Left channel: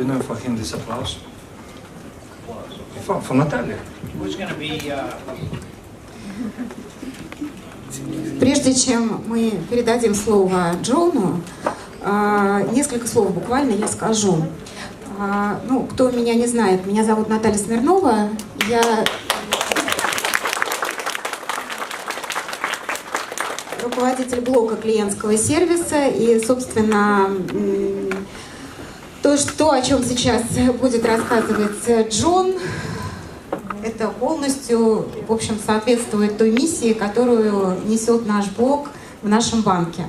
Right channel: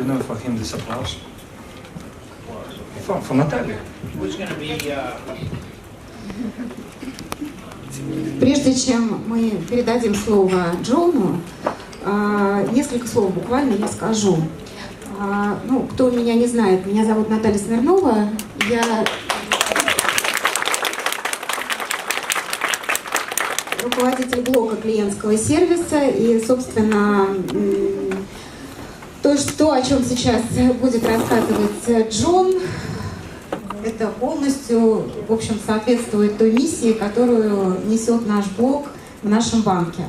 you know for him this applause? For Natalia. Who's going to be... Прежде чем мы передадим слово Джону, несколько слов буквально я скажу. Ну, кто меня не знает, меня зовут Наталья Смирнова. Я руководитель блока клиентского сервиса. И, собственно, то, о чем сейчас будет рассказывать Джон, это полностью, в общем, соответствует той миссии, которую несет наш блог в нашем банке.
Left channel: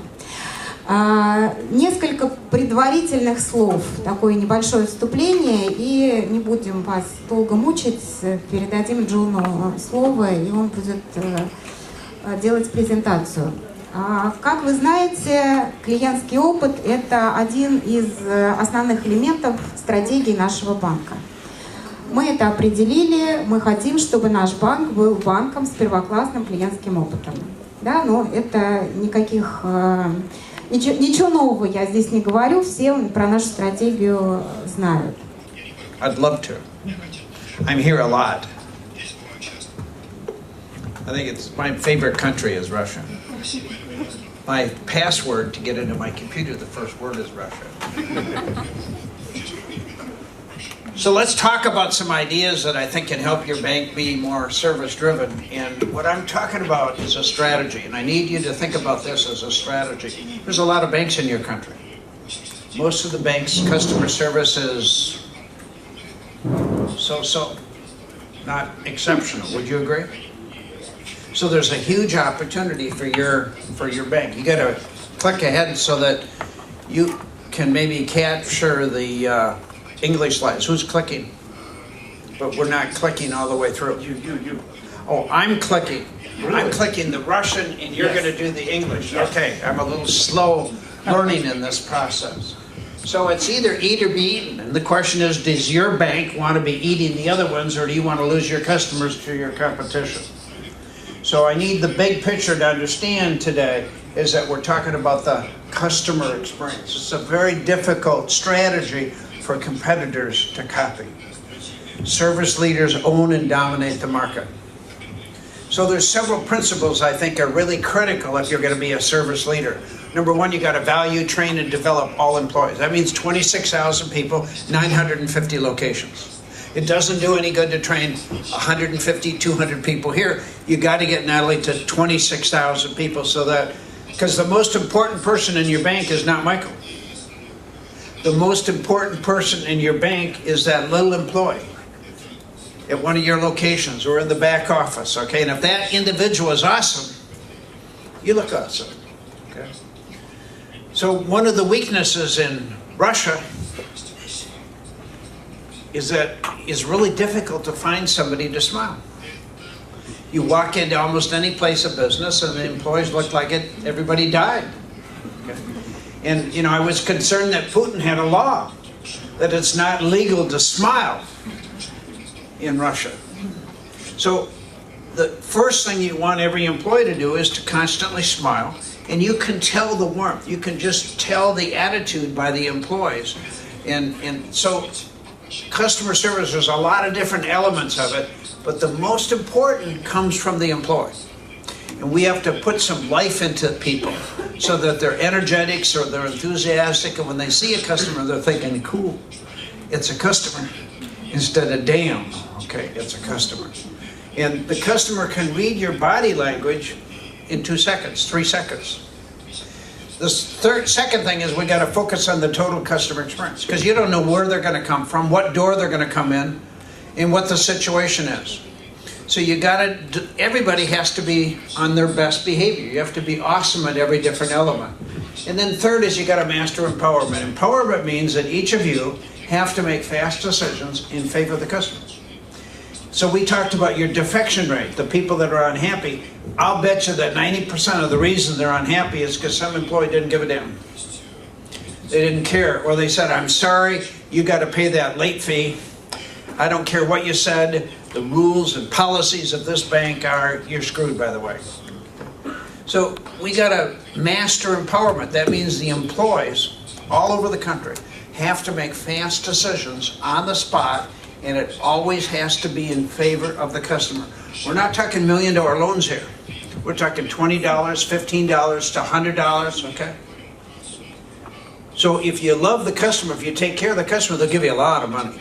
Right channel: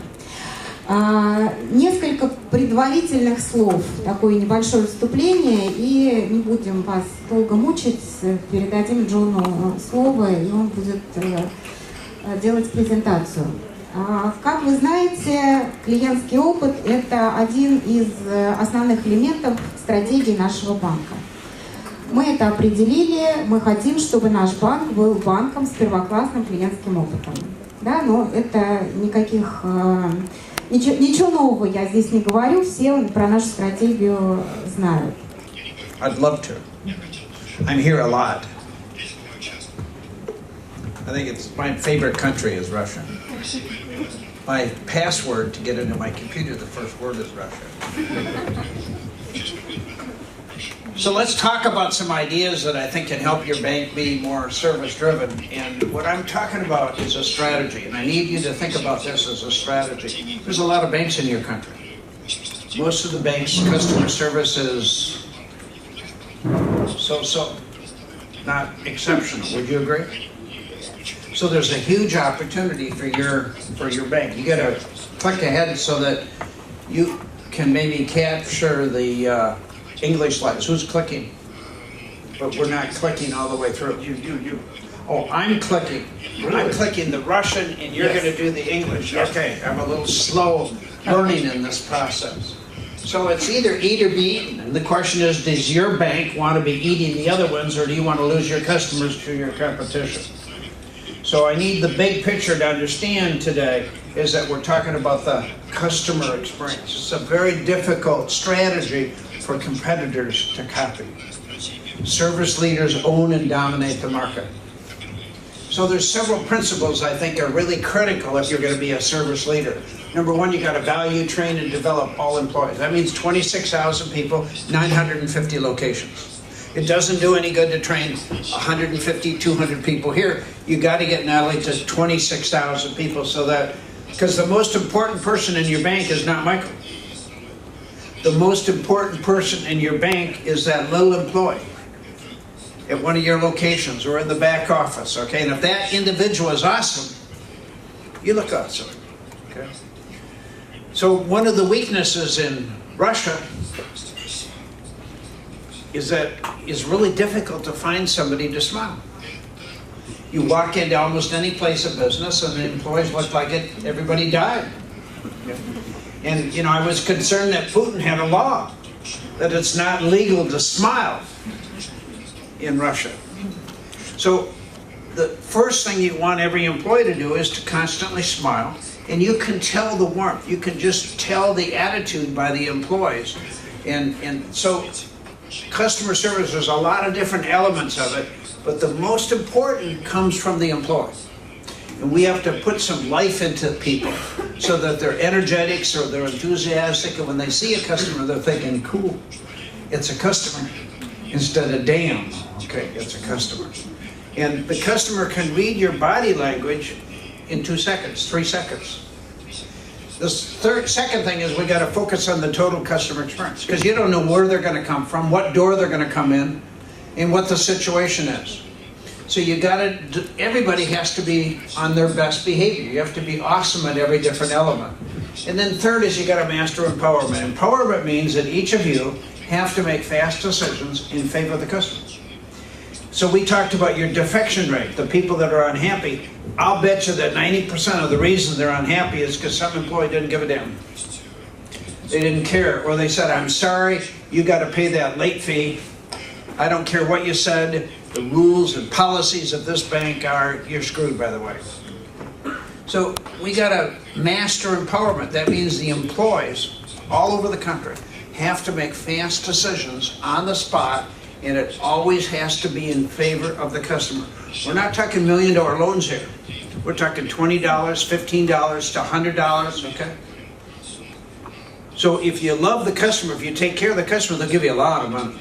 Несколько предварительных слов, такое небольшое вступление, и не будем вас долго мучить, передадим Джону слово, и он будет делать презентацию. Как вы знаете, клиентский опыт – это один из основных элементов стратегии нашего банка. Мы это определили, мы хотим, чтобы наш банк был банком с первоклассным клиентским опытом. Да, но это ничего нового я здесь не говорю, все про нашу стратегию знают. I'd love to. I'm here a lot. I think it's my favorite country is Russia. My password to get into my computer, the first word is Russia. So let's talk about some ideas that I think can help your bank be more service-driven. And what I'm talking about is a strategy. And I need you to think about this as a strategy. There's a lot of banks in your country. Most of the banks' customer service is so-so, not exceptional. Would you agree? So there's a huge opportunity for your bank. You got to click ahead so that you can maybe capture the English slides. Who's clicking? But we're not clicking all the way through. You. Oh, I'm clicking. Really? I'm clicking the Russian, and you're going to do the English. Yes. Okay, I'm a little slow learning in this process. So it's either eat or be eaten. And the question is, does your bank want to be eating the other ones, or do you want to lose your customers to your competition? So I need the big picture to understand today is that we're talking about the customer experience. It's a very difficult strategy for competitors to copy. Service leaders own and dominate the market. So there's several principles I think are really critical if you're going to be a service leader. Number one, you got to value, train, and develop all employees. That means 26,000 people, 950 locations. It doesn't do any good to train 150, 200 people here. You got to get Natalie to 26,000 people so that, because the most important person in your bank is not Michael. The most important person in your bank is that little employee at one of your locations or in the back office, okay? And if that individual is awesome, you look awesome, okay? So one of the weaknesses in Russia is that it's really difficult to find somebody to smile. You walk into almost any place of business and the employees look like everybody died. Okay? And, you know, I was concerned that Putin had a law that it's not legal to smile in Russia. So the first thing you want every employee to do is to constantly smile, and you can tell the warmth. You can just tell the attitude by the employees. And so customer service, there's a lot of different elements of it, but the most important comes from the employee. And we have to put some life into people so that they're energetic, so they're enthusiastic, and when they see a customer, they're thinking, cool, it's a customer, instead of damn, okay, it's a customer. And the customer can read your body language in 2 seconds, 3 seconds. The second thing is we got to focus on the total customer experience, because you don't know where they're going to come from, what door they're going to come in, and what the situation is. So you got to, everybody has to be on their best behavior. You have to be awesome at every different element. And then third is you got to master empowerment. Empowerment means that each of you have to make fast decisions in favor of the customer. So we talked about your defection rate, the people that are unhappy. I'll bet you that 90% of the reason they're unhappy is because some employee didn't give a damn. They didn't care, or they said, I'm sorry, you got to pay that late fee. I don't care what you said. The rules and policies of this bank are, you're screwed, by the way. So we got to master empowerment. That means the employees all over the country have to make fast decisions on the spot, and it always has to be in favor of the customer. We're not talking $1 million loans here. We're talking $20, $15 to $100, okay? So if you love the customer, if you take care of the customer, they'll give you a lot of money.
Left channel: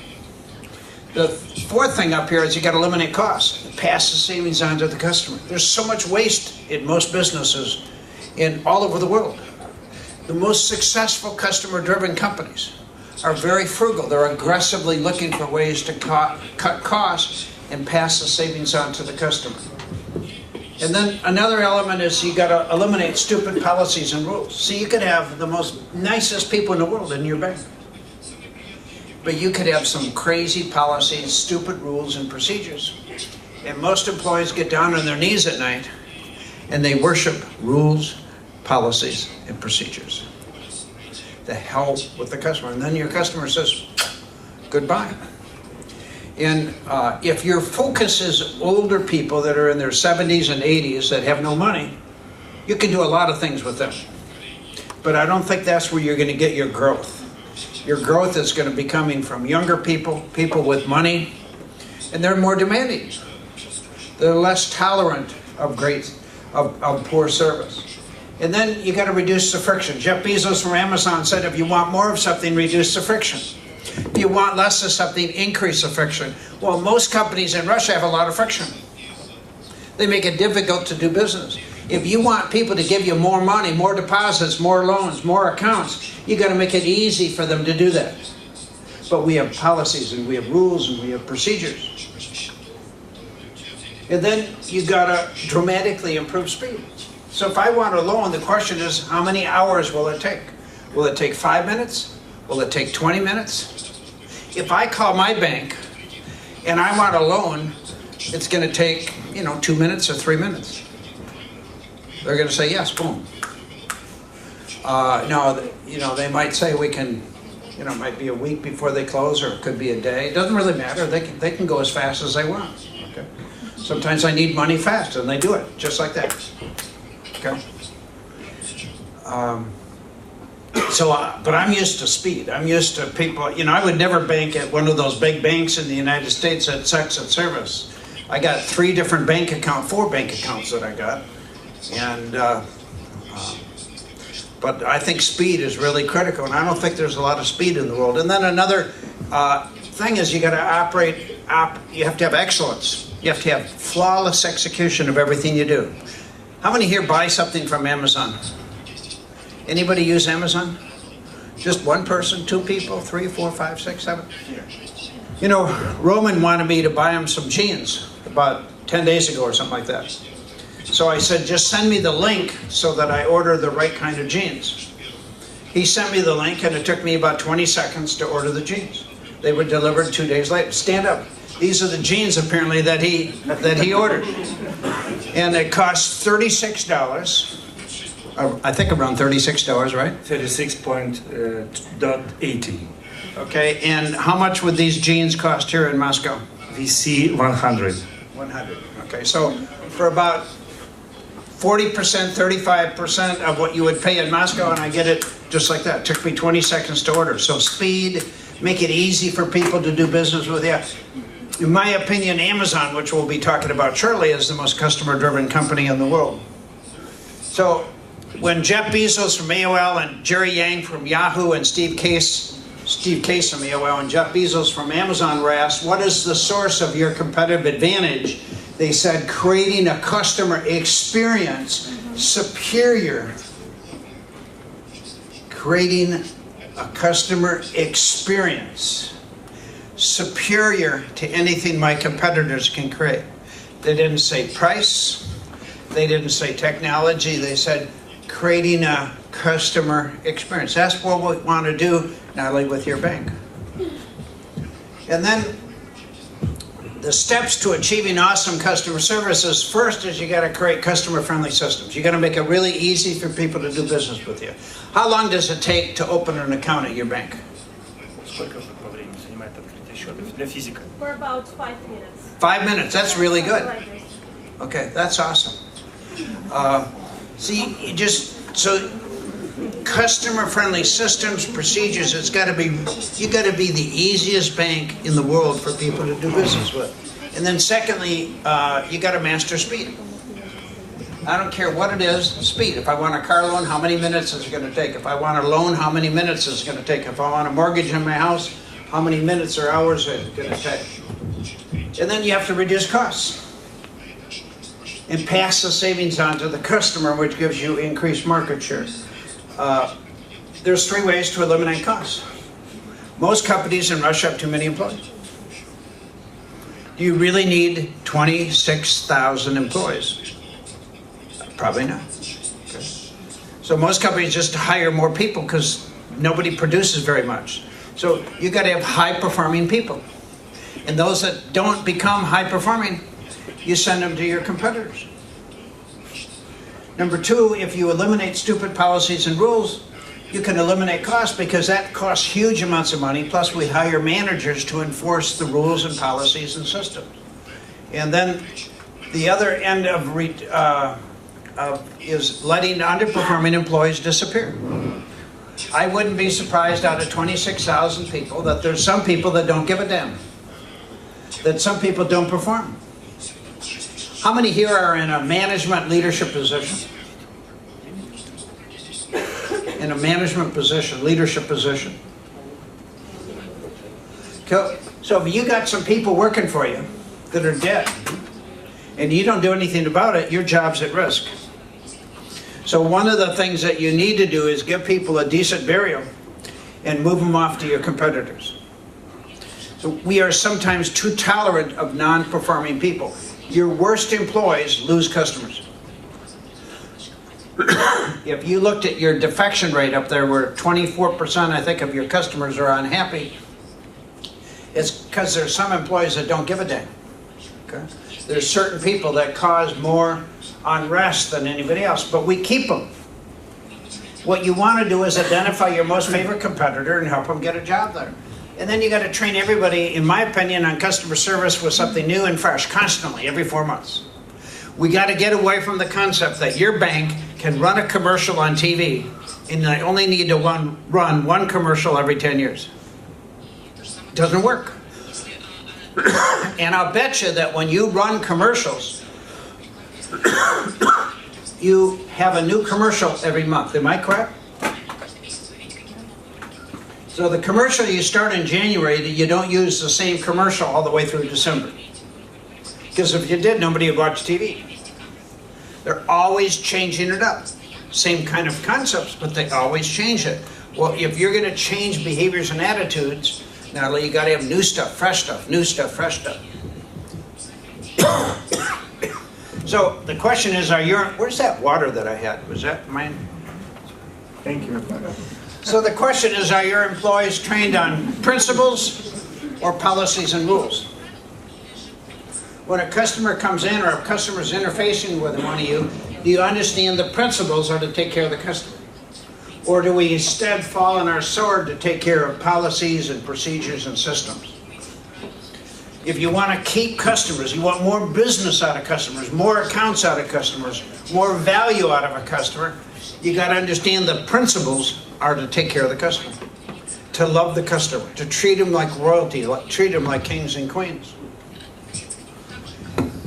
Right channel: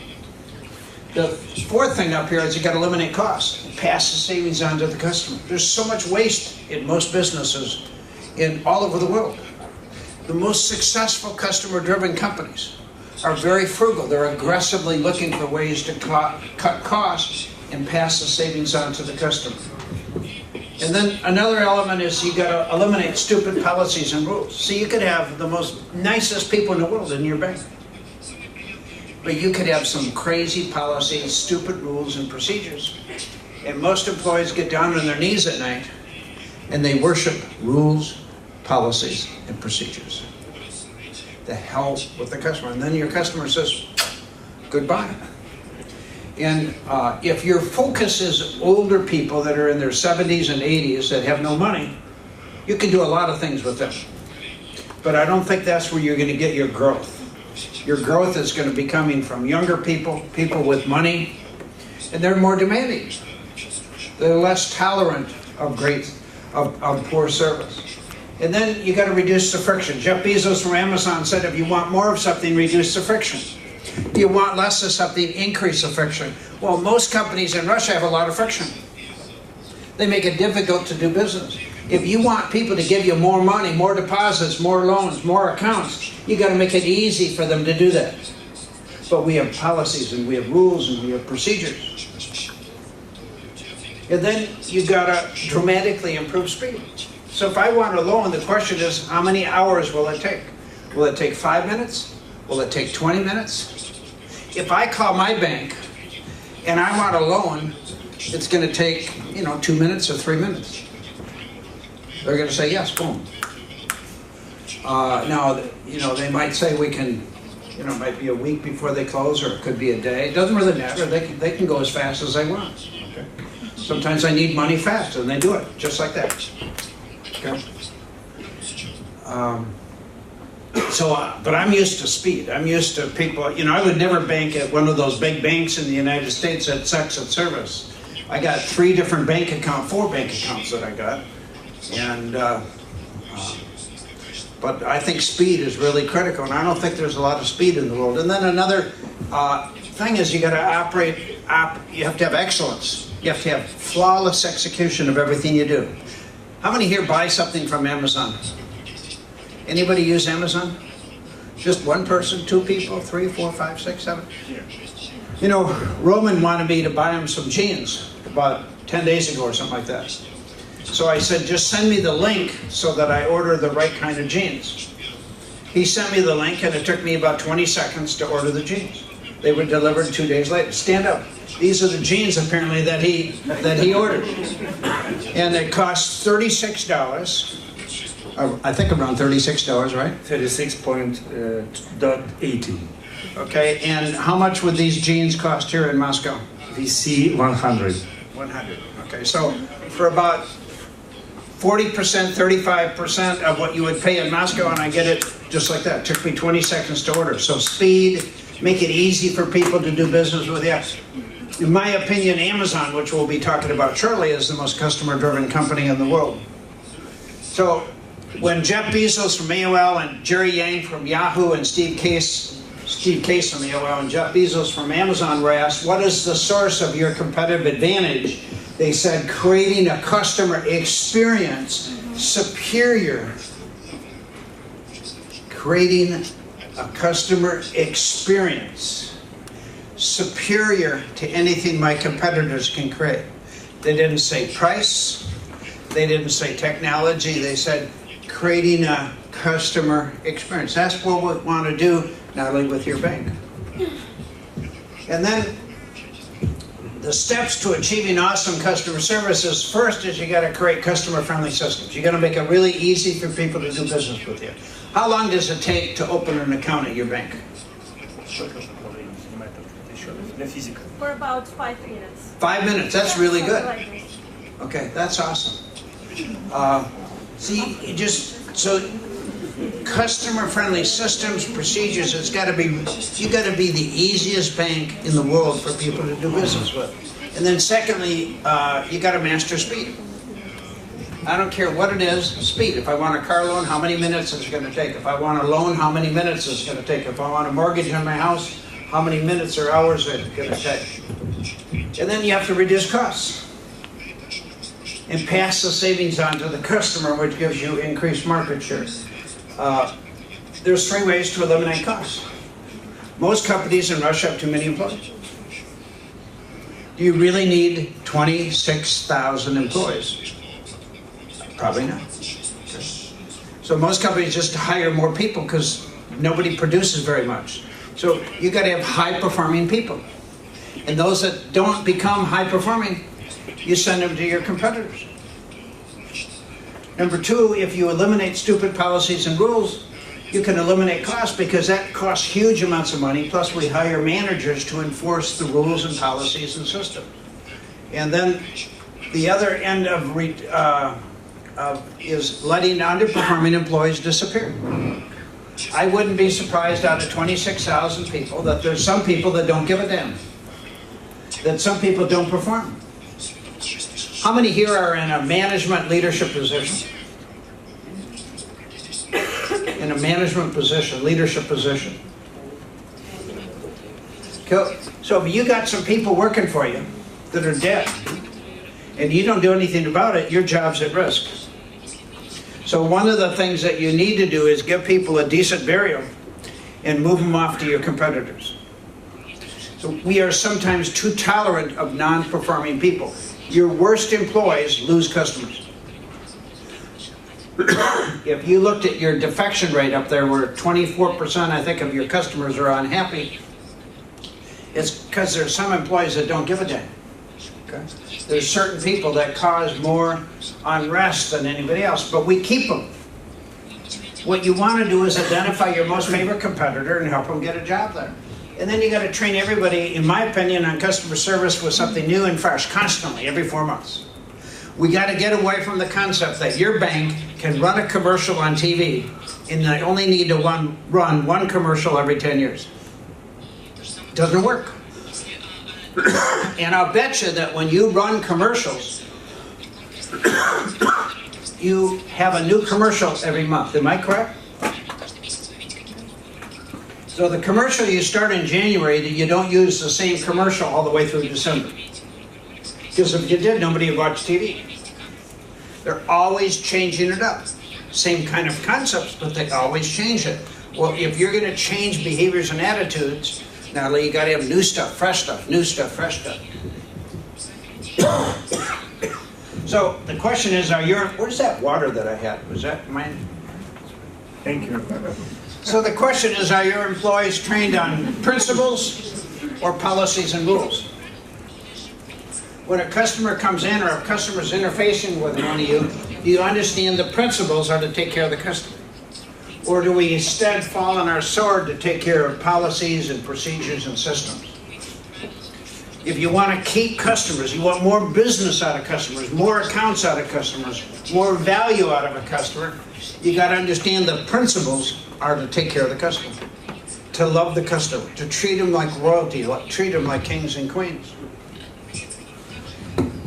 The fourth thing up here is you got to eliminate costs. Pass the savings on to the customer. There's so much waste in most businesses in all over the world. The most successful customer-driven companies are very frugal. They're aggressively looking for ways to cut costs and pass the savings on to the customer. And then another element is you got to eliminate stupid policies and rules. So you could have the most nicest people in the world in your bank, but you could have some crazy policies, stupid rules and procedures. And most employees get down on their knees at night and they worship rules, policies, and procedures. The hell with the customer. And then your customer says, goodbye. And if your focus is older people that are in their 70s and 80s that have no money, you can do a lot of things with them. But I don't think that's where you're going to get your growth. Your growth is going to be coming from younger people, people with money, and they're more demanding. They're less tolerant of poor service. And then you got to reduce the friction. Jeff Bezos from Amazon said, if you want more of something, reduce the friction. If you want less of something, increase the friction. Well, most companies in Russia have a lot of friction. They make it difficult to do business. If you want people to give you more money, more deposits, more loans, more accounts, you got to make it easy for them to do that. But we have policies and we have rules and we have procedures. And then you got to dramatically improve speed. So if I want a loan, the question is, how many hours will it take? Will it take 5 minutes? Will it take 20 minutes? If I call my bank and I want a loan, it's going to take, 2 minutes or 3 minutes. They're going to say yes, boom. No, they might say we can, it might be a week before they close, or it could be a day. It doesn't really matter. They can go as fast as they want. Okay. Sometimes I need money fast, and they do it just like that. Okay. But I'm used to speed. I'm used to people, I would never bank at one of those big banks in the United States that sucks at service. I got 4 bank accounts that I got. And, but I think speed is really critical, and I don't think there's a lot of speed in the world. And then another thing is you got to you have to have excellence. You have to have flawless execution of everything you do. How many here buy something from Amazon? Anybody use Amazon? Just one person, 2 people, 3, 4, 5, 6, 7? Roman wanted me to buy him some jeans about 10 days ago or something like that. So I said, just send me the link so that I order the right kind of jeans. He sent me the link, and it took me about 20 seconds to order the jeans. They were delivered 2 days later. Stand up. These are the jeans apparently that he ordered. And it cost $36. I think around $36, right? 36.80. Okay, and how much would these jeans cost here in Moscow? VC 100. 100. Okay, so for about 40%, 35% of what you would pay in Moscow, and I get it just like that. It took me 20 seconds to order. So speed, make it easy for people to do business with you. In my opinion, Amazon, which we'll be talking about shortly, is the most customer-driven company in the world. So when Jeff Bezos from AOL and Jerry Yang from Yahoo and Steve Case from AOL and Jeff Bezos from Amazon were asked, what is the source of your competitive advantage? They said, creating a customer experience superior. Creating a customer experience superior to anything my competitors can create. They didn't say price. They didn't say technology. They said creating a customer experience. That's what we want to do, Natalie, with your bank. And then the steps to achieving awesome customer services, first is you got to create customer-friendly systems. You got to make it really easy for people to do business with you. How long does it take to open an account at your bank? For about 5 minutes. 5 minutes, that's really good. Okay, that's awesome. So customer-friendly systems, procedures. You got to be the easiest bank in the world for people to do business with. And then secondly, you got to master speed. I don't care what it is, speed. If I want a car loan, how many minutes is it going to take? If I want a loan, how many minutes is it going to take? If I want a mortgage on my house, how many minutes or hours is it going to take? And then you have to reduce costs and pass the savings on to the customer, which gives you increased market share. There's 3 ways to eliminate costs. Most companies in Russia have too many employees. Do you really need 26,000 employees? Probably not. So most companies just hire more people because nobody produces very much. So you got to have high-performing people. And those that don't become high-performing, you send them to your competitors. Number 2, if you eliminate stupid policies and rules, you can eliminate costs because that costs huge amounts of money, plus we hire managers to enforce the rules and policies and systems. And then the other end is letting underperforming employees disappear. I wouldn't be surprised out of 26,000 people that there's some people that don't give a damn, that some people don't perform. How many here are in a management leadership position? In a management position, leadership position. So if you got some people working for you that are dead, and you don't do anything about it, your job's at risk. So one of the things that you need to do is give people a decent burial and move them off to your competitors. So we are sometimes too tolerant of non-performing people. Your worst employees lose customers. If you looked at your defection rate up there where 24% I think of your customers are unhappy, it's because there's some employees that don't give a damn. Okay? There's certain people that cause more unrest than anybody else, but we keep them. What you want to do is identify your most favorite competitor and help them get a job there. And then you got to train everybody, in my opinion, on customer service with something new and fresh, constantly, every 4 months. We got to get away from the concept that your bank can run a commercial on TV and they only need to run one commercial every 10 years. It doesn't work. And I'll bet you that when you run commercials, you have a new commercial every month. Am I correct? So the commercial you start in January, you don't use the same commercial all the way through December. Because if you did, nobody would watch TV. They're always changing it up. Same kind of concepts, but they always change it. Well, if you're going to change behaviors and attitudes, now you got to have new stuff, fresh stuff, new stuff, fresh stuff. So the question is, where's that water that I had? Was that mine? Thank you. So the question is, are your employees trained on principles or policies and rules? When a customer comes in or a customer's interfacing with one of you, do you understand the principles are to take care of the customer? Or do we instead fall on our sword to take care of policies and procedures and systems? If you want to keep customers, you want more business out of customers, more accounts out of customers, more value out of a customer, you got to understand the principles are to take care of the customer, to love the customer, to treat them like royalty, treat them like kings and queens.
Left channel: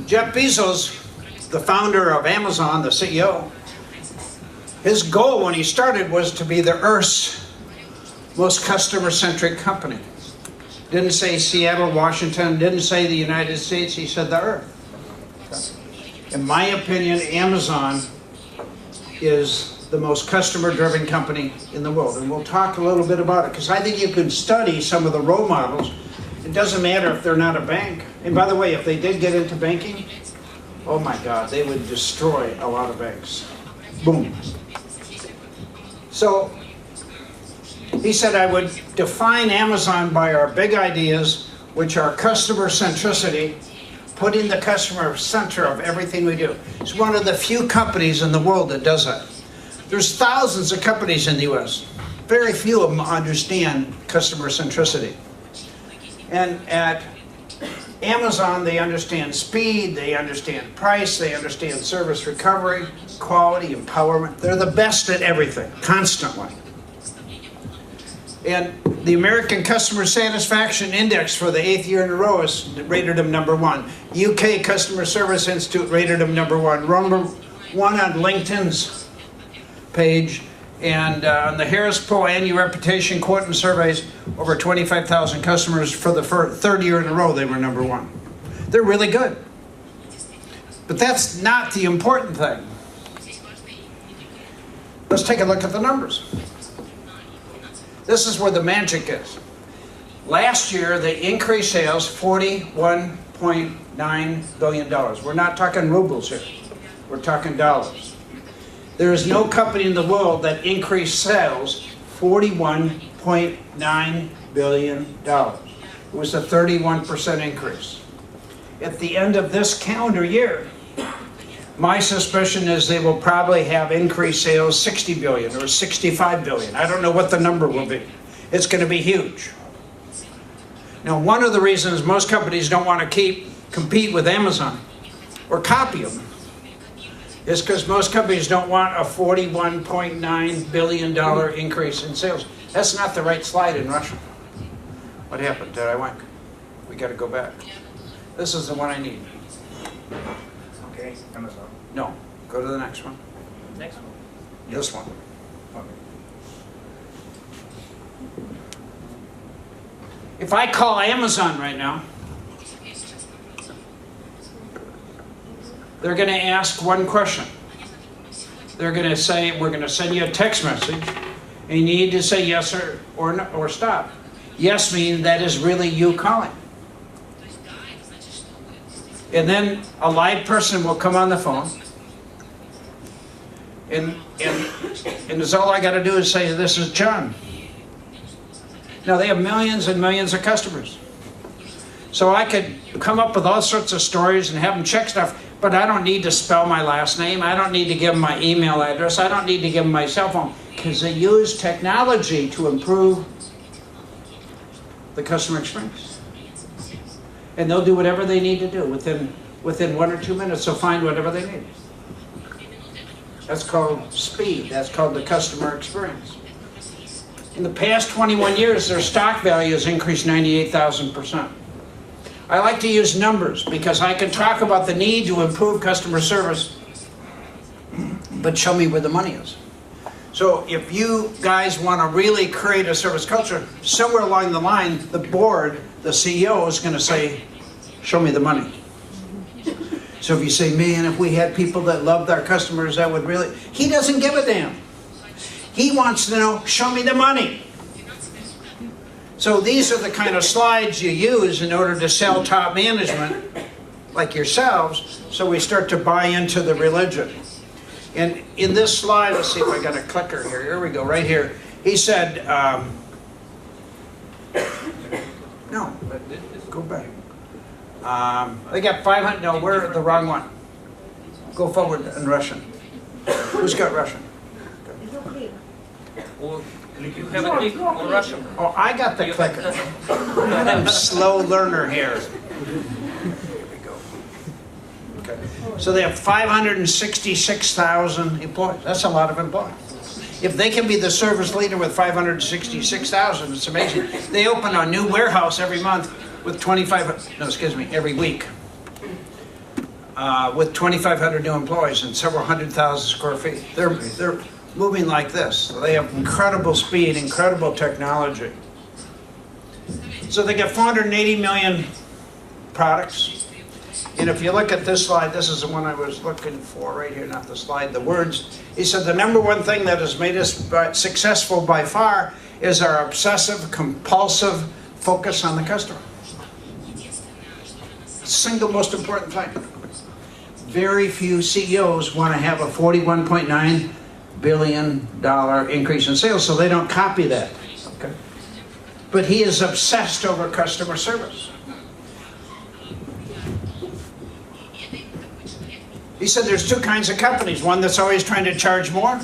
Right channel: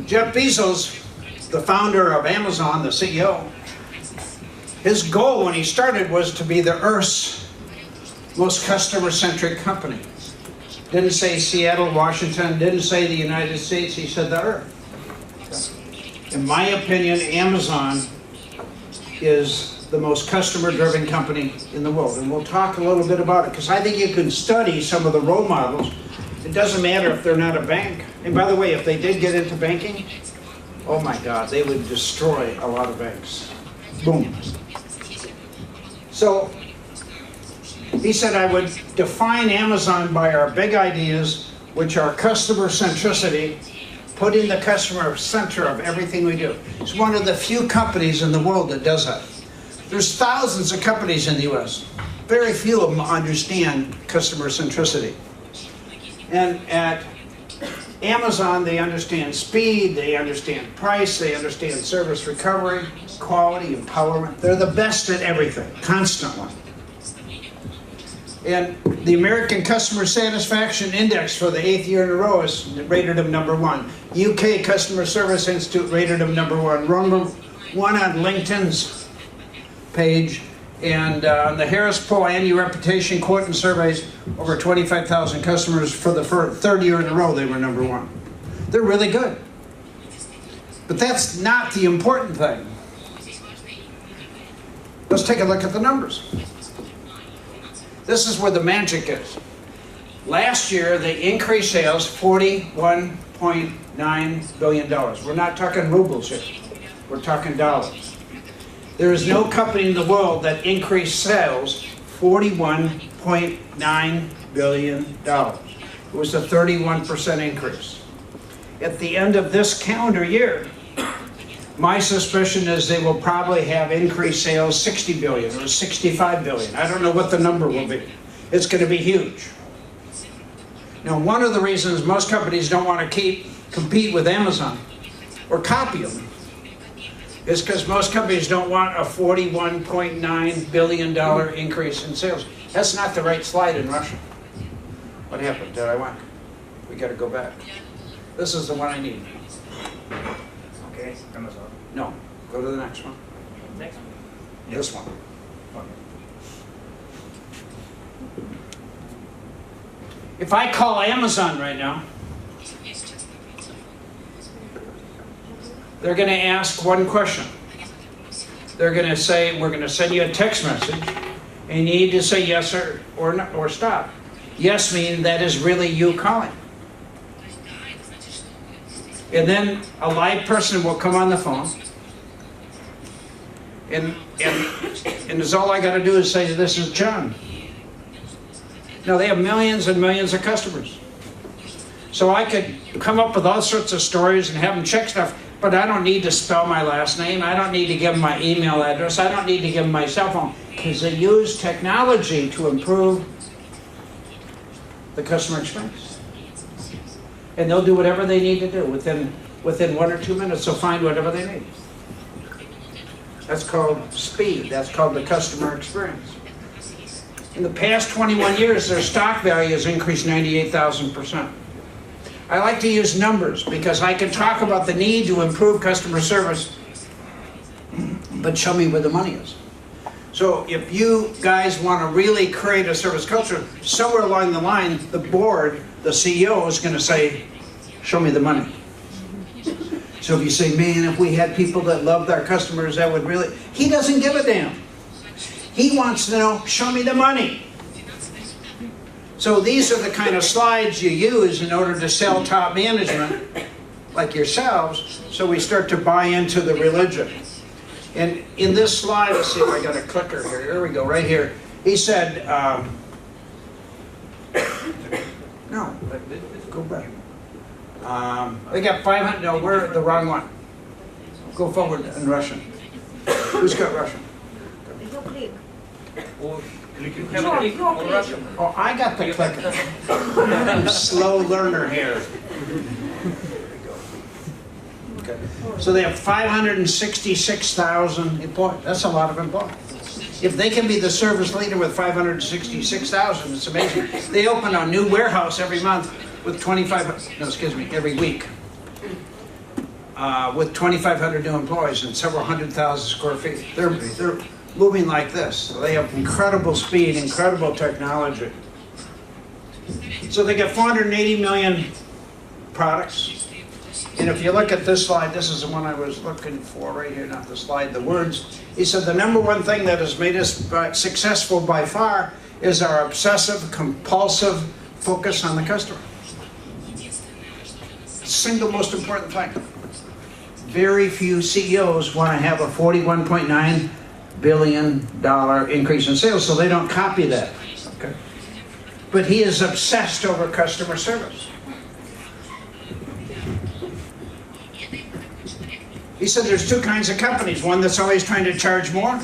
Jeff Bezos, the founder of Amazon, the CEO, his goal when he started was to be the Earth's most customer-centric company. Didn't say Seattle, Washington, didn't say the United States, he said the Earth. In my opinion, Amazon is the most customer-driven company in the world. And we'll talk a little bit about it, because I think you can study some of the role models. It doesn't matter if they're not a bank. And by the way, if they did get into banking, oh my God, they would destroy a lot of banks. Boom. So he said I would define Amazon by our big ideas, which are customer centricity, putting the customer center of everything we do. It's one of the few companies in the world that does that. There's thousands of companies in the US. Very few of them understand customer centricity. And at Amazon, they understand speed, they understand price, they understand service recovery, quality, empowerment. They're the best at everything, constantly. And the American Customer Satisfaction Index for the 8th year in a row has rated them #1. UK Customer Service Institute rated them #1. #1 on LinkedIn's page. And on the Harris Poll Annual Reputation Quotient Surveys, over 25,000 customers for the 3rd year in a row, they were #1. They're really good. But that's not the important thing. Let's take a look at the numbers. This is where the magic is. Last year, they increased sales $41.9 billion. We're not talking rubles here. We're talking dollars. There is no company in the world that increased sales $41.9 billion. It was a 31% increase. At the end of this calendar year, my suspicion is they will probably have increased sales 60 billion or 65 billion. I don't know what the number will be. It's going to be huge. Now, one of the reasons most companies don't want to compete with Amazon or copy them is because most companies don't want a $41.9 billion increase in sales. That's not the right slide in Russia. What happened? Did I whack? We got to go back. This is the one I need. Okay, Amazon. No, go to the next one. Next one. This one. Okay. If I call Amazon right now, they're going to ask one question. They're going to say, we're going to send you a text message, and you need to say yes or no, or stop. Yes meaning that is really you calling. And then a live person will come on the phone, and it's all I got to do is say, this is John. Now, they have millions and millions of customers. So I could come up with all sorts of stories and have them check stuff, but I don't need to spell my last name. I don't need to give them my email address. I don't need to give them my cell phone, because they use technology to improve the customer experience. And they'll do whatever they need to do. Within 1 or 2 minutes, they'll find whatever they need. That's called speed. That's called the customer experience. In the past 21 years, their stock value has increased 98,000%. I like to use numbers because I can talk about the need to improve customer service, but show me where the money is. So if you guys want to really create a service culture, somewhere along the line, the board, the CEO is going to say, show me the money. So if you say, man, if we had people that loved our customers, that would really... He doesn't give a damn. He wants to know, show me the money. So these are the kind of slides you use in order to sell top management, like yourselves, so we start to buy into the religion. And in this slide, let's see if I got a clicker here. Here we go, right here. He said, no, go back. They got 500, no, we're the wrong one. Go forward in Russian. Who's got Russian? You have a click on Russian. Oh, I got the clicker. I'm a slow learner here. Okay. So they have 566,000 employees. That's a lot of employees. If they can be the service leader with 566,000, it's amazing. They open a new warehouse every month with every week. With 2,500 new employees and several 100,000 square feet. They're moving like this. So they have incredible speed, incredible technology. So they got 480 million products. And if you look at this slide, this is the one I was looking for right here, not the slide, the words. He said the #1 thing that has made us successful by far is our obsessive, compulsive focus on the customer. Single most important thing. Very few CEOs want to have a $41.9 billion increase in sales, so they don't copy that. Okay. But he is obsessed over customer service. He said there's two kinds of companies, one that's always trying to charge more,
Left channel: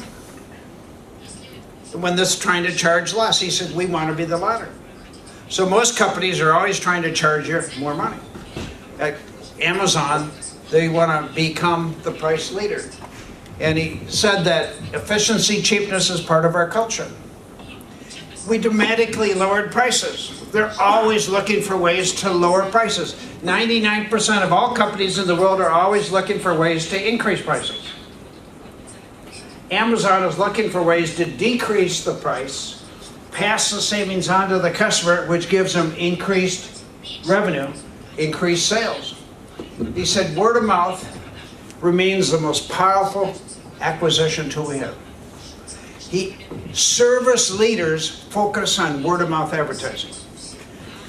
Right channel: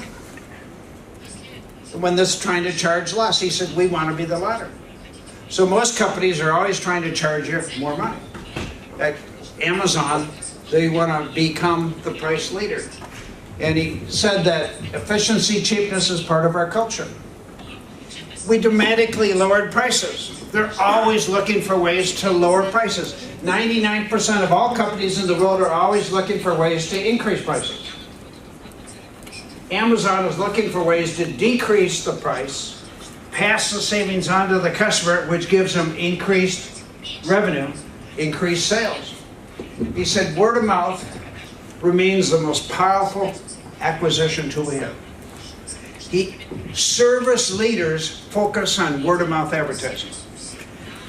and one that's trying to charge less. He said we want to be the latter. So most companies are always trying to charge you more money. At Amazon, they want to become the price leader. And he said that efficiency, cheapness is part of our culture. We dramatically lowered prices. They're always looking for ways to lower prices. 99% of all companies in the world are always looking for ways to increase prices. Amazon is looking for ways to decrease the price, pass the savings on to the customer, which gives them increased revenue, increased sales. He said word of mouth remains the most powerful acquisition tool we have. Service leaders focus on word of mouth advertising.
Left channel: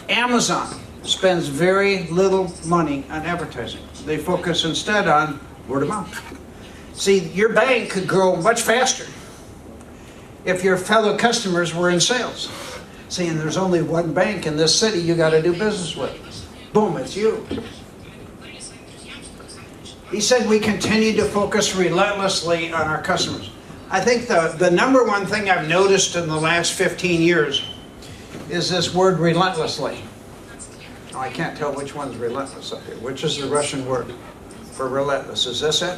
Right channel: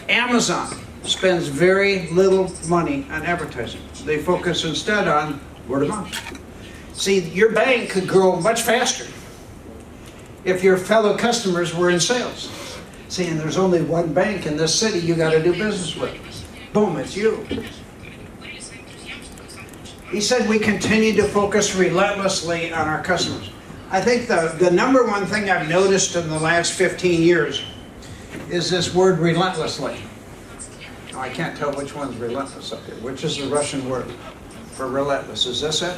Amazon spends very little money on advertising. They focus instead on word of mouth. See, your bank could grow much faster if your fellow customers were in sales. See, and there's only one bank in this city you got to do business with. Boom, it's you. He said we continue to focus relentlessly on our customers. I think the number one thing I've noticed in the last 15 years is this word relentlessly. Oh, I can't tell which one's relentless up here. Which is the Russian word for relentless? Is this it?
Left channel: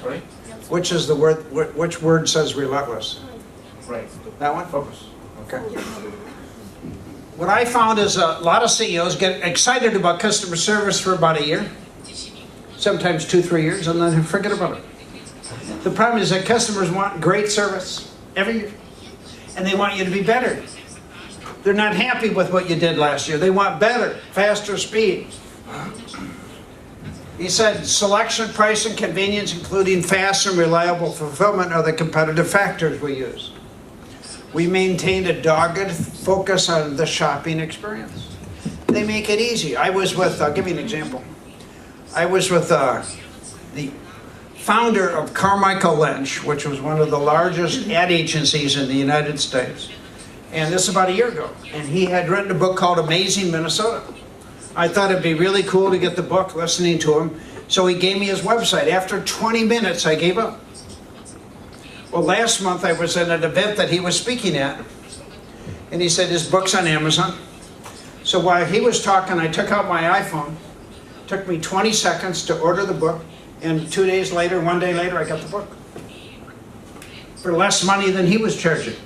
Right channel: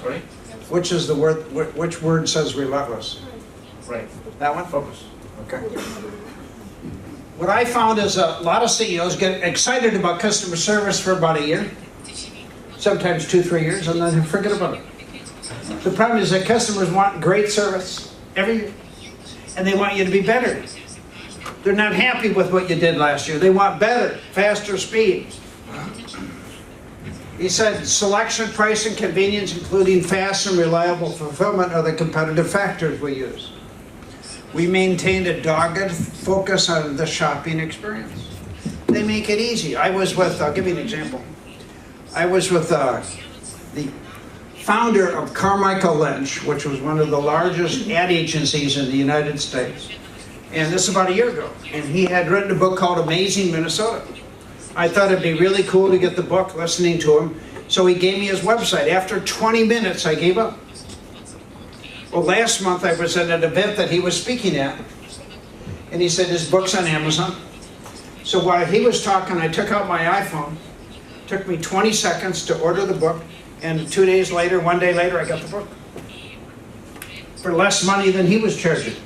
Sorry? Which is the word? Which word says relentless? Right. That one? Focus. Okay. What I found is a lot of CEOs get excited about customer service for about a year, sometimes 2-3 years, and then forget about it. The problem is that customers want great service every year, and they want you to be better. They're not happy with what you did last year. They want better, faster speed. He said selection, price, and convenience, including fast and reliable fulfillment, are the competitive factors we use. We maintained a dogged focus on the shopping experience. They make it easy. I was with, I'll give you an example. I was with the founder of Carmichael Lynch, which was one of the largest ad agencies in the United States. And this is about a year ago. And he had written a book called Amazing Minnesota. I thought it'd be really cool to get the book, listening to him. So he gave me his website. After 20 minutes, I gave up. Well, last month I was at an event that he was speaking at. And he said his book's on Amazon. So while he was talking, I took out my iPhone. It took me 20 seconds to order the book. And 2 days later, 1 day later, I got the book. For less money than he was charging.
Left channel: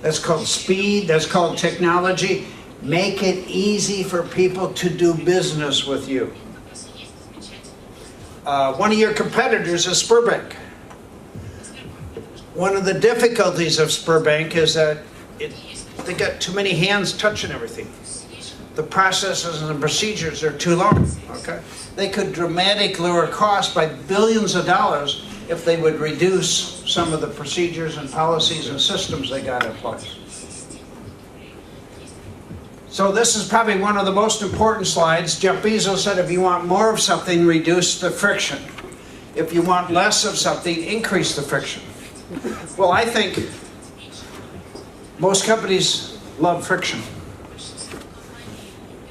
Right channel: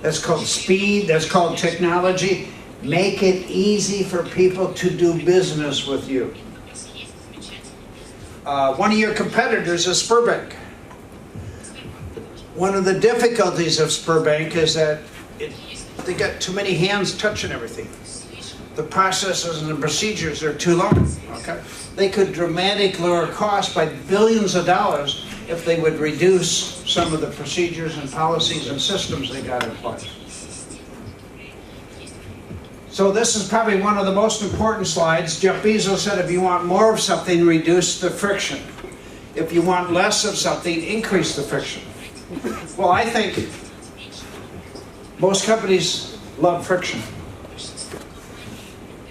That's called speed. That's called technology. Make it easy for people to do business with you. One of your competitors is Spurbank. One of the difficulties of Spurbank is that they got too many hands touching everything. The processes and the procedures are too long. Okay? They could dramatically lower costs by billions of dollars if they would reduce some of the procedures and policies and systems they got in place. So this is probably one of the most important slides. Jeff Bezos said if you want more of something, reduce the friction. If you want less of something, increase the friction. Well, I think most companies love friction.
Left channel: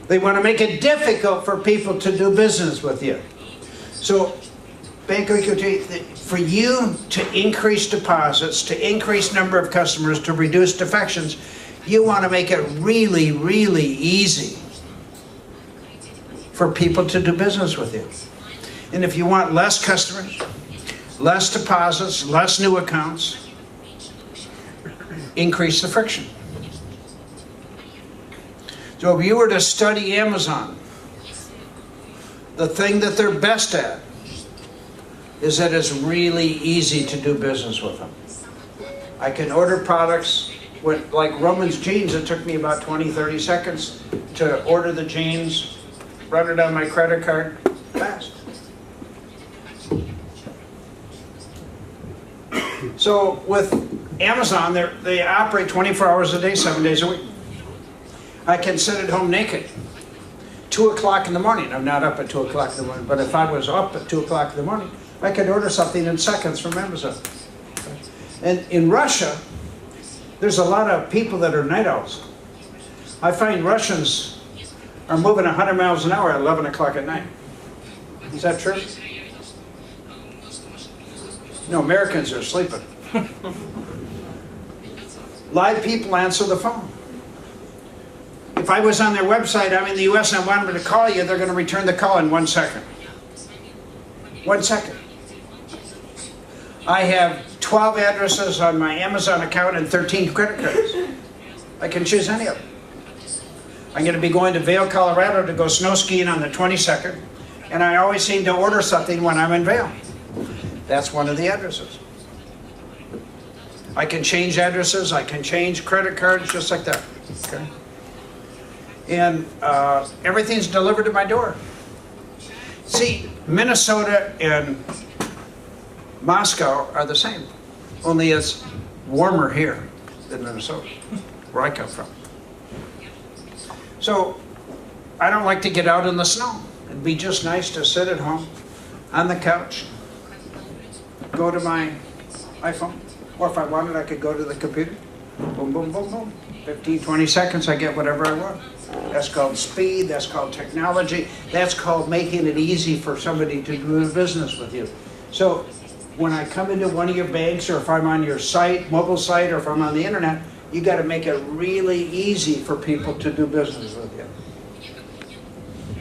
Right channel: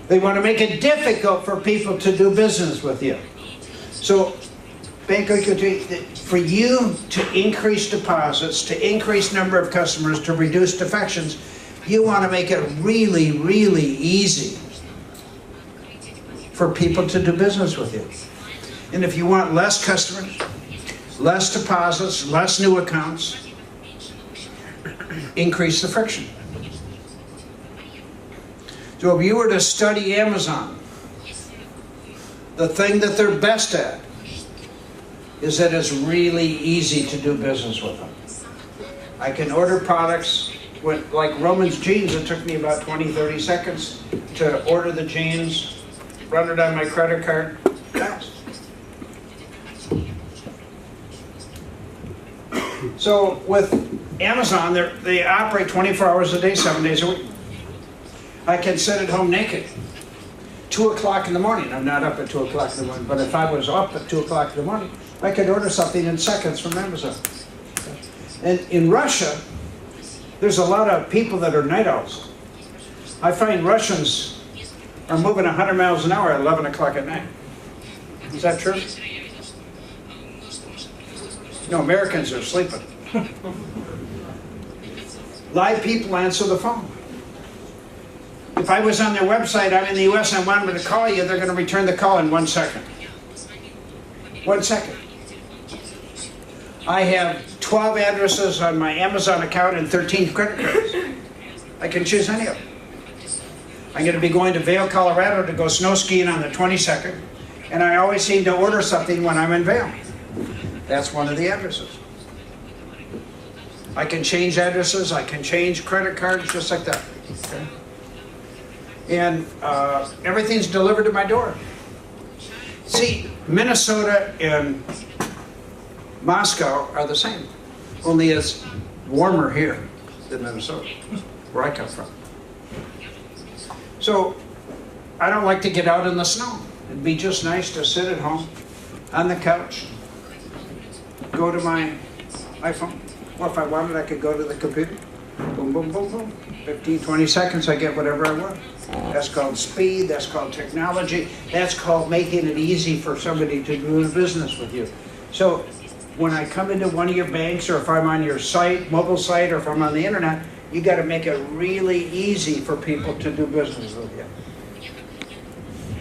They want to make it difficult for people to do business with you. So, Banque OTKRITIE, for you to increase deposits, to increase number of customers, to reduce defections, you want to make it really, really easy for people to do business with you. And if you want less customers, less deposits, less new accounts, increase the friction. So if you were to study Amazon, the thing that they're best at is that it's really easy to do business with them. I can order products, like Roman's jeans, it took me about 20-30 seconds to order the jeans, run it on my credit card, fast. So with Amazon, they operate 24 hours a day, 7 days a week. I can sit at home naked. 2 o'clock in the morning. I'm not up at 2 o'clock in the morning, but if I was up at 2 o'clock in the morning, I could order something in seconds from Amazon. And in Russia, there's a lot of people that are night owls. I find Russians are moving 100 miles an hour at 11 o'clock at night. Is that true? No, Americans are sleeping. Live people answer the phone. If I was on their website, I'm in the US, and I wanted to call you, they're going to return the call in 1 second. 1 second. I have 12 addresses on my Amazon account and 13 credit cards. I can choose any of them. I'm going to be going to Vail, Colorado to go snow skiing on the 22nd, and I always seem to order something when I'm in Vail. That's one of the addresses. I can change addresses, I can change credit cards, just like that. Okay? And everything's delivered to my door. See, Minnesota and Moscow are the same, only it's warmer here than Minnesota, where I come from. So I don't like to get out in the snow. It'd be just nice to sit at home on the couch, go to my iPhone, or if I wanted, I could go to the computer. Boom, boom, boom, boom. 15, 20 seconds, I get whatever I want. That's called speed, that's called technology, that's called making it easy for somebody to do business with you. So when I come into one of your banks, or if I'm on your site, mobile site, or if I'm on the internet, you got to make it really easy for people to do business with you.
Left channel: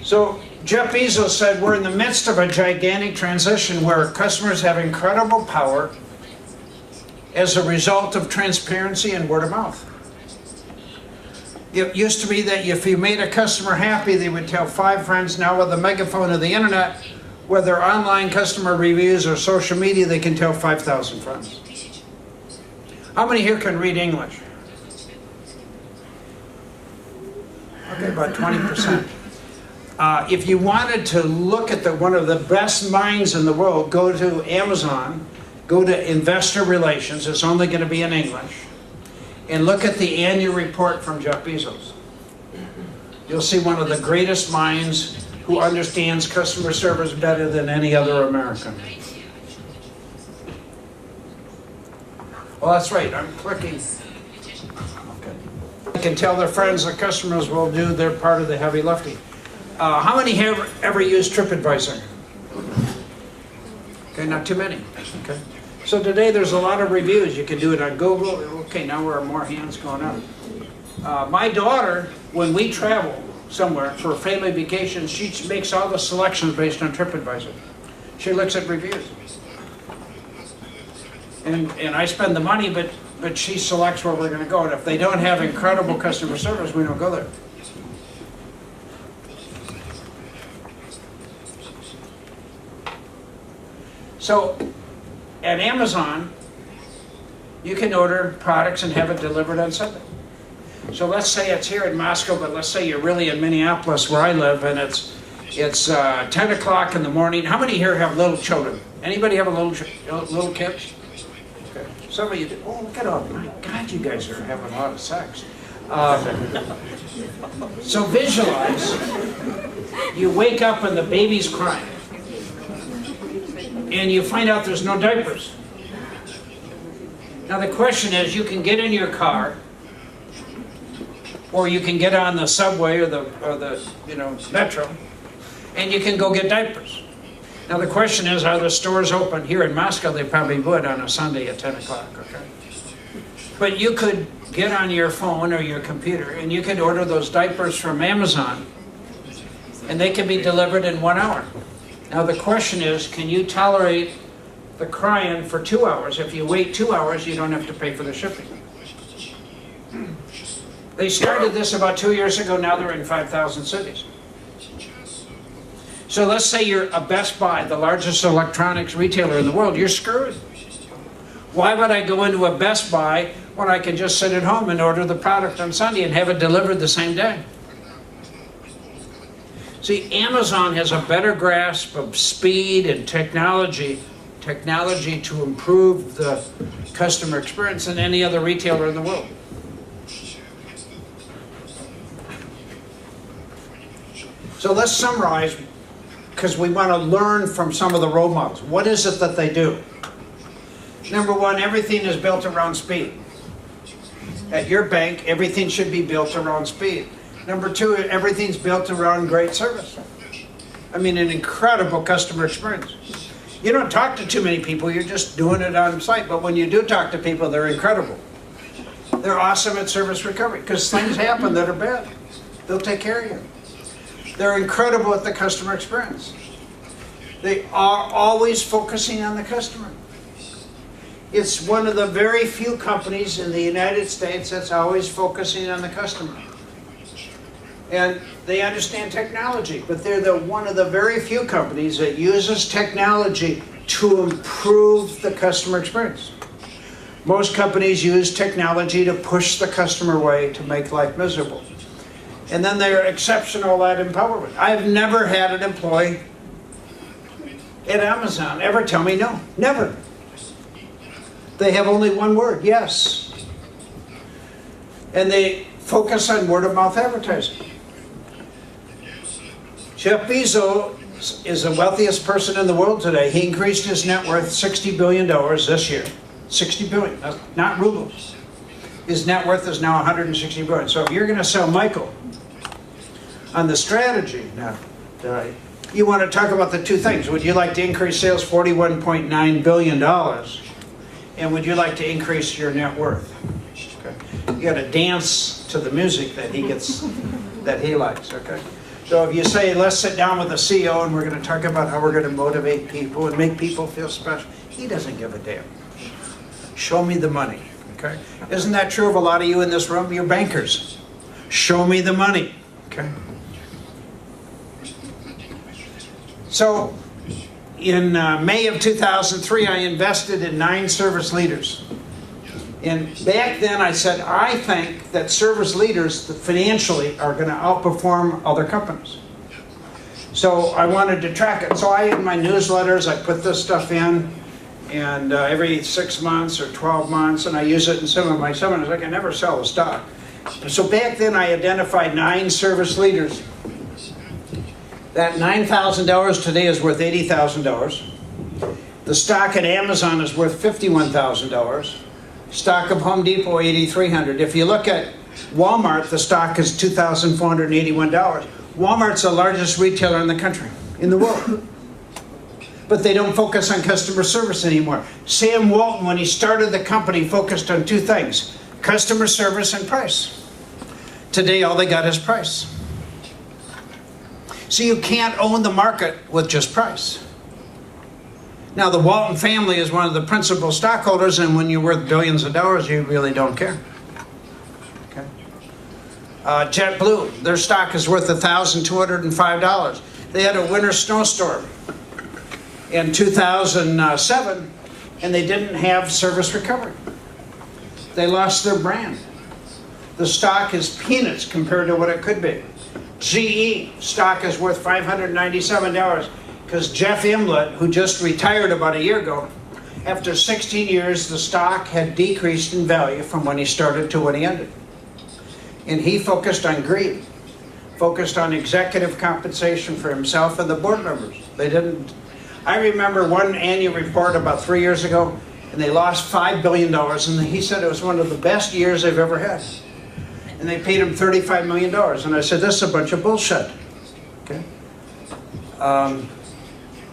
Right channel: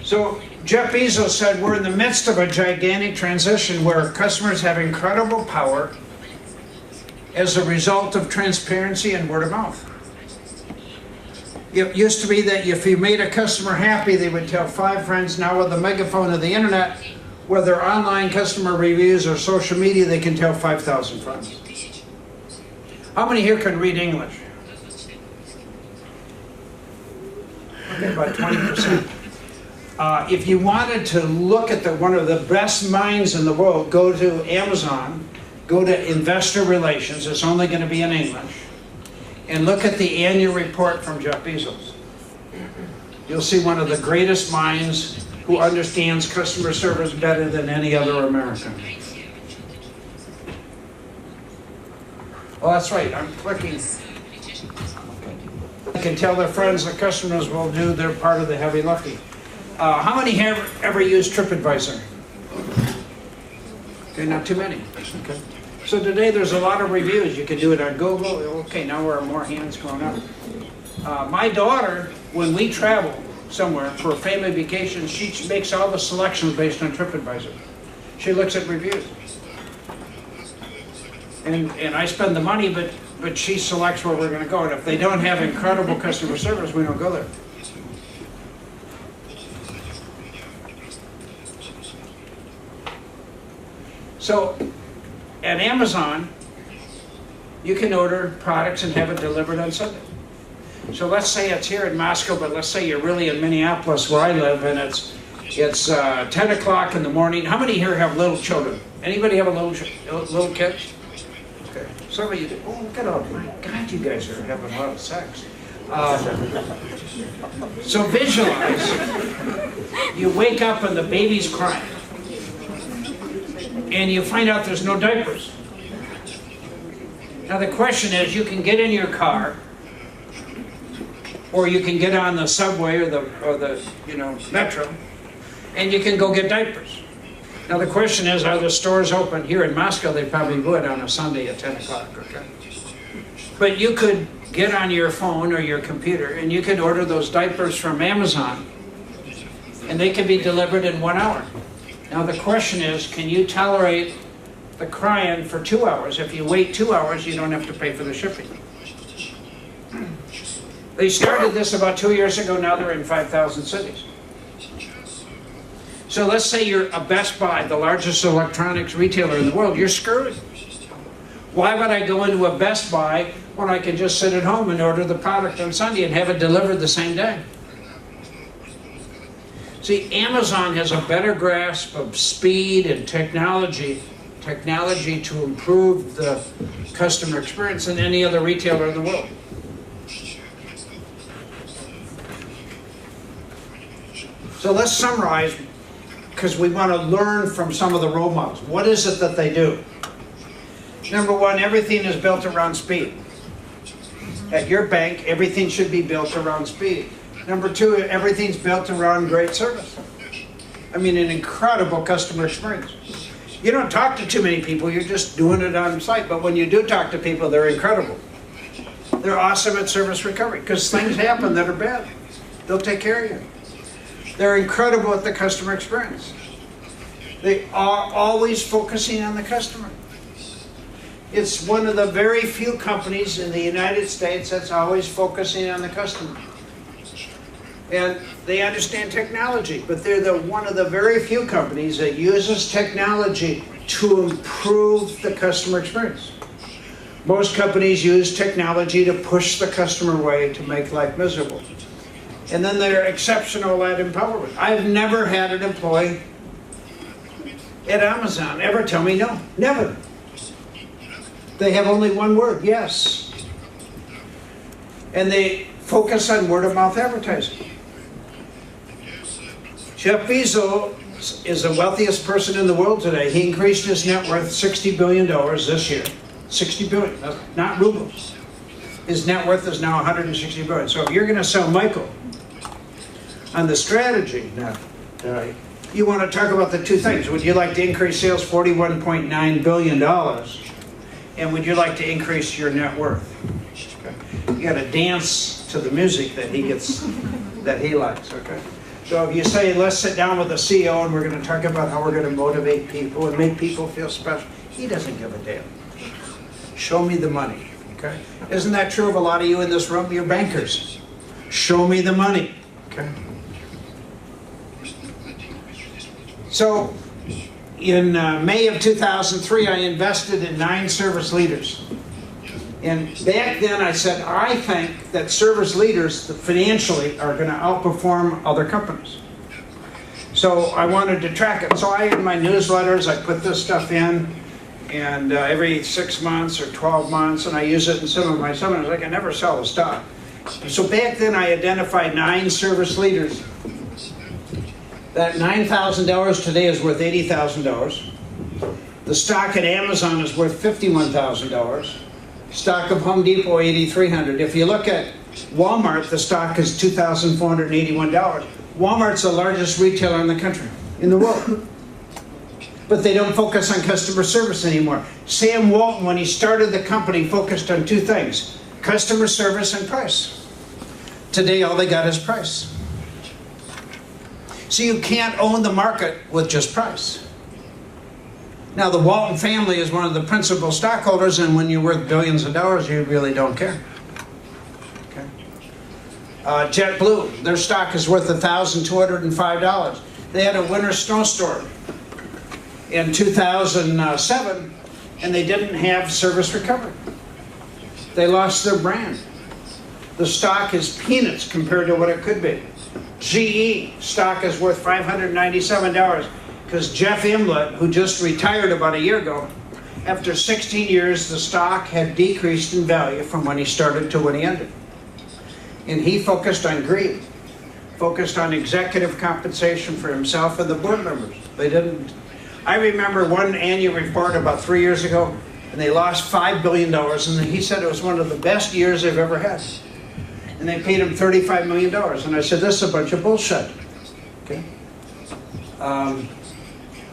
So Jeff Bezos said we're in the midst of a gigantic transition where customers have incredible power as a result of transparency and word of mouth. It used to be that if you made a customer happy, they would tell 5 friends. Now with the megaphone of the internet, whether online customer reviews or social media, they can tell 5,000 friends. How many here can read English? Okay, about 20%. If you wanted to look at one of the best minds in the world, go to Amazon, go to Investor Relations, it's only going to be in English, and look at the annual report from Jeff Bezos. You'll see one of the greatest minds who understands customer service better than any other American. Well, that's right, I'm clicking. Okay. I can tell their friends the customers will do their part of the heavy lifting. How many have ever used TripAdvisor? Okay, not too many. Okay. So today there's a lot of reviews. You can do it on Google. Okay, now there are more hands going up. My daughter, when we travel somewhere for a family vacation, she makes all the selections based on TripAdvisor. She looks at reviews. And I spend the money, but she selects where we're going to go. And if they don't have incredible customer service, we don't go there. So at Amazon, you can order products and have it delivered on Sunday. So let's say it's here in Moscow, but let's say you're really in Minneapolis where I live, and it's 10 o'clock in the morning. How many here have little children? Anybody have a little kids? Okay, some of you do. Oh, look at all, my God, you guys are having a lot of sex. So visualize, you wake up and the baby's crying. And you find out there's no diapers. Now the question is, you can get in your car, or you can get on the subway or the metro, and you can go get diapers. Now the question is, are the stores open? Here in Moscow, they probably would on a Sunday at 10 o'clock, okay? But you could get on your phone or your computer, and you can order those diapers from Amazon, and they can be delivered in 1 hour. Now the question is, can you tolerate the crying for 2 hours? If you wait 2 hours, you don't have to pay for the shipping. They started this about 2 years ago, now they're in 5,000 cities. So let's say you're a Best Buy, the largest electronics retailer in the world, you're screwed. Why would I go into a Best Buy when I can just sit at home and order the product on Sunday and have it delivered the same day? See, Amazon has a better grasp of speed and technology to improve the customer experience than any other retailer in the world. So let's summarize, because we want to learn from some of the role models. What is it that they do? Number one, everything is built around speed. At your bank, everything should be built around speed. Number two, everything's built around great service. I mean, an incredible customer experience. You don't talk to too many people, you're just doing it on site, but when you do talk to people, they're incredible. They're awesome at service recovery, because things happen that are bad. They'll take care of you. They're incredible at the customer experience. They are always focusing on the customer. It's one of the very few companies in the United States that's always focusing on the customer. And they understand technology, but they're one of the very few companies that uses technology to improve the customer experience. Most companies use technology to push the customer away, to make life miserable. And then they're exceptional at empowerment. I've never had an employee at Amazon ever tell me no. Never. They have only one word, yes. And they focus on word-of-mouth advertising. Jeff Bezos is the wealthiest person in the world today. He increased his net worth $60 billion this year. 60 billion, not rubles. His net worth is now 160 billion. So if you're going to sell Michael on the strategy, now, you want to talk about the two things. Would you like to increase sales $41.9 billion? And would you like to increase your net worth? Okay. You got to dance to the music that he gets, that he likes. Okay. So if you say, let's sit down with the CEO and we're going to talk about how we're going to motivate people and make people feel special, he doesn't give a damn. Show me the money. Okay. Isn't that true of a lot of you in this room? You're bankers. Show me the money. Okay. So in May of 2003, I invested in 9 service leaders. And back then I said, I think that service leaders financially are going to outperform other companies. So I wanted to track it. So in my newsletters, I put this stuff in, and every 6 months or 12 months, and I use it in some of my seminars. I can never sell a stock. So back then I identified 9 service leaders. That $9,000 today is worth $80,000. The stock at Amazon is worth $51,000. Stock of Home Depot, $8,300. If you look at Walmart, the stock is $2,481. Walmart's the largest retailer in the country, in the world. But they don't focus on customer service anymore. Sam Walton, when he started the company, focused on 2 things: customer service and price. Today, all they got is price. So you can't own the market with just price. Now, the Walton family is one of the principal stockholders, and when you're worth billions of dollars, you really don't care. Okay. JetBlue, their stock is worth $1,205. They had a winter snowstorm in 2007, and they didn't have service recovery. They lost their brand. The stock is peanuts compared to what it could be. GE stock is worth $597 because Jeff Imlet, who just retired about a year ago, after 16 years, the stock had decreased in value from when he started to when he ended. And he focused on greed, focused on executive compensation for himself and the board members. They didn't. I remember one annual report about 3 years ago, and they lost $5 billion, and he said it was one of the best years they've ever had. And they paid him $35 million. And I said, this is a bunch of bullshit. Okay?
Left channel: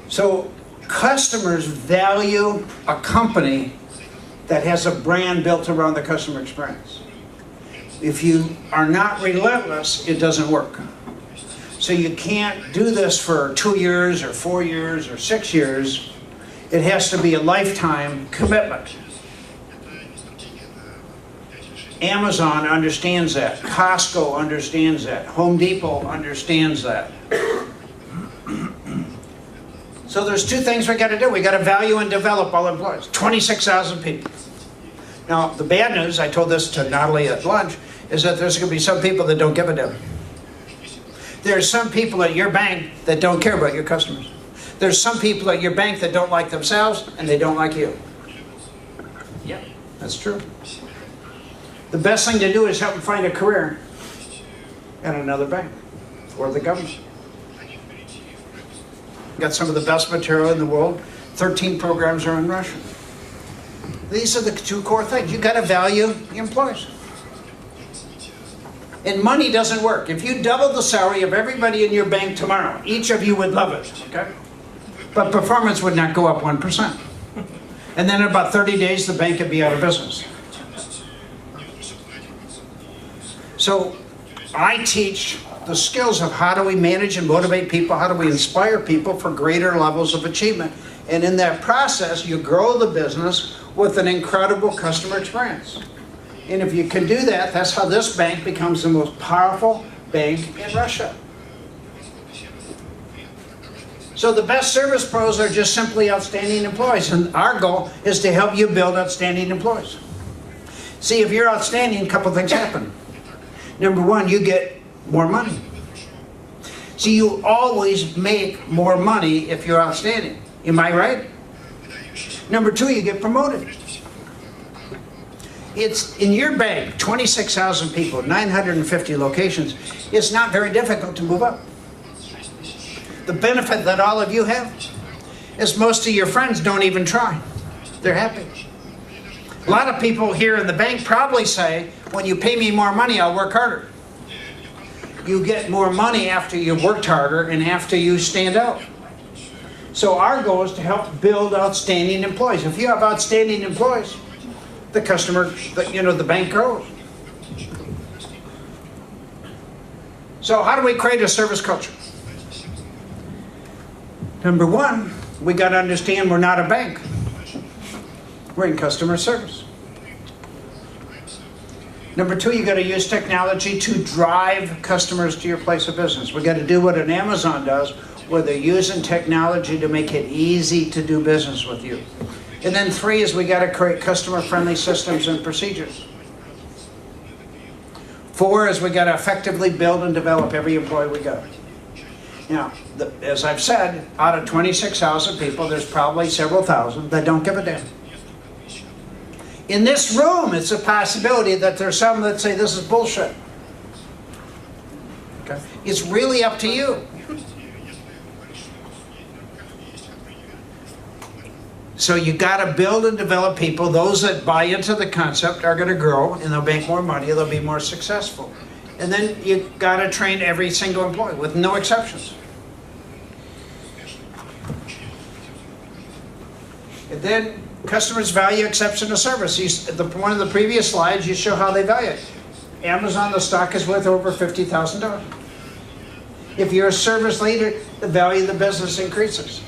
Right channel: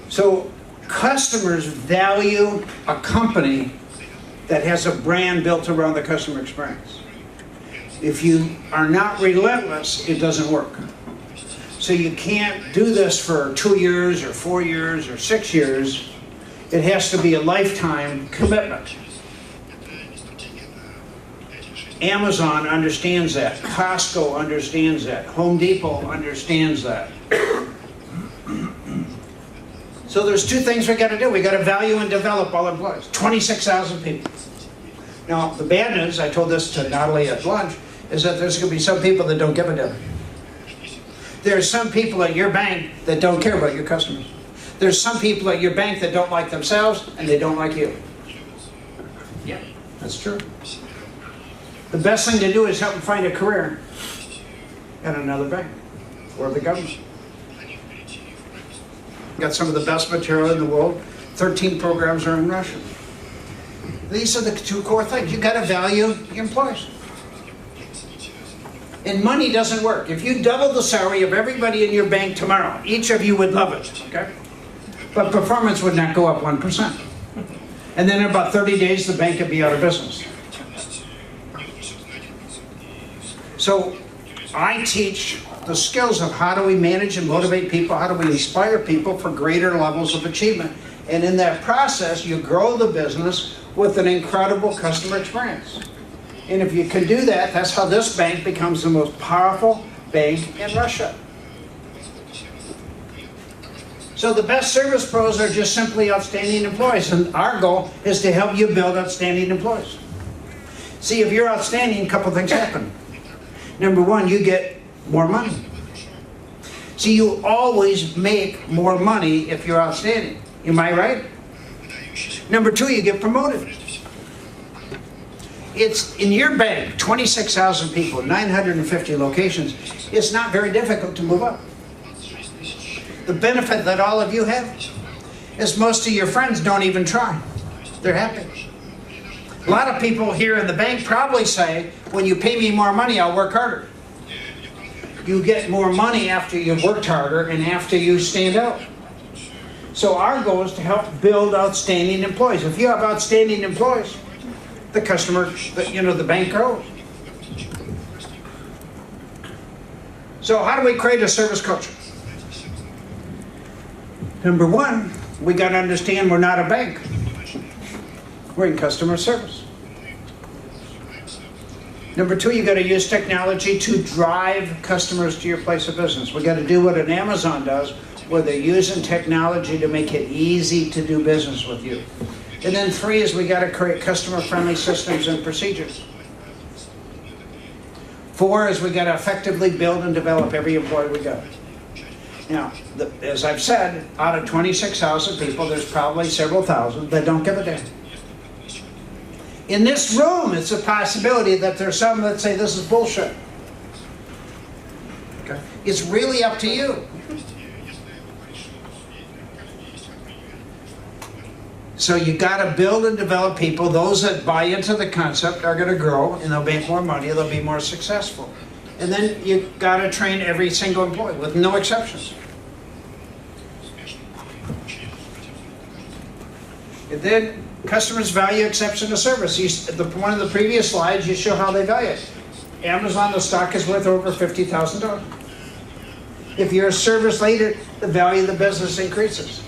So customers value a company that has a brand built around the customer experience. If you are not relentless, it doesn't work. So you can't do this for 2 years or 4 years or 6 years. It has to be a lifetime commitment. Amazon understands that. Costco understands that. Home Depot understands that. So there's 2 things we got to do. We got to value and develop all employees. 26,000 people. Now, the bad news, I told this to Natalie at lunch, is that there's going to be some people that don't give a damn. There's some people at your bank that don't care about your customers. There's some people at your bank that don't like themselves and they don't like you. Yeah, that's true. The best thing to do is help them find a career at another bank or the government. Got some of the best material in the world. 13 programs are in Russian. These are the 2 core things. You got to value your employees. And money doesn't work. If you double the salary of everybody in your bank tomorrow, each of you would love it, okay? But performance would not go up 1%. And then in about 30 days, the bank would be out of business. So I teach the skills of how do we manage and motivate people, how do we inspire people for greater levels of achievement. And in that process, you grow the business with an incredible customer experience. And if you can do that, that's how this bank becomes the most powerful bank in Russia. So the best service pros are just simply outstanding employees, and our goal is to help you build outstanding employees. See, if you're outstanding, a couple things happen. Number one, you get more money. See, you always make more money if you're outstanding. Am I right? Number two, you get promoted. It's in your bank, 26,000 people, 950 locations. It's not very difficult to move up. The benefit that all of you have is most of your friends don't even try. They're happy. A lot of people here in the bank probably say, when you pay me more money, I'll work harder. You get more money after you've worked harder and after you stand out. So our goal is to help build outstanding employees. If you have outstanding employees, the customer, the bank grows. So how do we create a service culture? Number one, we got to understand we're not a bank. We're in customer service. Number two, you got to use technology to drive customers to your place of business. We got to do what an Amazon does, where they're using technology to make it easy to do business with you. And then three is we got to create customer-friendly systems and procedures. Four is we got to effectively build and develop every employee we got. Now, as I've said, out of 26,000 people, there's probably several thousand that don't give a damn. In this room, it's a possibility that there's some that say this is bullshit. Okay. It's really up to you. So you got to build and develop people. Those that buy into the concept are going to grow, and they'll make more money, they'll be more successful. And then you got to train every single employee, with no exceptions. And then customers value exceptional service. One of the previous slides, you show how they value it. Amazon, the stock is worth over $50,000. If you're a service leader, the value of the business increases.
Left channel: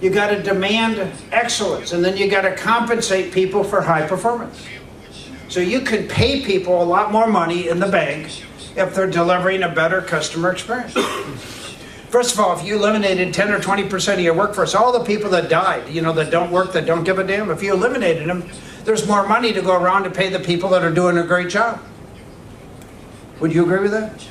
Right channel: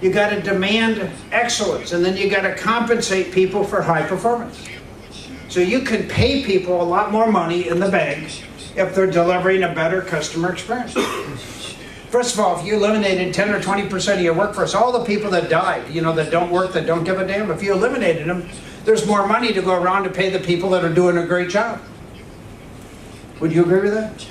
You got to demand excellence, and then you got to compensate people for high performance. So you can pay people a lot more money in the bank if they're delivering a better customer experience. First of all, if you eliminated 10 or 20% of your workforce, all the people that died, that don't work, that don't give a damn, if you eliminated them, there's more money to go around to pay the people that are doing a great job. Would you agree with that?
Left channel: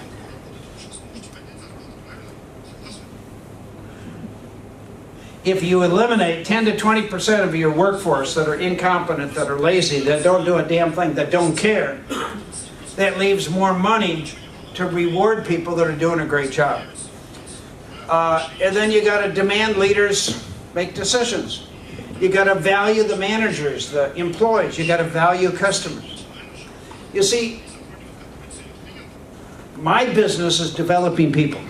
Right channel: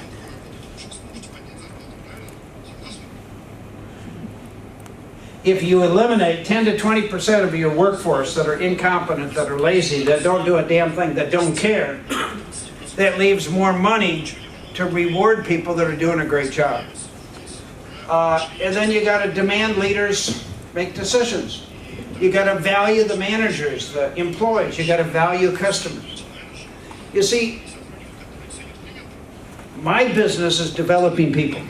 If you eliminate 10 to 20% of your workforce that are incompetent, that are lazy, that don't do a damn thing, that don't care, that leaves more money to reward people that are doing a great job. And then you got to demand leaders make decisions. You got to value the managers, the employees. You got to value customers. You see, my business is developing people.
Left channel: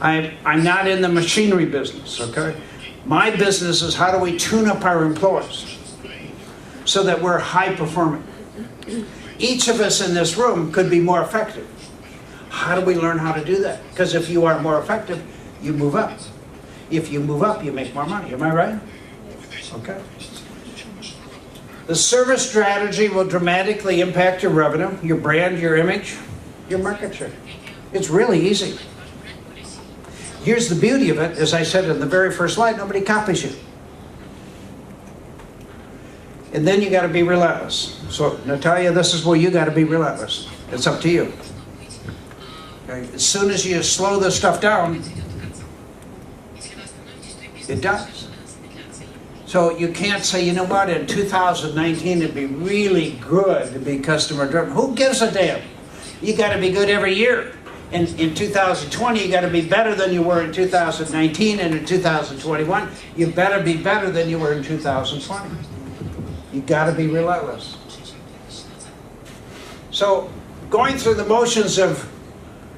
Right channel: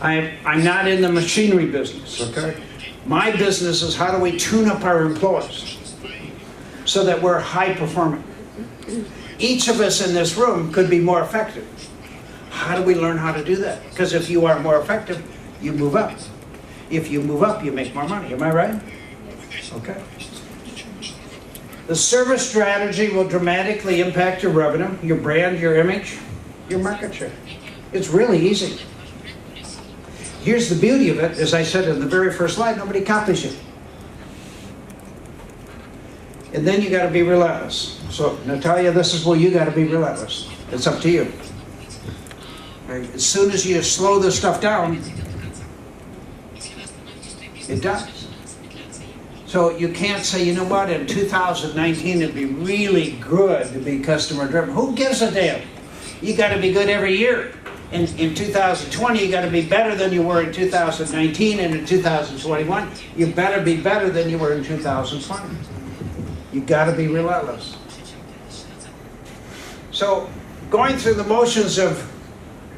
I'm not in the machinery business, okay? My business is how do we tune up our employees so that we're high performing. Each of us in this room could be more effective. How do we learn how to do that? Because if you are more effective, you move up. If you move up, you make more money. Am I right? Okay. The service strategy will dramatically impact your revenue, your brand, your image, your market share. It's really easy. Here's the beauty of it, as I said in the very first slide, nobody copies you. And then you got to be relentless. So, Natalia, this is where you got to be relentless. It's up to you. As soon as you slow this stuff down, it dies. So you can't say, you know what, in 2019 it'd be really good to be customer driven. Who gives a damn? You got to be good every year. In 2020, you got to be better than you were in 2019, and in 2021, you better be better than you were in 2020. You got to be relentless. So, going through the motions of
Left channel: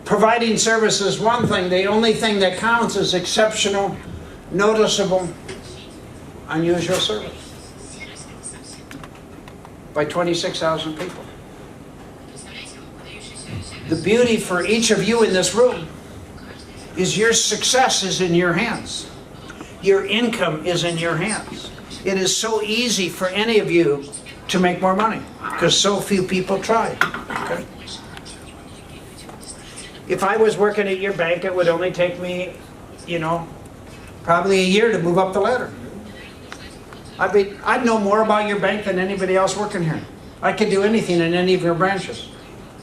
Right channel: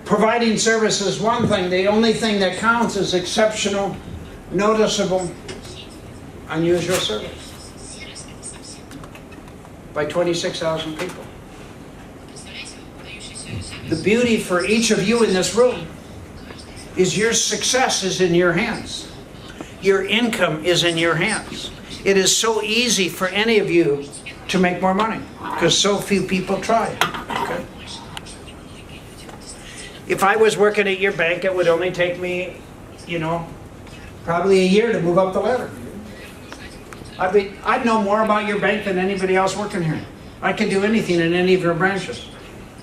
providing service is one thing. The only thing that counts is exceptional, noticeable, unusual service by 26,000 people. The beauty for each of you in this room is your success is in your hands. Your income is in your hands. It is so easy for any of you to make more money because so few people try it. Okay? If I was working at your bank, it would only take me, probably a year to move up the ladder. I'd know more about your bank than anybody else working here. I could do anything in any of your branches.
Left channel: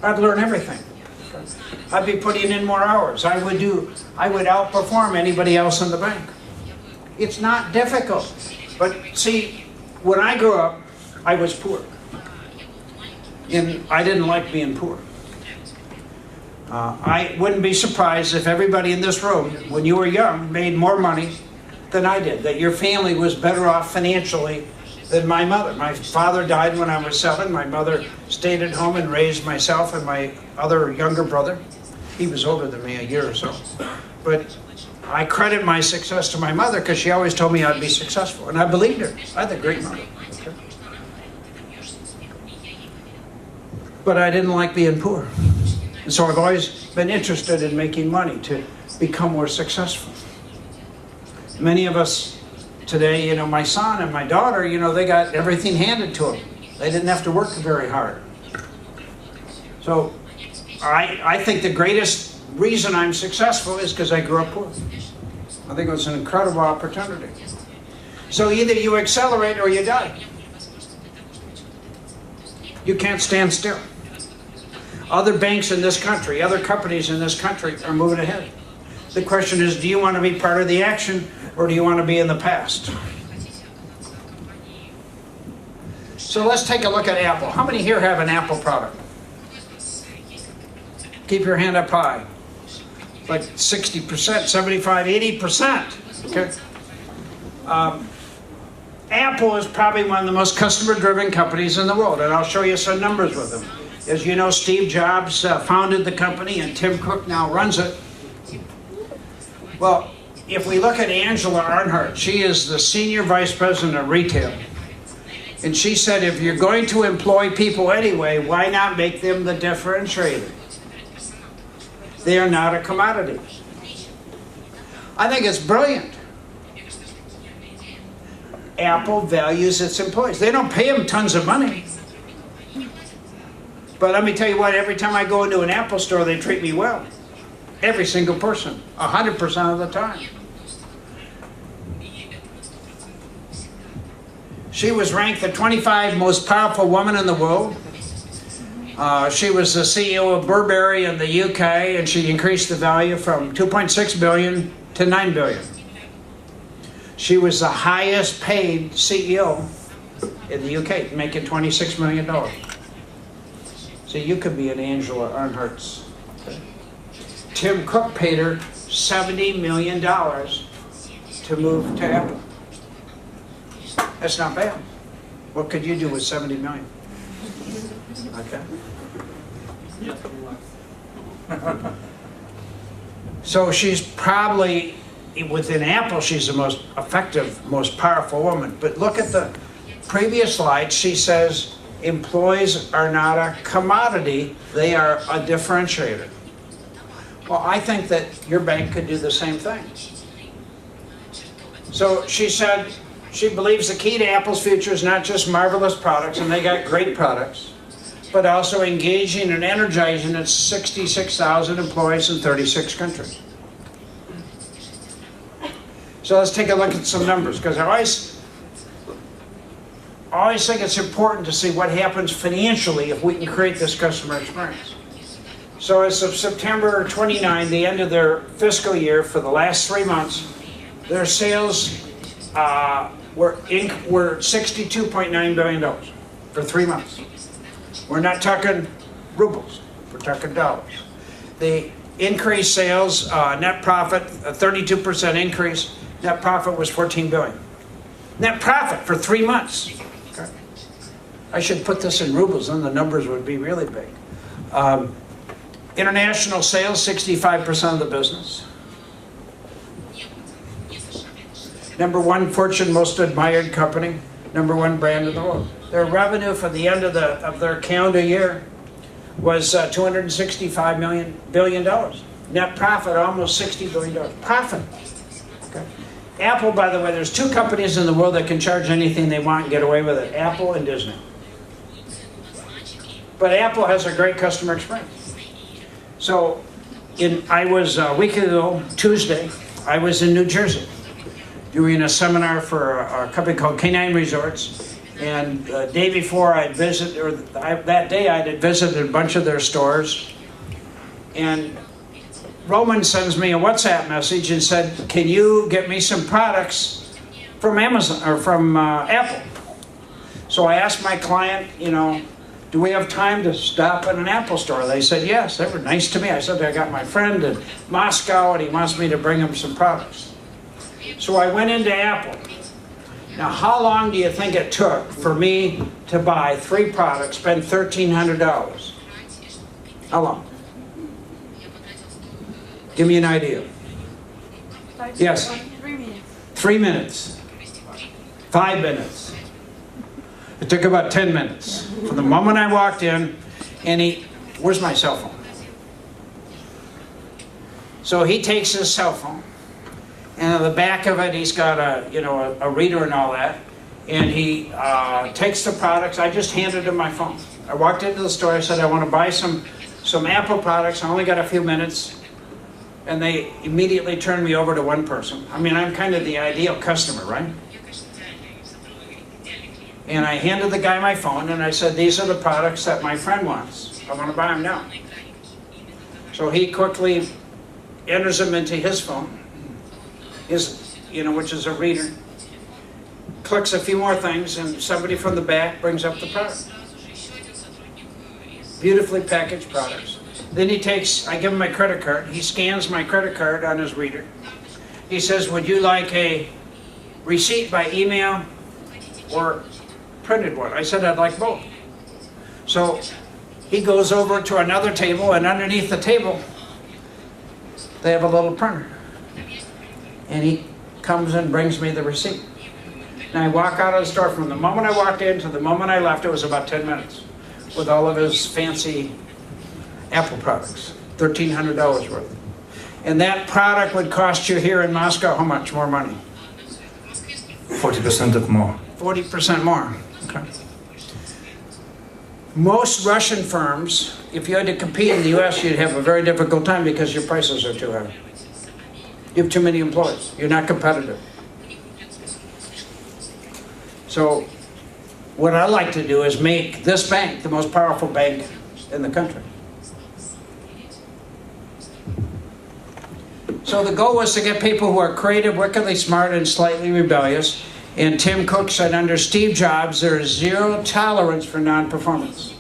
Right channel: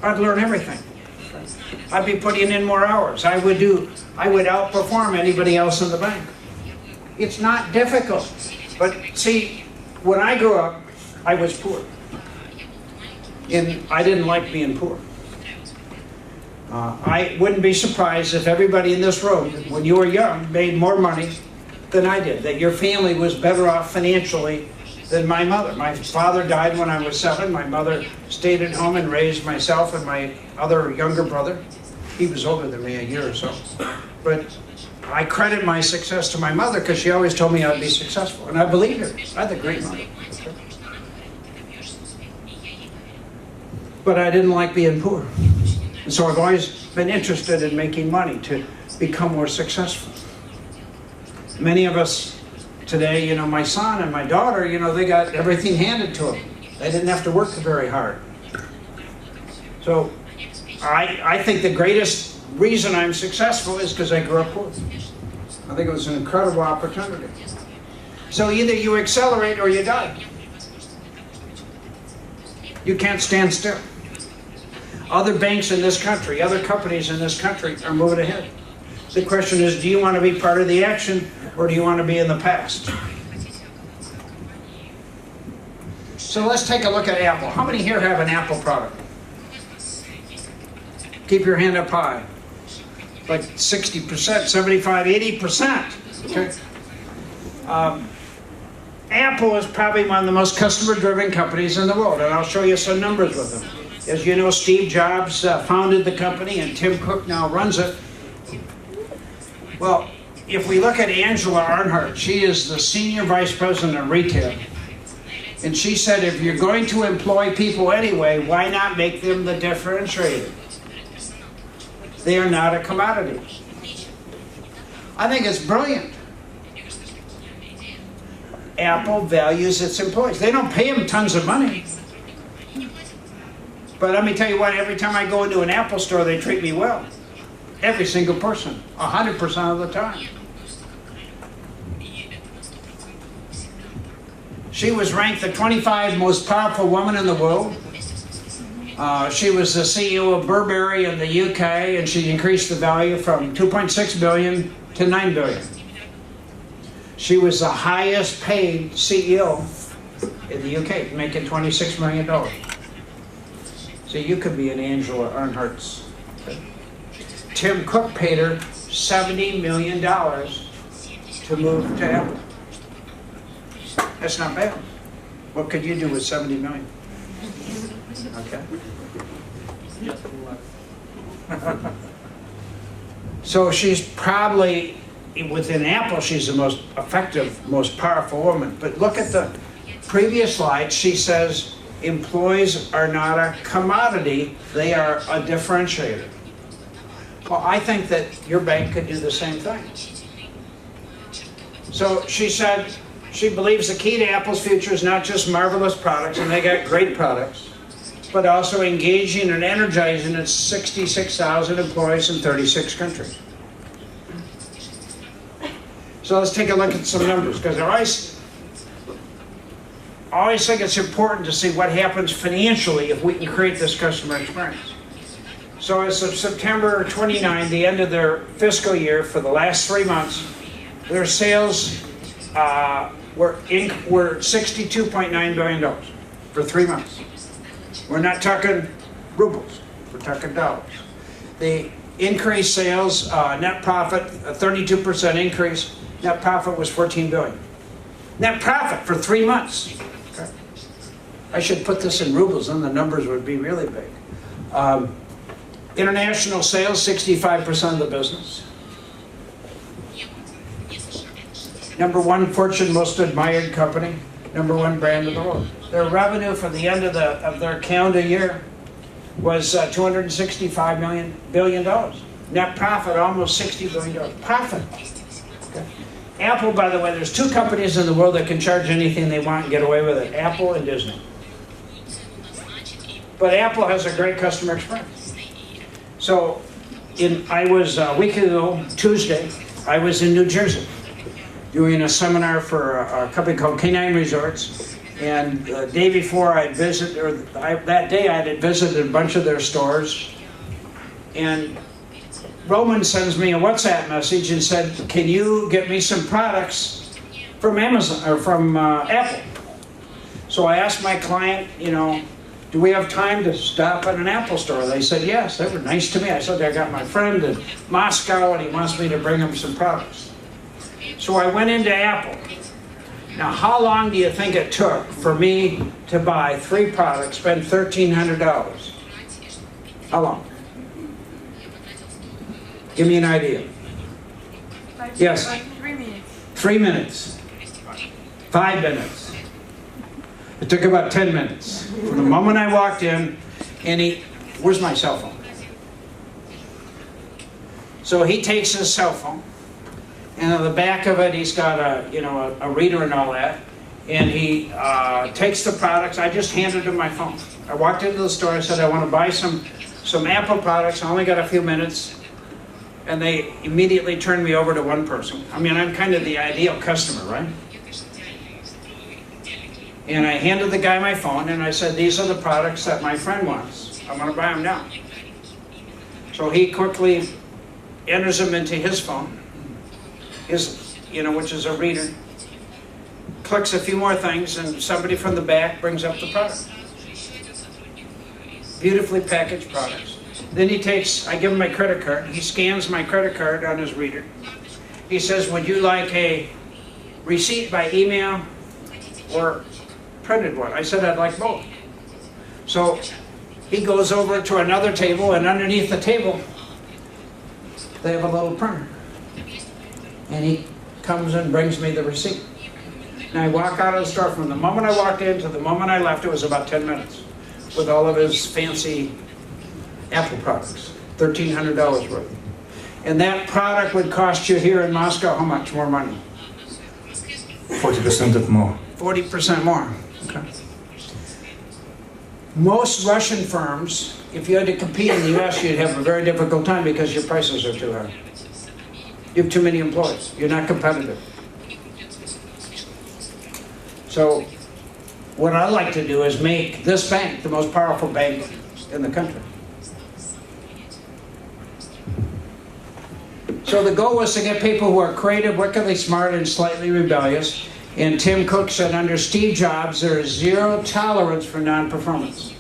I'd learn everything. I'd be putting in more hours. I would outperform anybody else in the bank. It's not difficult. But see, when I grew up, I was poor. And I didn't like being poor. I wouldn't be surprised if everybody in this room, when you were young, made more money than I did, that your family was better off financially than my mother. My father died when I was 7. My mother stayed at home and raised myself and my other younger brother. He was older than me a year or so. But I credit my success to my mother because she always told me I'd be successful. And I believed her. I had a great mother. Okay? But I didn't like being poor. And so I've always been interested in making money to become more successful. Many of us today, my son and my daughter, they got everything handed to them. They didn't have to work very hard. So I think the greatest reason I'm successful is because I grew up poor. I think it was an incredible opportunity. So either you accelerate or you die. You can't stand still. Other banks in this country, other companies in this country are moving ahead. The question is, do you want to be part of the action or do you want to be in the past? So let's take a look at Apple. How many here have an Apple product? Keep your hand up high. Like 60%, 75, 80%. Okay. Apple is probably one of the most customer-driven companies in the world, and I'll show you some numbers with them. As you know, Steve Jobs founded the company, and Tim Cook now runs it. Well, if we look at Angela Earnhardt, she is the Senior Vice President of Retail. And she said, if you're going to employ people anyway, why not make them the differentiator? They are not a commodity. I think it's brilliant. Apple values its employees. They don't pay them tons of money. But let me tell you what, every time I go into an Apple store, they treat me well. Every single person, 100% of the time. She was ranked the 25 most powerful woman in the world. She was the CEO of Burberry in the UK, and she increased the value from 2.6 billion to 9 billion. She was the highest paid CEO in the UK, making $26 million. So you could be an Angela Earnhardt's. Tim Cook paid her $70 million to move to Apple. That's not bad. What could you do with $70 million? Okay. So she's probably, within Apple, she's the most effective, most powerful woman. But look at the previous slide. She says employees are not a commodity, they are a differentiator. Well, I think that your bank could do the same thing. So she said she believes the key to Apple's future is not just marvelous products, and they got great products, but also engaging and energizing its 66,000 employees in 36 countries. So let's take a look at some numbers, because I always think it's important to see what happens financially if we can create this customer experience. So as of September 29, the end of their fiscal year, for the last 3 months, their sales were $62.9 billion for 3 months. We're not talking rubles, we're talking dollars. The increased sales, net profit, a 32% increase, net profit was $14 billion. Net profit for 3 months. Okay. I should put this in rubles, then the numbers would be really big. International sales, 65% of the business. Number 1 Fortune most admired company, number 1 brand in the world. Their revenue for the end of their calendar year was $265 billion. Net profit, almost $60 billion. Profit. Okay. Apple, by the way, there's two companies in the world that can charge anything they want and get away with it. Apple and Disney. But Apple has a great customer experience. So, I was a week ago, Tuesday, I was in New Jersey doing a seminar for a company called Canine Resorts. And the day before that day I had visited a bunch of their stores. And Roman sends me a WhatsApp message and said, can you get me some products from Amazon or from Apple? So I asked my client, do we have time to stop at an Apple store? They said, yes. They were nice to me. I said, I got my friend in Moscow and he wants me to bring him some products. So I went into Apple. Now, how long do you think it took for me to buy 3 products, spend $1,300? How long? Give me an idea. Yes? 3 minutes. 3 minutes. 5 minutes. It took about 10 minutes. From the moment I walked in, and where's my cell phone? So he takes his cell phone, and on the back of it, he's got a reader and all that, and he takes the products. I just handed him my phone. I walked into the store. I said, I want to buy some Apple products. I only got a few minutes. And they immediately turned me over to one person. I mean, I'm kind of the ideal customer, right? And I handed the guy my phone, and I said, these are the products that my friend wants. I want to buy them now. So he quickly enters them into his phone, which is a reader, clicks a few more things, and somebody from the back brings up the product. Beautifully packaged products. Then I give him my credit card. He scans my credit card on his reader. He says, would you like a receipt by email or printed one? I said, I'd like both. So he goes over to another table, and underneath the table, they have a little printer. And he comes and brings me the receipt. And I walk out of the store. From the moment I walked in to the moment I left, it was about 10 minutes with all of his fancy Apple products, $1,300 worth. And that product would cost you here in Moscow how much more money? 40% more. 40% more. Okay. Most Russian firms, if you had to compete in the US, you'd have a very difficult time because your prices are too high. You have too many employees. You're not competitive. So what I like to do is make this bank the most powerful bank in the country. So the goal was to get people who are creative, wickedly smart, and slightly rebellious. And Tim Cook said under Steve Jobs, there is zero tolerance for non-performance.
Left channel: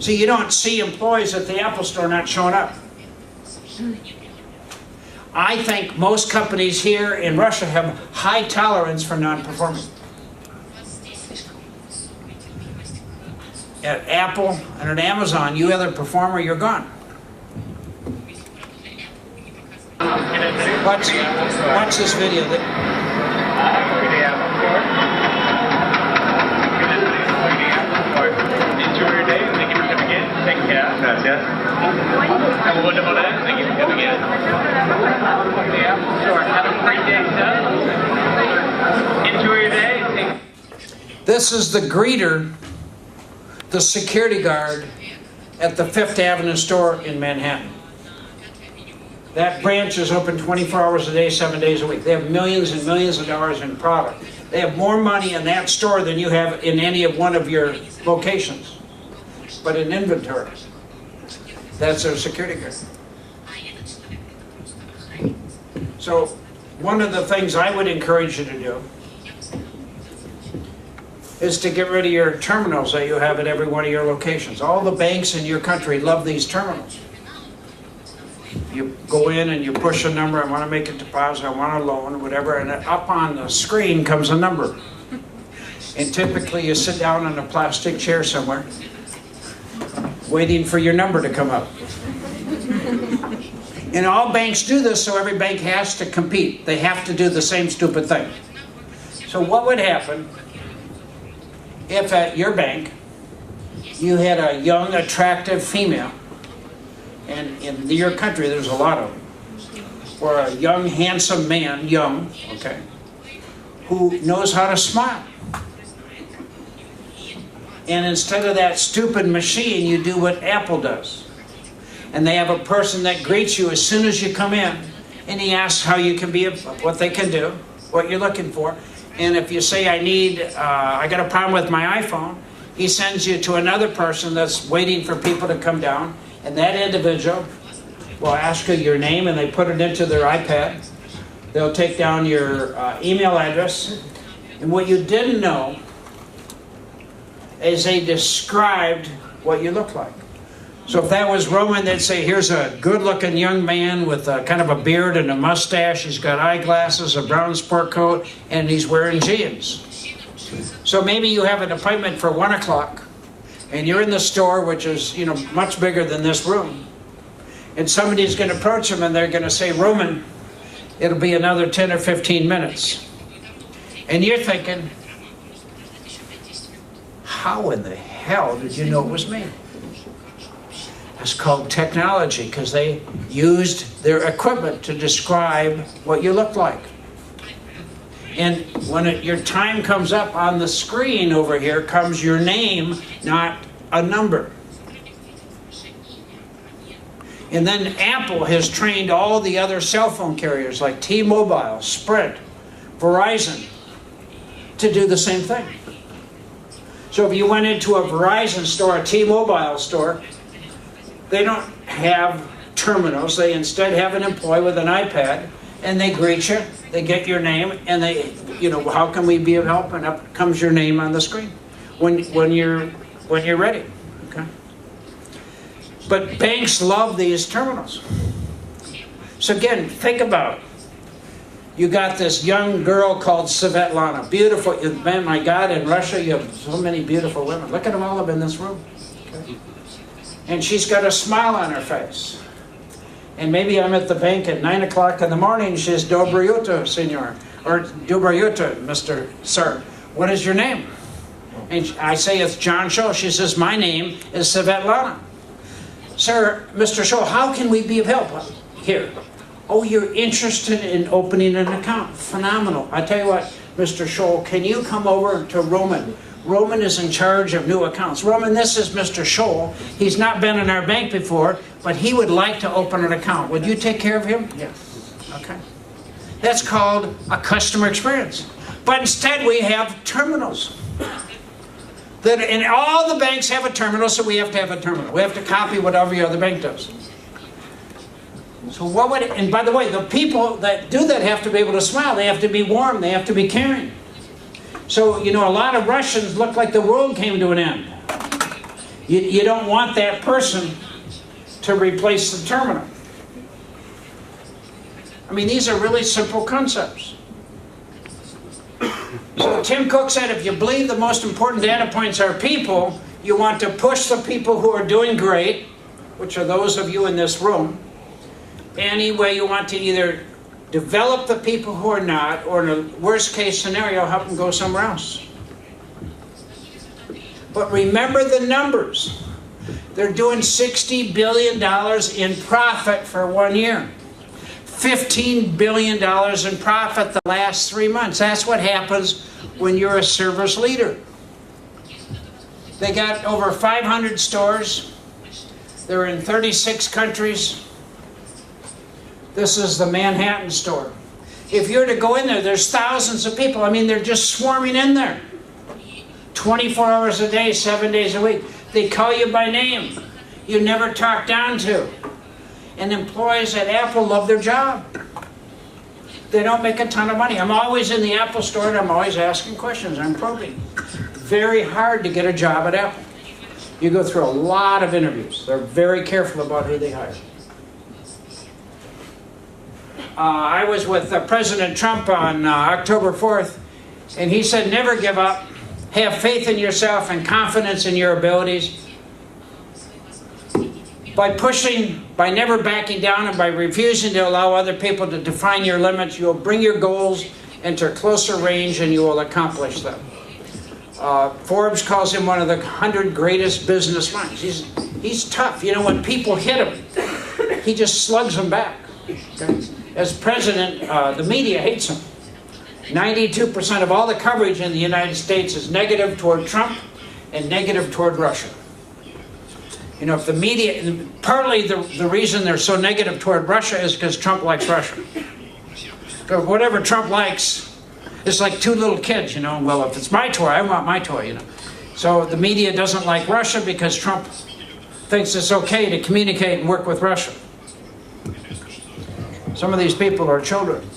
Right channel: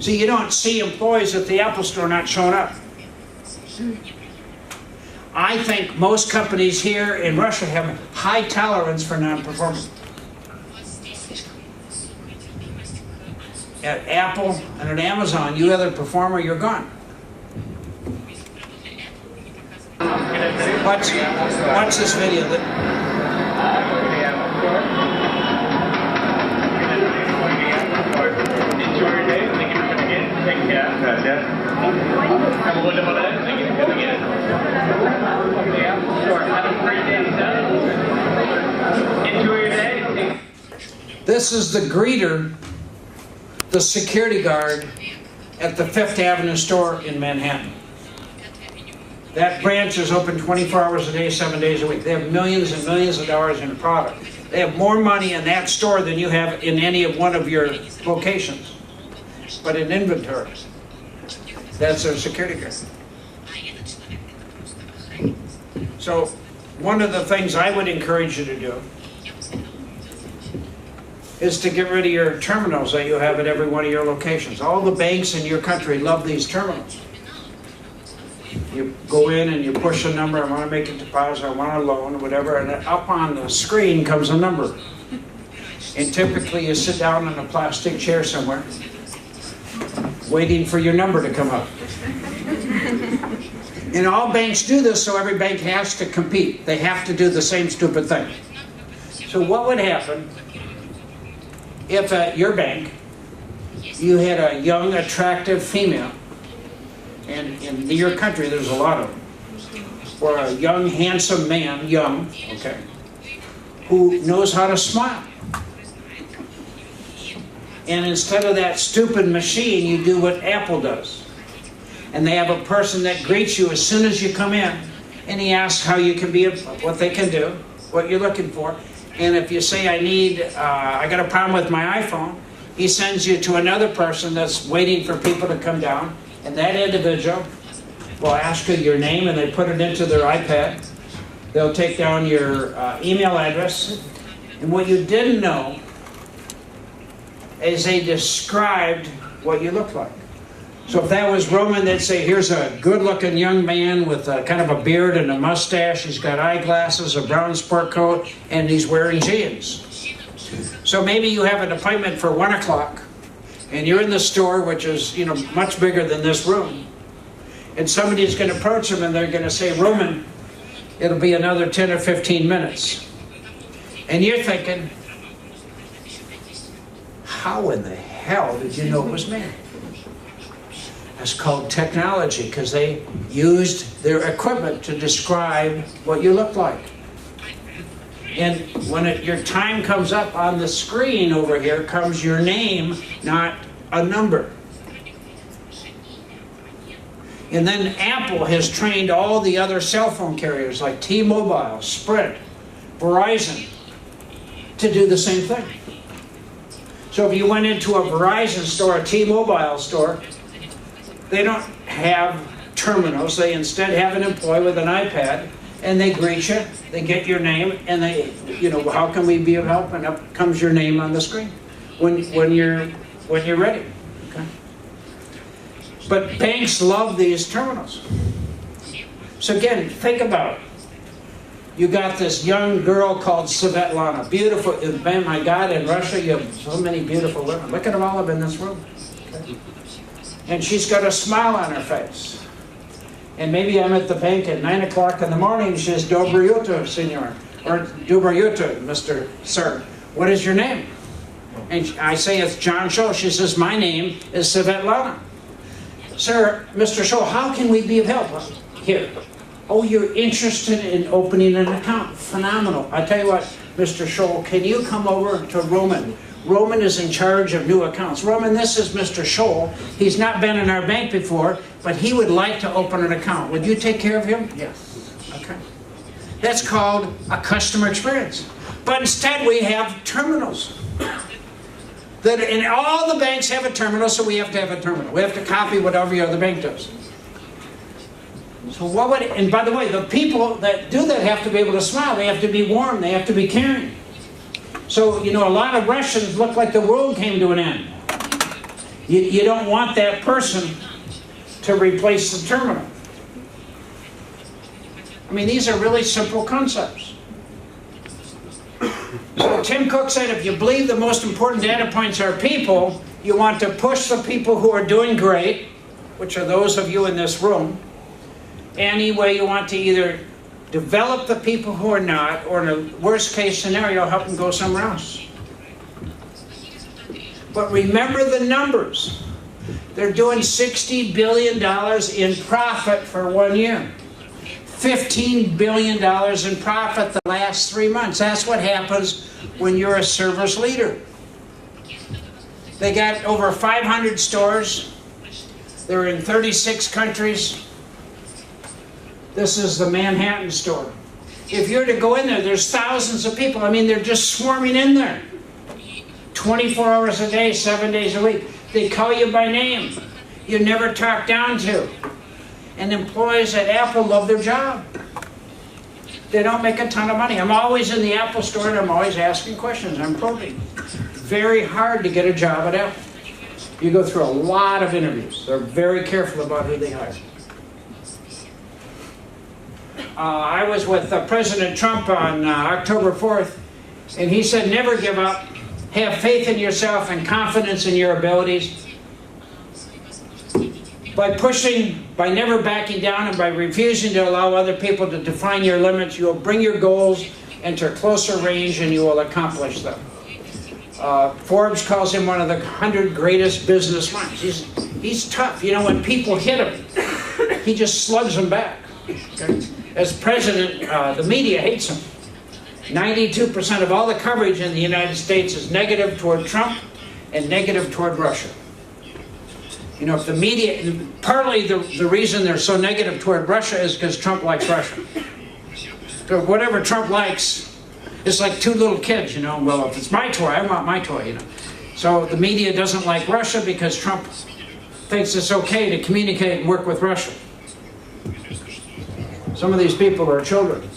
So you don't see employees at the Apple store not showing up. I think most companies here in Russia have high tolerance for non-performance. At Apple and at Amazon, you either perform or you're gone. Watch this video. This is the greeter, the security guard at the 5th Avenue store in Manhattan. That branch is open 24 hours a day, 7 days a week. They have millions and millions of dollars in product. They have more money in that store than you have in any of one of your locations. But in inventory, that's their security guard. So one of the things I would encourage you to do is to get rid of your terminals that you have at every one of your locations. All the banks in your country love these terminals. You go in and you push a number, I want to make a deposit, I want a loan, or whatever, and up on the screen comes a number. And typically you sit down on a plastic chair somewhere, waiting for your number to come up. And all banks do this, so every bank has to compete. They have to do the same stupid thing. So what would happen if at your bank, you had a young, attractive female, and in your country there's a lot of them, or a young, handsome man, young, okay, who knows how to smile. And instead of that stupid machine, you do what Apple does. And they have a person that greets you as soon as you come in, and he asks how you can be, what they can do, what you're looking for. And if you say, I got a problem with my iPhone, he sends you to another person that's waiting for people to come down, and that individual will ask you your name, and they put it into their iPad. They'll take down your email address. And what you didn't know is they described what you look like. So if that was Roman, they'd say, here's a good-looking young man with kind of a beard and a mustache. He's got eyeglasses, a brown sport coat, and he's wearing jeans. So maybe you have an appointment for 1 o'clock, and you're in the store, which is, you know, much bigger than this room. And somebody's going to approach him, and they're going to say, Roman, it'll be another 10 or 15 minutes. And you're thinking, how in the hell did you know it was me? That's called technology, because they used their equipment to describe what you look like. And when your time comes up on the screen over here comes your name, not a number. And then Apple has trained all the other cell phone carriers like T-Mobile, Sprint, Verizon to do the same thing. So if you went into a Verizon store, a T-Mobile store, they don't have terminals. They instead have an employee with an iPad, and they greet you, they get your name, and they, you know, how can we be of help? And up comes your name on the screen when you're ready. Okay. But banks love these terminals. So again, think about it. You got this young girl called Svetlana, beautiful. Man, my God, in Russia you have so many beautiful women. Look at them all up in this room. Okay. And she's got a smile on her face. And maybe I'm at the bank at 9 o'clock in the morning. She says, Dobro jutro, senor. Or Dobro jutro, Mr. Sir. What is your name? And I say, it's John Tschohl. She says, my name is Svetlana. Sir, Mr. Tschohl, how can we be of help? Here. Oh, you're interested in opening an account. Phenomenal. I tell you what, Mr. Tschohl, can you come over to Roman? Roman is in charge of new accounts. Roman, this is Mr. Tschohl. He's not been in our bank before, but he would like to open an account. Would you take care of him? Yes. Okay. That's called a customer experience. But instead we have terminals. And all the banks have a terminal, so we have to have a terminal. We have to copy what every other bank does. So what would it, and by the way, the people that do that have to be able to smile. They have to be warm. They have to be caring. So, you know, a lot of Russians look like the world came to an end. You don't want that person to replace the terminal. I mean, these are really simple concepts. So Tim Cook said, if you believe the most important data points are people, you want to push the people who are doing great, which are those of you in this room. Any way you want to either develop the people who are not, or in a worst case scenario, help them go somewhere else. But remember the numbers. They're doing $60 billion in profit for 1 year. $15 billion in profit the last 3 months. That's what happens when you're a service leader. They got over 500 stores. They're in 36 countries. This is the Manhattan store. If you're to go in there, there's thousands of people. I mean, they're just swarming in there. 24 hours a day, 7 days a week. They call you by name. You're never talked down to. And employees at Apple love their job. They don't make a ton of money. I'm always in the Apple store and I'm always asking questions. I'm probing. Very hard to get a job at Apple. You go through a lot of interviews. They're very careful about who they hire. I was with President Trump on October 4th, and he said, never give up. Have faith in yourself and confidence in your abilities. By pushing, by never backing down, and by refusing to allow other people to define your limits, you will bring your goals into closer range and you will accomplish them. Forbes calls him one of the 100 greatest business minds. He's tough. You know, when people hit him, he just slugs them back. Okay? As president, the media hates him. 92% of all the coverage in the United States is negative toward Trump and negative toward Russia. You know, if the media, partly the reason they're so negative toward Russia is because Trump likes Russia. So whatever Trump likes, it's like two little kids, you know, well, if it's my toy, I want my toy, you know. So the media doesn't like Russia because Trump thinks it's okay to communicate and work with Russia. Some of these people are children.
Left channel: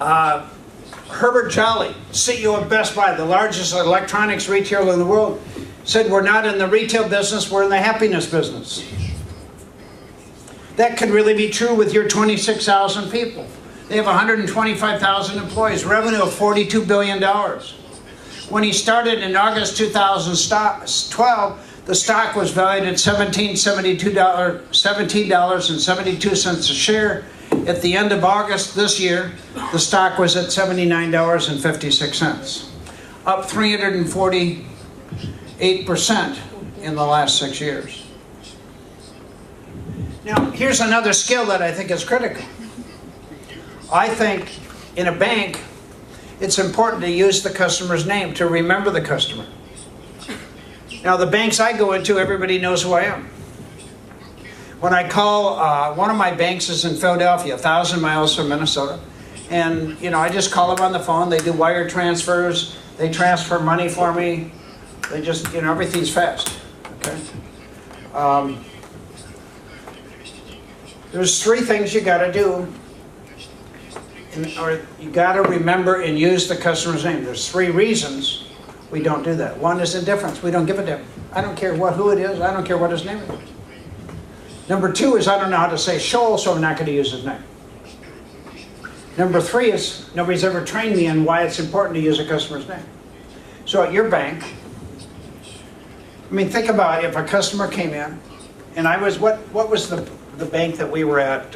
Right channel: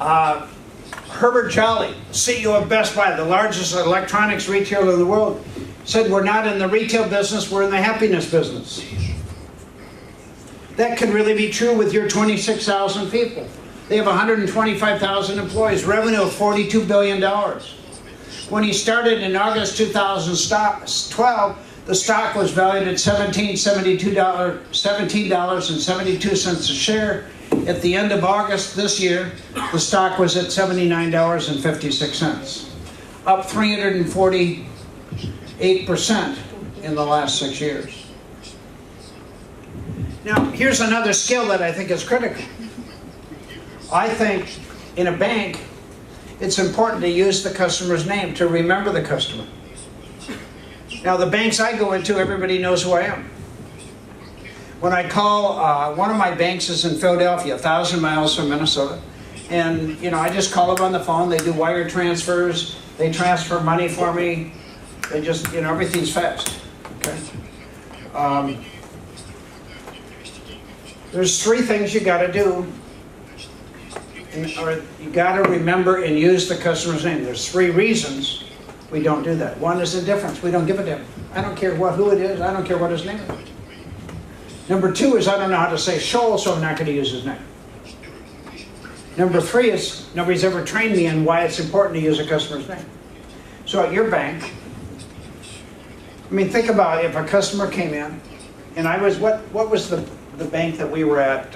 Herbert Jolly, CEO of Best Buy, the largest electronics retailer in the world, said we're not in the retail business, we're in the happiness business. That could really be true with your 26,000 people. They have 125,000 employees, revenue of $42 billion. When he started in August 2012, the stock was valued at $17.72 a share. At the end of August this year, the stock was at $79.56, up 348% in the last 6 years. Now, here's another skill that I think is critical. I think in a bank, it's important to use the customer's name, to remember the customer. Now, the banks I go into, everybody knows who I am. When I call, one of my banks is in Philadelphia, 1,000 miles from Minnesota. And, you know, I just call them on the phone. They do wire transfers. They transfer money for me. They just, you know, everything's fast. Okay. There's three things you got to do. Or you got to remember and use the customer's name. There's three reasons we don't do that. One is indifference. We don't give a damn. I don't care who it is. I don't care what his name is. Number two is I don't know how to say Shoal, so I'm not going to use his name. Number three is nobody's ever trained me in why it's important to use a customer's name. So at your bank, I mean, think about if a customer came in, and I was, what was the bank that we were at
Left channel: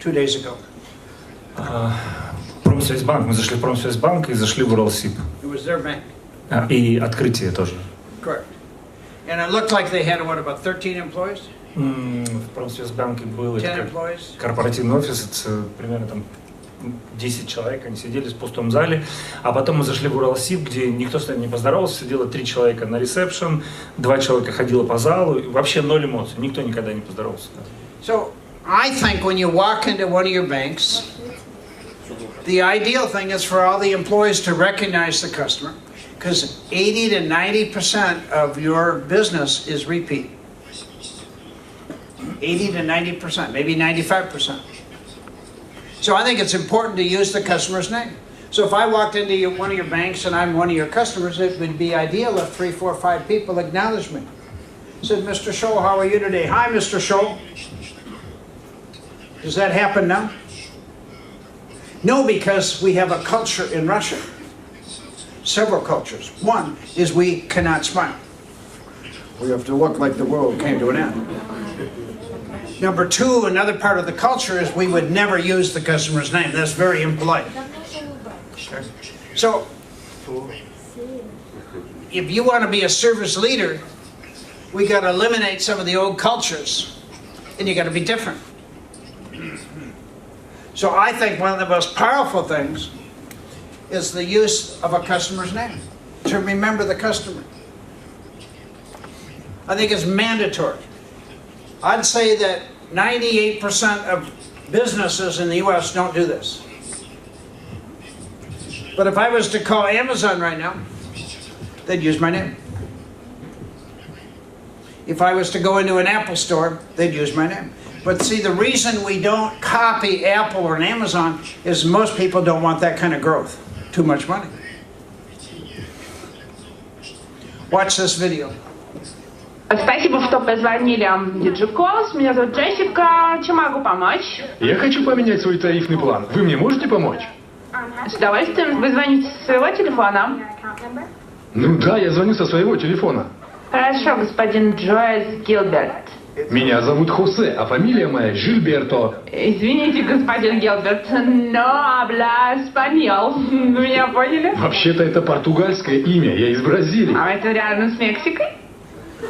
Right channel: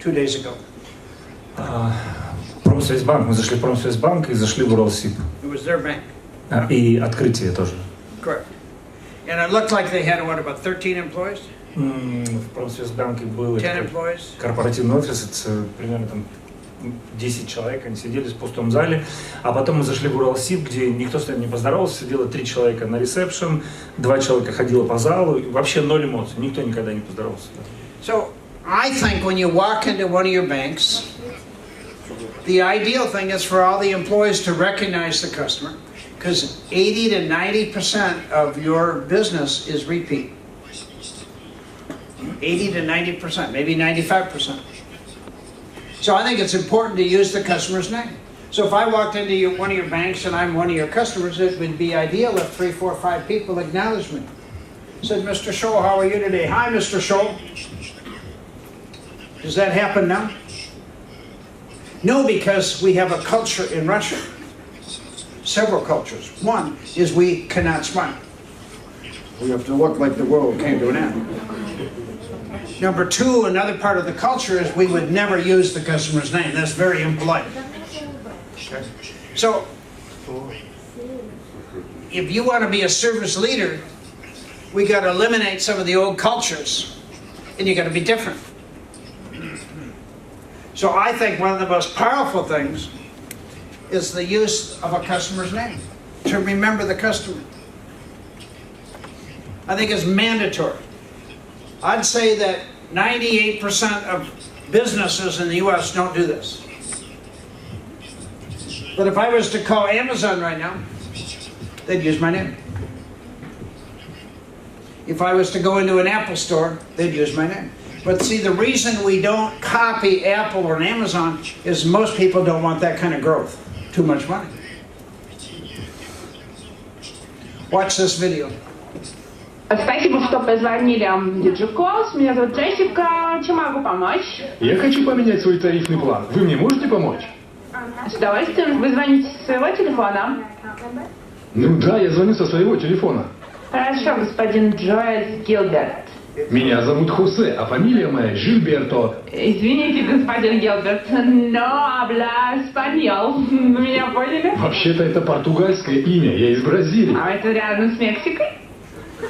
2 days ago? Промсвязьбанк. Мы зашли в Промсвязьбанк и зашли в Уралсиб. It was their bank. И открытие тоже. Correct. And it looked like they had, what, about 13 employees? В Промсвязьбанке был 10 employees. Корпоративный офис, примерно там 10 человек, они сидели в пустом зале, а потом мы зашли в Уралсиб, где никто с нами не поздоровался, сидело 3 человека на ресепшн, 2 человека ходило по залу, и вообще 0 эмоций, никто никогда не поздоровался. So, I think when you walk into one of your banks, the ideal thing is for all the employees to recognize the customer, because 80 to 90% of your business is repeat. 80 to 90%, maybe 95%. So I think it's important to use the customer's name. So if I walked into one of your banks and I'm one of your customers, it would be ideal if 3, 4, 5 people acknowledged me. Said, Mr. Tschohl, how are you today? Hi, Mr. Tschohl. Does that happen now? No, because we have a culture in Russia. Several cultures. One is we cannot smile. We have to look like the world came to an end. Number two, another part of the culture is we would never use the customer's name. That's very impolite. Okay. So, if you want to be a service leader, we got to eliminate some of the old cultures, and you got to be different. So I think one of the most powerful things is the use of a customer's name, to remember the customer. I think it's mandatory. I'd say that 98% of businesses in the U.S. don't do this. But if I was to call Amazon right now, they'd use my name. If I was to go into an Apple store, they'd use my name. But see, the reason we don't copy Apple or Amazon is most people don't want that kind of growth. Too much money. Watch this video. Спасибо, что позвонили Диджиколс. Меня зовут Джессика. Чем могу помочь? Я хочу поменять свой тарифный план. Вы мне можете помочь? С удовольствием. Вы звоните со своего телефона? Ну да, я звоню со своего телефона. Хорошо, господин Джоэль Гилберт. Меня зовут Хосе, а фамилия моя Жильберто. Извините, господин Гилберт, но habla español. Вы меня поняли? Вообще-то это португальское имя, я из Бразилии. А это рядом с Мексикой?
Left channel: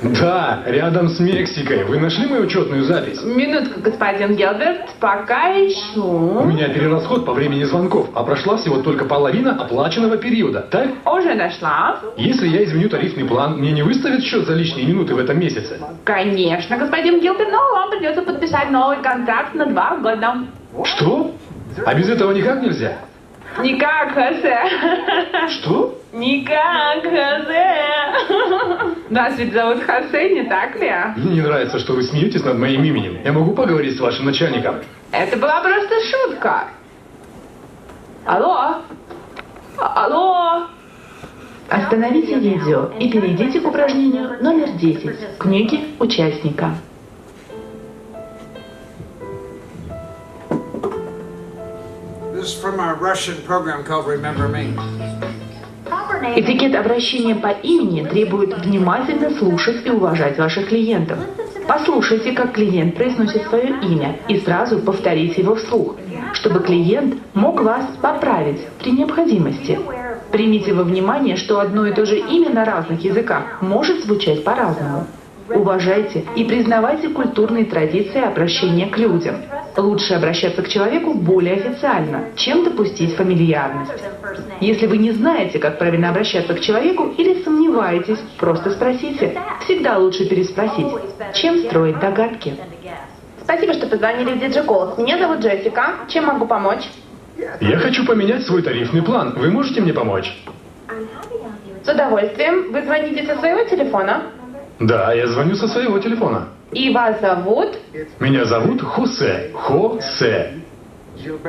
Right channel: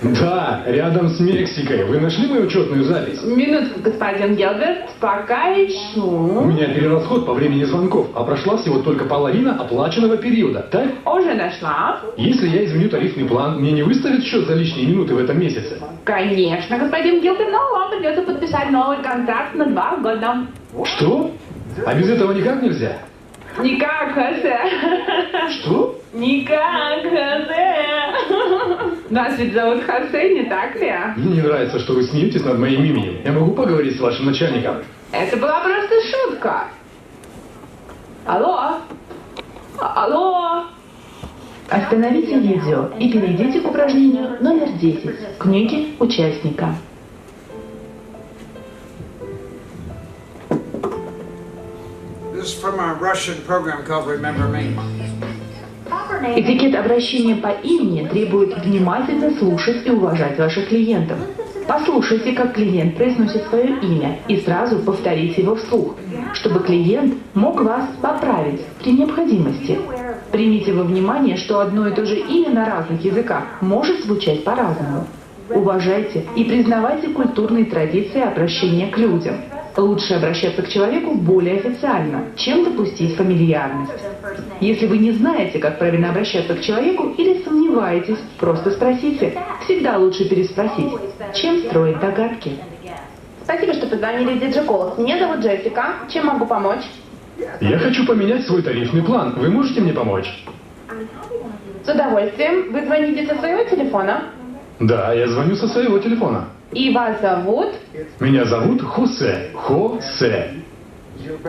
Да, рядом с Мексикой. Вы нашли мою учетную запись? Минутку, господин Гилберт, пока У ищу. меня перерасход по времени звонков, а прошла всего только половина оплаченного периода, так? Уже нашла. Если я изменю тарифный план, мне не выставят счет за лишние минуты в этом месяце? Конечно, господин Гилберт, но вам придется подписать новый контракт на 2 года. Что? А без этого никак нельзя? Никак, Хосе. Что? Никак, Хосе. Нас ведь зовут Хосе, не так ли? Мне не нравится, что вы смеетесь над моим именем. Я могу поговорить с вашим начальником? Это была просто шутка. Алло? Алло? Остановите видео и перейдите к упражнению номер 10 книги участника. This is from our Russian program called Remember Me. Этикет обращения по имени требует внимательно слушать и уважать ваших клиентов. Послушайте, как клиент произносит свое имя, и сразу повторите его вслух, чтобы клиент мог вас поправить при необходимости. Примите во внимание, что одно и то же имя на разных языках может звучать по-разному. Уважайте и признавайте культурные традиции обращения к людям. Лучше обращаться к человеку более официально, чем допустить фамильярность. Если вы не знаете, как правильно обращаться к человеку или сомневаетесь, просто спросите. Всегда лучше переспросить, чем строить догадки. Спасибо, что позвонили в DJ Calls. Меня зовут Джессика. Чем могу помочь? Я хочу поменять свой тарифный план. Вы можете мне помочь? С удовольствием. Вы звоните со своего телефона? Да, я звоню со своего телефона. И вас зовут? Меня зовут Хосе. Хосе.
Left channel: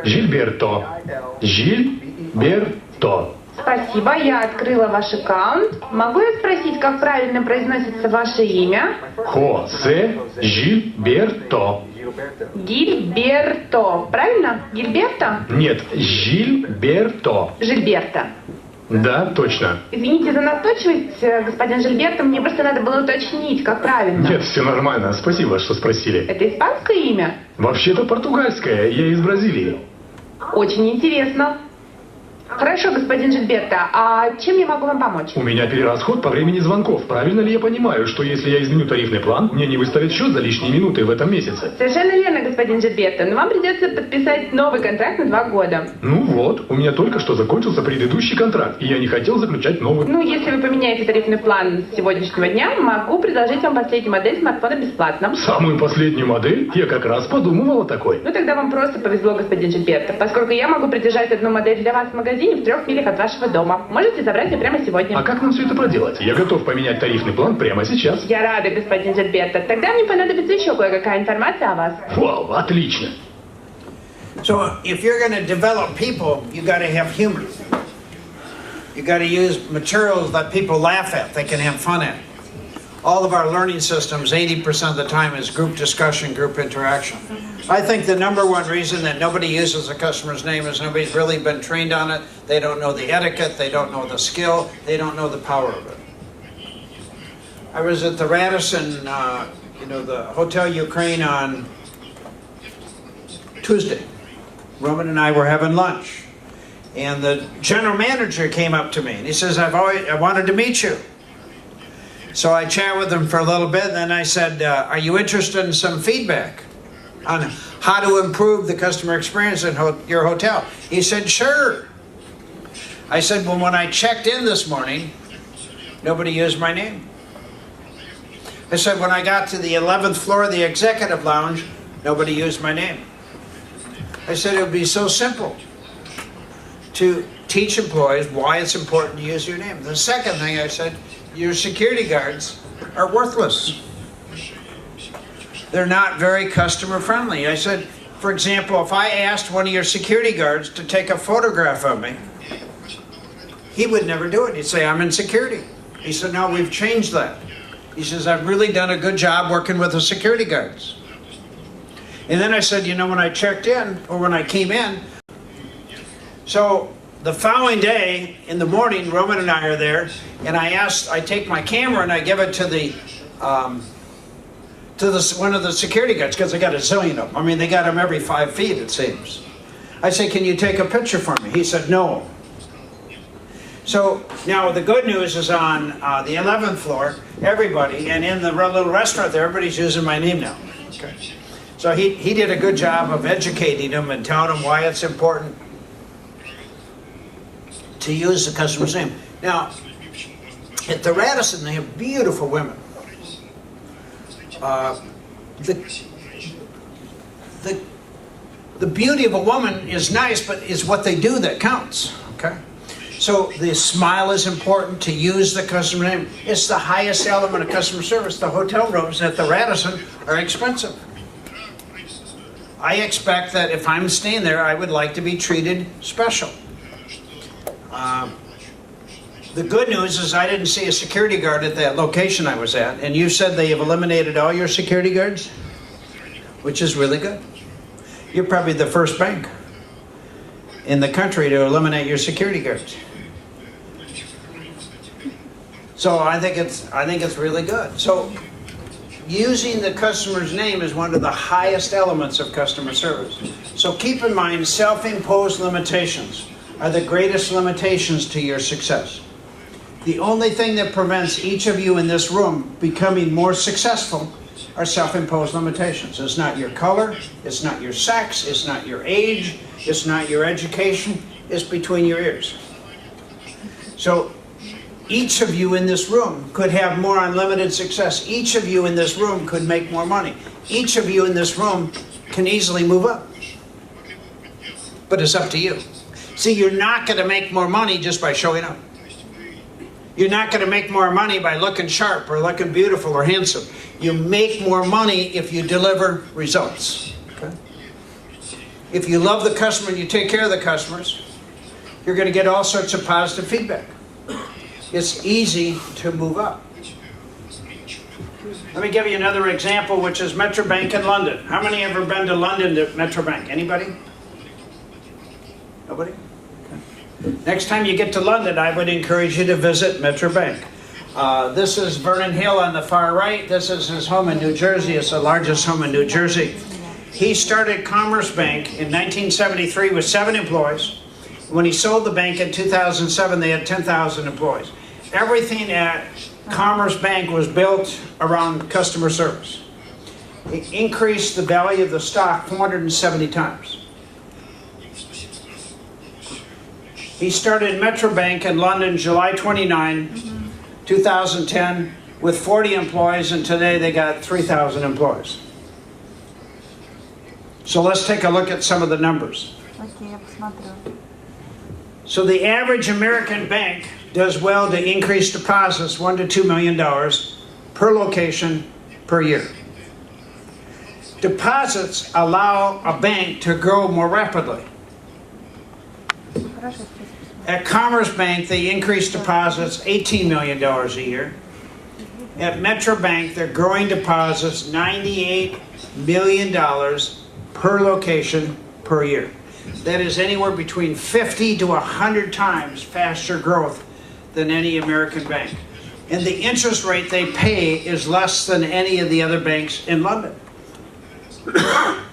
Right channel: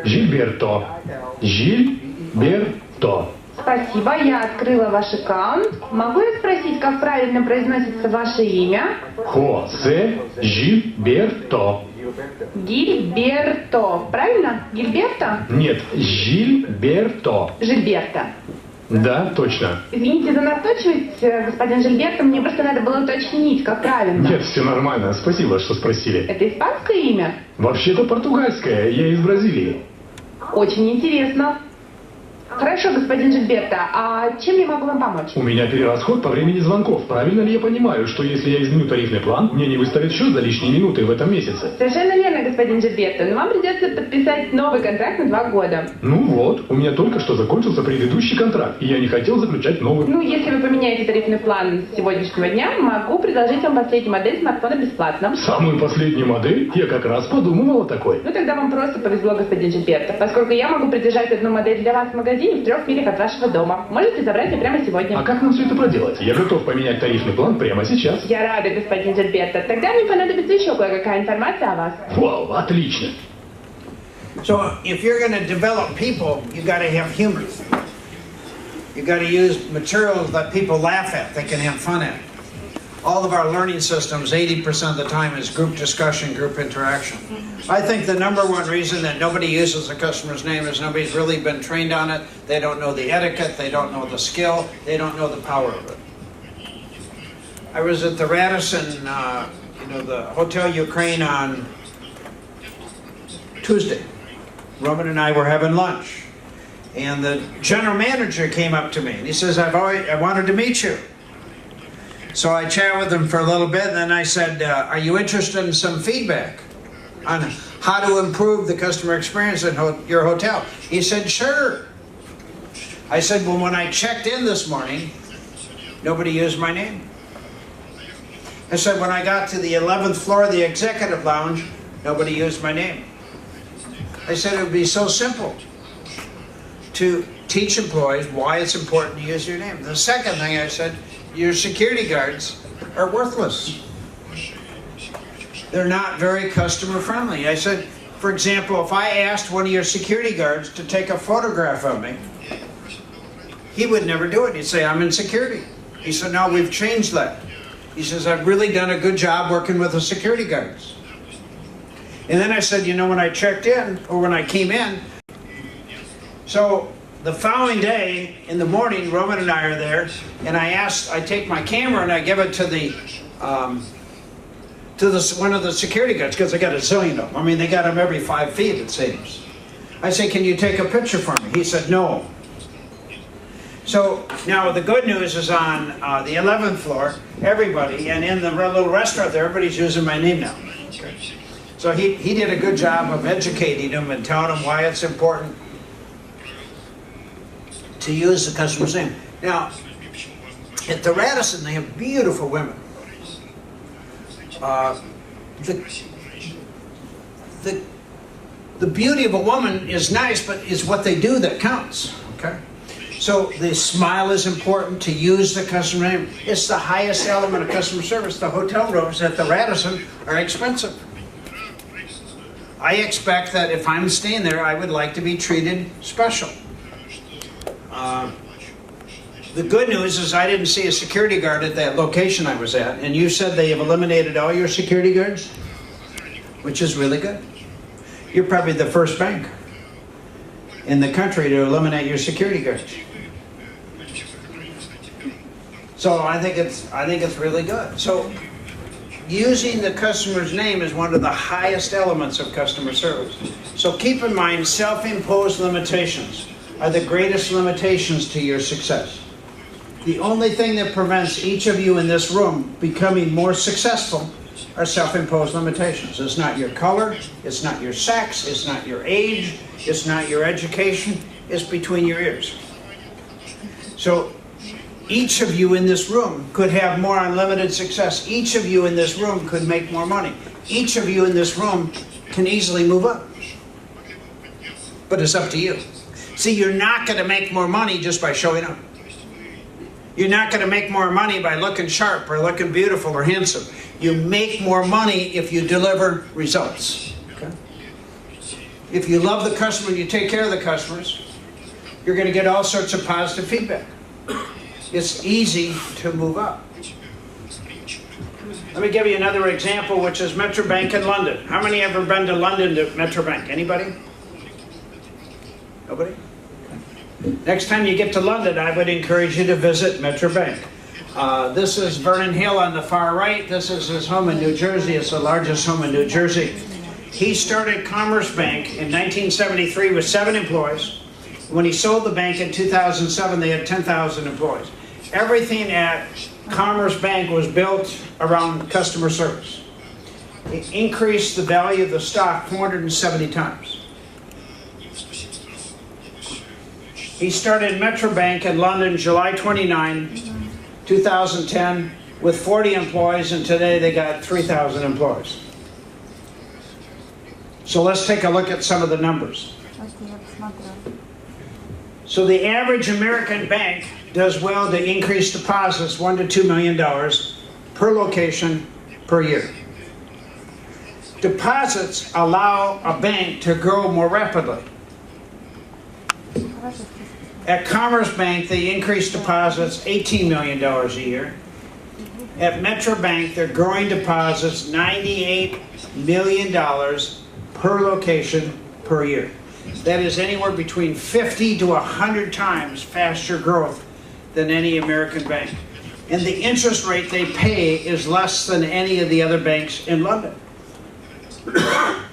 Жильберто. Жильберто. Спасибо, я открыла ваш аккаунт. Могу я спросить, как правильно произносится ваше имя? Хосе Жильберто. Гильберто. Правильно? Гильберто? Нет, Жильберто. Жильберто. Да, точно. Извините за настойчивость, господин Жильберто, мне просто надо было уточнить, как правильно. Нет, все нормально. Спасибо, что спросили. Это испанское имя? Вообще-то португальское. Я из Бразилии. Очень интересно. Хорошо, господин Жильберто, а чем я могу вам помочь? У меня перерасход по времени звонков. Правильно ли я понимаю, что если я изменю тарифный план, мне не выставят счет за лишние минуты в этом месяце? Совершенно верно, господин Жильберто, но вам придется подписать новый контракт на 2 года. Ну вот, у меня только что закончился предыдущий контракт, и я не хотел заключать новый. Ну, если вы поменяете тарифный план с сегодняшнего дня, могу предложить вам последнюю модель смартфона бесплатно. Самую последнюю модель? Я как раз подумывал о такой. Ну, тогда вам просто повезло, господин Жильберто, поскольку я могу придержать одну модель для вас в магазине в 3 милях от вашего дома. Можете забрать ее прямо сегодня. А как нам все это проделать? Я готов поменять тарифный план прямо сейчас. Я рада, господин Жильберто. Тогда мне понадобится еще кое-какая информация о вас. Вау, отлично. So if you're going to develop people, you got to have humor. You got to use materials that people laugh at, they can have fun at. All of our learning systems, 80% of the time, is group discussion, group interaction. I think the number one reason that nobody uses the customer's name is nobody's really been trained on it. They don't know the etiquette, they don't know the skill, they don't know the power of it. I was at the Radisson, the Hotel Ukraine on Tuesday. Roman and I were having lunch. And the general manager came up to me and he says, I wanted to meet you. So I chat with him for a little bit, and then I said, are you interested in some feedback on how to improve the customer experience at your hotel? He said, sure. I said, well, when I checked in this morning, nobody used my name. I said, when I got to the 11th floor of the executive lounge, nobody used my name. I said, it would be so simple to teach employees why it's important to use your name. The second thing I said, your security guards are worthless. They're not very customer friendly. I said, for example, if I asked one of your security guards to take a photograph of me, he would never do it. He'd say, I'm in security. He said, no, we've changed that. He says, I've really done a good job working with the security guards. And then I said, when I checked in, or when I came in, so the following day, in the morning, Roman and I are there, and I take my camera and I give it to to one of the security guards, because they got a zillion of them. I mean, they got them every 5 feet, it seems. I say, can you take a picture for me? He said, no. So now the good news is on the 11th floor, everybody, and in the little restaurant there, everybody's using my name now. Okay. So he did a good job of educating them and telling them why it's important to use the customer's name. Now, at the Radisson, they have beautiful women. The beauty of a woman is nice, but it's what they do that counts. Okay. So the smile is important, to use the customer name. It's the highest element of customer service. The hotel rooms at the Radisson are expensive. I expect that if I'm staying there, I would like to be treated special. The good news is I didn't see a security guard at that location I was at, and you said they have eliminated all your security guards, which is really good. You're probably the first bank in the country to eliminate your security guards. So I think it's really good. So using the customer's name is one of the highest elements of customer service. So keep in mind, self-imposed limitations are the greatest limitations to your success. The only thing that prevents each of you in this room becoming more successful are self-imposed limitations. It's not your color, it's not your sex, it's not your age, it's not your education, it's between your ears. So each of you in this room could have more unlimited success. Each of you in this room could make more money. Each of you in this room can easily move up. But it's up to you. See, you're not going to make more money just by showing up. You're not going to make more money by looking sharp or looking beautiful or handsome. You make more money if you deliver results. Okay? If you love the customer and you take care of the customers, you're going to get all sorts of positive feedback. It's easy to move up. Let me give you another example, which is Metro Bank in London. How many have ever been to London to Metro Bank? Anybody? Nobody? Okay. Next time you get to London, I would encourage you to visit Metro Bank. This is Vernon Hill on the far right. This is his home in New Jersey. It's the largest home in New Jersey. He started Commerce Bank in 1973 with 7 employees. When he sold the bank in 2007, they had 10,000 employees. Everything at Commerce Bank was built around customer service. It increased the value of the stock 470 times. He started Metro Bank in London July 29, 2010, with 40 employees, and today they got 3,000 employees. So let's take a look at some of the numbers. So the average American bank does well to increase deposits $1 to $2 million per location per year. Deposits allow a bank to grow more rapidly. At Commerce Bank, they increase deposits $18 million a year. At Metro Bank, they're growing deposits $98 million per location per year. That is anywhere between 50 to 100 times faster growth than any American bank. And the interest rate they pay is less than any of the other banks in London.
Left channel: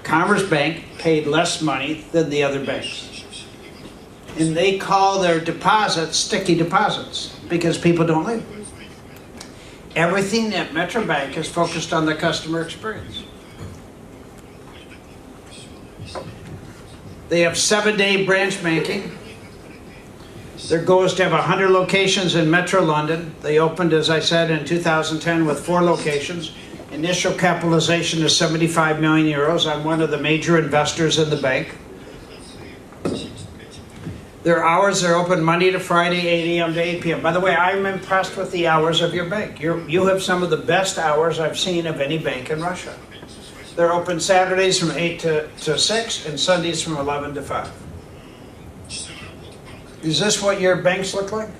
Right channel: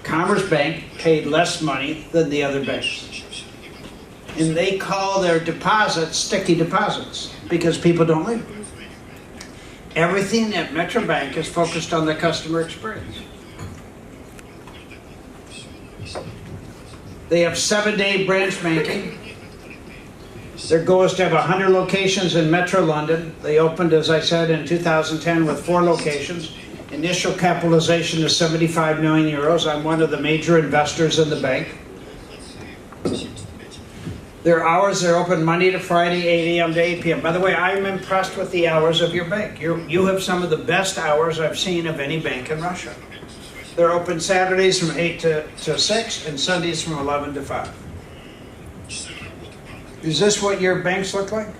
Commerce Bank paid less money than the other banks. And they call their deposits sticky deposits because people don't leave. Everything at Metro Bank is focused on the customer experience. They have 7-day branch banking. Their goal is to have 100 locations in Metro London. They opened, as I said, in 2010 with 4 locations. Initial capitalization is 75 million euros. I'm one of the major investors in the bank. Their hours are open Monday to Friday, 8 a.m. to 8 p.m. By the way, I'm impressed with the hours of your bank. You have some of the best hours I've seen of any bank in Russia. They're open Saturdays from 8 to 6 and Sundays from 11 to 5. Is this what your banks look like?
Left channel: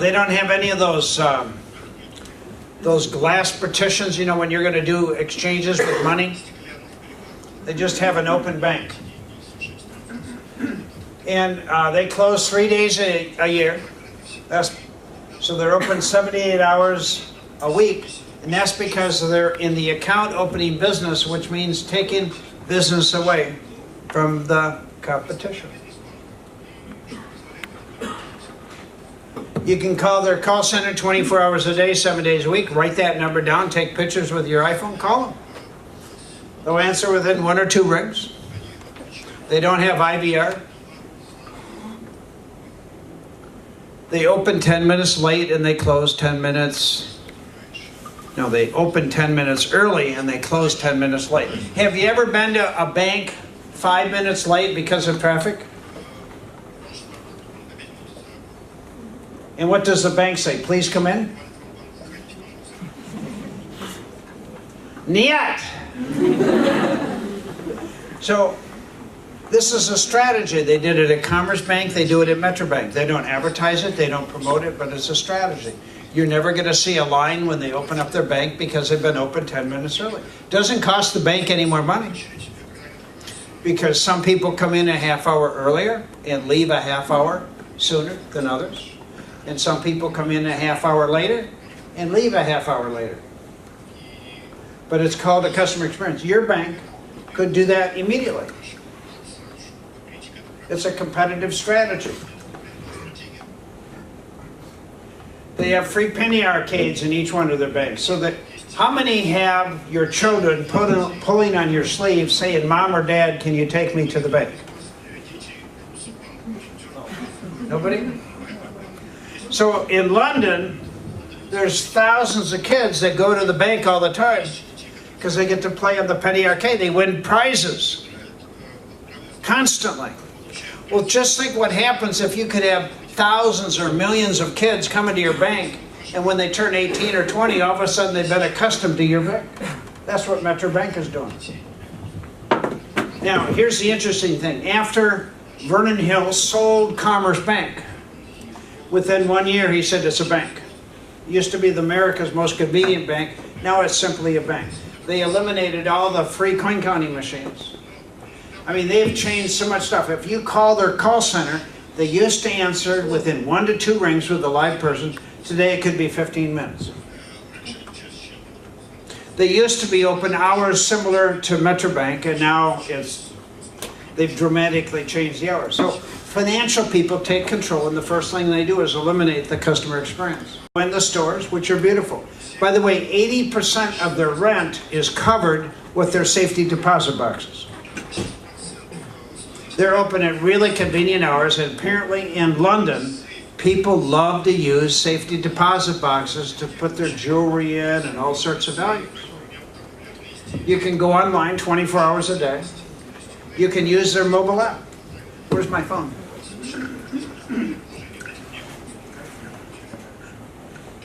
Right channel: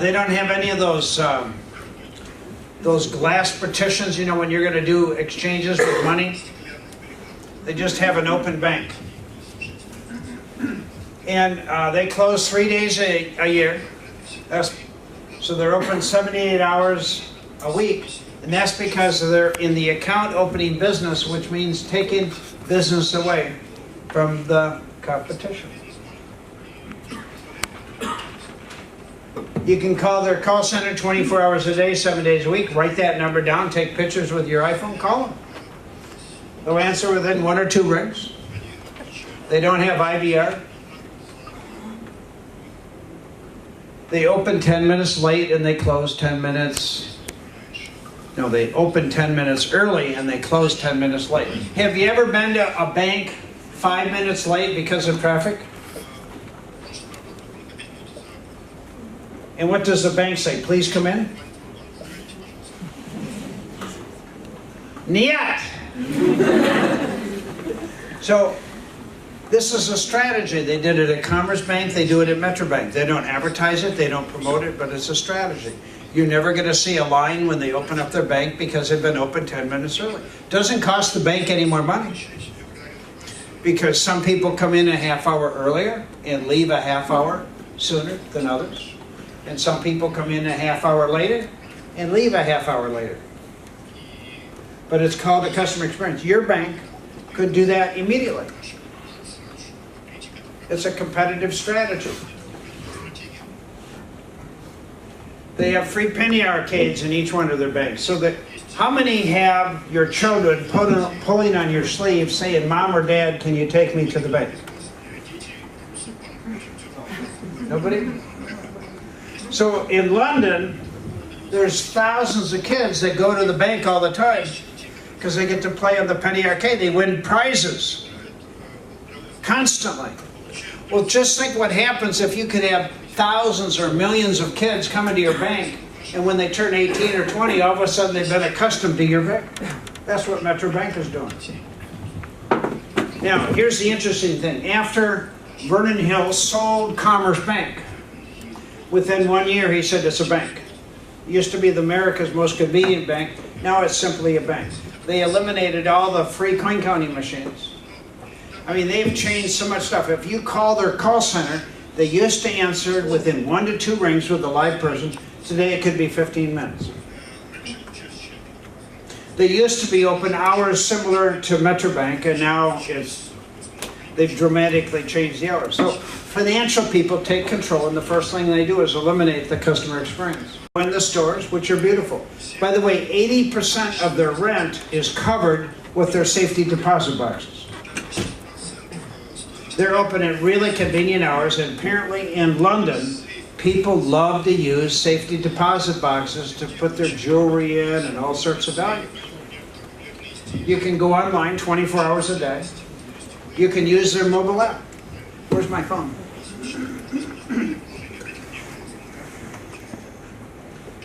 They don't have any of those glass partitions, you know, when you're going to do exchanges with money. They just have an open bank. And they close 3 days a year. So they're open 78 hours a week. And that's because they're in the account opening business, which means taking business away from the competition. You can call their call center 24 hours a day, 7 days a week. Write that number down, take pictures with your iPhone, call them. They'll answer within 1 or 2 rings. They don't have IVR. They open 10 minutes late and they close 10 minutes. No, they open 10 minutes early and they close 10 minutes late. Have you ever been to a bank 5 minutes late because of traffic? And what does the bank say? Please come in? Niet. So this is a strategy. They did it at Commerce Bank, they do it at Metro Bank. They don't advertise it, they don't promote it, but it's a strategy. You're never going to see a line when they open up their bank because they've been open 10 minutes early. Doesn't cost the bank any more money. Because some people come in a half hour earlier and leave a half hour sooner than others. And some people come in a half hour later and leave a half hour later. But it's called a customer experience. Your bank could do that immediately. It's a competitive strategy. They have free penny arcades in each one of their banks. So that, how many have your children pulling on your sleeve saying, Mom or Dad, can you take me to the bank? Nobody? So in London, there's thousands of kids that go to the bank all the time because they get to play on the penny arcade. They win prizes constantly. Well, just think what happens if you could have thousands or millions of kids come into your bank, and when they turn 18 or 20, all of a sudden they've been accustomed to your bank. That's what Metro Bank is doing. Now, here's the interesting thing. After Vernon Hill sold Commerce Bank, within 1 year he said it's a bank. It used to be America's most convenient bank. Now it's simply a bank. They eliminated all the free coin counting machines. I mean, they've changed so much stuff. If you call their call center, they used to answer within 1 to 2 rings with a live person. Today it could be 15 minutes. They used to be open hours similar to Metro Bank, and now they've dramatically changed the hours. So financial people take control, and the first thing they do is eliminate the customer experience. In the stores, which are beautiful. By the way, 80% of their rent is covered with their safety deposit boxes. They're open at really convenient hours, and apparently in London, people love to use safety deposit boxes to put their jewelry in and all sorts of values. You can go online 24 hours a day. You can use their mobile app. Where's my phone?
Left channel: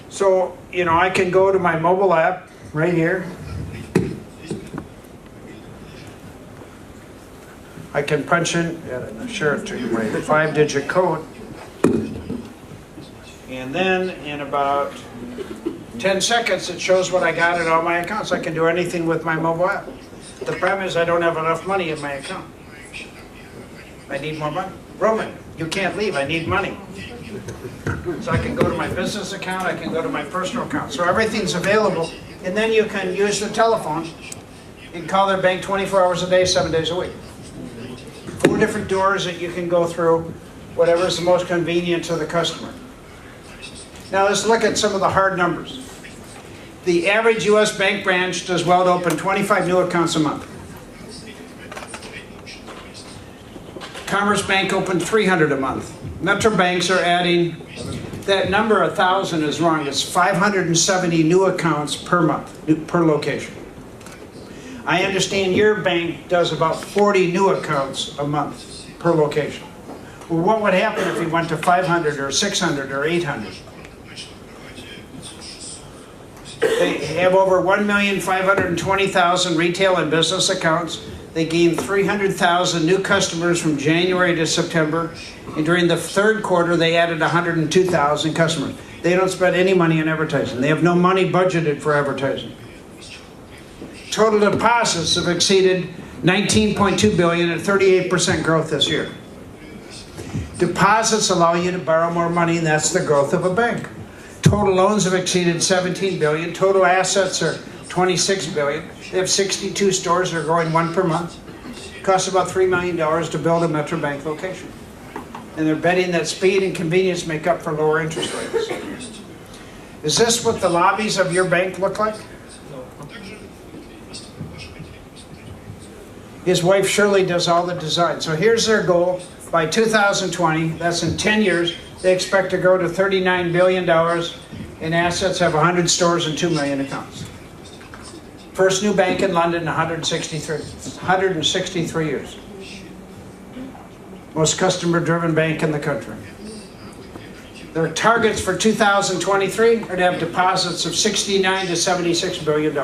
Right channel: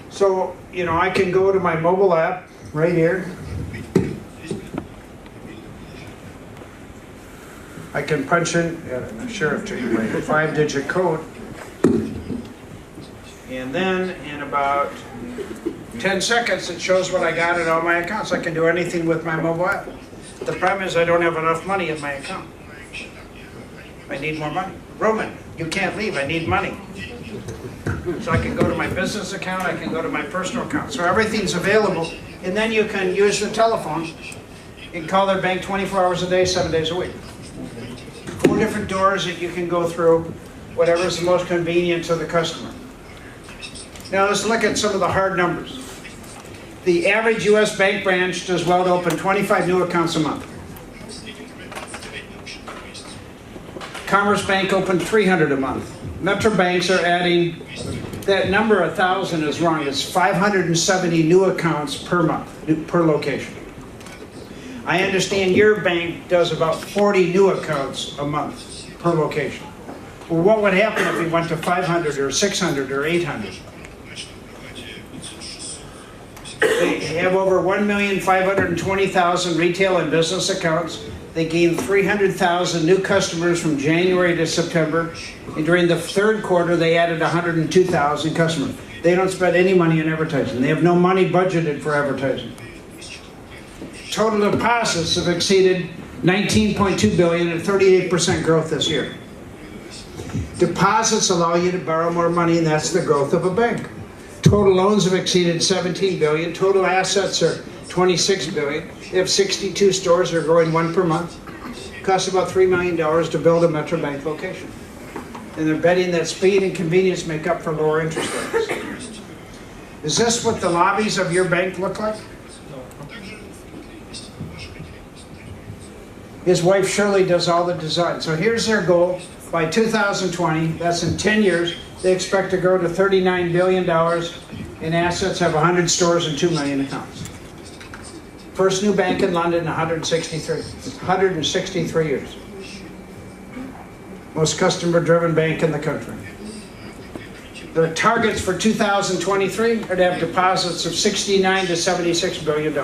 So, you know, I can go to my mobile app right here. I can punch in, I'm sure if you my 5-digit code. And then in about 10 seconds, it shows what I got in all my accounts. I can do anything with my mobile app. The problem is I don't have enough money in my account. I need more money. Roman, you can't leave, I need money. So I can go to my business account, I can go to my personal account. So everything's available. And then you can use the telephone. You can call their bank 24 hours a day, 7 days a week. 4 different doors that you can go through, whatever is the most convenient to the customer. Now let's look at some of the hard numbers. The average U.S. bank branch does well to open 25 new accounts a month. Commerce Bank opened 300 a month. Metro banks are adding, that number 1,000 is wrong, it's 570 new accounts per month, per location. I understand your bank does about 40 new accounts a month per location. Well, what would happen if we went to 500 or 600 or 800? They have over 1,520,000 retail and business accounts. They gained 300,000 new customers from January to September. And during the third quarter, they added 102,000 customers. They don't spend any money on advertising. They have no money budgeted for advertising. Total deposits have exceeded $19.2 billion and 38% growth this year. Deposits allow you to borrow more money, and that's the growth of a bank. Total loans have exceeded 17 billion. Total assets are 26 billion. They have 62 stores. They're growing 1 per month. It costs about $3 million to build a Metro Bank location. And they're betting that speed and convenience make up for lower interest rates. Is this what the lobbies of your bank look like? His wife Shirley does all the design. So here's their goal. By 2020, that's in 10 years, they expect to grow to $39 billion in assets, have 100 stores and 2 million accounts. First new bank in London in 163 years. Most customer-driven bank in the country. Their targets for 2023 are to have deposits of $69 to $76 billion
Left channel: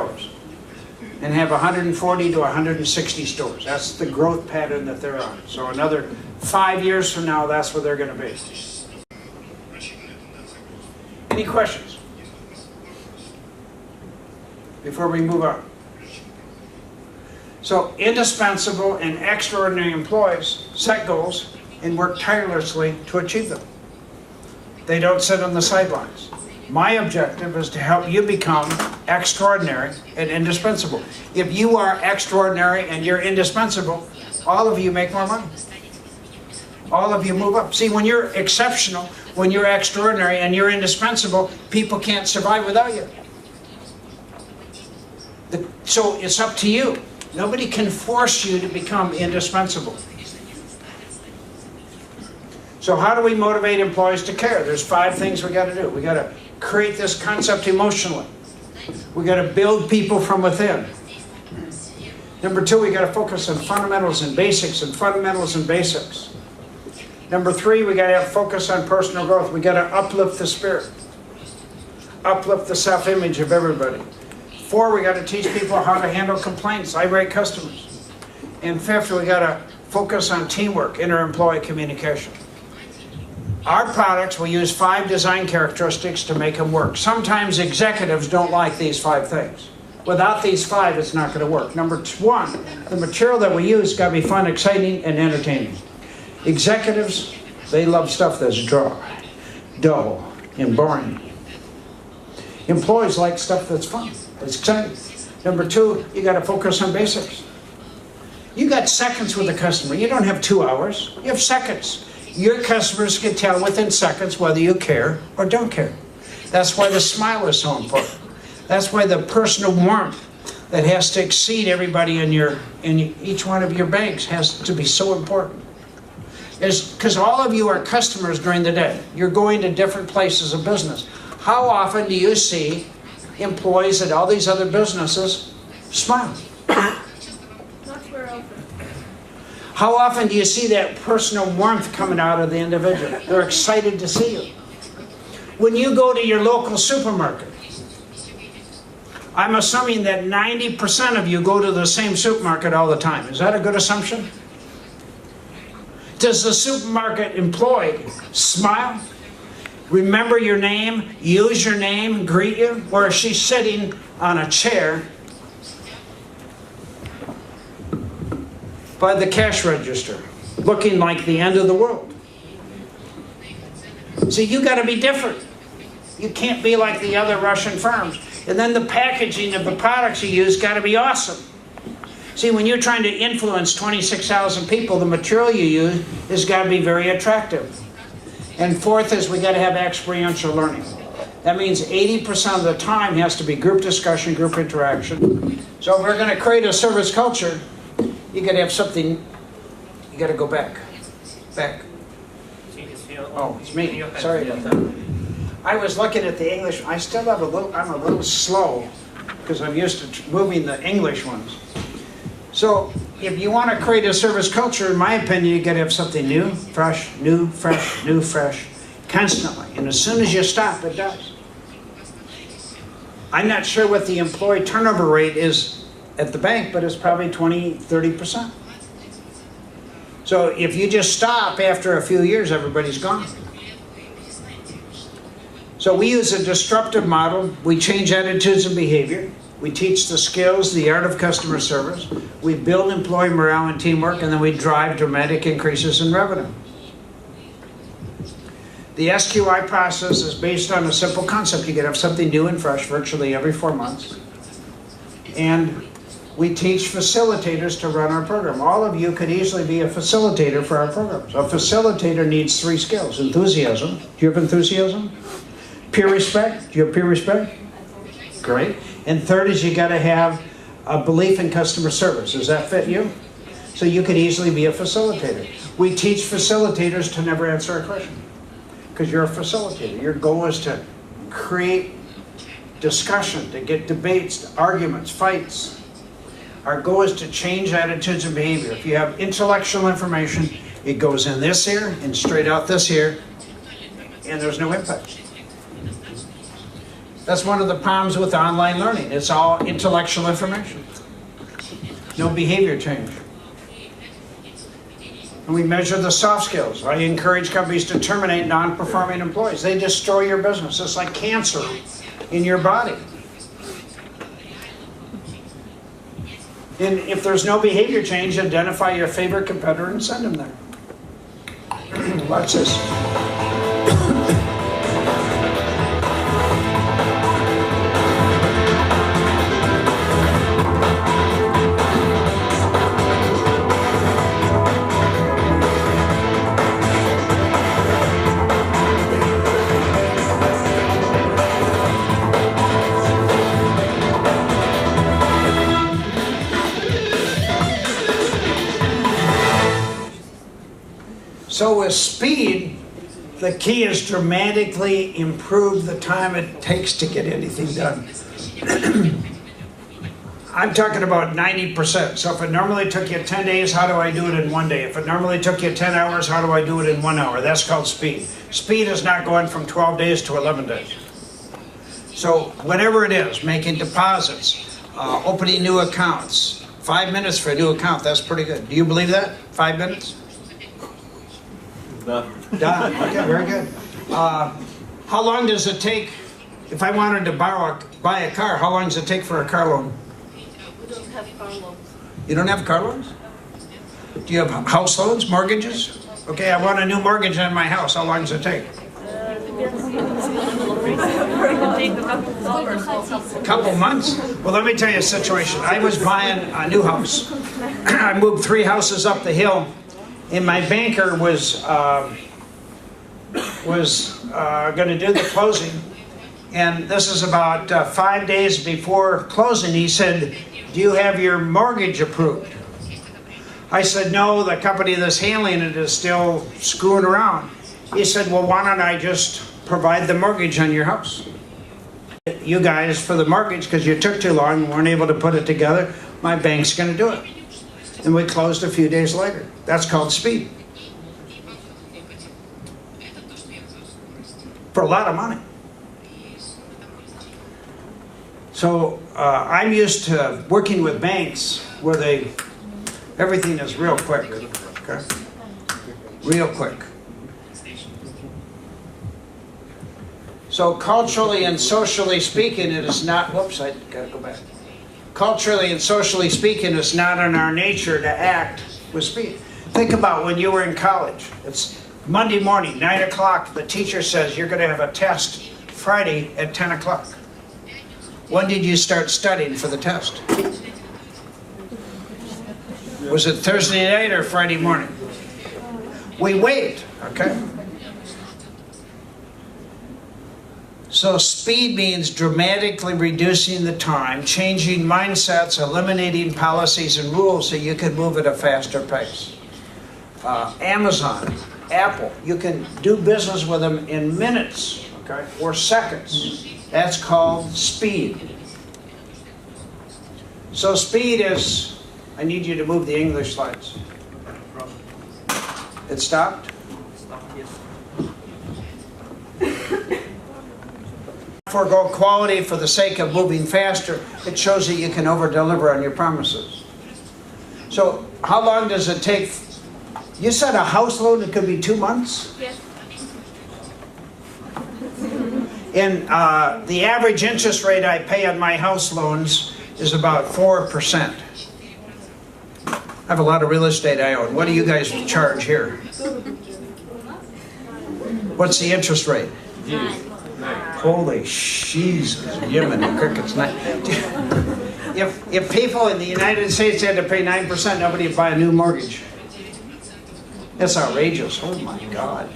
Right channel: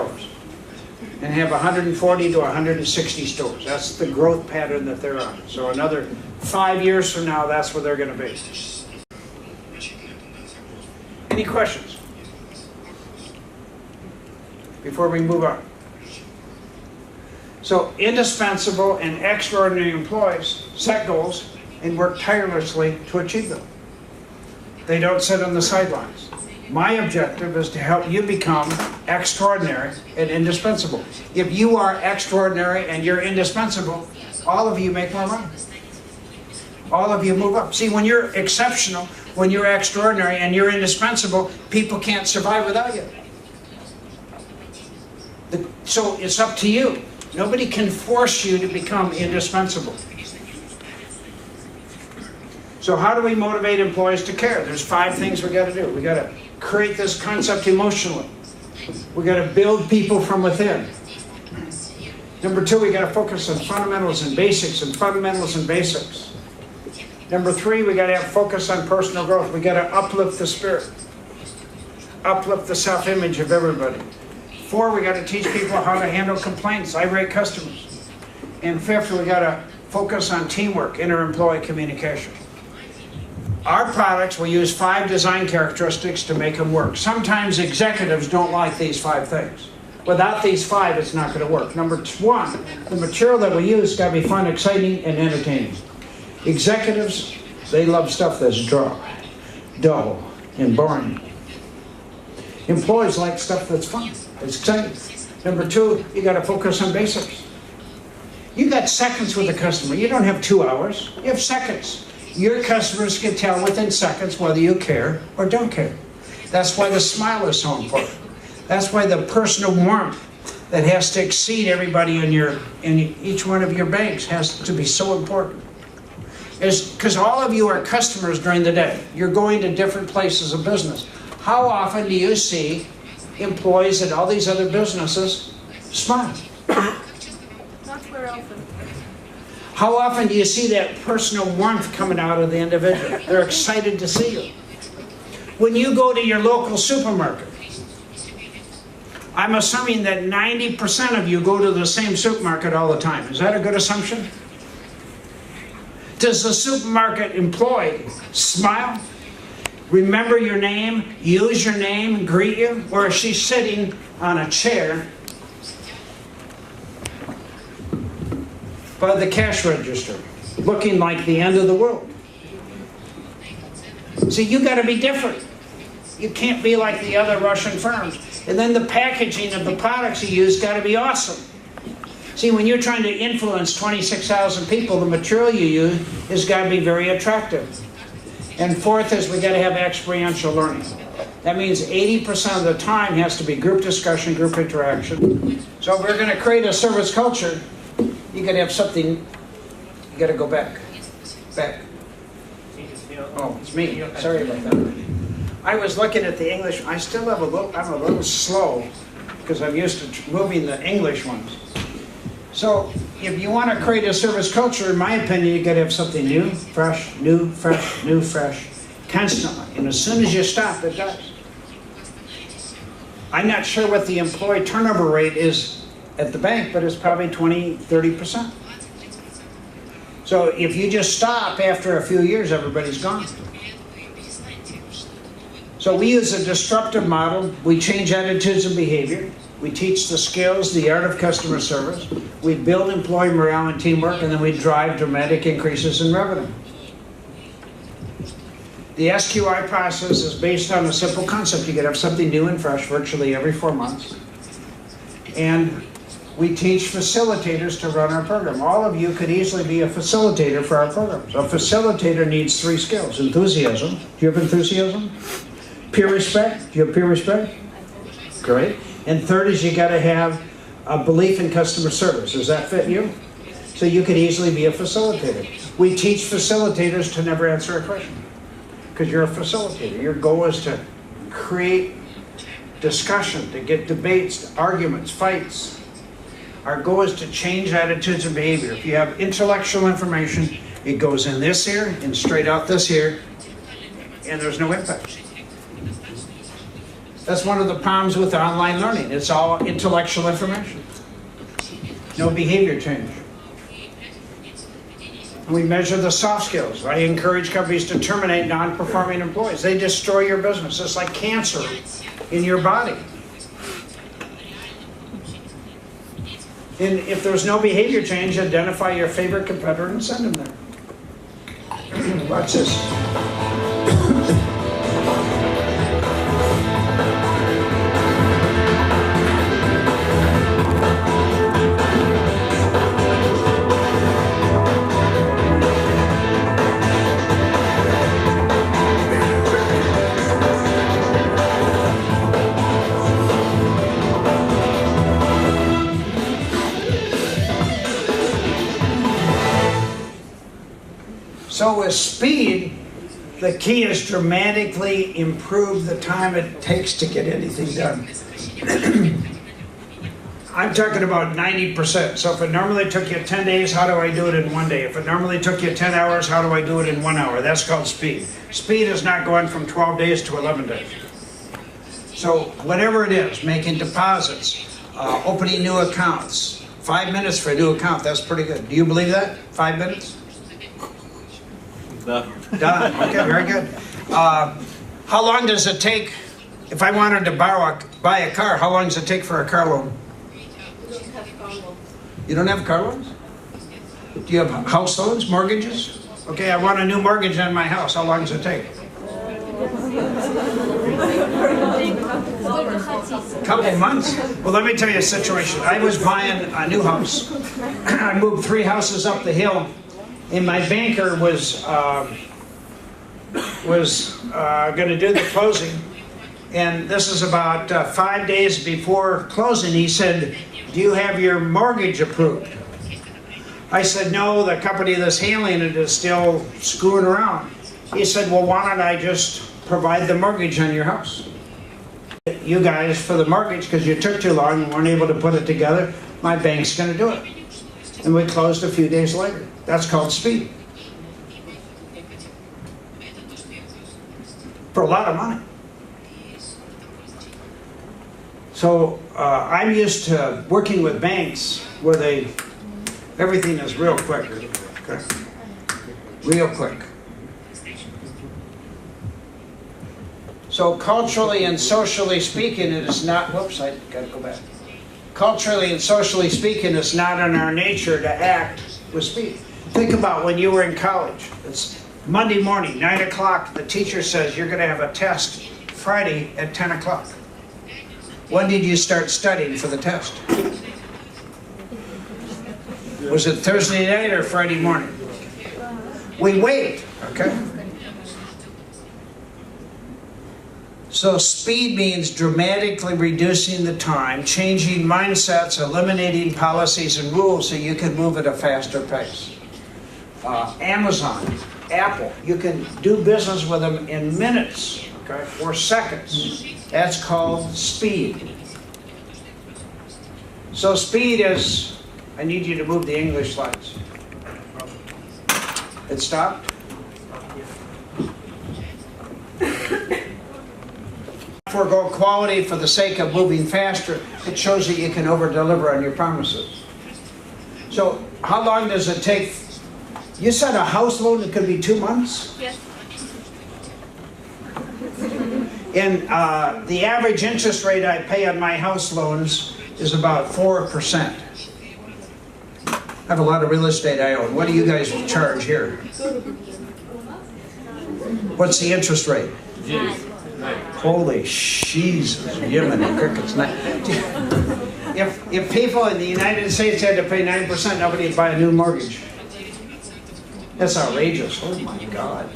and have 140 to 160 stores. That's the growth pattern that they're on. So another 5 years from now, that's where they're going to be. Any questions before we move on? So indispensable and extraordinary employees set goals and work tirelessly to achieve them. They don't sit on the sidelines. My objective is to help you become extraordinary and indispensable. If you are extraordinary and you're indispensable, all of you make more money. All of you move up. See, when you're exceptional, when you're extraordinary and you're indispensable, people can't survive without you. So it's up to you. Nobody can force you to become indispensable. So how do we motivate employees to care? There's 5 things we got to do. We got to create this concept emotionally. We got to build people from within. Number 2, we got to focus on fundamentals and basics and fundamentals and basics. Number 3, we got to have focus on personal growth. We got to uplift the spirit, uplift the self-image of everybody. 4, we got to teach people how to handle complaints, irate customers. And 5th, we got to focus on teamwork, inter-employee communication. Our products, we use 5 design characteristics to make them work. Sometimes executives don't like these 5 things. Without these 5, it's not going to work. Number 1, the material that we use got to be fun, exciting, and entertaining. Executives, they love stuff that's dry, dull, and boring. Employees like stuff that's fun, it's exciting. Number 2, you got to focus on basics. You got seconds with a customer. You don't have 2 hours. You have seconds. Your customers can tell within seconds whether you care or don't care. That's why the smile is so important. That's why the personal warmth that has to exceed everybody in each one of your banks has to be so important. Because all of you are customers during the day. You're going to different places of business. How often do you see employees at all these other businesses smile? How often do you see that personal warmth coming out of the individual? They're excited to see you. When you go to your local supermarket, I'm assuming that 90% of you go to the same supermarket all the time. Is that a good assumption? Does the supermarket employee smile, remember your name, use your name, greet you? Or is she sitting on a chair by the cash register, looking like the end of the world? See, you got to be different. You can't be like the other Russian firms. And then the packaging of the products you use got to be awesome. See, when you're trying to influence 26,000 people, the material you use has got to be very attractive. And 4th is we got to have experiential learning. That means 80% of the time has to be group discussion, group interaction. So if we're going to create a service culture, you got to have something. You got to go back. Oh, it's me. Sorry about that. I was looking at the English. I still have I'm a little slow because I'm used to moving the English ones. So if you want to create a service culture, in my opinion, you got to have something new, fresh, constantly. And as soon as you stop, it does. I'm not sure what the employee turnover rate is at the bank, but it's probably 20-30%. So if you just stop after a few years, everybody's gone. So we use a disruptive model. We change attitudes and behavior. We teach the skills, the art of customer service. We build employee morale and teamwork, and then we drive dramatic increases in revenue. The SQI process is based on a simple concept. You can have something new and fresh virtually every 4 months. And we teach facilitators to run our program. All of you could easily be a facilitator for our programs. A facilitator needs 3 skills. Enthusiasm. Do you have enthusiasm? Peer respect. Do you have peer respect? Great. And third is you got to have a belief in customer service. Does that fit you? So you could easily be a facilitator. We teach facilitators to never answer a question because you're a facilitator. Your goal is to create discussion, to get debates, arguments, fights. Our goal is to change attitudes and behavior. If you have intellectual information, it goes in this ear and straight out this ear, and there's no impact. That's one of the problems with online learning. It's all intellectual information. No behavior change. And we measure the soft skills. I encourage companies to terminate non-performing employees. They destroy your business. It's like cancer in your body. And if there's no behavior change, identify your favorite competitor and send them there. Watch this. So with speed, the key is dramatically improve the time it takes to get anything done. I'm talking about 90%. So if it normally took you 10 days, how do I do it in 1 day? If it normally took you 10 hours, how do I do it in 1 hour? That's called speed. Speed is not going from 12 days to 11 days. So whatever it is, making deposits, opening new accounts, 5 minutes for a new account, that's pretty good. Do you believe that? 5 minutes? Done. Okay, very good. How long does it take, if I wanted to buy a car, how long does it take for a car loan? You don't have car loans? Do you have house loans, mortgages? Okay, I want a new mortgage on my house. How long does it take? A couple months? Well, let me tell you a situation. I was buying a new house. I moved 3 houses up the hill. And my banker was going to do the closing, and this is about 5 days before closing. He said, "Do you have your mortgage approved?" I said, "No, the company that's handling it is still screwing around." He said, "Well, why don't I just provide the mortgage on your house? You guys for the mortgage, because you took too long and weren't able to put it together, my bank's going to do it." And we closed a few days later. That's called speed. For a lot of money. So I'm used to working with banks where everything is real quick. Okay? Real quick. So culturally and socially speaking, it is not, whoops, I gotta go back. Culturally and socially speaking, it's not in our nature to act with speed. Think about when you were in college. It's Monday morning, 9 o'clock. The teacher says you're going to have a test Friday at 10 o'clock. When did you start studying for the test? Was it Thursday night or Friday morning? We wait, okay? So speed means dramatically reducing the time, changing mindsets, eliminating policies and rules so you can move at a faster pace. Amazon, Apple, you can do business with them in minutes, okay, or seconds. That's called speed. So speed is, I need you to move the English slides. It stopped? Forgo quality for the sake of moving faster. It shows that you can over-deliver on your promises. So how long does it take? You said a house loan, it could be 2 months? Yes. And the average interest rate I pay on my house loans is about 4%. I have a lot of real estate I own. What do you guys charge here? What's the interest rate? Holy Jesus, Yemeni crickets. If people in the United States had to pay 9%, nobody would buy a new mortgage. That's outrageous. Oh my God.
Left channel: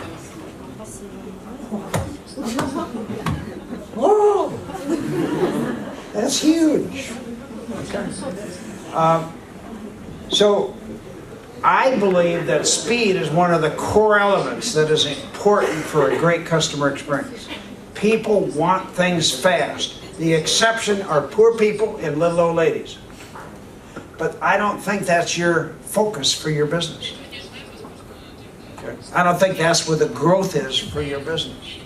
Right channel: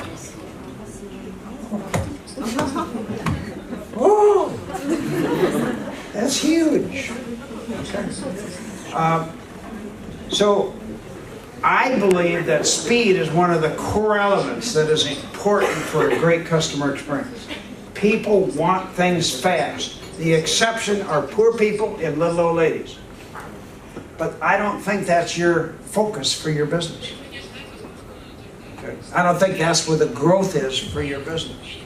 Oh, that's huge. So I believe that speed is one of the core elements that is important for a great customer experience. People want things fast. The exception are poor people and little old ladies. But I don't think that's your focus for your business. Okay? I don't think that's where the growth is for your business.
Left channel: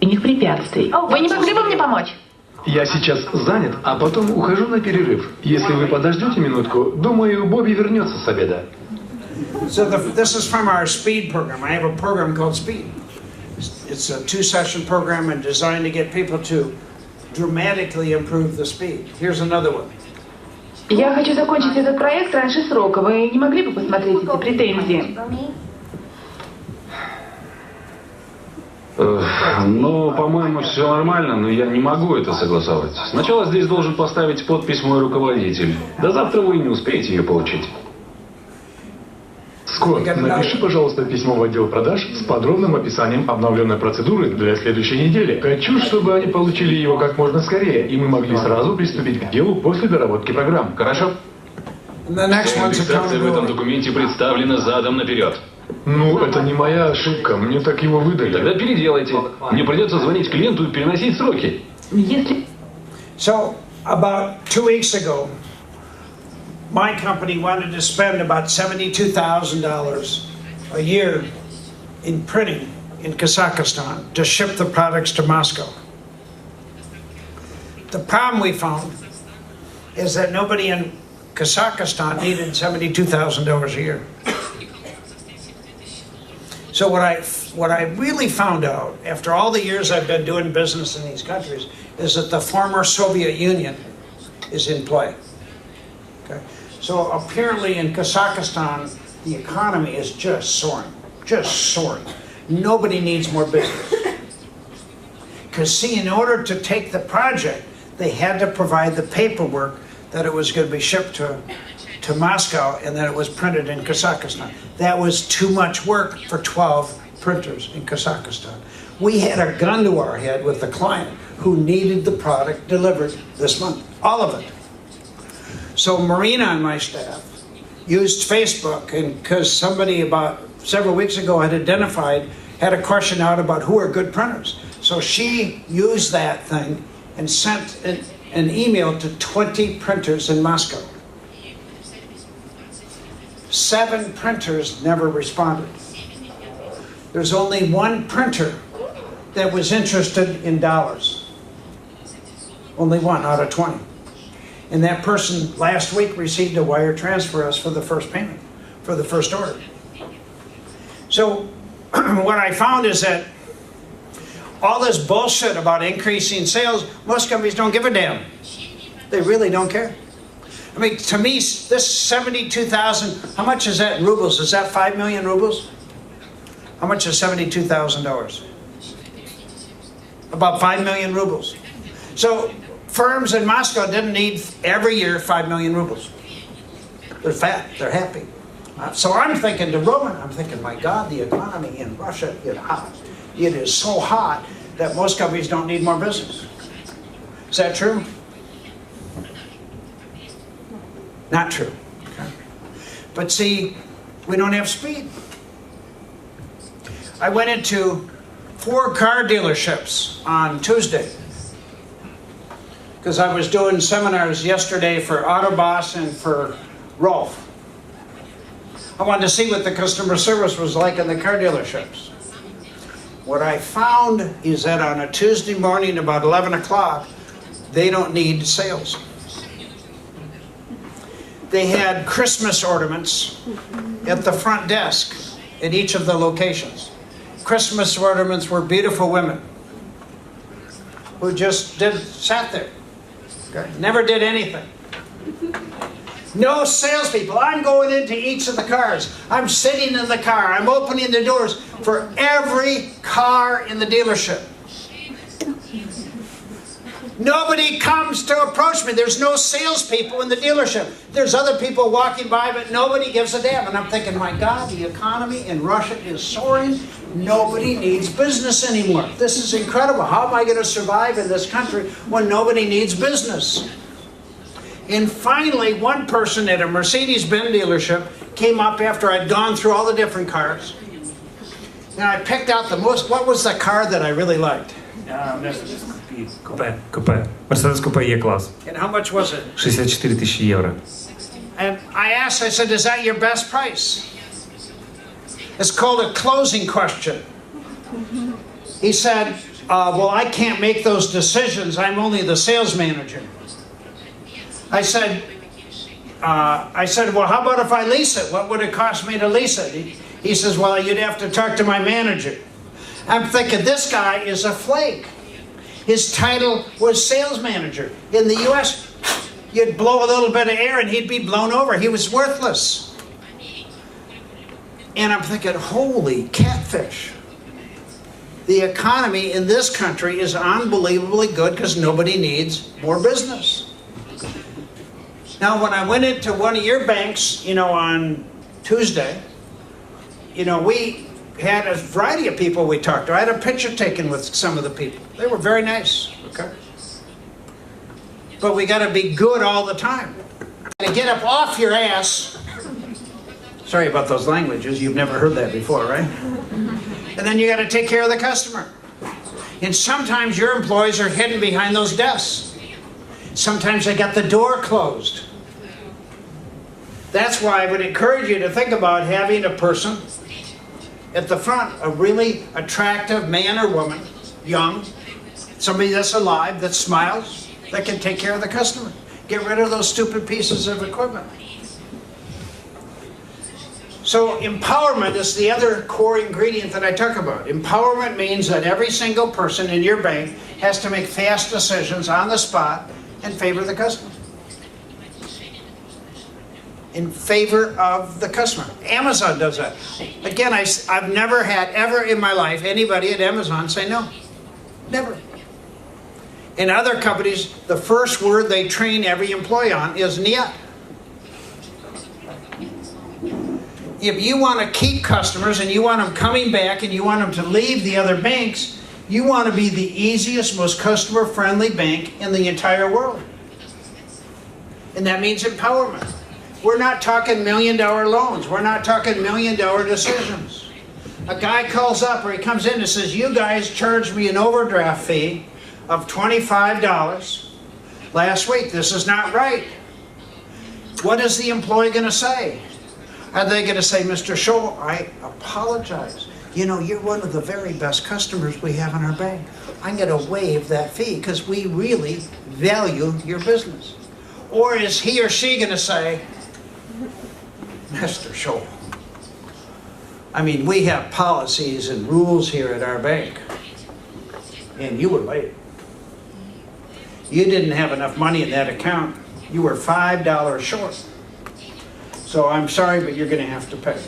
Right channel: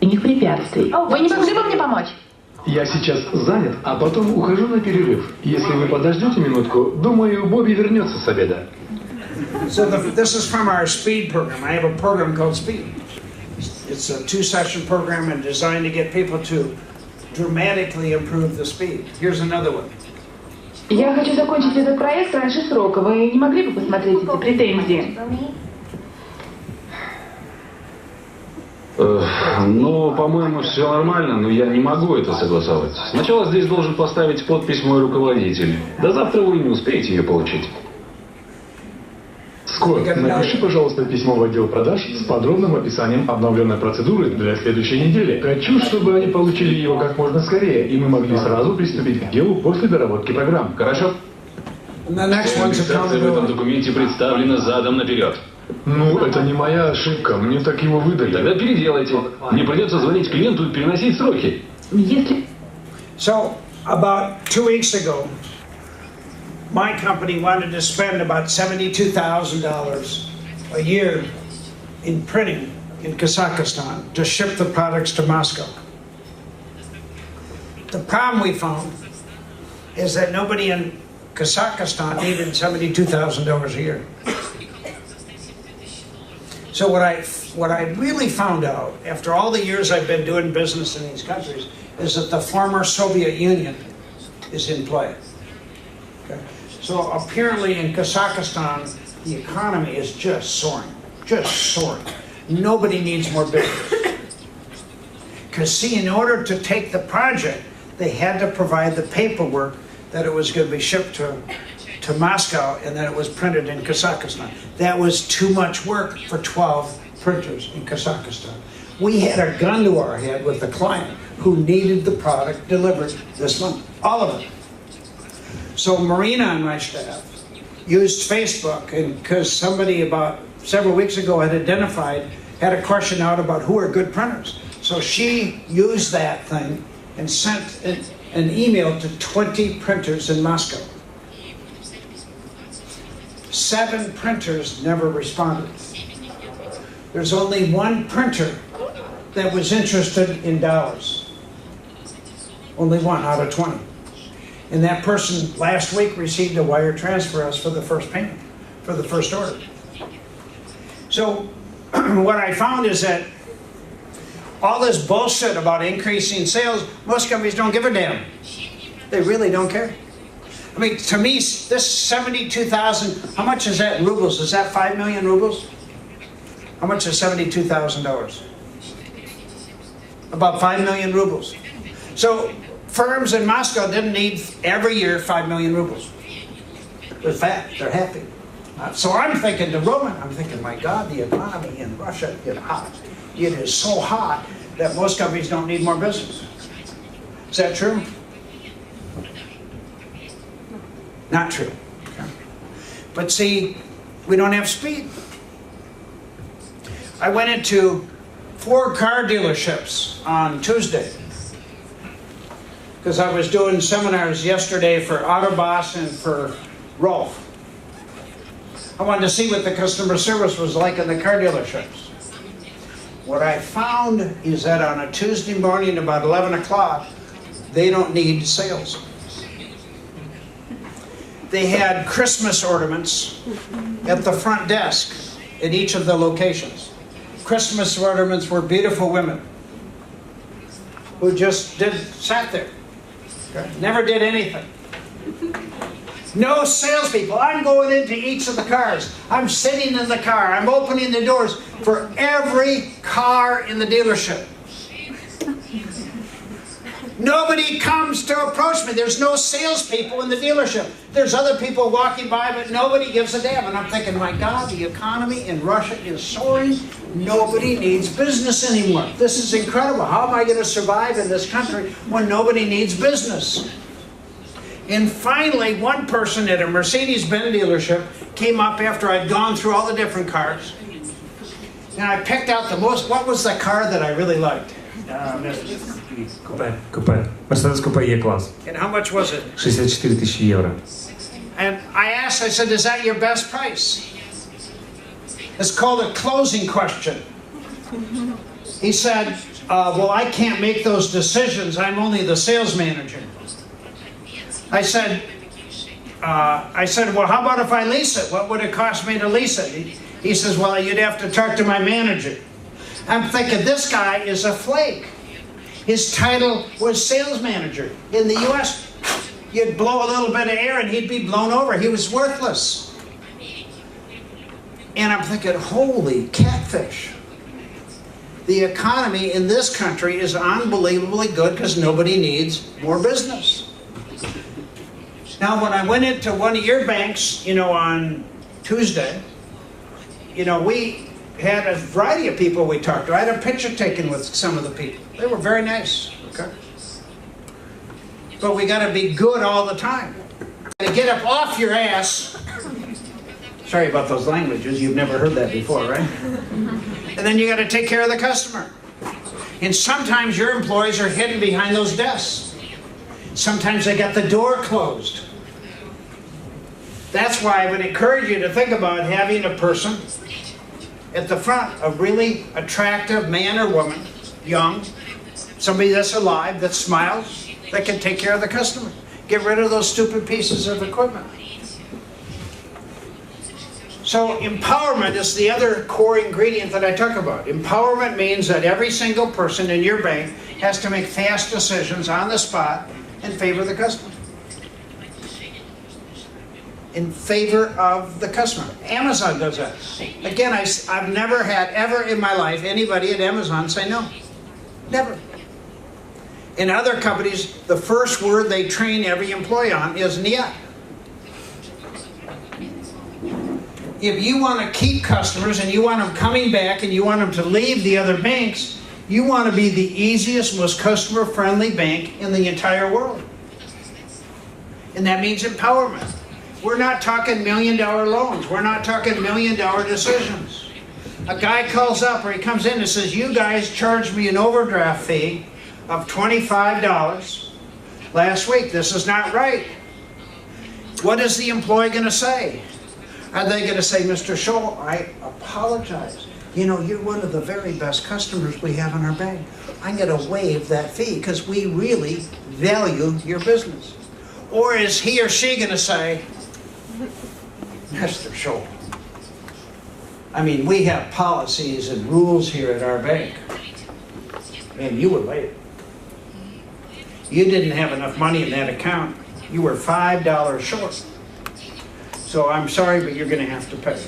Препятствий. Вы не могли бы мне помочь? Я сейчас занят, а потом ухожу на перерыв. Если вы подождете минутку, думаю, Бобби вернется с обеда. So this is from our speed program. I have a program called Speed. It's a 2-session program and designed to get people to dramatically improve the speed. Here's another one. Я хочу закончить этот проект раньше срока. Вы не могли бы посмотреть эти претензии? Ну, по-моему, все нормально, но я не могу это согласовать. Сначала здесь должен поставить подпись мой руководитель. До завтра вы не успеете ее получить. Скотт, напиши, пожалуйста, письмо в отдел продаж с подробным описанием обновленной процедуры для следующей недели. Хочу, чтобы они получили его как можно скорее, и мы могли сразу приступить к делу после доработки программ. Хорошо? Презентация в этом документе представлена задом наперед. Ну, это не моя ошибка, мне так его выдали. Тогда переделайте. Мне придется звонить клиенту и переносить сроки. So, about 2 weeks ago, my company wanted to spend about $72,000 a year in printing in Kazakhstan to ship the products to Moscow. The problem we found is that nobody in Kazakhstan needed $72,000 a year. So what I really found out after all the years I've been doing business in these countries is that the former Soviet Union is in play. Okay? So apparently in Kazakhstan, the economy is just soaring. Nobody needs more business. Because see, in order to take the project, they had to provide the paperwork that it was going to be shipped to Moscow and that it was printed in Kazakhstan. That was too much work for 12 printers in Kazakhstan. We had a gun to our head with the client who needed the product delivered this month, all of it. So Marina on my staff used Facebook, and because somebody about several weeks ago had had a question out about who are good printers. So she used that thing and sent an email to 20 printers in Moscow. 7 printers never responded. There's only 1 printer that was interested in dollars. Only 1 out of 20. And that person last week received a wire transfer us for the first payment, for the first order. So what I found is that all this bullshit about increasing sales, most companies don't give a damn. They really don't care. I mean, to me, this 72,000, how much is that in rubles? Is that 5 million rubles? How much is $72,000? About 5 million rubles. So firms in Moscow didn't need every year 5 million rubles. They're fat, they're happy. So I'm thinking to Roman, I'm thinking, my God, the economy in Russia is hot. It is so hot that most companies don't need more business. Is that true? Not true. But see, we don't have speed. I went into 4 car dealerships on Tuesday because I was doing seminars yesterday for Autoboss and for Rolf. I wanted to see what the customer service was like in the car dealerships. What I found is that on a Tuesday morning about 11 o'clock, they don't need sales. They had Christmas ornaments at the front desk at each of the locations. Christmas ornaments were beautiful women who just sat there, never did anything. No salespeople. I'm going into each of the cars. I'm sitting in the car. I'm opening the doors for every car in the dealership. Nobody comes to approach me. There's no salespeople in the dealership. There's other people walking by, but nobody gives a damn. And I'm thinking, my God, the economy in Russia is soaring. Nobody needs business anymore. This is incredible. How am I going to survive in this country when nobody needs business? And finally, one person at a Mercedes-Benz dealership came up after I'd gone through all the different cars. And I picked out the most, what was the car that I really liked? Купе. Мерседес Купе E-класс. And how much was it? 64 тысячи евро. And I asked, I said, is that your best price? It's called a closing question. He said, well, I can't make those decisions. I'm only the sales manager. I said, well, how about if I lease it? What would it cost me to lease it? He says, well, you'd have to talk to my manager. I'm thinking, this guy is a flake. His title was sales manager. In the U.S., you'd blow a little bit of air and he'd be blown over. He was worthless. And I'm thinking, holy catfish. The economy in this country is unbelievably good because nobody needs more business. Now, when I went into one of your banks, on Tuesday, we had a variety of people we talked to. I had a picture taken with some of the people. They were very nice, okay? But we got to be good all the time. To get up off your ass. Sorry about those languages. You've never heard that before, right? And then you got to take care of the customer. And sometimes your employees are hidden behind those desks. Sometimes they got the door closed. That's why I would encourage you to think about having a person at the front, a really attractive man or woman, young, somebody that's alive, that smiles, that can take care of the customer. Get rid of those stupid pieces of equipment. So empowerment is the other core ingredient that I talk about. Empowerment means that every single person in your bank has to make fast decisions on the spot in favor of the customer. In favor of the customer. Amazon does that. Again, I've never had ever in my life anybody at Amazon say no. Never. In other companies, the first word they train every employee on is niet. If you want to keep customers and you want them coming back and you want them to leave the other banks, you want to be the easiest, most customer-friendly bank in the entire world. And that means empowerment. We're not talking $1 million loans. We're not talking $1 million decisions. A guy calls up or he comes in and says, you guys charged me an overdraft fee of $25 last week. This is not right. What is the employee going to say? Are they going to say, Mr. Tschohl, I apologize. You're one of the very best customers we have in our bank. I'm going to waive that fee because we really value your business. Or is he or she going to say, Mr. Tschohl, we have policies and rules here at our bank, and you were late. You didn't have enough money in that account. You were $5 short. So I'm sorry, but you're going to have to pay.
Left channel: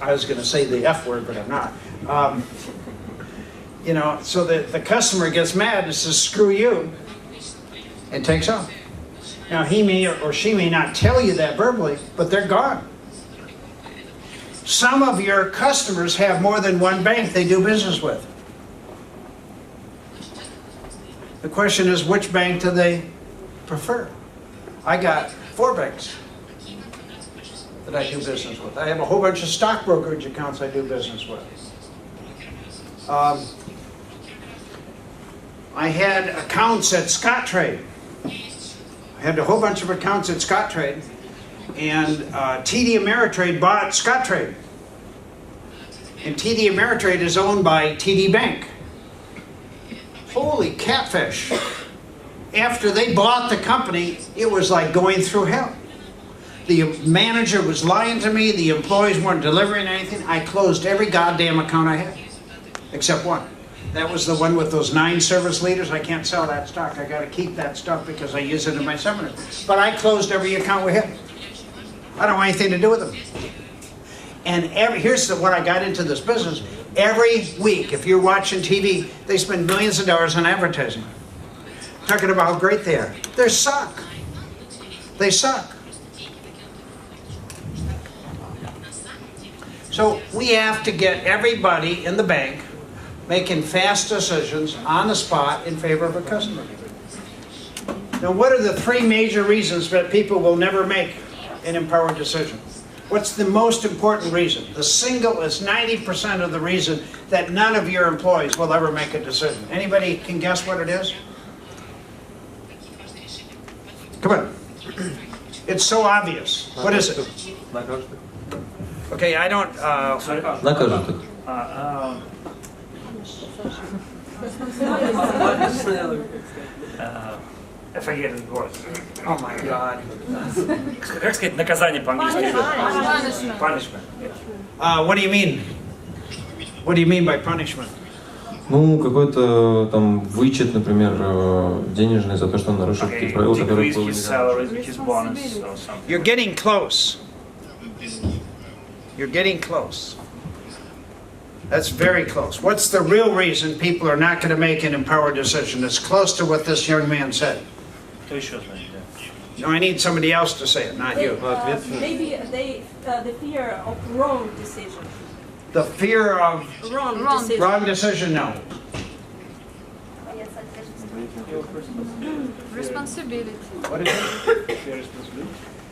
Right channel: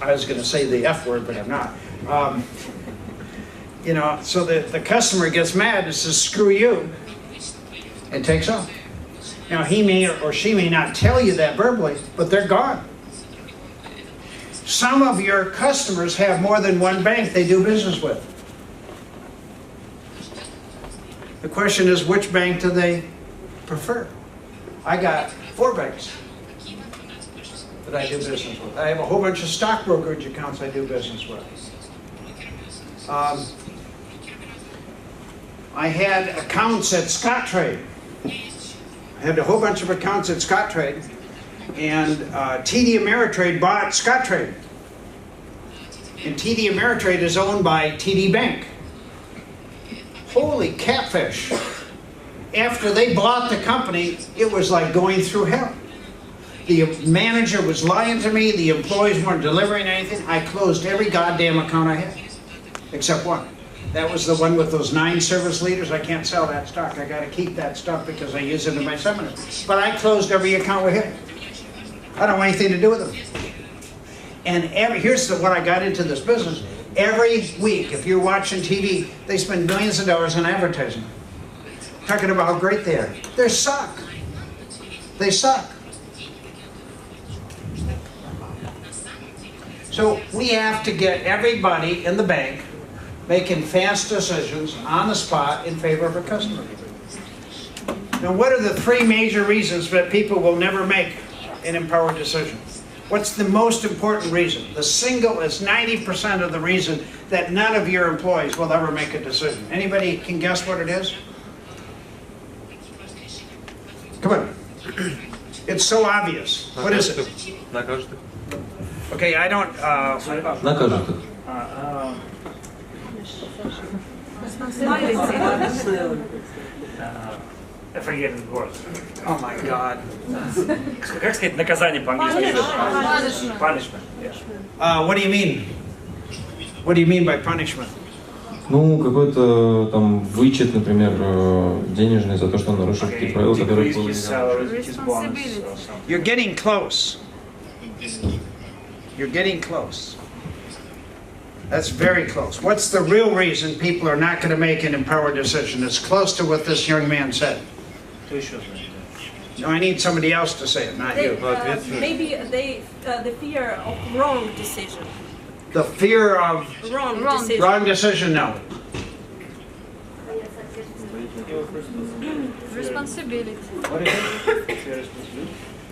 I was going to say the F word, but I'm not. So the customer gets mad and says, screw you, and takes off. Now, he may or she may not tell you that verbally, but they're gone. Some of your customers have more than one bank they do business with. The question is, which bank do they prefer? I got 4 banks that I do business with. I have a whole bunch of stock brokerage accounts I do business with. I had accounts at Scottrade. I had a whole bunch of accounts at Scottrade, and TD Ameritrade bought Scottrade. And TD Ameritrade is owned by TD Bank. Holy catfish. After they bought the company, it was like going through hell. The manager was lying to me, the employees weren't delivering anything. I closed every goddamn account I had, except one. That was the one with those 9 service leaders. I can't sell that stock. I got to keep that stuff because I use it in my seminars. But I closed every account we had. I don't want anything to do with them. And here's what I got into this business. Every week, if you're watching TV, they spend millions of dollars on advertising. Talking about how great they are. They suck. They suck. So we have to get everybody in the bank making fast decisions on the spot in favor of a customer. Now, what are the 3 major reasons that people will never make an empowered decision? What's the most important reason? The single is 90% of the reason that none of your employees will ever make a decision. Anybody can guess what it is? Come on. It's so obvious. What is it? Okay, I don't... I forget the word. Oh my God. Как сказать наказание по-английски? Punishment. Yeah. What do you mean? What do you mean by punishment? Ну, какой-то там вычет, например, денежный за то, что он нарушил какие-то правила, которые были нельзя. You're getting close. You're getting close. That's very close. What's the real reason people are not going to make an empowered decision? It's close to what this young man said. No, I need somebody else to say it, not you. Maybe the fear of wrong decision. The fear of wrong decision, no. Responsibility. What do you think?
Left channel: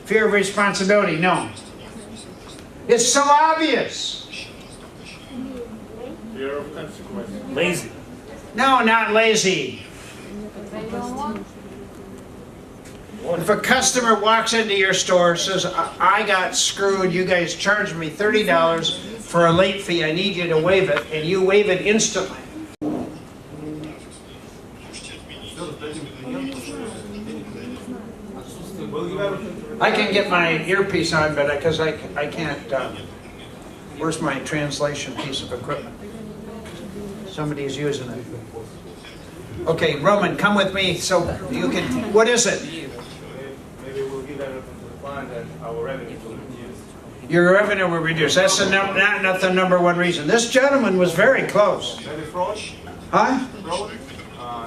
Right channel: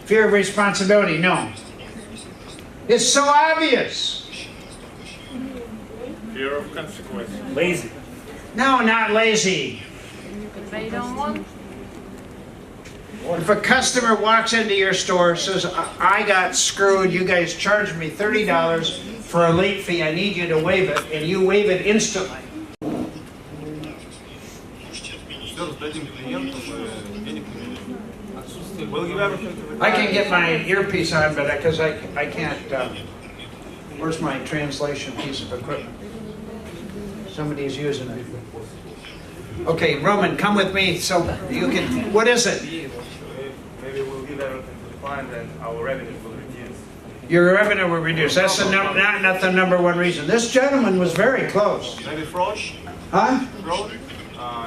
Fear of responsibility, no. It's so obvious. Fear of consequences. Lazy. No, not lazy. They don't want. If a customer walks into your store, says, I got screwed, you guys charged me $30 for a late fee, I need you to waive it, and you waive it instantly. I can get my earpiece on, but because I can't, where's my translation piece of equipment? Somebody's using it. Okay, Roman, come with me so you can, what is it? Maybe we'll give everything to the client and our revenue will reduce. Your revenue will reduce. That's not the number one reason. This gentleman was very close. Maybe fraud? Huh? Fraud?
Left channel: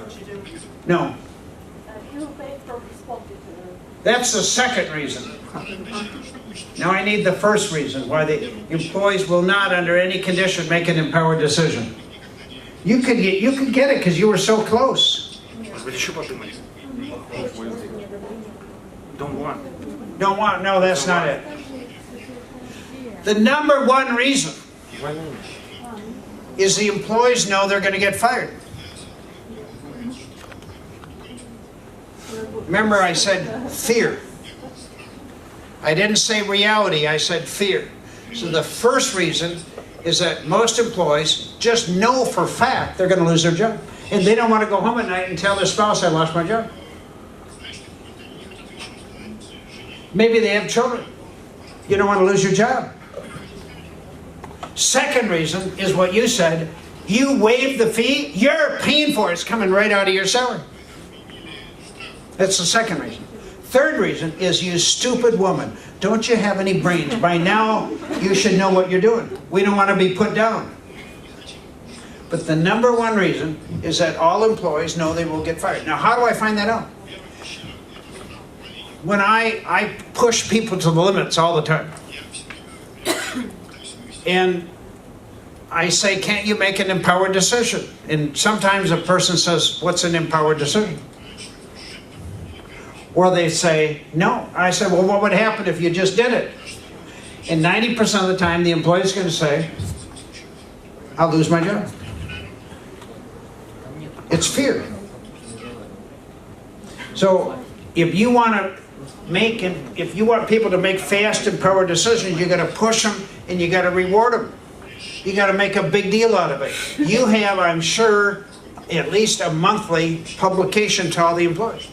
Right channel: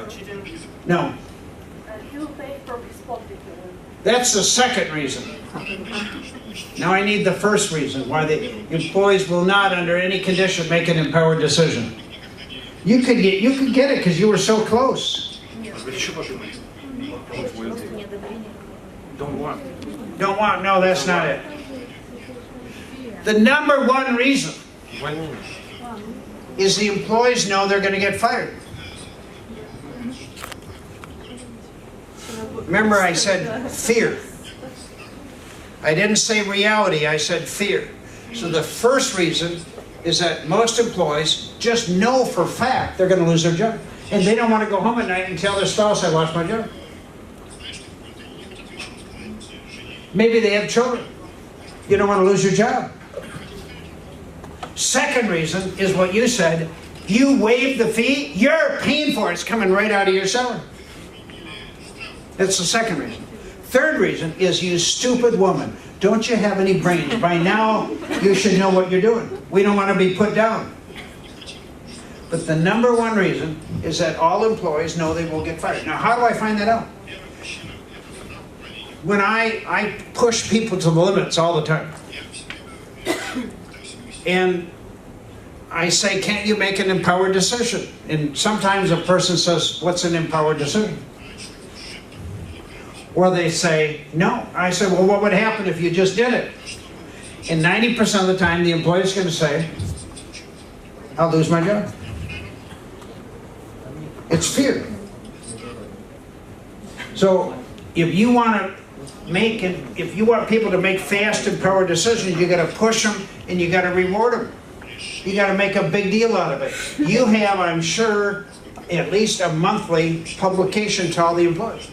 Cheating? No. He will pay for responsibility. That's the second reason. Now I need the first reason why the employees will not, under any condition, make an empowered decision. You could get it because you were so close. Don't want. Don't want? No, that's not it. The number one reason is the employees know they're going to get fired. Remember, I said fear. I didn't say reality, I said fear. So the first reason is that most employees just know for a fact they're going to lose their job. And they don't want to go home at night and tell their spouse, I lost my job. Maybe they have children. You don't want to lose your job. Second reason is what you said. You waive the fee, you're paying for it. It's coming right out of your salary. That's the second reason. Third reason is, you stupid woman. Don't you have any brains? By now, you should know what you're doing. We don't want to be put down. But the number one reason is that all employees know they will get fired. Now, how do I find that out? When I push people to the limits all the time. And I say, can't you make an empowered decision? And sometimes a person says, what's an empowered decision? Or they say, no. I said, well, what would happen if you just did it? And 90% of the time, the employee is going to say, I'll lose my job. It's fear. So if you want people to make fast, empowered decisions, you got to push them and you got to reward them. You got to make a big deal out of it. You have, I'm sure, at least a monthly publication to all the employees.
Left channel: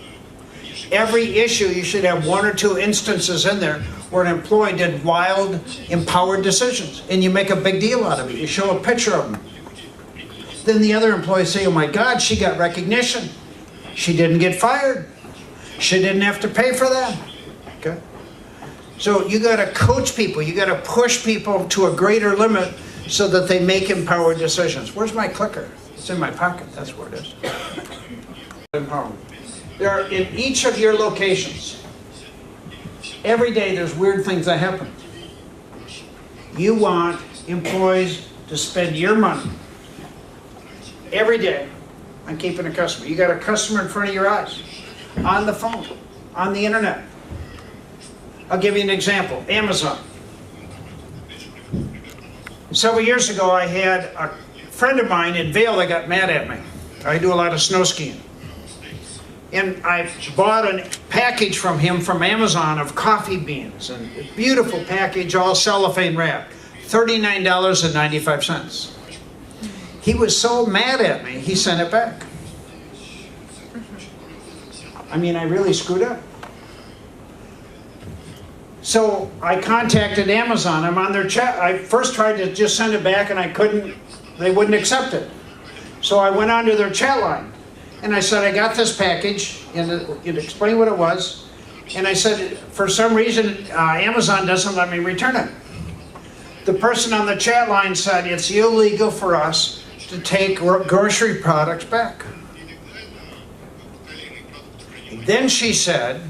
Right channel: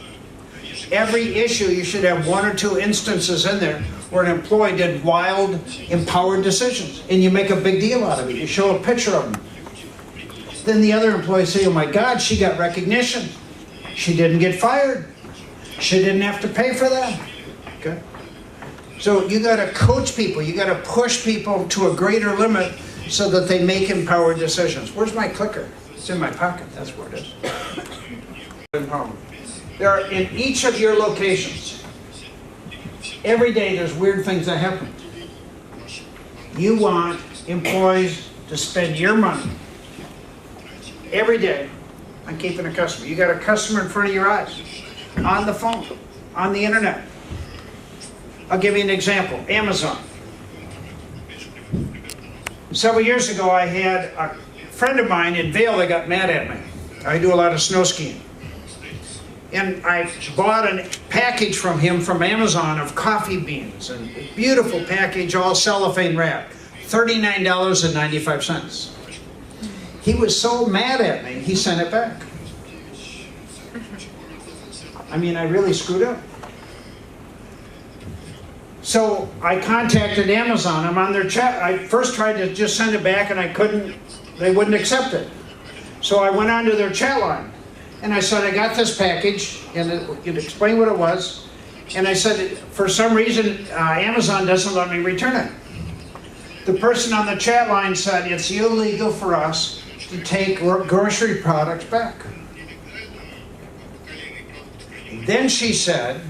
Every issue, you should have 1 or 2 instances in there where an employee did wild, empowered decisions. And you make a big deal out of it. You show a picture of them. then the other employees say, oh my God, she got recognition. She didn't get fired. She didn't have to pay for that. Okay? So you got to coach people. You got to push people to a greater limit so that they make empowered decisions. Where's my clicker? It's in my pocket. That's where it is. Empowerment. There are, in each of your locations, every day there's weird things that happen. You want employees to spend your money every day on keeping a customer. You got a customer in front of your eyes, on the phone, on the internet. I'll give you an example. Amazon. Several years ago, I had a friend of mine in Vail that got mad at me. I do a lot of snow skiing. And I bought a package from him from Amazon of coffee beans, and a beautiful package, all cellophane wrapped, $39.95. He was so mad at me, he sent it back. I mean, I really screwed up. So I contacted Amazon. I'm on their chat. I first tried to just send it back and I couldn't, they wouldn't accept it. So I went onto their chat line and I said, I got this package, and it explained what it was. And I said, for some reason, Amazon doesn't let me return it. The person on the chat line said, it's illegal for us to take grocery products back. Then she said,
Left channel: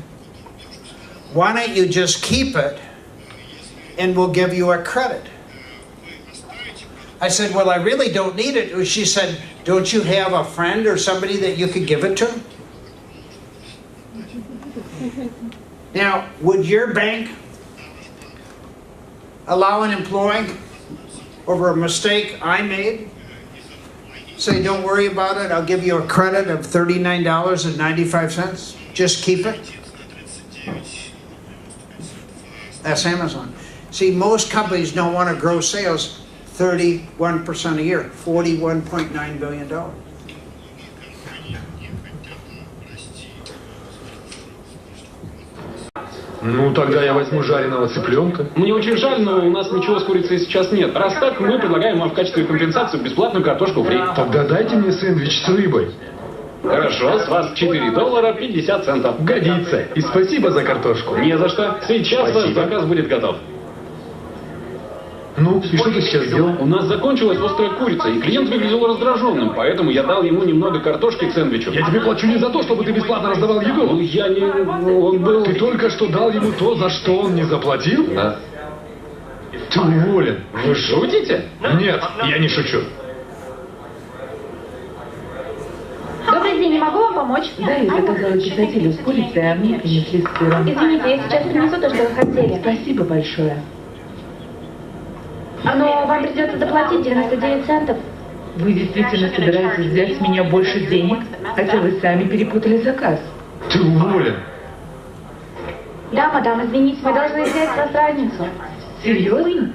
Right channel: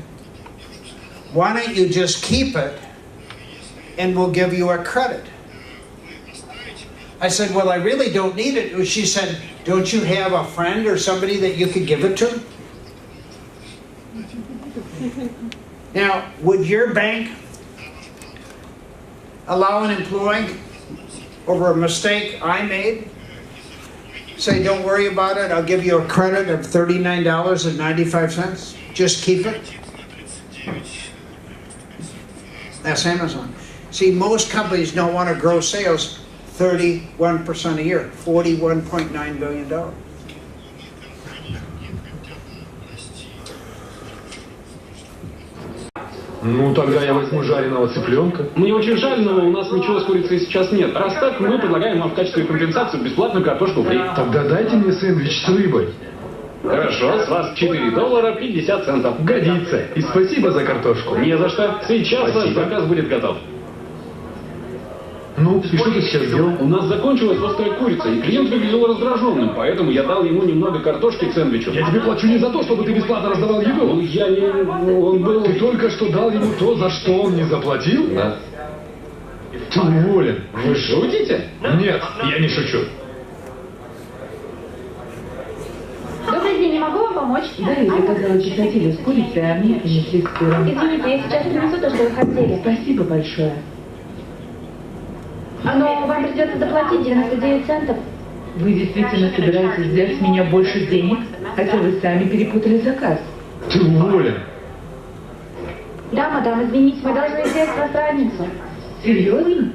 why don't you just keep it and we'll give you a credit? I said, well, I really don't need it. She said, don't you have a friend or somebody that you could give it to? Now, would your bank allow an employee over a mistake I made? Say, don't worry about it, I'll give you a credit of $39.95. Just keep it. That's Amazon. See, most companies don't want to grow sales 31% a year, $41.9 billion. Ну, тогда я возьму жареного цыпленка. Мне очень жаль, но у нас ничего с курицей сейчас нет. Раз так, мы предлагаем вам в качестве компенсации бесплатную картошку фри. Тогда дайте мне сэндвич с рыбой. Хорошо, с вас $4.50. Годится. И спасибо за картошку. Не за что. Сейчас ваш заказ будет готов. Ну, и что ты сейчас сделал? У нас закончилась острая курица, и клиент выглядел раздраженным, поэтому я дал ему немного картошки к сэндвичу. Я тебе плачу не за то, чтобы ты бесплатно раздавал еду. Я не... Он был... Ты только что дал ему то, за что он не заплатил? Да. Ты уволен. Вы шутите? Нет, я не шучу. Добрый день, не могу вам помочь? Да, я заказала чесотилю с курицей, а мне принесли с сыром. Извините, я сейчас принесу то, что вы хотели. Спасибо большое. Но вам придется доплатить 99 центов. Вы действительно собираетесь взять с меня больше денег, хотя вы сами перепутали заказ? Ты уволен. Да, мадам, извините, мы должны взять с вас разницу. Серьезно?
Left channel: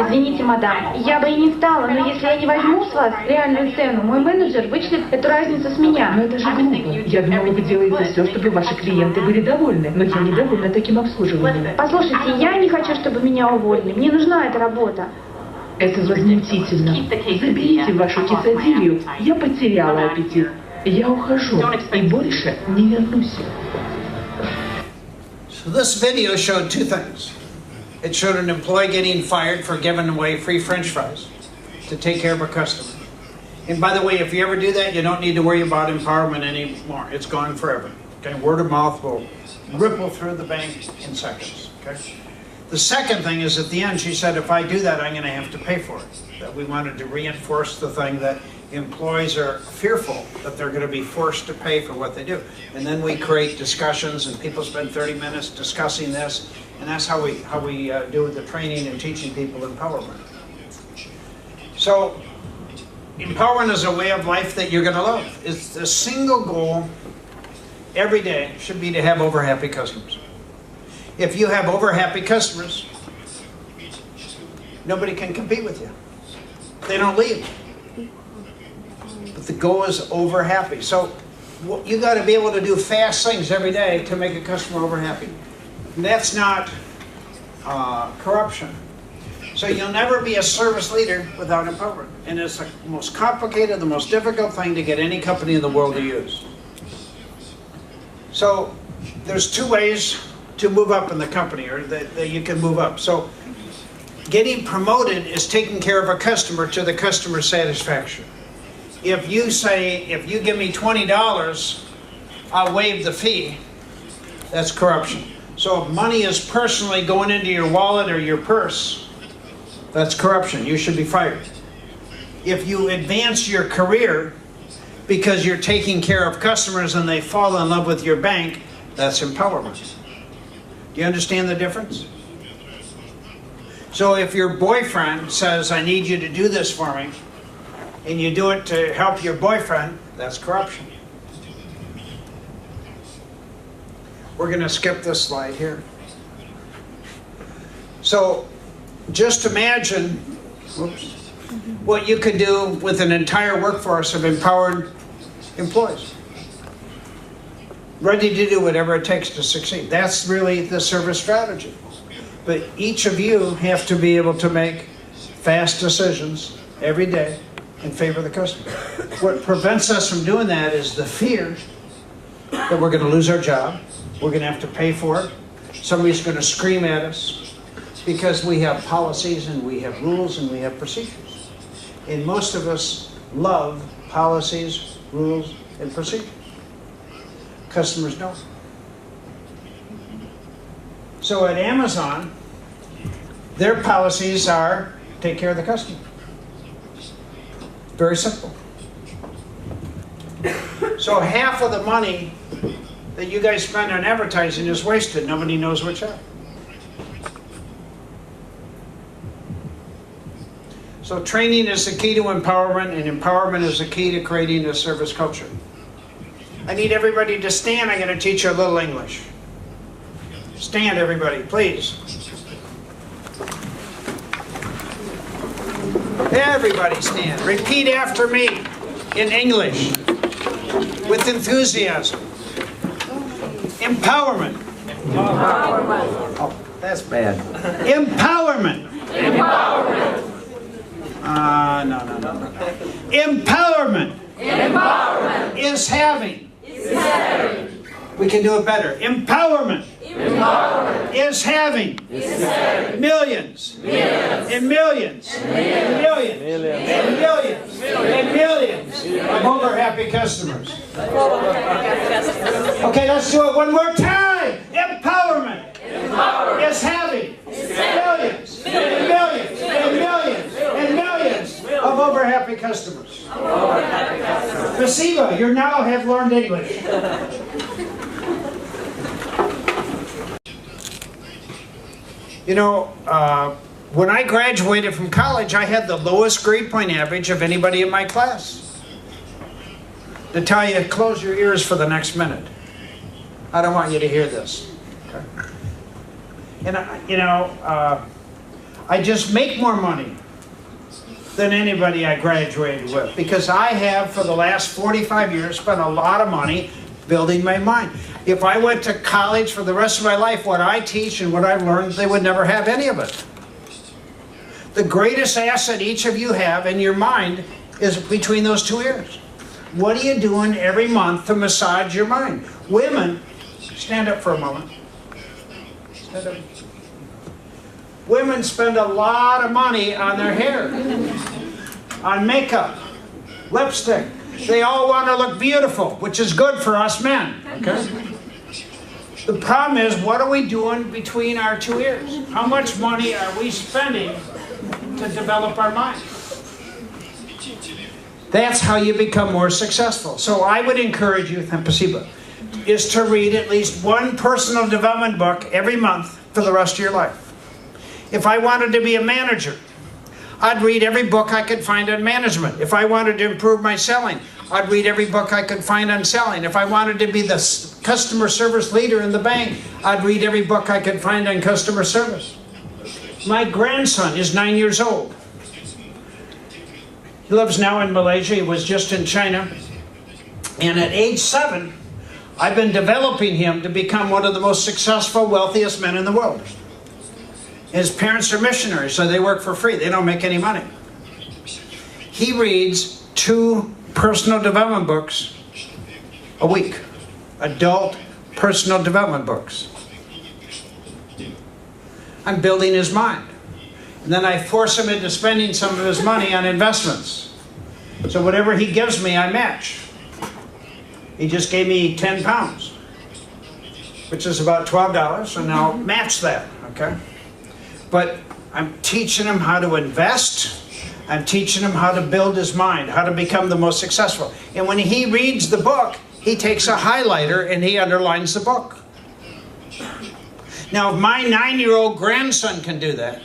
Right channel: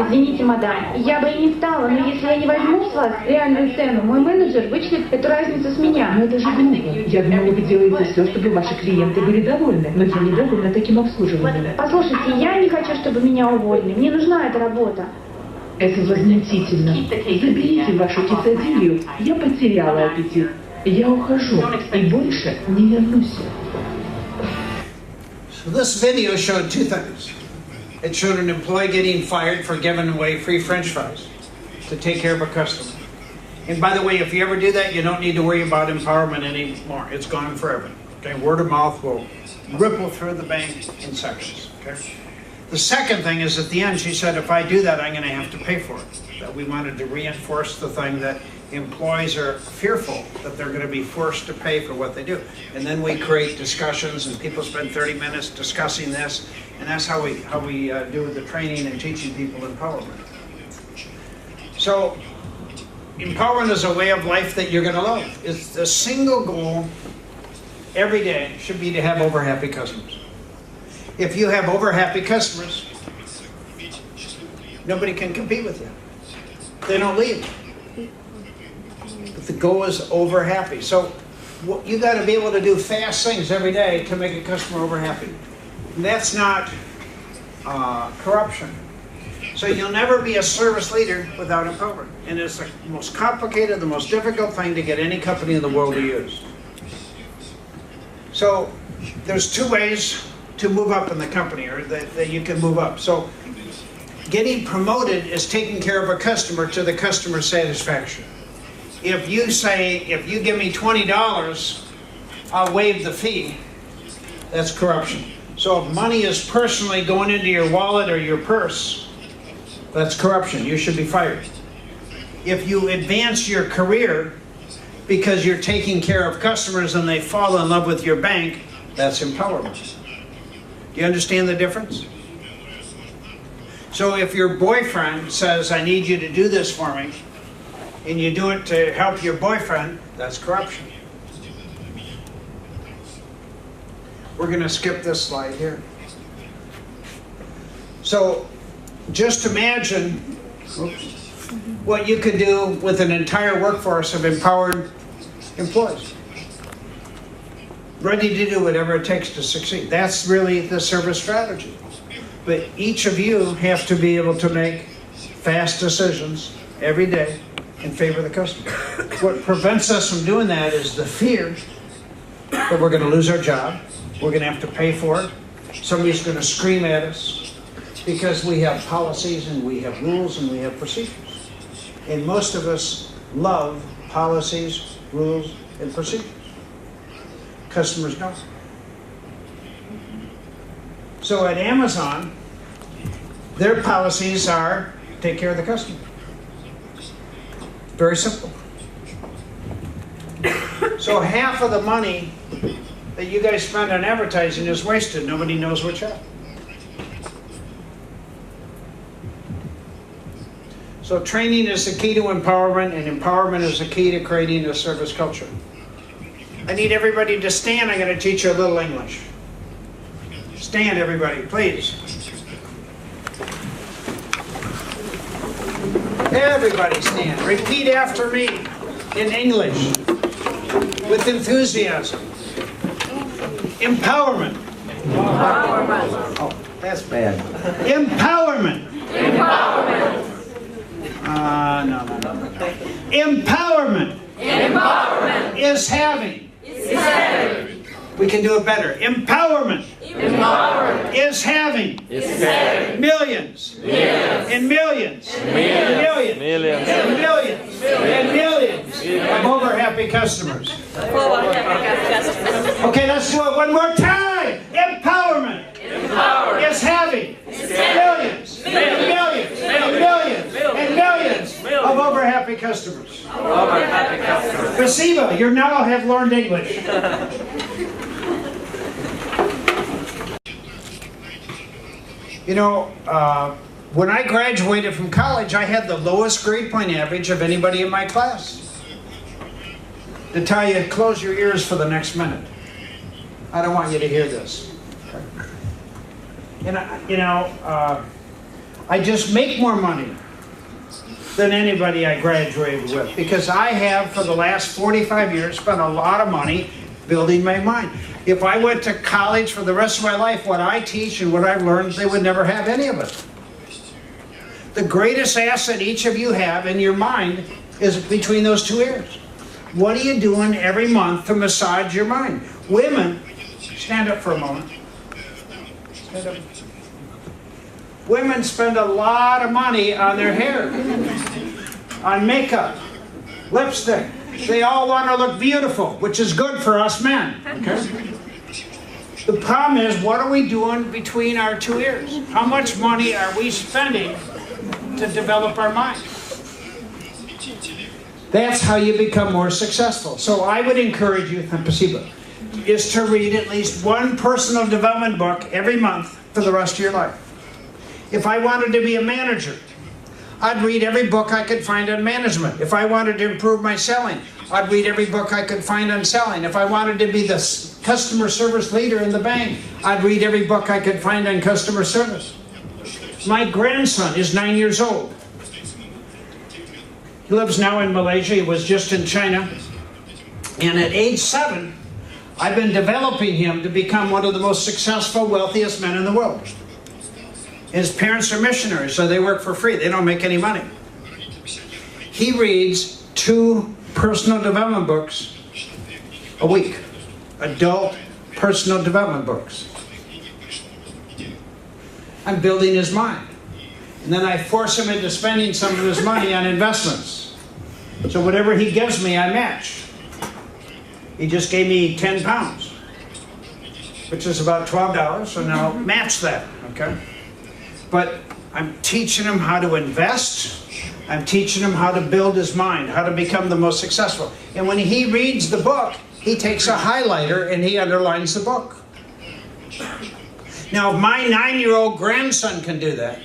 Извините, мадам, я бы и не стала, но если я не возьму с вас реальную цену, мой менеджер вычлит эту разницу с меня. Но это же глупо. Я думала, вы делаете все, чтобы ваши клиенты были довольны, но я недовольна таким обслуживанием. Послушайте, я не хочу, чтобы меня уволили. Мне нужна эта работа. Это возмутительно. Заберите вашу кесадилью. Я потеряла аппетит. Я ухожу и больше не вернусь. So this video showed two things. It showed an employee getting fired for giving away free French fries to take care of a customer. And by the way, if you ever do that, you don't need to worry about empowerment anymore. It's gone forever. Okay, word of mouth will ripple through the bank in seconds. Okay. The second thing is at the end, she said, if I do that, I'm going to have to pay for it. That we wanted to reinforce the thing that employees are fearful that they're going to be forced to pay for what they do. And then we create discussions, and people spend 30 minutes discussing this, and that's how we do the training and teaching people empowerment. So empowerment is a way of life that you're going to love. It's the single goal every day should be to have over happy customers. If you have over happy customers, nobody can compete with you. They don't leave. But the goal is over happy. So you got to be able to do fast things every day to make a customer over happy. And that's not corruption. So you'll never be a service leader without empowerment. And it's the most complicated, the most difficult thing to get any company in the world to use. So there's two ways to move up in the company, or that you can move up. So getting promoted is taking care of a customer to the customer's satisfaction. If you say, if you give me $20, I'll waive the fee, that's corruption. So if money is personally going into your wallet or your purse, that's corruption. You should be fired. If you advance your career because you're taking care of customers and they fall in love with your bank, that's empowerment. Do you understand the difference? So if your boyfriend says, I need you to do this for me, and you do it to help your boyfriend, that's corruption. We're going to skip this slide here. So just imagine what you could do with an entire workforce of empowered employees, ready to do whatever it takes to succeed. That's really the service strategy. But each of you have to be able to make fast decisions every day in favor of the customer. What prevents us from doing that is the fear that we're going to lose our job, we're going to have to pay for it, somebody's going to scream at us, because we have policies and we have rules and we have procedures. And most of us love policies, rules, and procedures. Customers don't. So at Amazon, their policies are take care of the customer. Very simple. So half of the money that you guys spend on advertising is wasted. Nobody knows which half. So training is the key to empowerment, and empowerment is the key to creating a service culture. I need everybody to stand. I'm going to teach you a little English. Stand, everybody, please. Everybody stand. Repeat after me in English with enthusiasm. Empowerment. Empowerment. Oh, that's bad. Empowerment. Empowerment. No. Empowerment. Empowerment. Is having. Is having. We can do it better. Empowerment. Empowerment. Is having. Is having. Millions. Millions. And millions. And millions. Millions. And millions. And millions of over happy customers. Okay, let's do it one more time. Empowerment. Empowerment. Is having. Millions. And millions. And millions. And millions of over happy customers. Spasibo, you now have learned English. You know, when I graduated from college, I had the lowest grade point average of anybody in my class. To tell you, close your ears for the next minute. I don't want you to hear this. Okay? And, you know, I just make more money than anybody I graduated with, because I have, for the last 45 years, spent a lot of money building my mind. If I went to college for the rest of my life, what I teach and what I've learned, they would never have any of it. The greatest asset each of you have in your mind is between those two ears. What are you doing every month to massage your mind? Women, stand up for a moment. Stand up. Women spend a lot of money on their hair, on makeup, lipstick. They all want to look beautiful, which is good for us men. Okay? The problem is, what are we doing between our two ears? How much money are we spending to develop our mind? That's how you become more successful. So I would encourage you, Spasibo, is to read at least one personal development book every month for the rest of your life. If I wanted to be a manager, I'd read every book I could find on management. If I wanted to improve my selling, I'd read every book I could find on selling. If I wanted to be the customer service leader in the bank, I'd read every book I could find on customer service. My grandson is 9 years old. He lives now in Malaysia. He was just in China. And at age 7, I've been developing him to become one of the most successful, wealthiest men in the world. His parents are missionaries, so they work for free. They don't make any money. He reads 2 personal development books a week. Adult personal development books. I'm building his mind. And then I force him into spending some of his money on investments. So whatever he gives me, I match. He just gave me 10 pounds, which is about $12, so now match that, okay? But I'm teaching him how to invest. I'm teaching him how to build his mind, how to become the most successful. And when he reads the book, he takes a highlighter and he underlines the book. Now, if my 9-year-old grandson can do that,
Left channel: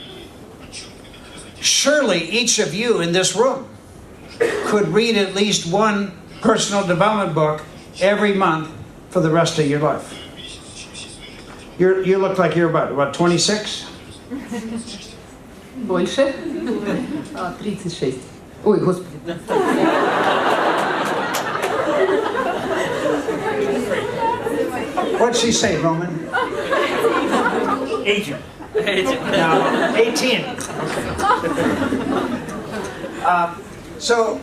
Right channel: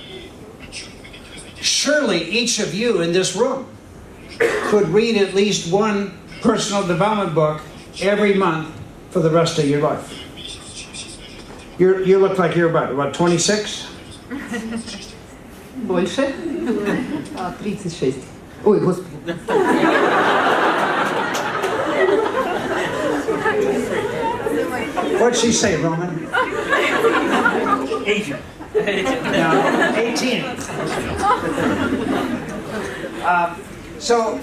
surely each of you in this room could read at least 1 personal development book every month for the rest of your life. You look like you're about 26? Больше. 36. Ой, господи. What'd she say, Roman? 18. No, 18. So,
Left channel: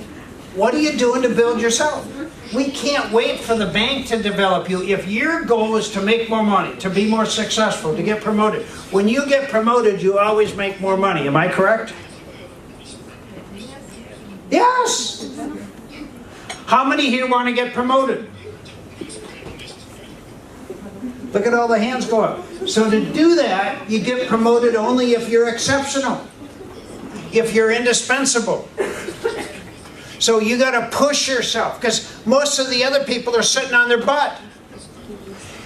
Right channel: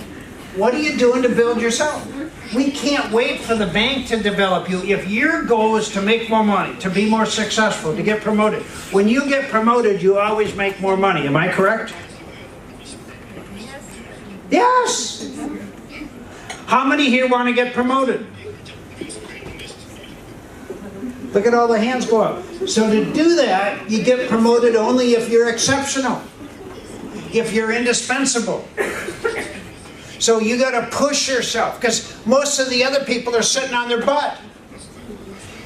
what are you doing to build yourself? We can't wait for the bank to develop you. If your goal is to make more money, to be more successful, to get promoted, when you get promoted, you always make more money. Am I correct? Yes! How many here want to get promoted? Look at all the hands go up. So to do that, you get promoted only if you're exceptional, if you're indispensable. So you got to push yourself, because most of the other people are sitting on their butt.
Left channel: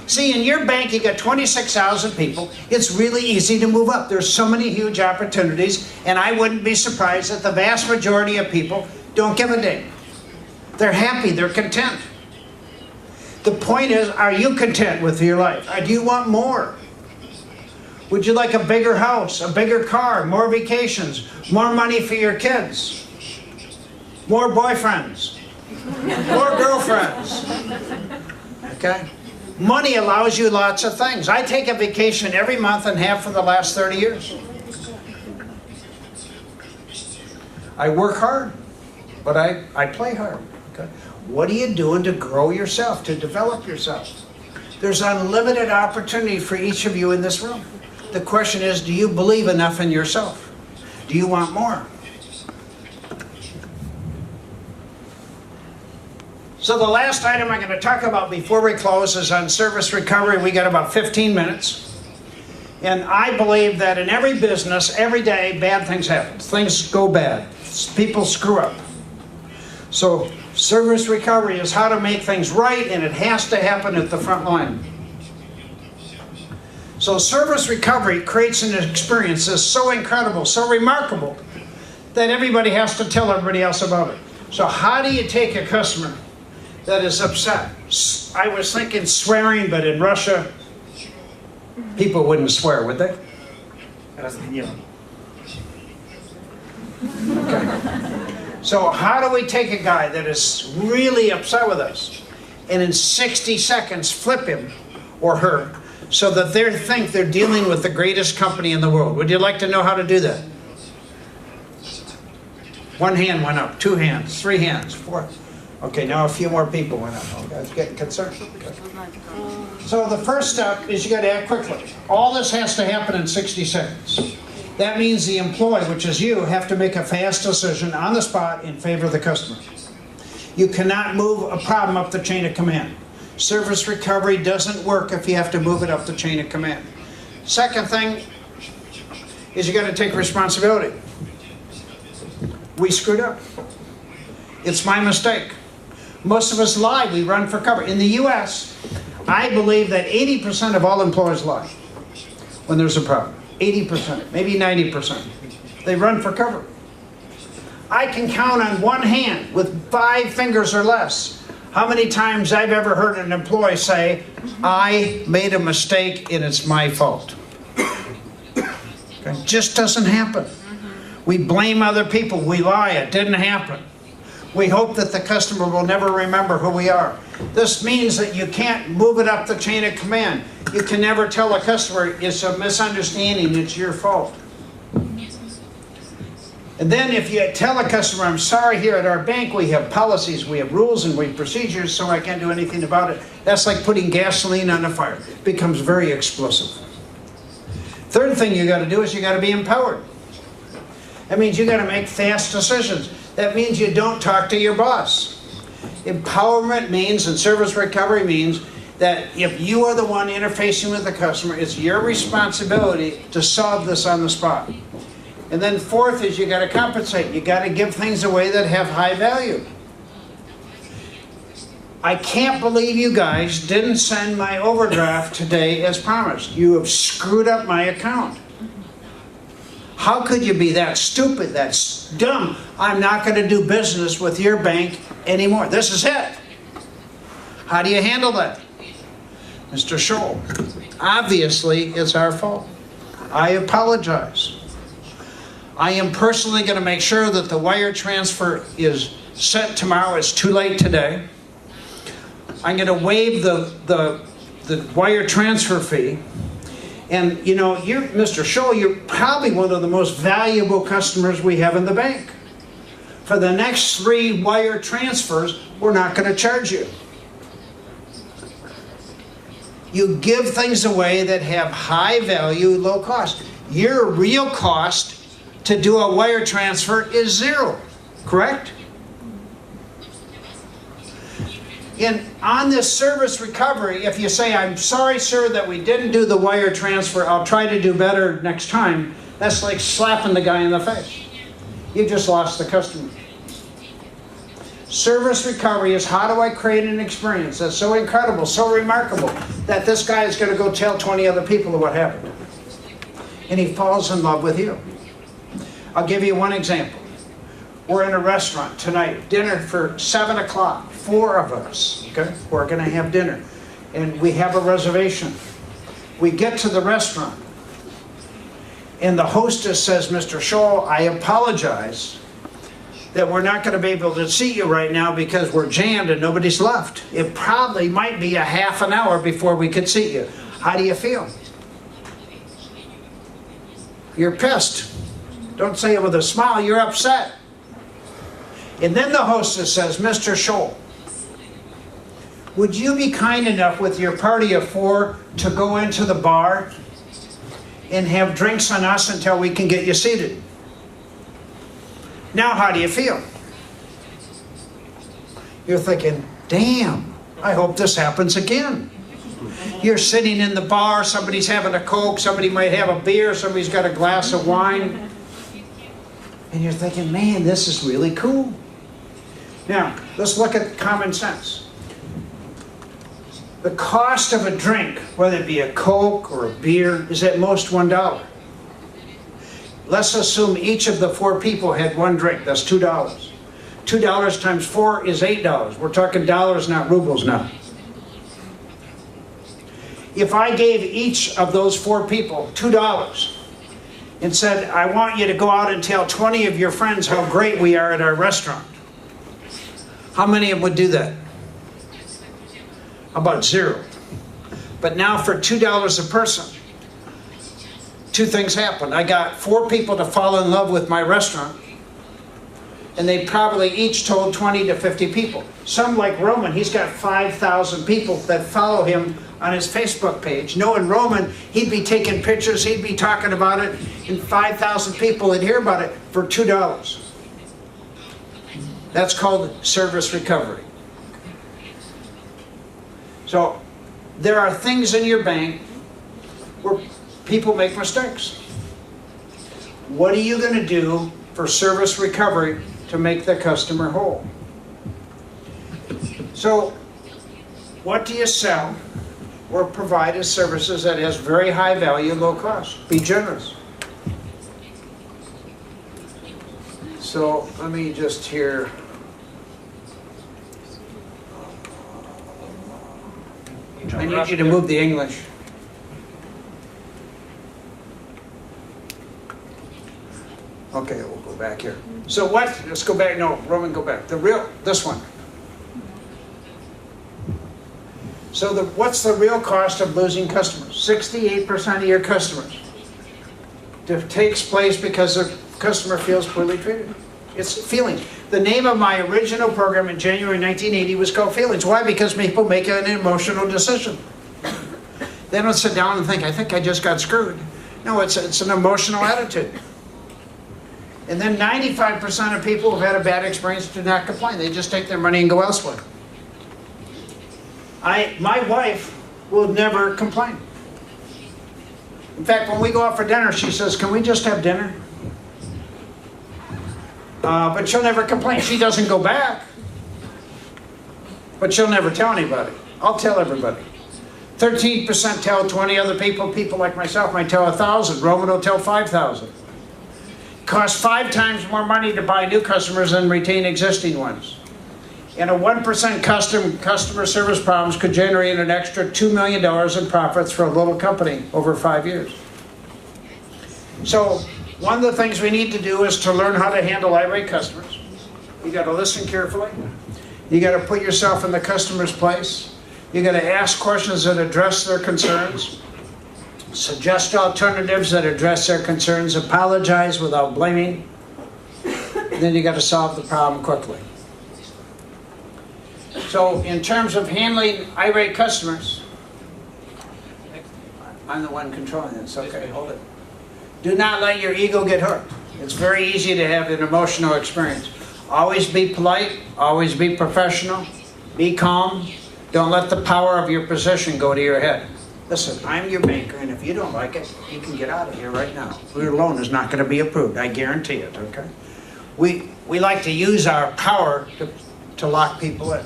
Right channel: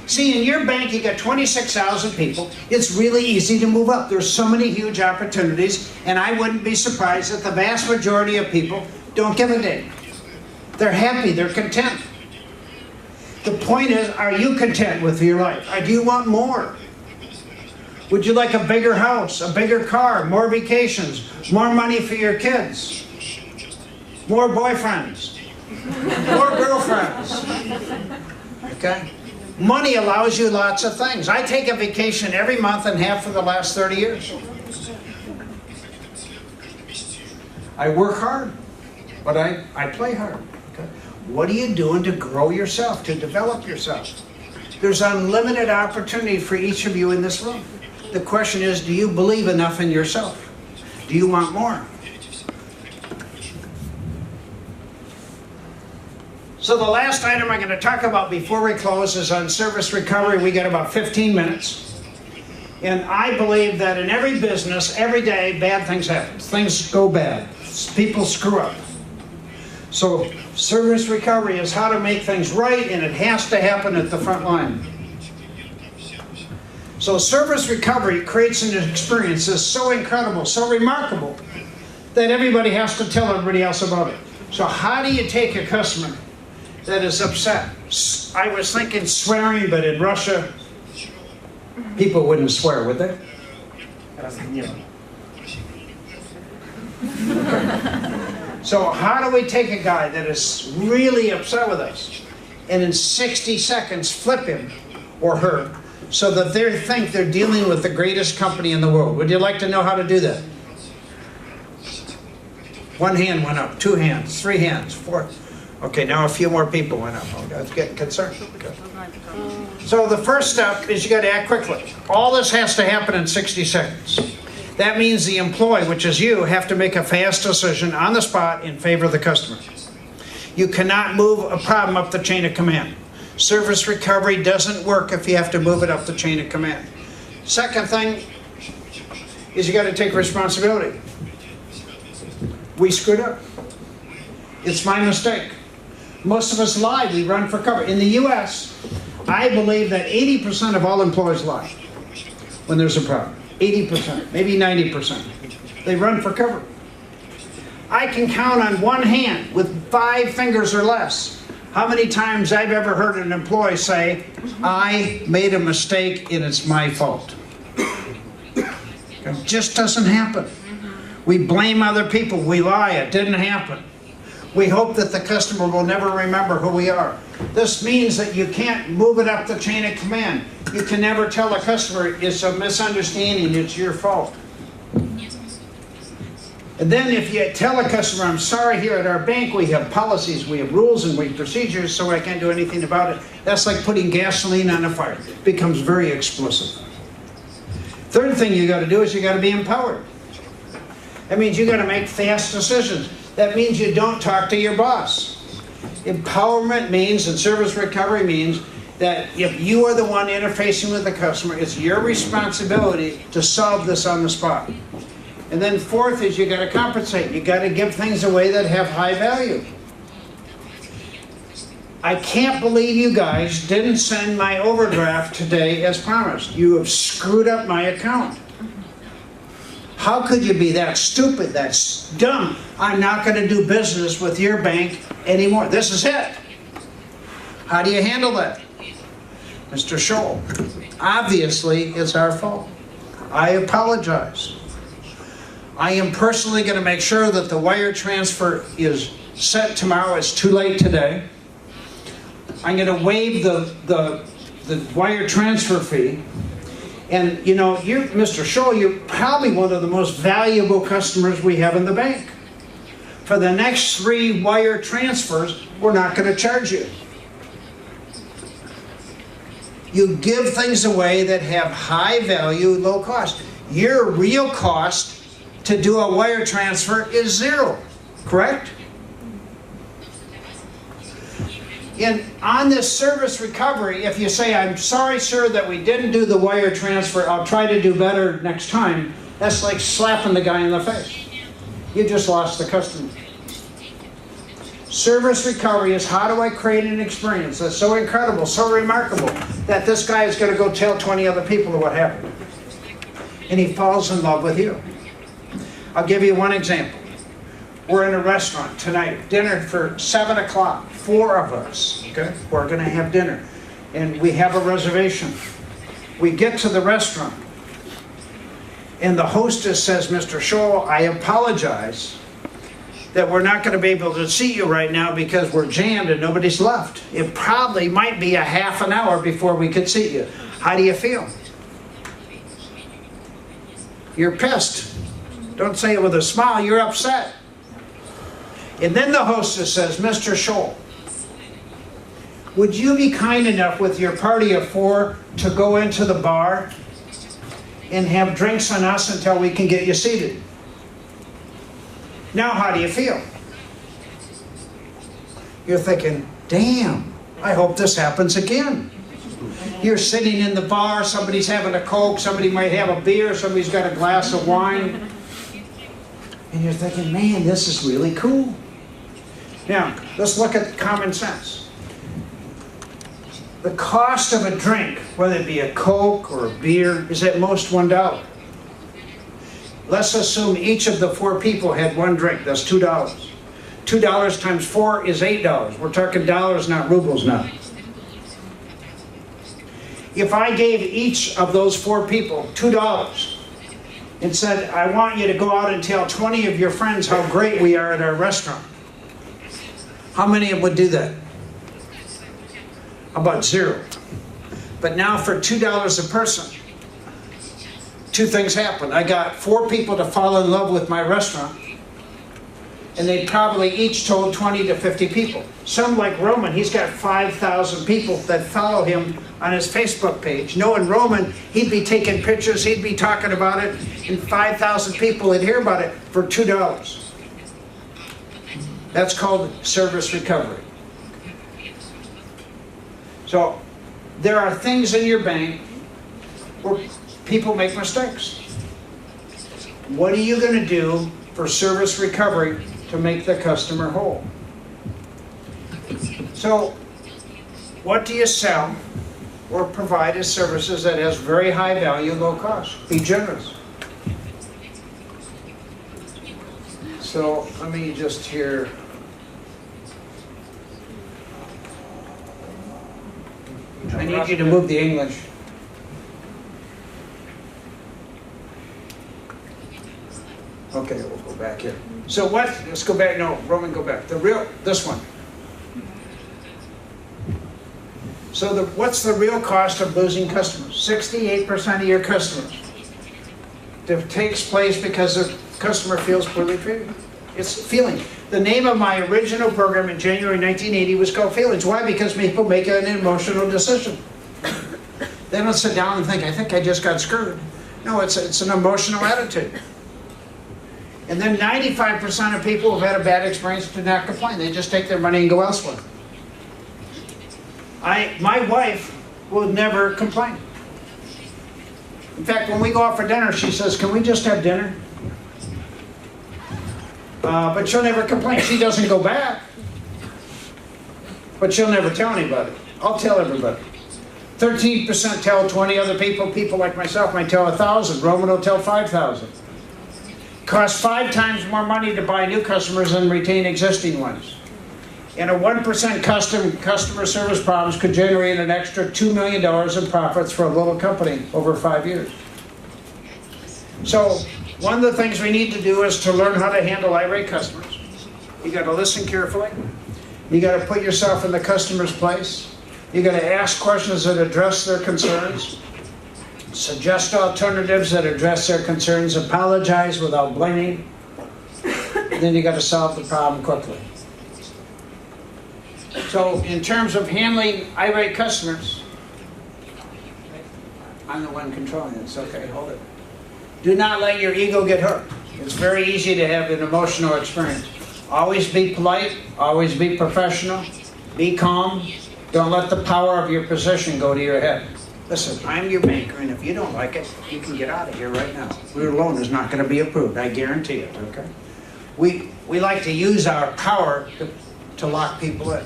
See, in your bank, you got 26,000 people. It's really easy to move up. There's so many huge opportunities, and I wouldn't be surprised that the vast majority of people don't give a damn. They're happy, they're content. The point is, are you content with your life? Or do you want more? Would you like a bigger house, a bigger car, more vacations, more money for your kids? More boyfriends, more girlfriends, okay? Money allows you lots of things. I take a vacation every month and have for the last 30 years. I work hard, but I play hard, okay? What are you doing to grow yourself, to develop yourself? There's unlimited opportunity for each of you in this room. The question is, do you believe enough in yourself? Do you want more? So the last item I'm going to talk about before we close is on service recovery. We got about 15 minutes. And I believe that in every business, every day, bad things happen. Things go bad. People screw up. So service recovery is how to make things right, and it has to happen at the front line. So service recovery creates an experience that's so incredible, so remarkable, that everybody has to tell everybody else about it. So how do you take a customer that is upset? I was thinking swearing, but in Russia, people wouldn't swear, would they? So how do we take a guy that is really upset with us and in 60 seconds flip him or her so that they think they're dealing with the greatest company in the world? Would you like to know how to do that? 1 hand went up, 2 hands, 3 hands, 4. Okay, now a few more people went up. Oh, I'm getting concerned. Okay. So the first step is you got to act quickly. All this has to happen in 60 seconds. That means the employee, which is you, have to make a fast decision on the spot in favor of the customer. You cannot move a problem up the chain of command. Service recovery doesn't work if you have to move it up the chain of command. Second thing is you got to take responsibility. We screwed up. It's my mistake. Most of us lie. We run for cover. In the U.S., I believe that 80% of all employers lie when there's a problem. 80%, maybe 90%. They run for cover. I can count on 1 hand with 5 fingers or less how many times I've ever heard an employee say, I made a mistake and it's my fault. It just doesn't happen. We blame other people. We lie. It didn't happen. We hope that the customer will never remember who we are. This means that you can't move it up the chain of command. You can never tell a customer it's a misunderstanding, it's your fault. And then if you tell a customer, I'm sorry, here at our bank we have policies, we have rules and we have procedures, so I can't do anything about it. That's like putting gasoline on a fire. It becomes very explosive. Third thing you got to do is you got to be empowered. That means you got to make fast decisions. That means you don't talk to your boss. Empowerment means, and service recovery means, that if you are the one interfacing with the customer, it's your responsibility to solve this on the spot. And then fourth is you got to compensate. You got to give things away that have high value. I can't believe you guys didn't send my overdraft today as promised. You have screwed up my account. How could you be that stupid, that dumb? I'm not going to do business with your bank anymore. This is it. How do you handle that? Mr. Tschohl, obviously it's our fault. I apologize. I am personally going to make sure that the wire transfer is sent tomorrow. It's too late today. I'm going to waive the wire transfer fee. And you know, Mr. Tschohl, you're probably one of the most valuable customers we have in the bank. For the next 3 wire transfers, we're not going to charge you. You give things away that have high value, low cost. Your real cost to do a wire transfer is 0, correct? And on this service recovery, if you say, I'm sorry, sir, that we didn't do the wire transfer, I'll try to do better next time, that's like slapping the guy in the face. You just lost the customer. Service recovery is, how do I create an experience that's so incredible, so remarkable, that this guy is going to go tell 20 other people what happened. And he falls in love with you. I'll give you one example. We're in a restaurant tonight, dinner for 7 o'clock, 4 of us, okay? We're going to have dinner. And we have a reservation. We get to the restaurant, and the hostess says, Mr. Tschohl, I apologize that we're not going to be able to see you right now because we're jammed and nobody's left. It probably might be a half an hour before we could see you. How do you feel? You're pissed. Don't say it with a smile, you're upset. And then the hostess says, Mr. Tschohl, would you be kind enough with your party of 4 to go into the bar and have drinks on us until we can get you seated? Now how do you feel? You're thinking, damn, I hope this happens again. You're sitting in the bar, somebody's having a Coke, somebody might have a beer, somebody's got a glass of wine. And you're thinking, man, this is really cool. Now, let's look at common sense. The cost of a drink, whether it be a Coke or a beer, is at most $1. Let's assume each of the 4 people had 1 drink. That's $2. $2 times 4 is $8. We're talking dollars, not rubles now. If I gave each of those 4 people $2 and said, I want you to go out and tell 20 of your friends how great we are at our restaurant, how many of them would do that? About 0. But now for $2 a person, 2 things happen. I got 4 people to fall in love with my restaurant, and they probably each told 20 to 50 people. Some, like Roman, he's got 5,000 people that follow him on his Facebook page. Knowing Roman, he'd be taking pictures, he'd be talking about it, and 5,000 people would hear about it for $2. That's called service recovery. So there are things in your bank where people make mistakes. What are you going to do for service recovery to make the customer whole? So what do you sell or provide as services that has very high value, low cost? Be generous. So let me just hear. I need you to move the English. Okay, we'll go back here. So what, let's go back, no, Roman, go back. This one. So what's the real cost of losing customers? 68% of your customers. It takes place because the customer feels poorly treated. It's feelings. The name of my original program in January 1980 was called Feelings. Why? Because people make an emotional decision. They don't sit down and think, I think I just got screwed. No, it's an emotional attitude. And then 95% of people who've had a bad experience do not complain. They just take their money and go elsewhere. My wife will never complain. In fact, when we go out for dinner, she says, can we just have dinner? But she'll never complain. She doesn't go back. But she'll never tell anybody. I'll tell everybody. 13% tell 20 other people. People like myself might tell 1,000. Roman will tell 5,000. Costs 5 times more money to buy new customers than retain existing ones. And a 1% customer service problems could generate an extra $2 million in profits for a little company over 5 years. So one of the things we need to do is to learn how to handle irate customers. You got to listen carefully. You got to put yourself in the customer's place. You got to ask questions that address their concerns. Suggest alternatives that address their concerns. Apologize without blaming. And then you got to solve the problem quickly. So in terms of handling irate customers, I'm the one controlling this. Okay, hold it. Do not let your ego get hurt. It's very easy to have an emotional experience. Always be polite. Always be professional. Be calm. Don't let the power of your position go to your head. Listen, I'm your banker, and if you don't like it, you can get out of here right now. Your loan is not going to be approved. I guarantee it, okay? We like to use our power to lock people in.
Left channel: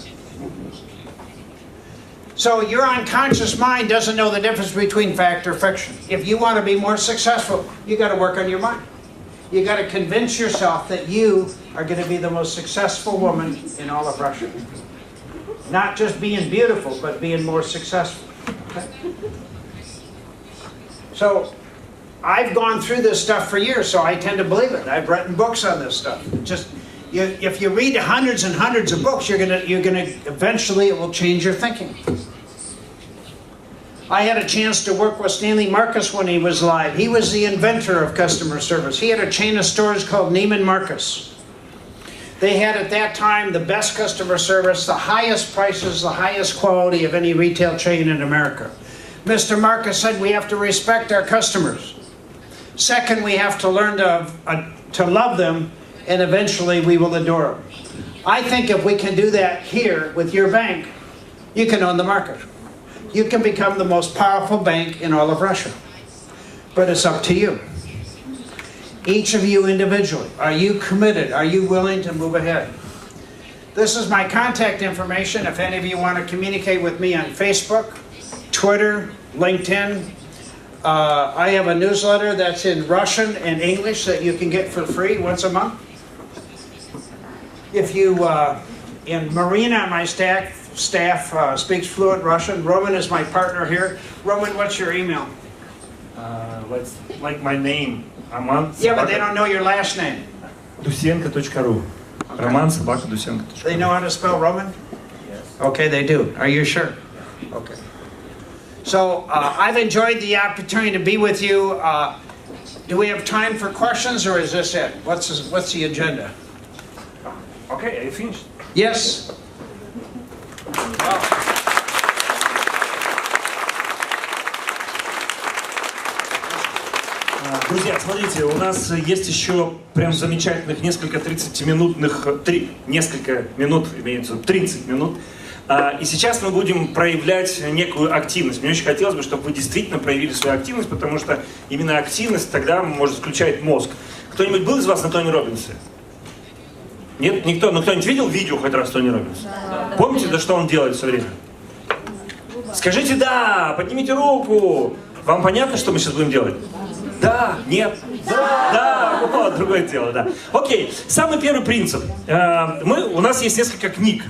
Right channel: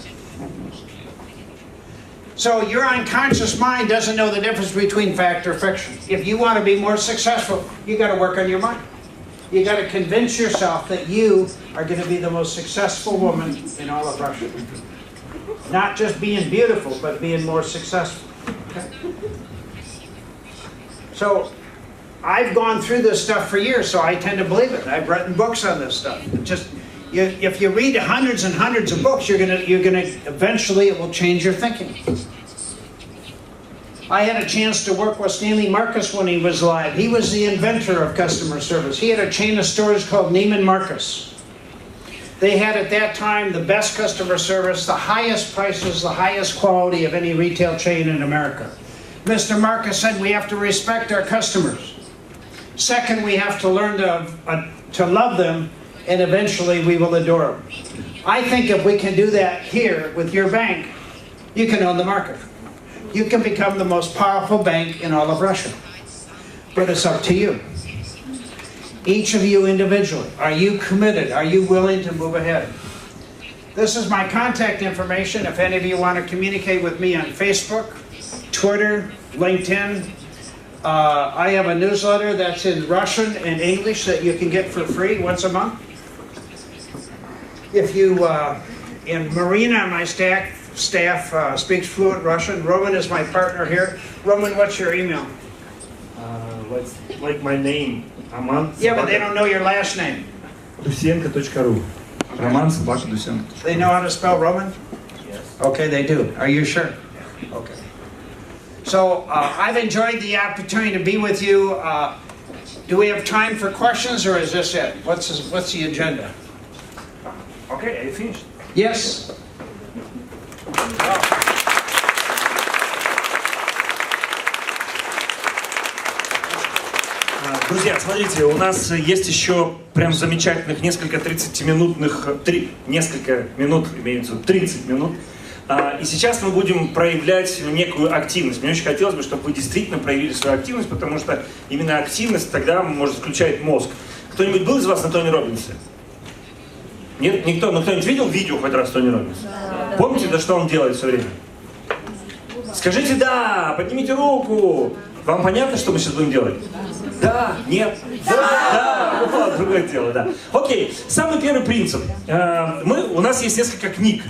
So your unconscious mind doesn't know the difference between fact or fiction. If you want to be more successful, you got to work on your mind. You got to convince yourself that you are going to be the most successful woman in all of Russia. Not just being beautiful, but being more successful. Okay? So I've gone through this stuff for years, so I tend to believe it. I've written books on this stuff. If you read hundreds and hundreds of books, you're gonna eventually it will change your thinking. I had a chance to work with Stanley Marcus when he was alive. He was the inventor of customer service. He had a chain of stores called Neiman Marcus. They had at that time the best customer service, the highest prices, the highest quality of any retail chain in America. Mr. Marcus said we have to respect our customers. Second, we have to learn to love them, and eventually we will adore them. I think if we can do that here with your bank, you can own the market. You can become the most powerful bank in all of Russia. But it's up to you. Each of you individually. Are you committed? Are you willing to move ahead? This is my contact information if any of you want to communicate with me on Facebook, Twitter, LinkedIn. I have a newsletter that's in Russian and English that you can get for free once a month. If you, and Marina, my staff speaks fluent Russian. Roman is my partner here. Roman, what's your email? Like my name, Роман. Yeah, but they don't know your last name. Дусенко.ру. Роман собака Дусенко. They know how to spell Roman? Yes. Okay, they do. Are you sure? Okay. So I've enjoyed the opportunity to be with you. Do we have time for questions, or is this it? What's the agenda? Okay, I finished. Yes. Wow. Друзья, смотрите, у нас есть еще прям замечательных несколько 30 минут, имеется 30 минут. И сейчас мы будем проявлять некую активность. Мне очень хотелось бы, чтобы вы действительно проявили свою активность, потому что именно активность тогда может включать мозг. Кто-нибудь был из вас на Тони Роббинсе? Нет? Никто? Но кто-нибудь видел видео хоть раз Тони Роббинса? Да. Помните, да, что он делает все время? Скажите «да», поднимите руку. Вам понятно, что мы сейчас будем делать? Да, нет, да, вот, другое дело, да. Окей, самый первый принцип. У нас есть несколько книг.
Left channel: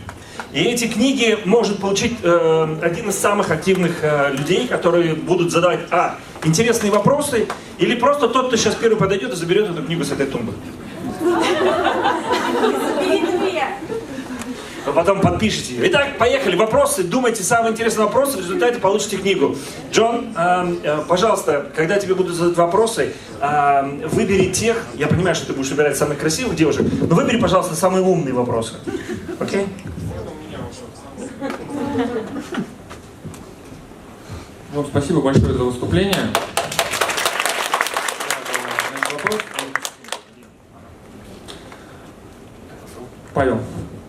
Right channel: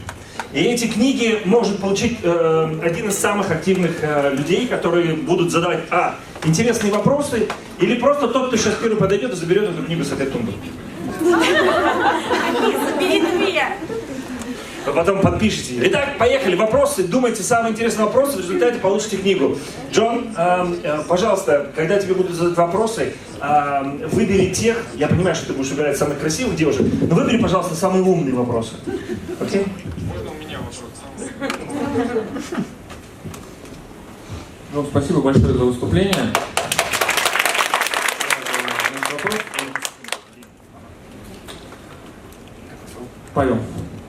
И эти книги может получить один из самых активных людей, которые будут задавать интересные вопросы, или просто тот, кто сейчас первый подойдет и заберет эту книгу с этой тумбы. Вы потом подпишите ее. Итак, поехали. Вопросы. Думайте самые интересные вопросы, в результате получите книгу. Джон, пожалуйста, когда тебе будут задать вопросы, выбери тех, я понимаю, что ты будешь выбирать самых красивых девушек, но выбери, пожалуйста, самые умные вопросы. Окей? Ну, спасибо большое за выступление.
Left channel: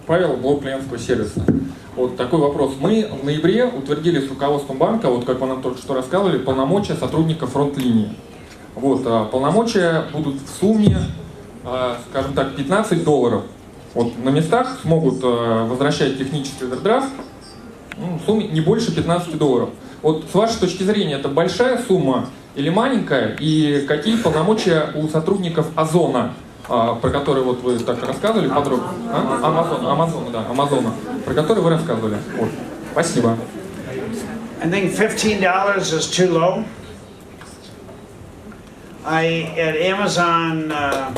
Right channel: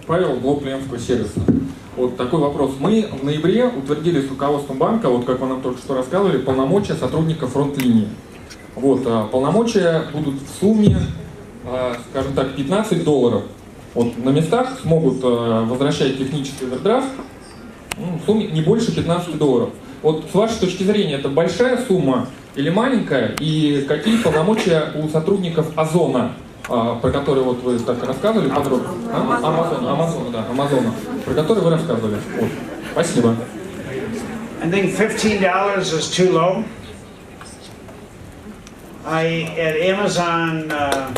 Павел, блок клиентского сервиса. Вот такой вопрос. Мы в ноябре утвердили с руководством банка, вот как вы нам только что рассказывали, полномочия сотрудников фронт-линии. Вот, полномочия будут в сумме, скажем так, $15. Вот, на местах смогут возвращать технический овердрафт в сумме не больше $15. Вот с вашей точки зрения, это большая сумма или маленькая? И какие полномочия у сотрудников Озона, про который вот вы так рассказывали подробно? Амазона, про который вы рассказывали. Вот. Спасибо. I think $15 is too low. At Amazon, I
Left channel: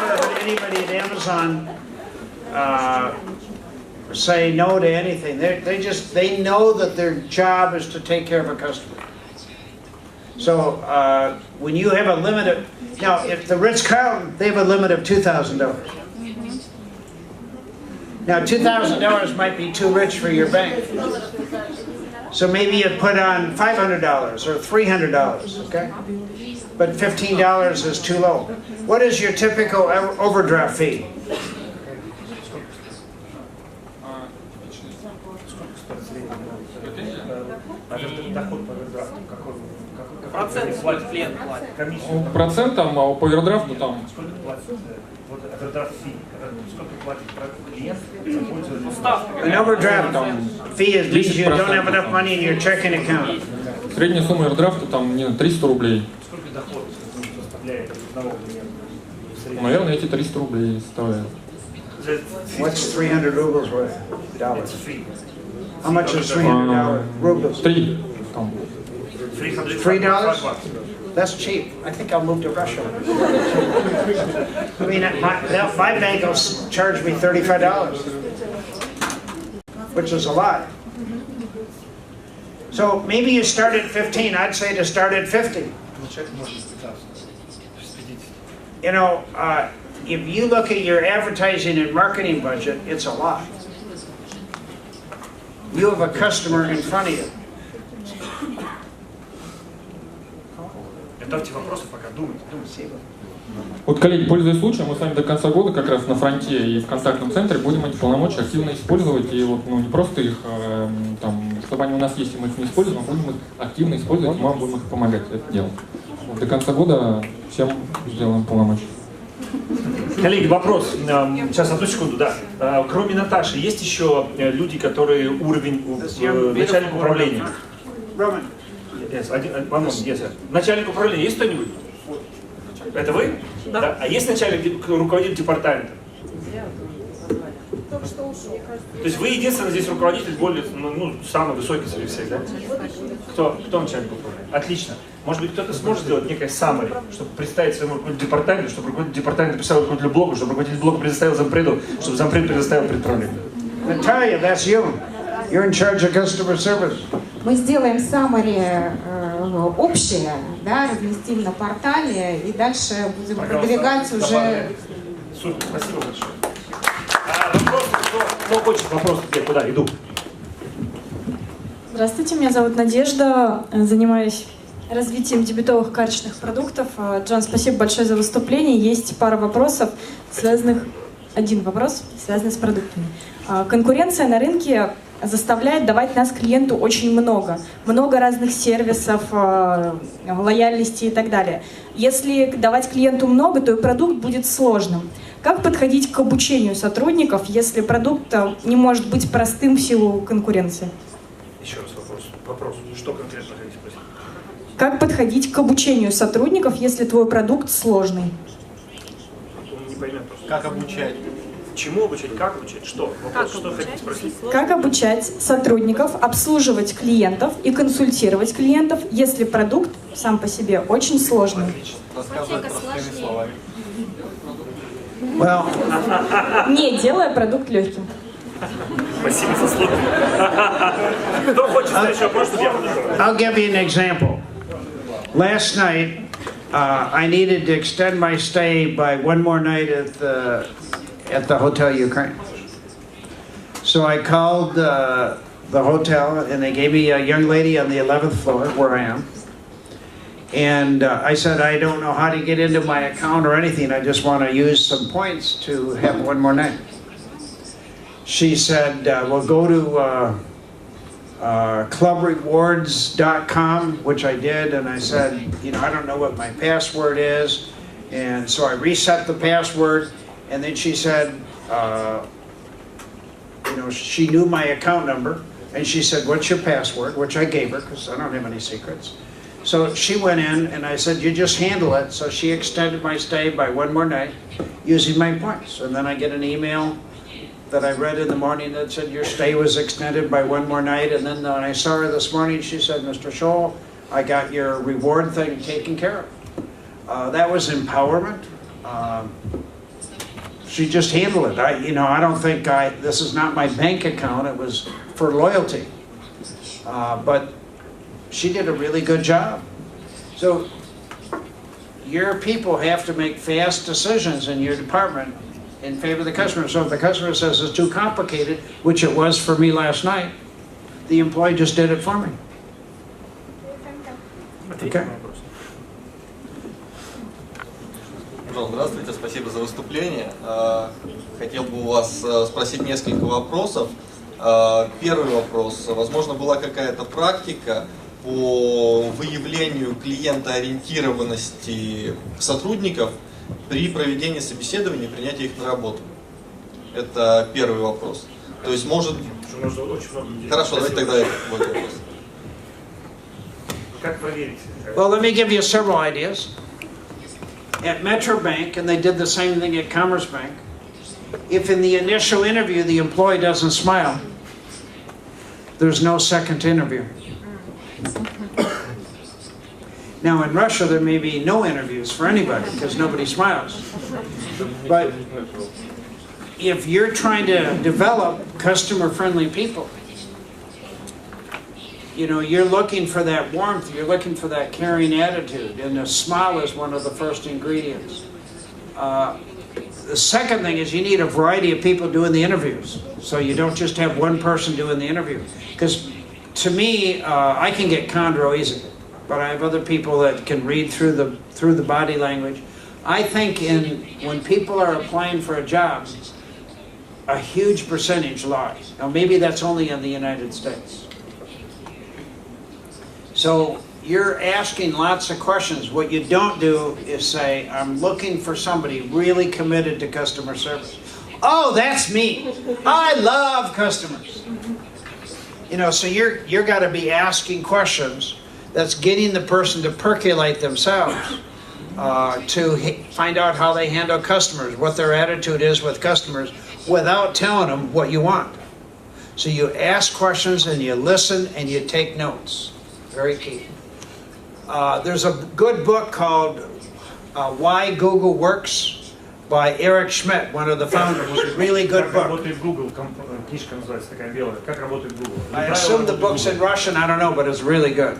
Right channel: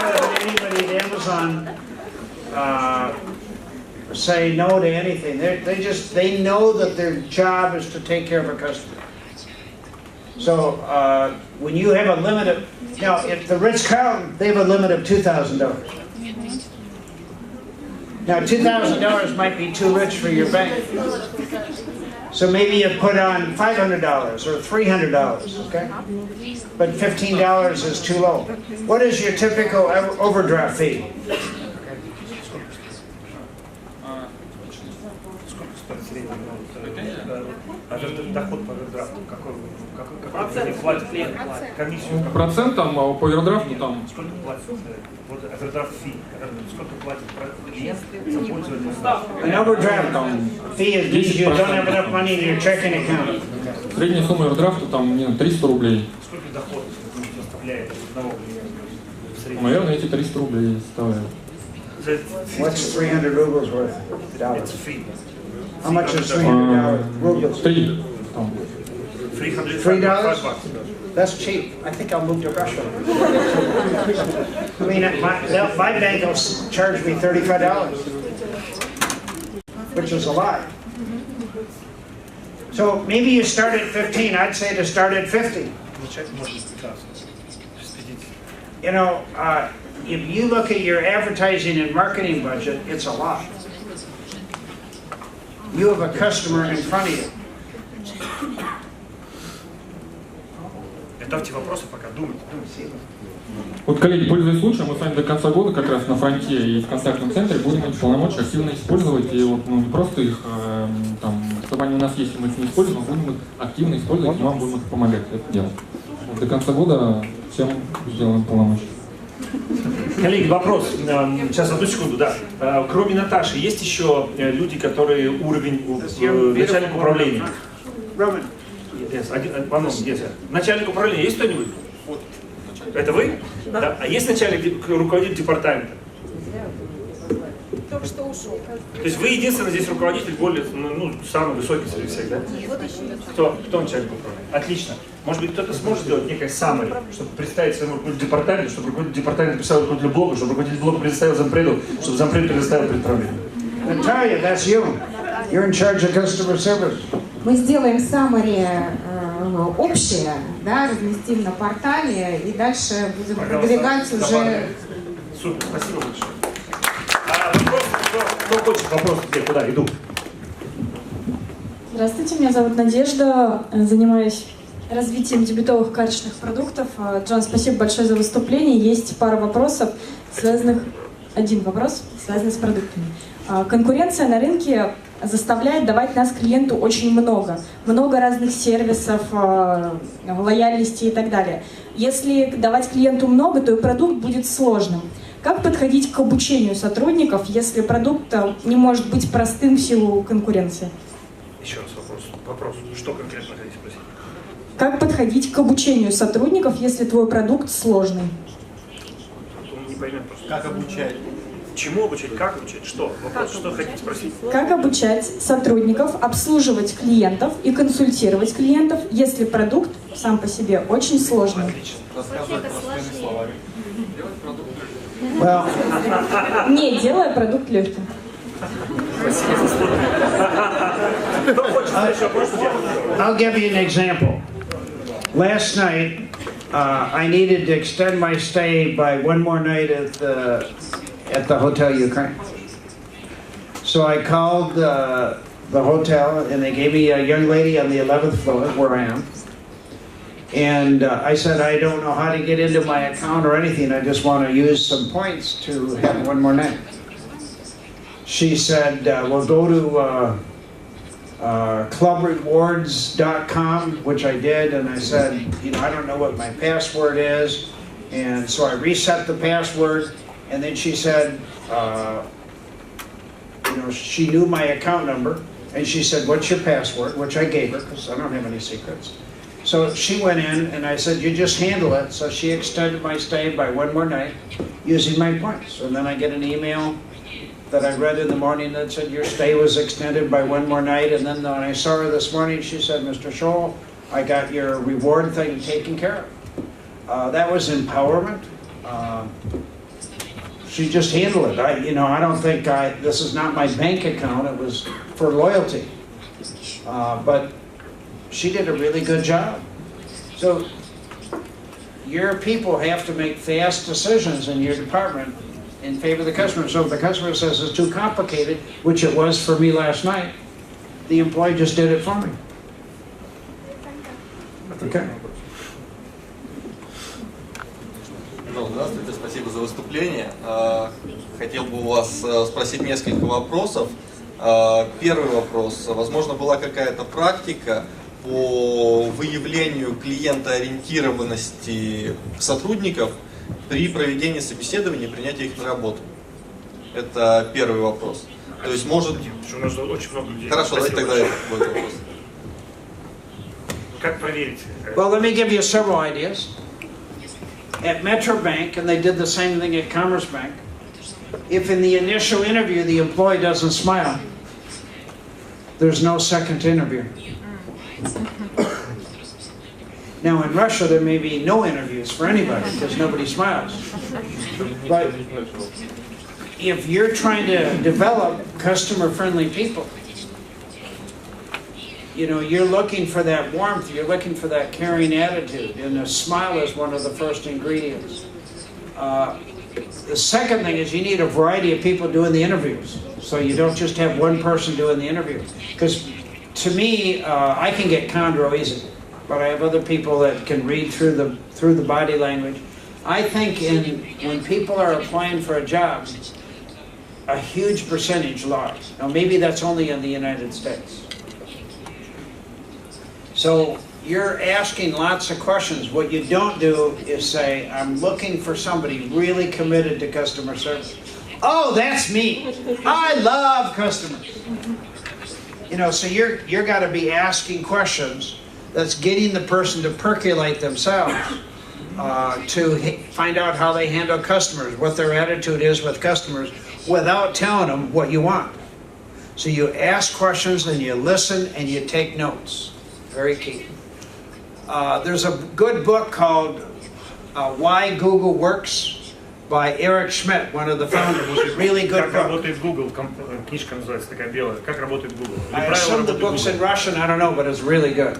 don't know if anybody at Amazon say no to anything. They know that their job is to take care of a customer. So when you have a limit of, if the Ritz-Carlton, they have a limit of $2,000. Now $2,000 might be too rich for your bank. So maybe you put on $500 or $300, okay? But $15 is too low. What is your typical overdraft fee? Доход по овердрафту, какой платит комиссию? Процентом по овердрафту там. Сколько платит? Вот овердрафт фи. Сколько платит клиент за пользование? An overdraft fee means you don't have enough money in your checking account. Средняя сумма овердрафта там 300 рублей. Сколько доход составляет одного клиента? Наверное, эти 300 рублей составляют. What's 300 rubles worth? It's a fee. How much is $300 rubles? $3? That's cheap. I think I'll move to Russia. I mean, my bank will charge me $35, which is a lot. So maybe you start at 15. I'd say to start at 50. You know, if you look at your advertising and marketing budget, it's a lot. You have a customer in front of you. Готовьте вопросы, пока думайте. Вот, коллеги, пользуясь случаем, мы с вами до конца года как раз на фронте и в контактном центре будем эти полномочия активно использовать. И вот, не просто их, чтобы они у нас есть, и мы их не используем, а будем их активно использовать, и вам будем их помогать это делать. Вот, до конца года всем сделаем полномочия. Коллеги, вопрос. Сейчас, одну секунду, да. Кроме Наташи, есть еще люди, которые уровень начальника управления? Начальник управления есть кто-нибудь? Это вы? Да. А есть начальник, руководитель департамента? Только что ушел. То есть вы единственный здесь руководитель, более, самый высокий среди всех, да? Кто начальник управления? Отлично. Может быть, кто-то сможет сделать некое summary, чтобы представить своему руководителю департамента, чтобы руководитель департамента представил руководителю блога, чтобы руководитель блога предоставил зампреду, чтобы зампред предоставил предправлению. Natalia, that's you. You're in charge of customer service. Мы сделаем summary общее, да, разместим на портале и дальше будем продвигать уже. Супер, спасибо большое. Вопросы, кто хочет вопросы, куда иду? Здравствуйте, меня зовут Надежда, занимаюсь развитием дебетовых качественных продуктов. Джон, спасибо большое за выступление. Есть пара вопросов, один вопрос, связанный с продуктами. Конкуренция на рынке заставляет давать нас клиенту очень много разных сервисов, лояльности и так далее. Если давать клиенту много, то и продукт будет сложным. Как подходить к обучению сотрудников, если продукт не может быть простым в силу конкуренции? Еще раз вопрос. Что конкретно хотите спросить? Как подходить к обучению сотрудников, если твой продукт сложный? Он не поймет просто. Как обучать? Чему обучать, как обучать, что? Вопрос, что хотите спросить? Как обучать сотрудников обслуживать клиентов и консультировать клиентов, если продукт сам по себе очень сложный? Well, Не делая продукт легким. I'll give you an example. Last night, I needed to extend my stay by one more night at the Hotel Ukraine. So I called the hotel, and they gave me a young lady on the 11th floor where I am. And I said, I don't know how to get into my account or anything. I just want to use some points to have one more night. She said, well, go to clubrewards.com, which I did. And I said, you know, I don't know what my password is. And so I reset the password. And then she said, you know, she knew my account number. And she said, what's your password? Which I gave her, because I don't have any secrets. So she went in, and I said, you just handle it. So she extended my stay by one more night using my points. And then I get an email that I read in the morning that said, your stay was extended by one more night. And then when I saw her this morning, she said, Mr. Tschohl, I got your reward thing taken care of. That was empowerment. She just handled it. I don't think this is not my bank account. It was for loyalty. But she did a really good job. So your people have to make fast decisions in your department in favor of the customer. So if the customer says it's too complicated, which it was for me last night, the employee just did it for me. Okay. Здравствуйте, спасибо за выступление. Хотел бы у вас спросить несколько вопросов. Первый вопрос. Возможно, была какая-то практика по выявлению клиентоориентированности сотрудников при проведении собеседования и принятии их на работу? Это первый вопрос. То есть, может... Очень много людей. Хорошо, давайте тогда это будет вопрос. Как проверить? Well, let me give you several ideas. At Metro Bank, and they did the same thing at Commerce Bank, if in the initial interview the employee doesn't smile, there's no second interview. Now in Russia there may be no interviews for anybody because nobody smiles. But if you're trying to develop customer-friendly people, you know, you're looking for that warmth, you're looking for that caring attitude, and a smile is one of the first ingredients. The second thing is you need a variety of people doing the interviews. So you don't just have one person doing the interview. Because to me, I can get chondro easy, but I have other people that can read through the body language. I think when people are applying for a job, a huge percentage lies. Now maybe that's only in the United States. So you're asking lots of questions. What you don't do is say, I'm looking for somebody really committed to customer service. Oh, that's me. I love customers. You know, so you're got to be asking questions that's getting the person to percolate themselves to find out how they handle customers, what their attitude is with customers, without telling them what you want. So you ask questions and you listen and you take notes. Very key. There's a good book called Why Google Works by Eric Schmidt, one of the founders. It's a really good book. Как работает Google? Книжка называется такая белая. Как работает Google? I assume the book's in Russian, I don't know, but it's really good.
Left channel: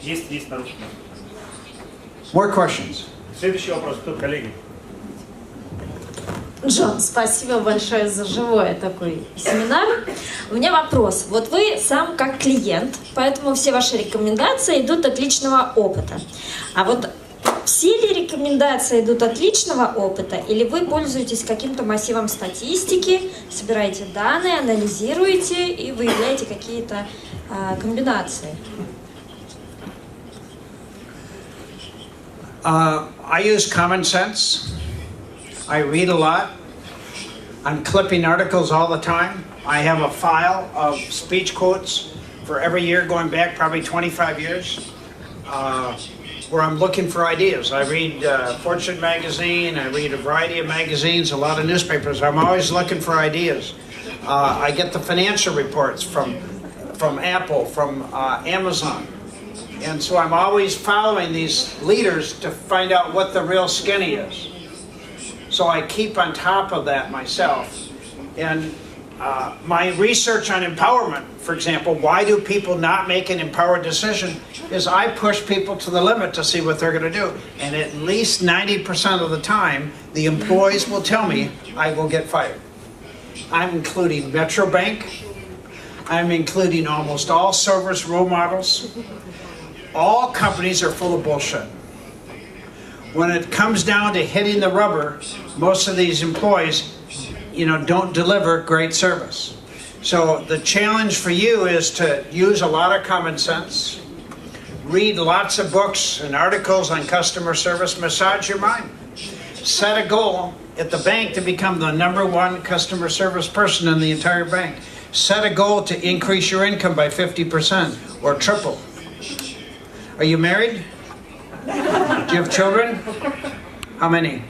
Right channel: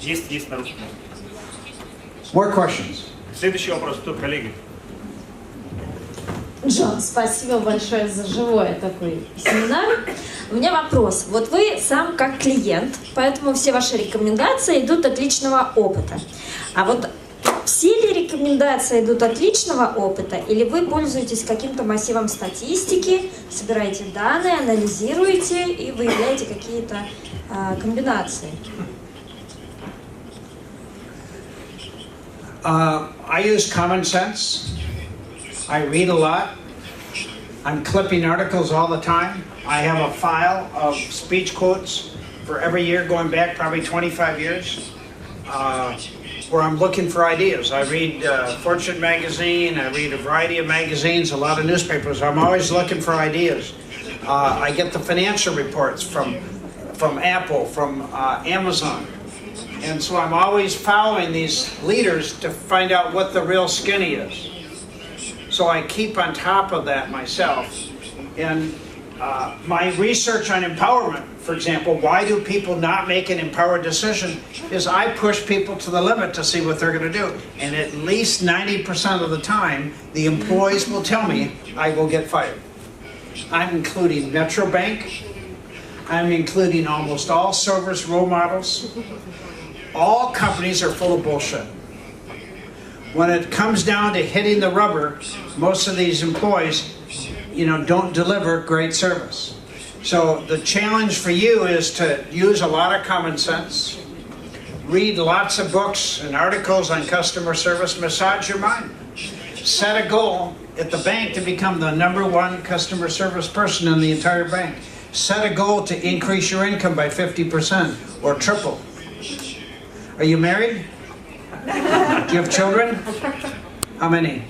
Есть на русском. More questions? Следующий вопрос, кто, коллеги? Джон, спасибо большое за живой такой семинар. У меня вопрос. Вот вы сам как клиент, поэтому все ваши рекомендации идут от личного опыта. А вот все ли рекомендации идут от личного опыта, или вы пользуетесь каким-то массивом статистики, собираете данные, анализируете и выявляете какие-то комбинации? I use common sense. I read a lot. I'm clipping articles all the time. I have a file of speech quotes for every year going back probably 25 years. where I'm looking for ideas. I read Fortune magazine, I read a variety of magazines, a lot of newspapers. I'm always looking for ideas. I get the financial reports from Apple, from Amazon. And so I'm always following these leaders to find out what the real skinny is. So I keep on top of that myself. And my research on empowerment, for example, why do people not make an empowered decision, is I push people to the limit to see what they're going to do. And at least 90% of the time, the employees will tell me I will get fired. I'm including Metro Bank. I'm including almost all service role models. All companies are full of bullshit. When it comes down to hitting the rubber, most of these employees, don't deliver great service. So the challenge for you is to use a lot of common sense, read lots of books and articles on customer service, massage your mind. Set a goal at the bank to become the #1 customer service person in the entire bank. Set a goal to increase your income by 50% or triple. Are you married? Do you have children? How many?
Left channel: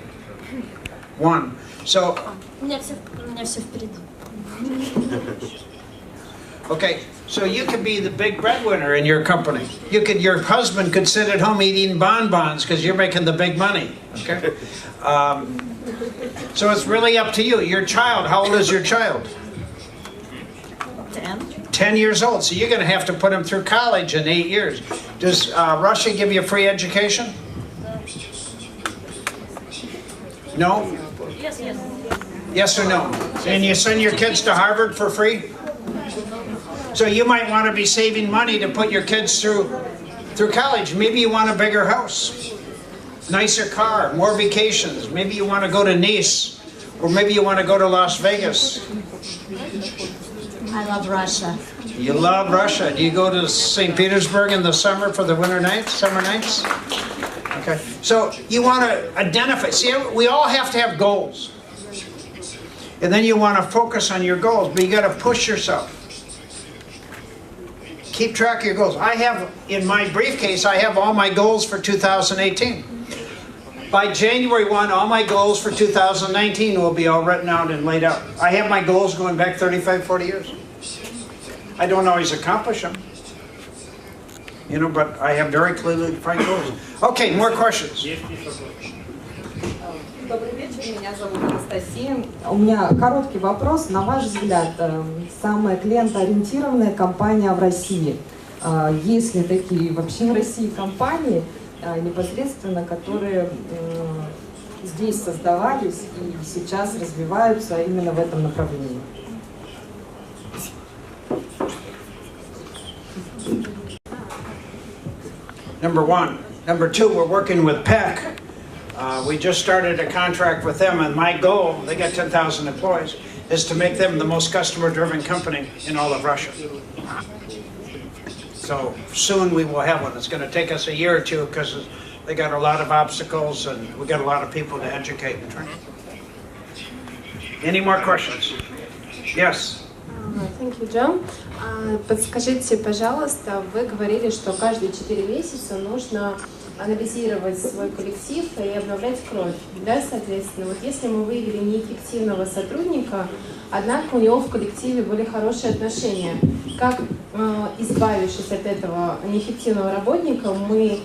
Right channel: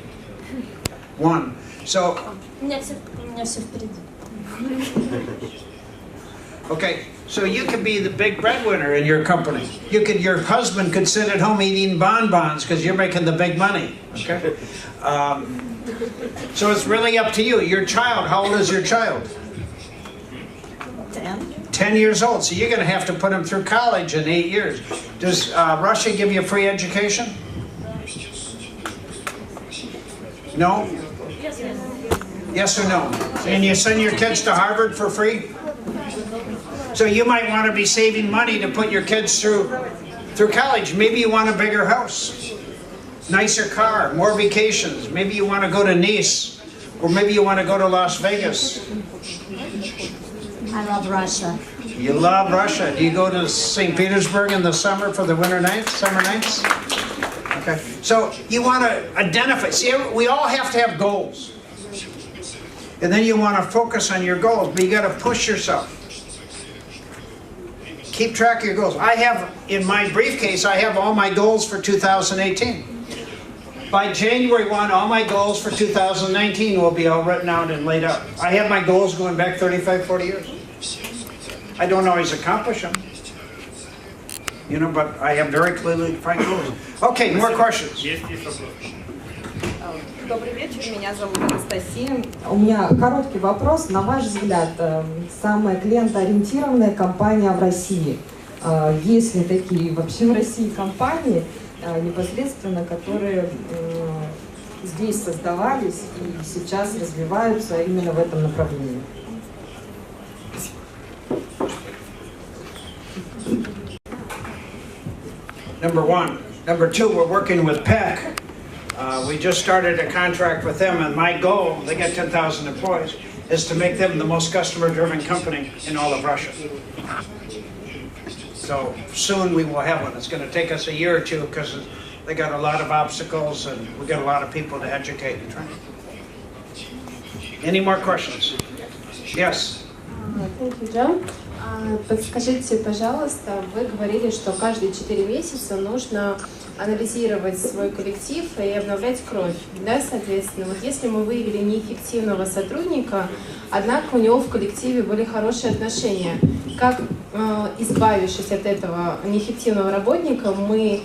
1. So, У меня все впереди. okay, so you could be the big breadwinner in your company. Your husband could sit at home eating bonbons because you're making the big money. Okay, so it's really up to you. Your child, how old is your child? 10 years old. So you're going to have to put him through college in 8 years. Does Russia give you a free education? No? Yes or no? And you send your kids to Harvard for free? So you might want to be saving money to put your kids through college. Maybe you want a bigger house, nicer car, more vacations. Maybe you want to go to Nice, or maybe you want to go to Las Vegas. I love Russia. You love Russia. Do you go to St. Petersburg in the summer for the summer nights? Okay. So you want to identify. See, we all have to have goals. And then you want to focus on your goals, but you got to push yourself. Keep track of your goals. I have, in my briefcase, I have all my goals for 2018. By January 1, all my goals for 2019 will be all written out and laid out. I have my goals going back 35, 40 years. I don't always accomplish them, but I have very clearly defined goals. Okay, more questions. Добрый вечер, меня зовут Анастасия. У меня короткий вопрос. На ваш взгляд, самая клиентоориентированная компания в России? Есть ли такие вообще в России компании, непосредственно, которые здесь создавались и сейчас развиваются именно в этом направлении? Number 1. Number 2, we're working with PEC. We just started a contract with them, and my goal, they got 10,000 employees, is to make them the most customer-driven company in all of Russia. So soon we will have one. It's going to take us a year or two because they got a lot of obstacles and we got a lot of people to educate and train. Any more questions? Yes. Thank you, John. Подскажите, пожалуйста, вы говорили, что каждые 4 месяца нужно анализировать свой коллектив и обновлять кровь. Да, соответственно, вот если мы выявили неэффективного сотрудника, однако у него в коллективе были хорошие отношения, как, избавившись от этого неэффективного работника, мы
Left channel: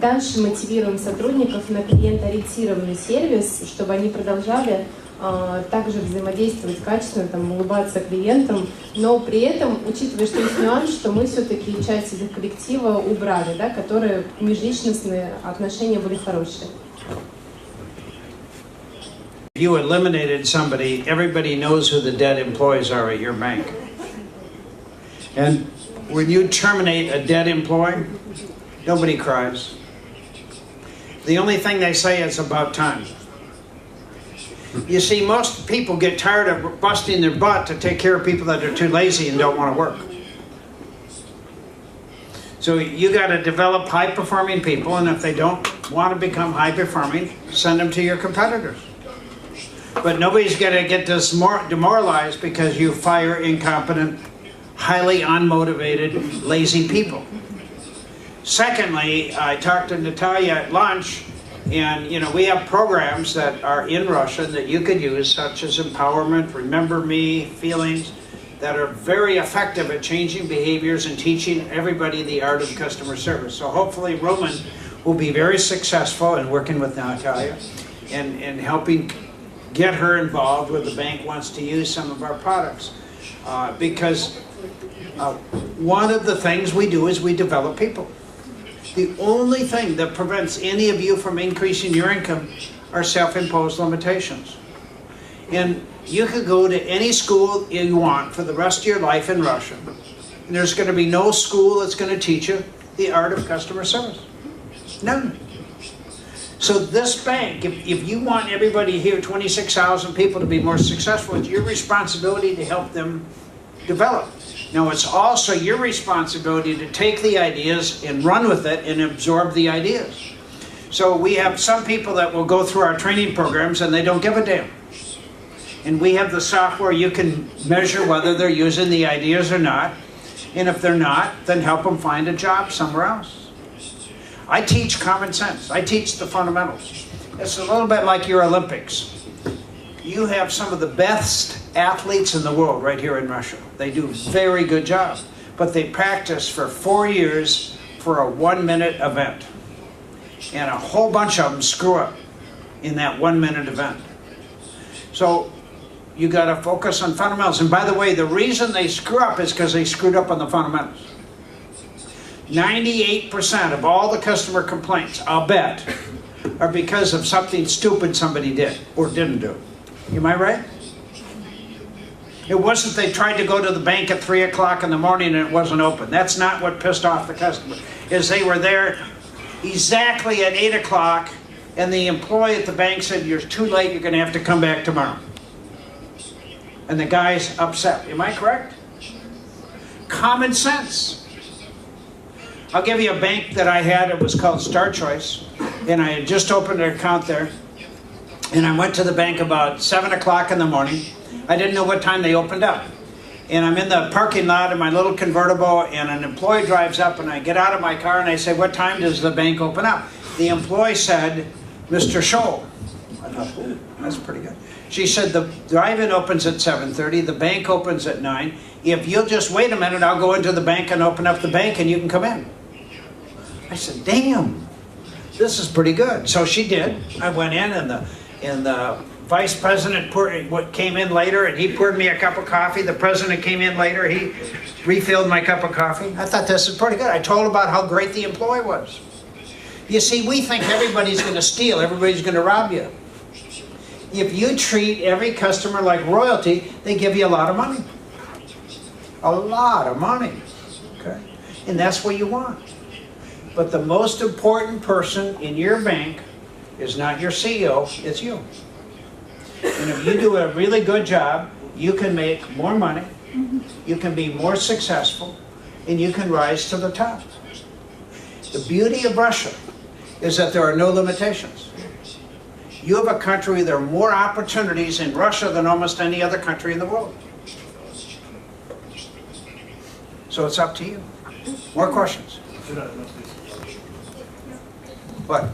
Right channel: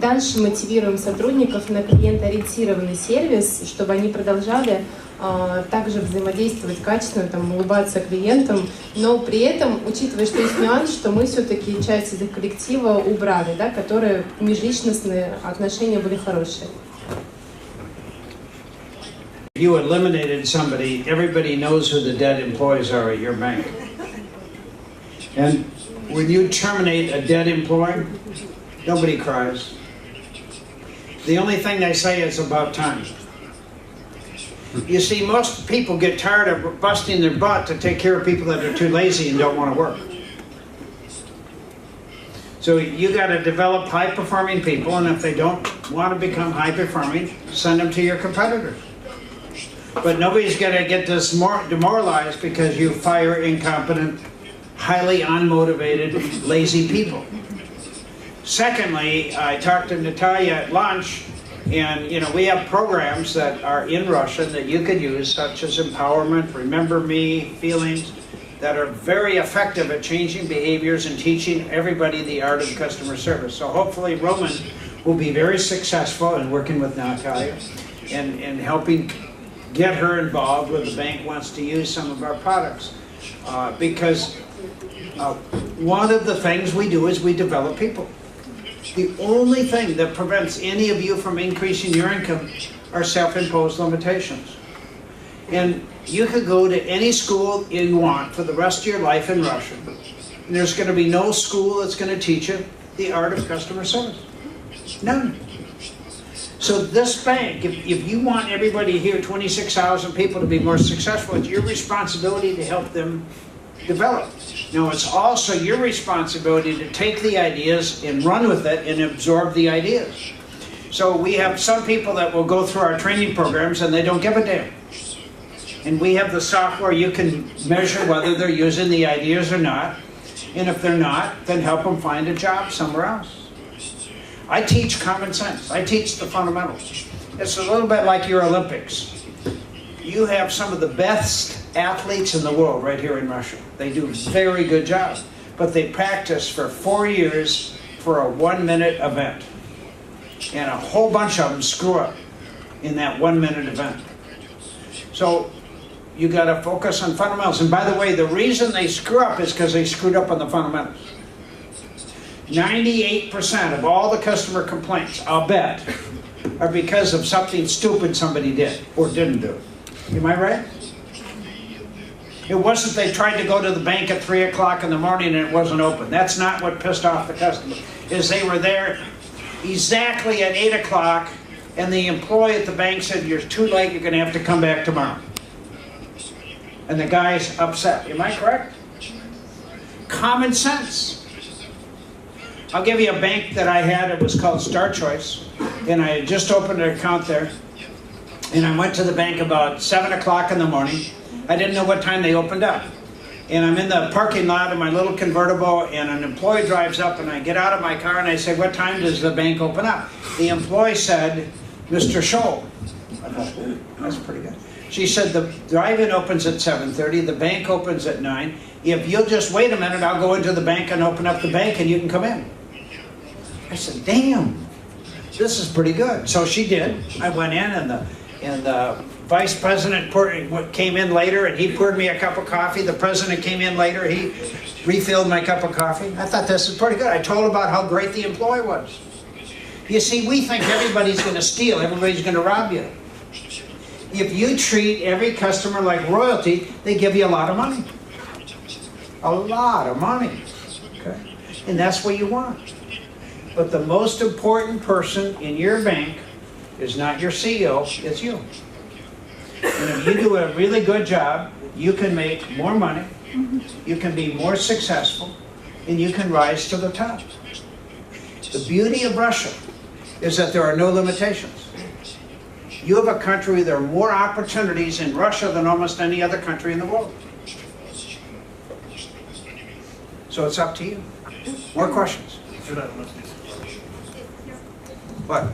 дальше мотивируем сотрудников на клиентоориентированный сервис, чтобы они продолжали также взаимодействовать качественно, улыбаться клиентам, но при этом, учитывая, что есть нюанс, что мы все-таки часть из их коллектива убрали, да, которые межличностные отношения были хорошие. If you eliminated somebody, everybody knows who the dead employees are at your bank. And when you terminate a dead employee, nobody cries. The only thing they say is about time. You see, most people get tired of busting their butt to take care of people that are too lazy and don't want to work. So you got to develop high-performing people, and if they don't want to become high-performing, send them to your competitors. But nobody's going to get demoralized because you fire incompetent, highly unmotivated, lazy people. Secondly, I talked to Natalia at lunch, and we have programs that are in Russia that you could use, such as empowerment, remember me, feelings, that are very effective at changing behaviors and teaching everybody the art of customer service. So hopefully Roman will be very successful in working with Natalia and helping get her involved when the bank wants to use some of our products. Because one of the things we do is we develop people. The only thing that prevents any of you from increasing your income are self-imposed limitations. And you could go to any school you want for the rest of your life in Russia. And there's going to be no school that's going to teach you the art of customer service. None. So this bank, if you want everybody here, 26,000 people, to be more successful, it's your responsibility to help them develop. Now, it's also your responsibility to take the ideas and run with it and absorb the ideas. So we have some people that will go through our training programs and they don't give a damn. And we have the software you can measure whether they're using the ideas or not. And if they're not, then help them find a job somewhere else. I teach common sense. I teach the fundamentals. It's a little bit like your Olympics. You have some of the best athletes in the world right here in Russia. They do a very good job. But they practice for 4 years for a 1-minute event. And a whole bunch of them screw up in that 1-minute event. So you got to focus on fundamentals. And by the way, the reason they screw up is because they screwed up on the fundamentals. 98% of all the customer complaints, I'll bet, are because of something stupid somebody did or didn't do. Am I right? It wasn't they tried to go to the bank at 3 o'clock in the morning and it wasn't open. That's not what pissed off the customer. Is they were there exactly at 8 o'clock and the employee at the bank said, you're too late, you're going to have to come back tomorrow. And the guy's upset. Am I correct? Common sense. I'll give you a bank that I had. It was called Star Choice. And I had just opened an account there. And I went to the bank about 7 o'clock in the morning. I didn't know what time they opened up. And I'm in the parking lot in my little convertible, and an employee drives up, and I get out of my car, and I say, what time does the bank open up? The employee said, Mr. Tschohl. I thought, ooh, that's pretty good. She said, the drive-in opens at 7:30, the bank opens at 9. If you'll just wait a minute, I'll go into the bank and open up the bank, and you can come in. I said, damn, this is pretty good. So she did. I went in, and the vice president came in later, and he poured me a cup of coffee. The president came in later. He refilled my cup of coffee. I thought this is pretty good. I told about how great the employee was. You see, we think everybody's going to steal. Everybody's going to rob you. If you treat every customer like royalty, they give you a lot of money. A lot of money. Okay? And that's what you want. But the most important person in your bank is not your CEO, it's you. And if you do a really good job, you can make more money, you can be more successful, and you can rise to the top. The beauty of Russia is that there are no limitations. You have a country where there are more opportunities in Russia than almost any other country in the world. So it's up to you. More questions? What?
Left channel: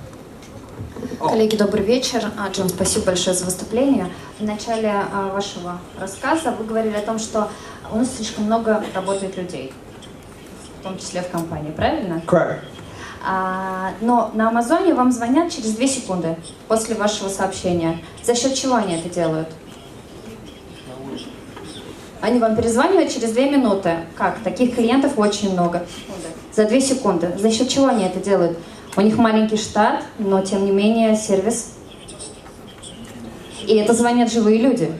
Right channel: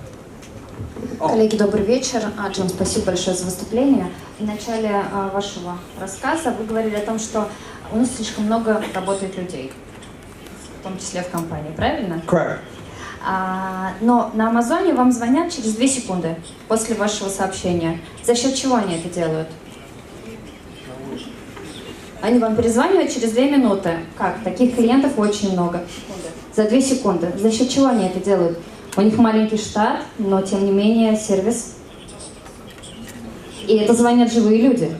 Коллеги, добрый вечер. Джон, спасибо большое за выступление. В начале вашего рассказа вы говорили о том, что у нас слишком много работает людей, в том числе в компании, правильно? Correct. Но на Амазоне вам звонят через 2 секунды после вашего сообщения. За счет чего они это делают? Они вам перезванивают через 2 минуты. Как? Таких клиентов очень много. За 2 секунды. За счет чего они это делают? У них маленький штат, но тем не менее сервис. И это звонят живые люди.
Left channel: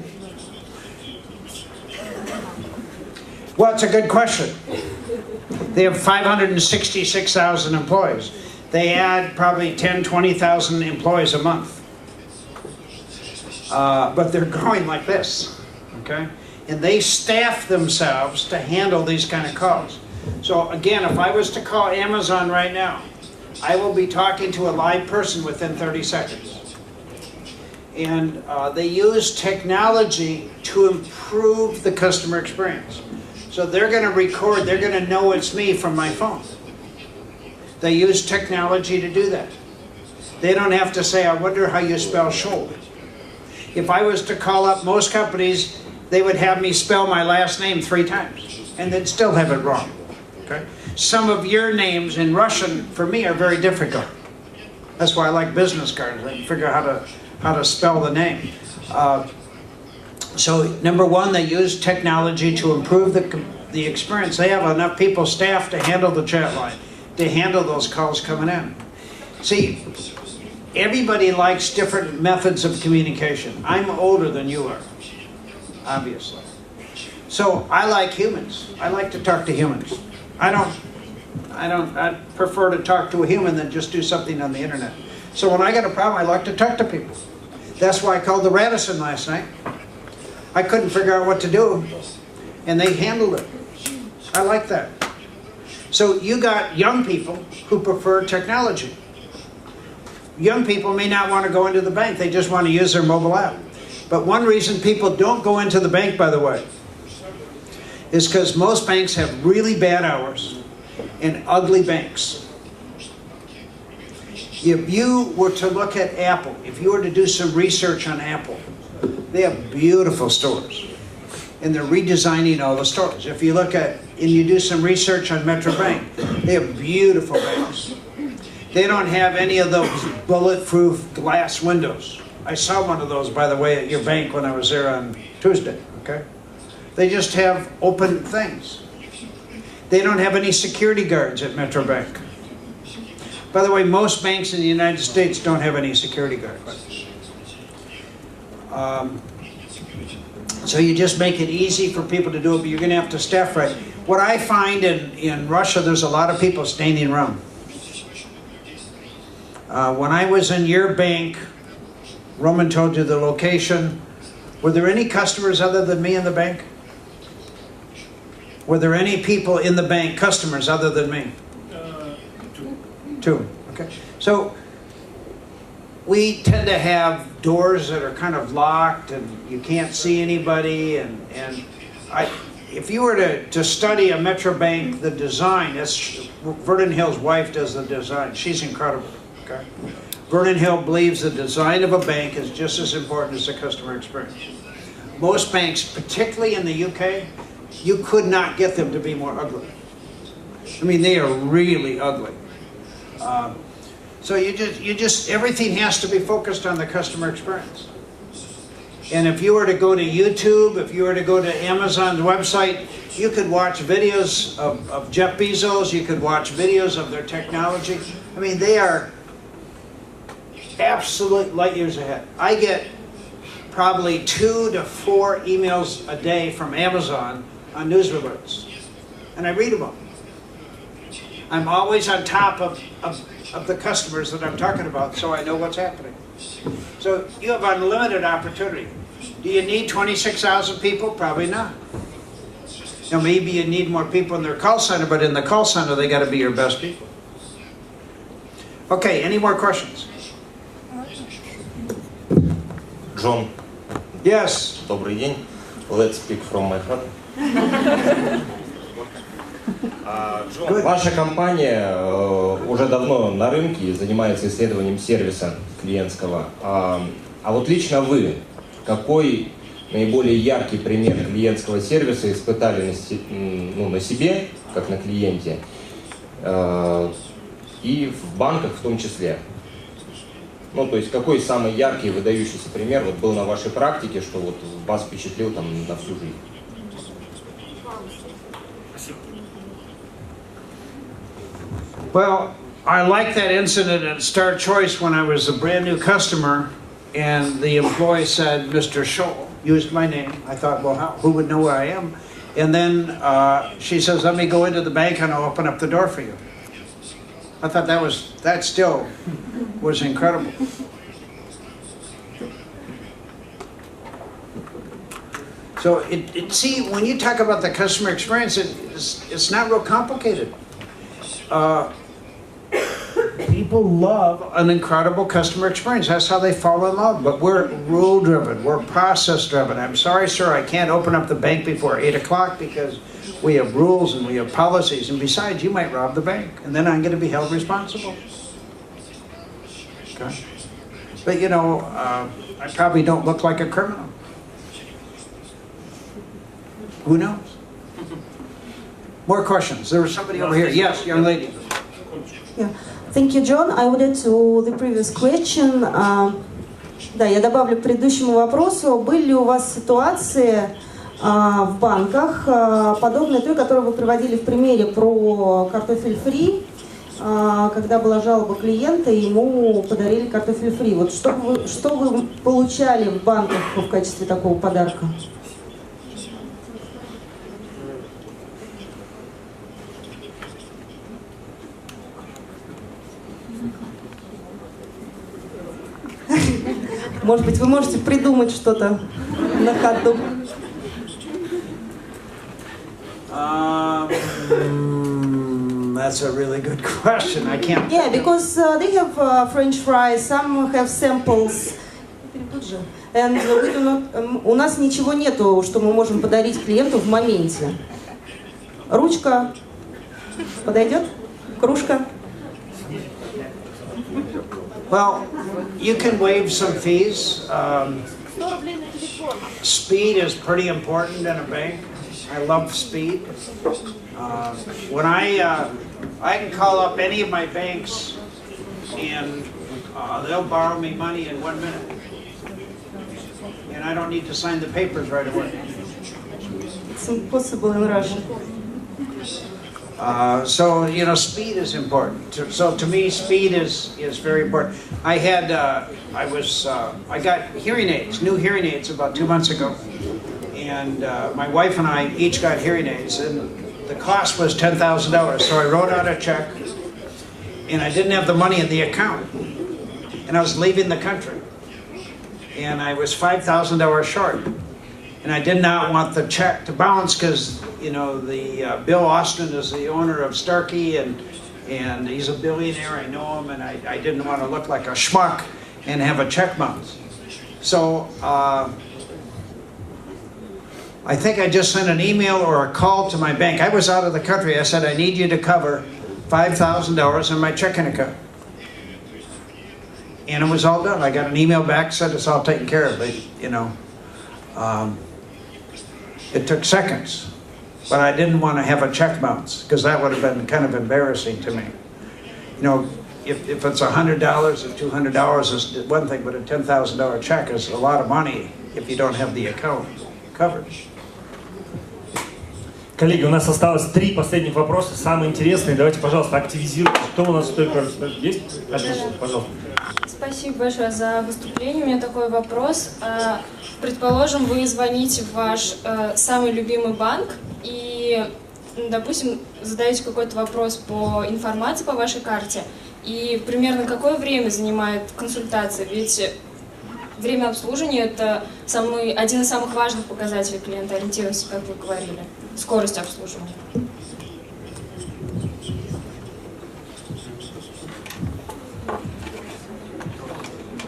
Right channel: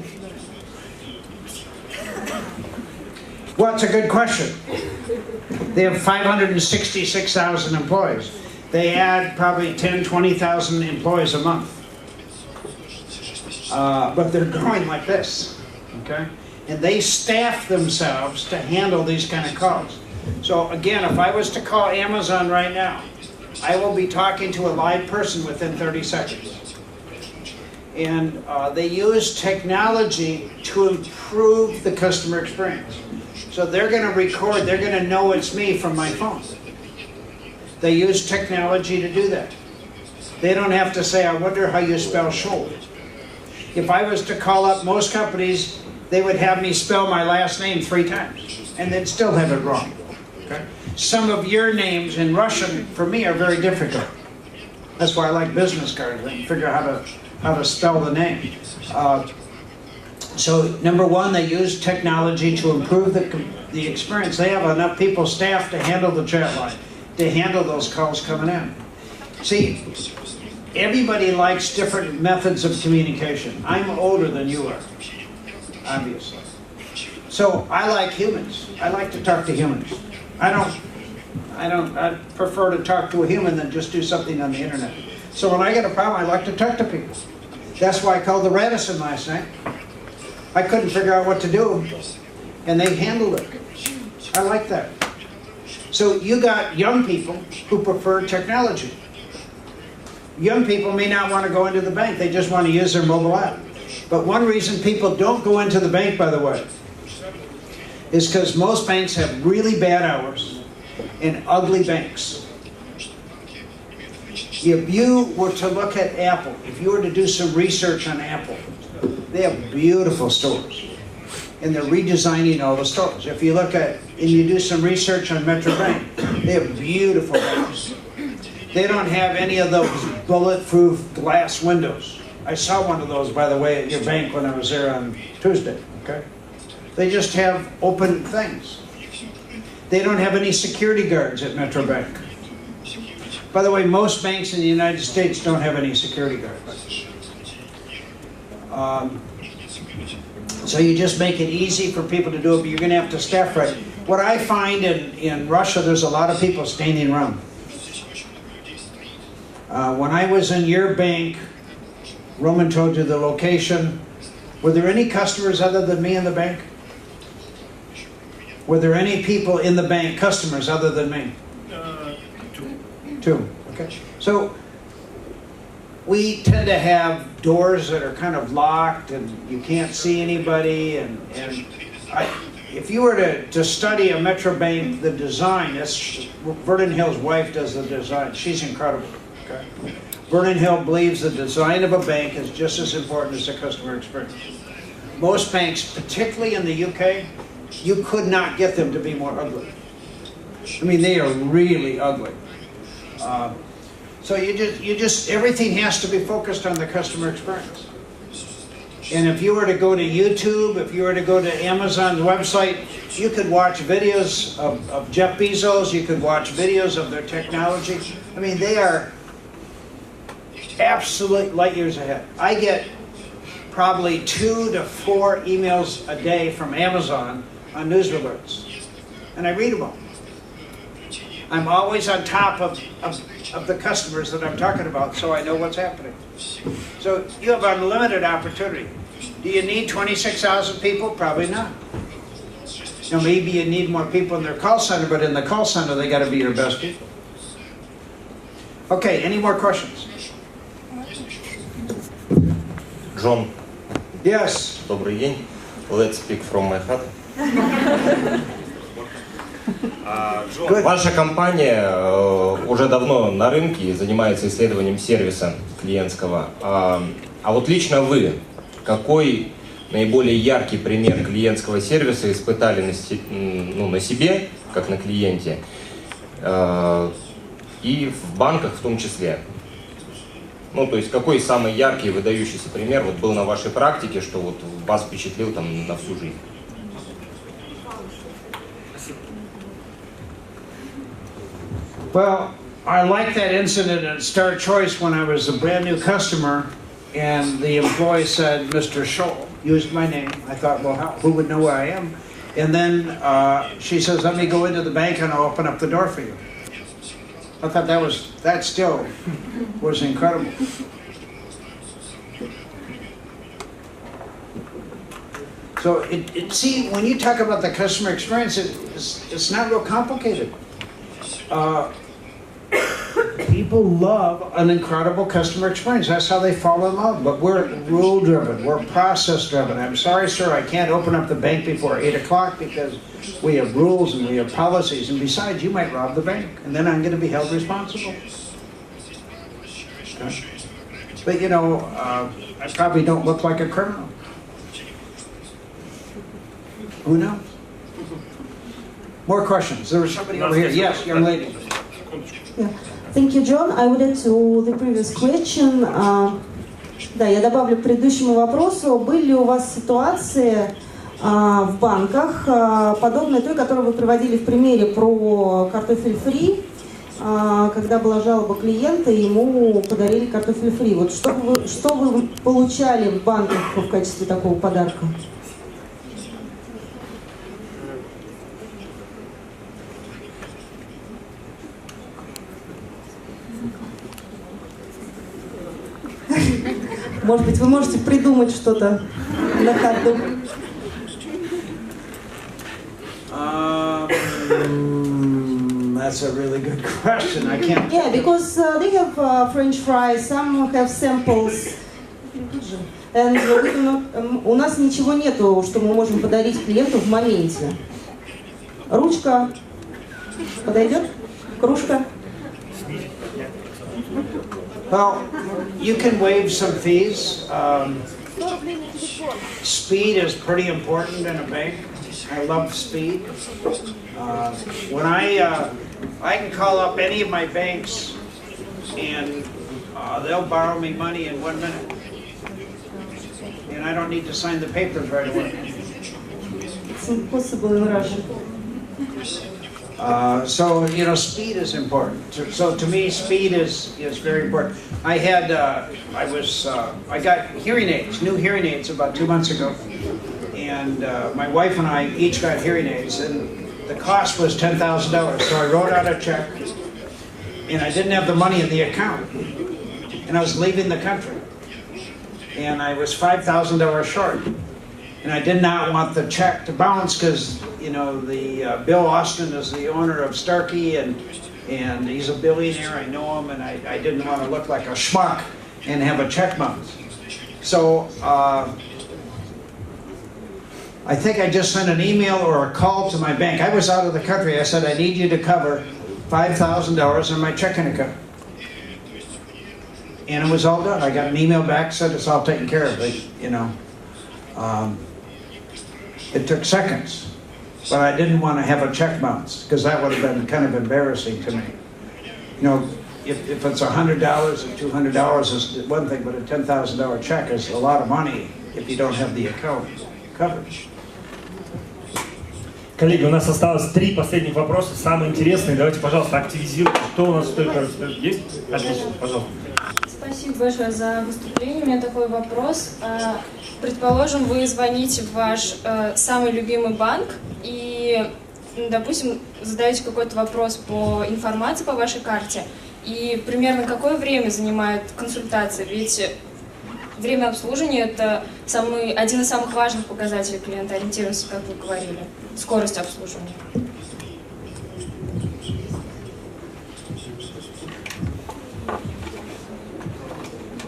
Well, it's a good question. They have 566,000 employees. They add probably 10, 20,000 employees a month. But they're growing like this, okay? And they staff themselves to handle these kind of calls. So again, if I was to call Amazon right now, I will be talking to a live person within 30 seconds. And they use technology to improve the customer experience. So they're going to record, they're going to know it's me from my phone. They use technology to do that. They don't have to say, I wonder how you spell Shoal. If I was to call up most companies, they would have me spell my last name 3 times, and they'd still have it wrong. Okay? Some of your names in Russian, for me, are very difficult. That's why I like business cards. I can figure out how to spell the name. So, number one, they use technology to improve the experience. They have enough people, staff, to handle the chat line, to handle those calls coming in. See, everybody likes different methods of communication. I'm older than you are, obviously. So I like humans. I like to talk to humans. I prefer to talk to a human than just do something on the internet. So when I get a problem, I like to talk to people. That's why I called the Radisson last night. I couldn't figure out what to do, and they handled it. I like that. So you got young people who prefer technology. Young people may not want to go into the bank. They just want to use their mobile app. But one reason people don't go into the bank, by the way, is because most banks have really bad hours and ugly banks. If you were to look at Apple, if you were to do some research on Apple, they have beautiful stores. And they're redesigning all the stores. If you look at, and you do some research on Metro Bank, they have beautiful banks. They don't have any of those bulletproof glass windows. I saw one of those, by the way, at your bank when I was there on Tuesday, okay? They just have open things. They don't have any security guards at Metro Bank. By the way, most banks in the United States don't have any security guards. So you just make it easy for people to do it, but you're going to have to staff right. What I find in Russia, there's a lot of people standing around. When I was in your bank, Roman told you the location. Were there any customers other than me in the bank? Were there any people in the bank, customers other than me? Two. Okay. So we tend to have doors that are kind of locked and you can't see anybody. If you were to study a Metro Bank, the design, Vernon Hill's wife does the design. She's incredible. Okay. Vernon Hill believes the design of a bank is just as important as the customer experience. Most banks, particularly in the UK, you could not get them to be more ugly. I mean, they are really ugly. So everything has to be focused on the customer experience. And if you were to go to YouTube, if you were to go to Amazon's website, you could watch videos of Jeff Bezos, you could watch videos of their technology. I mean, they are absolute light years ahead. I get probably 2 to 4 emails a day from Amazon on news alerts, and I read them all. I'm always on top of the customers that I'm talking about, so I know what's happening. So you have unlimited opportunity. Do you need 26,000 people? Probably not. You know, maybe you need more people in their call center, but in the call center, they got to be your best people. Okay, any more questions? John. Yes. Добрый день. Let's speak from my heart. Ваша компания уже давно на рынке и занимается исследованием сервиса клиентского. А вот лично вы, какой наиболее яркий пример клиентского сервиса испытали на себе, как на клиенте, и в банках в том числе? Ну, то есть, какой самый яркий, выдающийся пример вот был на вашей практике, что вот вас впечатлил там на всю жизнь? Well, I like that incident at Star Choice when I was a brand new customer and the employee said, Mr. Tschohl, used my name. I thought, well, who would know who I am? And then she says, let me go into the bank and I'll open up the door for you. I thought that still was incredible. So see, when you talk about the customer experience, it's not real complicated. You people love an incredible customer experience. That's how they fall in love. But we're rule-driven. We're process-driven. I'm sorry, sir, I can't open up the bank before 8 o'clock because we have rules and we have policies. And besides, you might rob the bank, and then I'm going to be held responsible. Okay. But, you know, I probably don't look like a criminal. Who knows? More questions. There was somebody over here. Yes, young lady. Yeah. Thank you, John. I would add to the previous question. Да, я добавлю к предыдущему вопросу. Были ли у вас ситуации в банках, подобные той, которую вы приводили в примере про картофель фри, когда была жалоба клиента, и ему подарили картофель фри? Вот что вы получали в банках в качестве такого подарка? Может быть, вы можете придумать что-то на ходу? That's a really good question. I can't. Yeah, because they have French fries, some have samples, and we do not. У нас ничего нету, что мы можем подарить клиенту в моменте. Ручка подойдет? Кружка? Well, you can waive some fees. Speed is pretty important in a bank. I love speed. When I can call up any of my banks and they'll borrow me money in 1 minute. And I don't need to sign the papers right away. It's impossible in Russian. So, you know, speed is important. So to me, speed is very important. I got hearing aids, new hearing aids about 2 months ago. And my wife and I each got hearing aids, and the cost was $10,000. So I wrote out a check, and I didn't have the money in the account. And I was leaving the country. And I was $5,000 short. And I did not want the check to bounce because, you know, Bill Austin is the owner of Starkey, and he's a billionaire. I know him, and I didn't want to look like a schmuck and have a check bounce. So I think I just sent an email or a call to my bank. I was out of the country. I said, I need you to cover $5,000 in my checking account. And it was all done. I got an email back, said it's all taken care of. You know. It took seconds, but I didn't want to have a check bounce because that would have been kind of embarrassing to me. You know, if it's $100 or $200 is one thing, but a $10,000 check is a lot of money if you don't have the account covered. Коллеги, у нас осталось 3 последних вопроса, самые интересные. Давайте, пожалуйста, активизируйте. Кто у нас только есть? Отлично, пожалуйста. Спасибо большое за выступление. У меня такой вопрос. Предположим, вы звоните в ваш самый любимый банк и, допустим, задаете какой-то вопрос по информации по вашей карте. И примерно какое время занимает консультация? Ведь время обслуживания – это один из самых важных показателей клиентоориентированности, как вы говорили. Скорость обслуживания.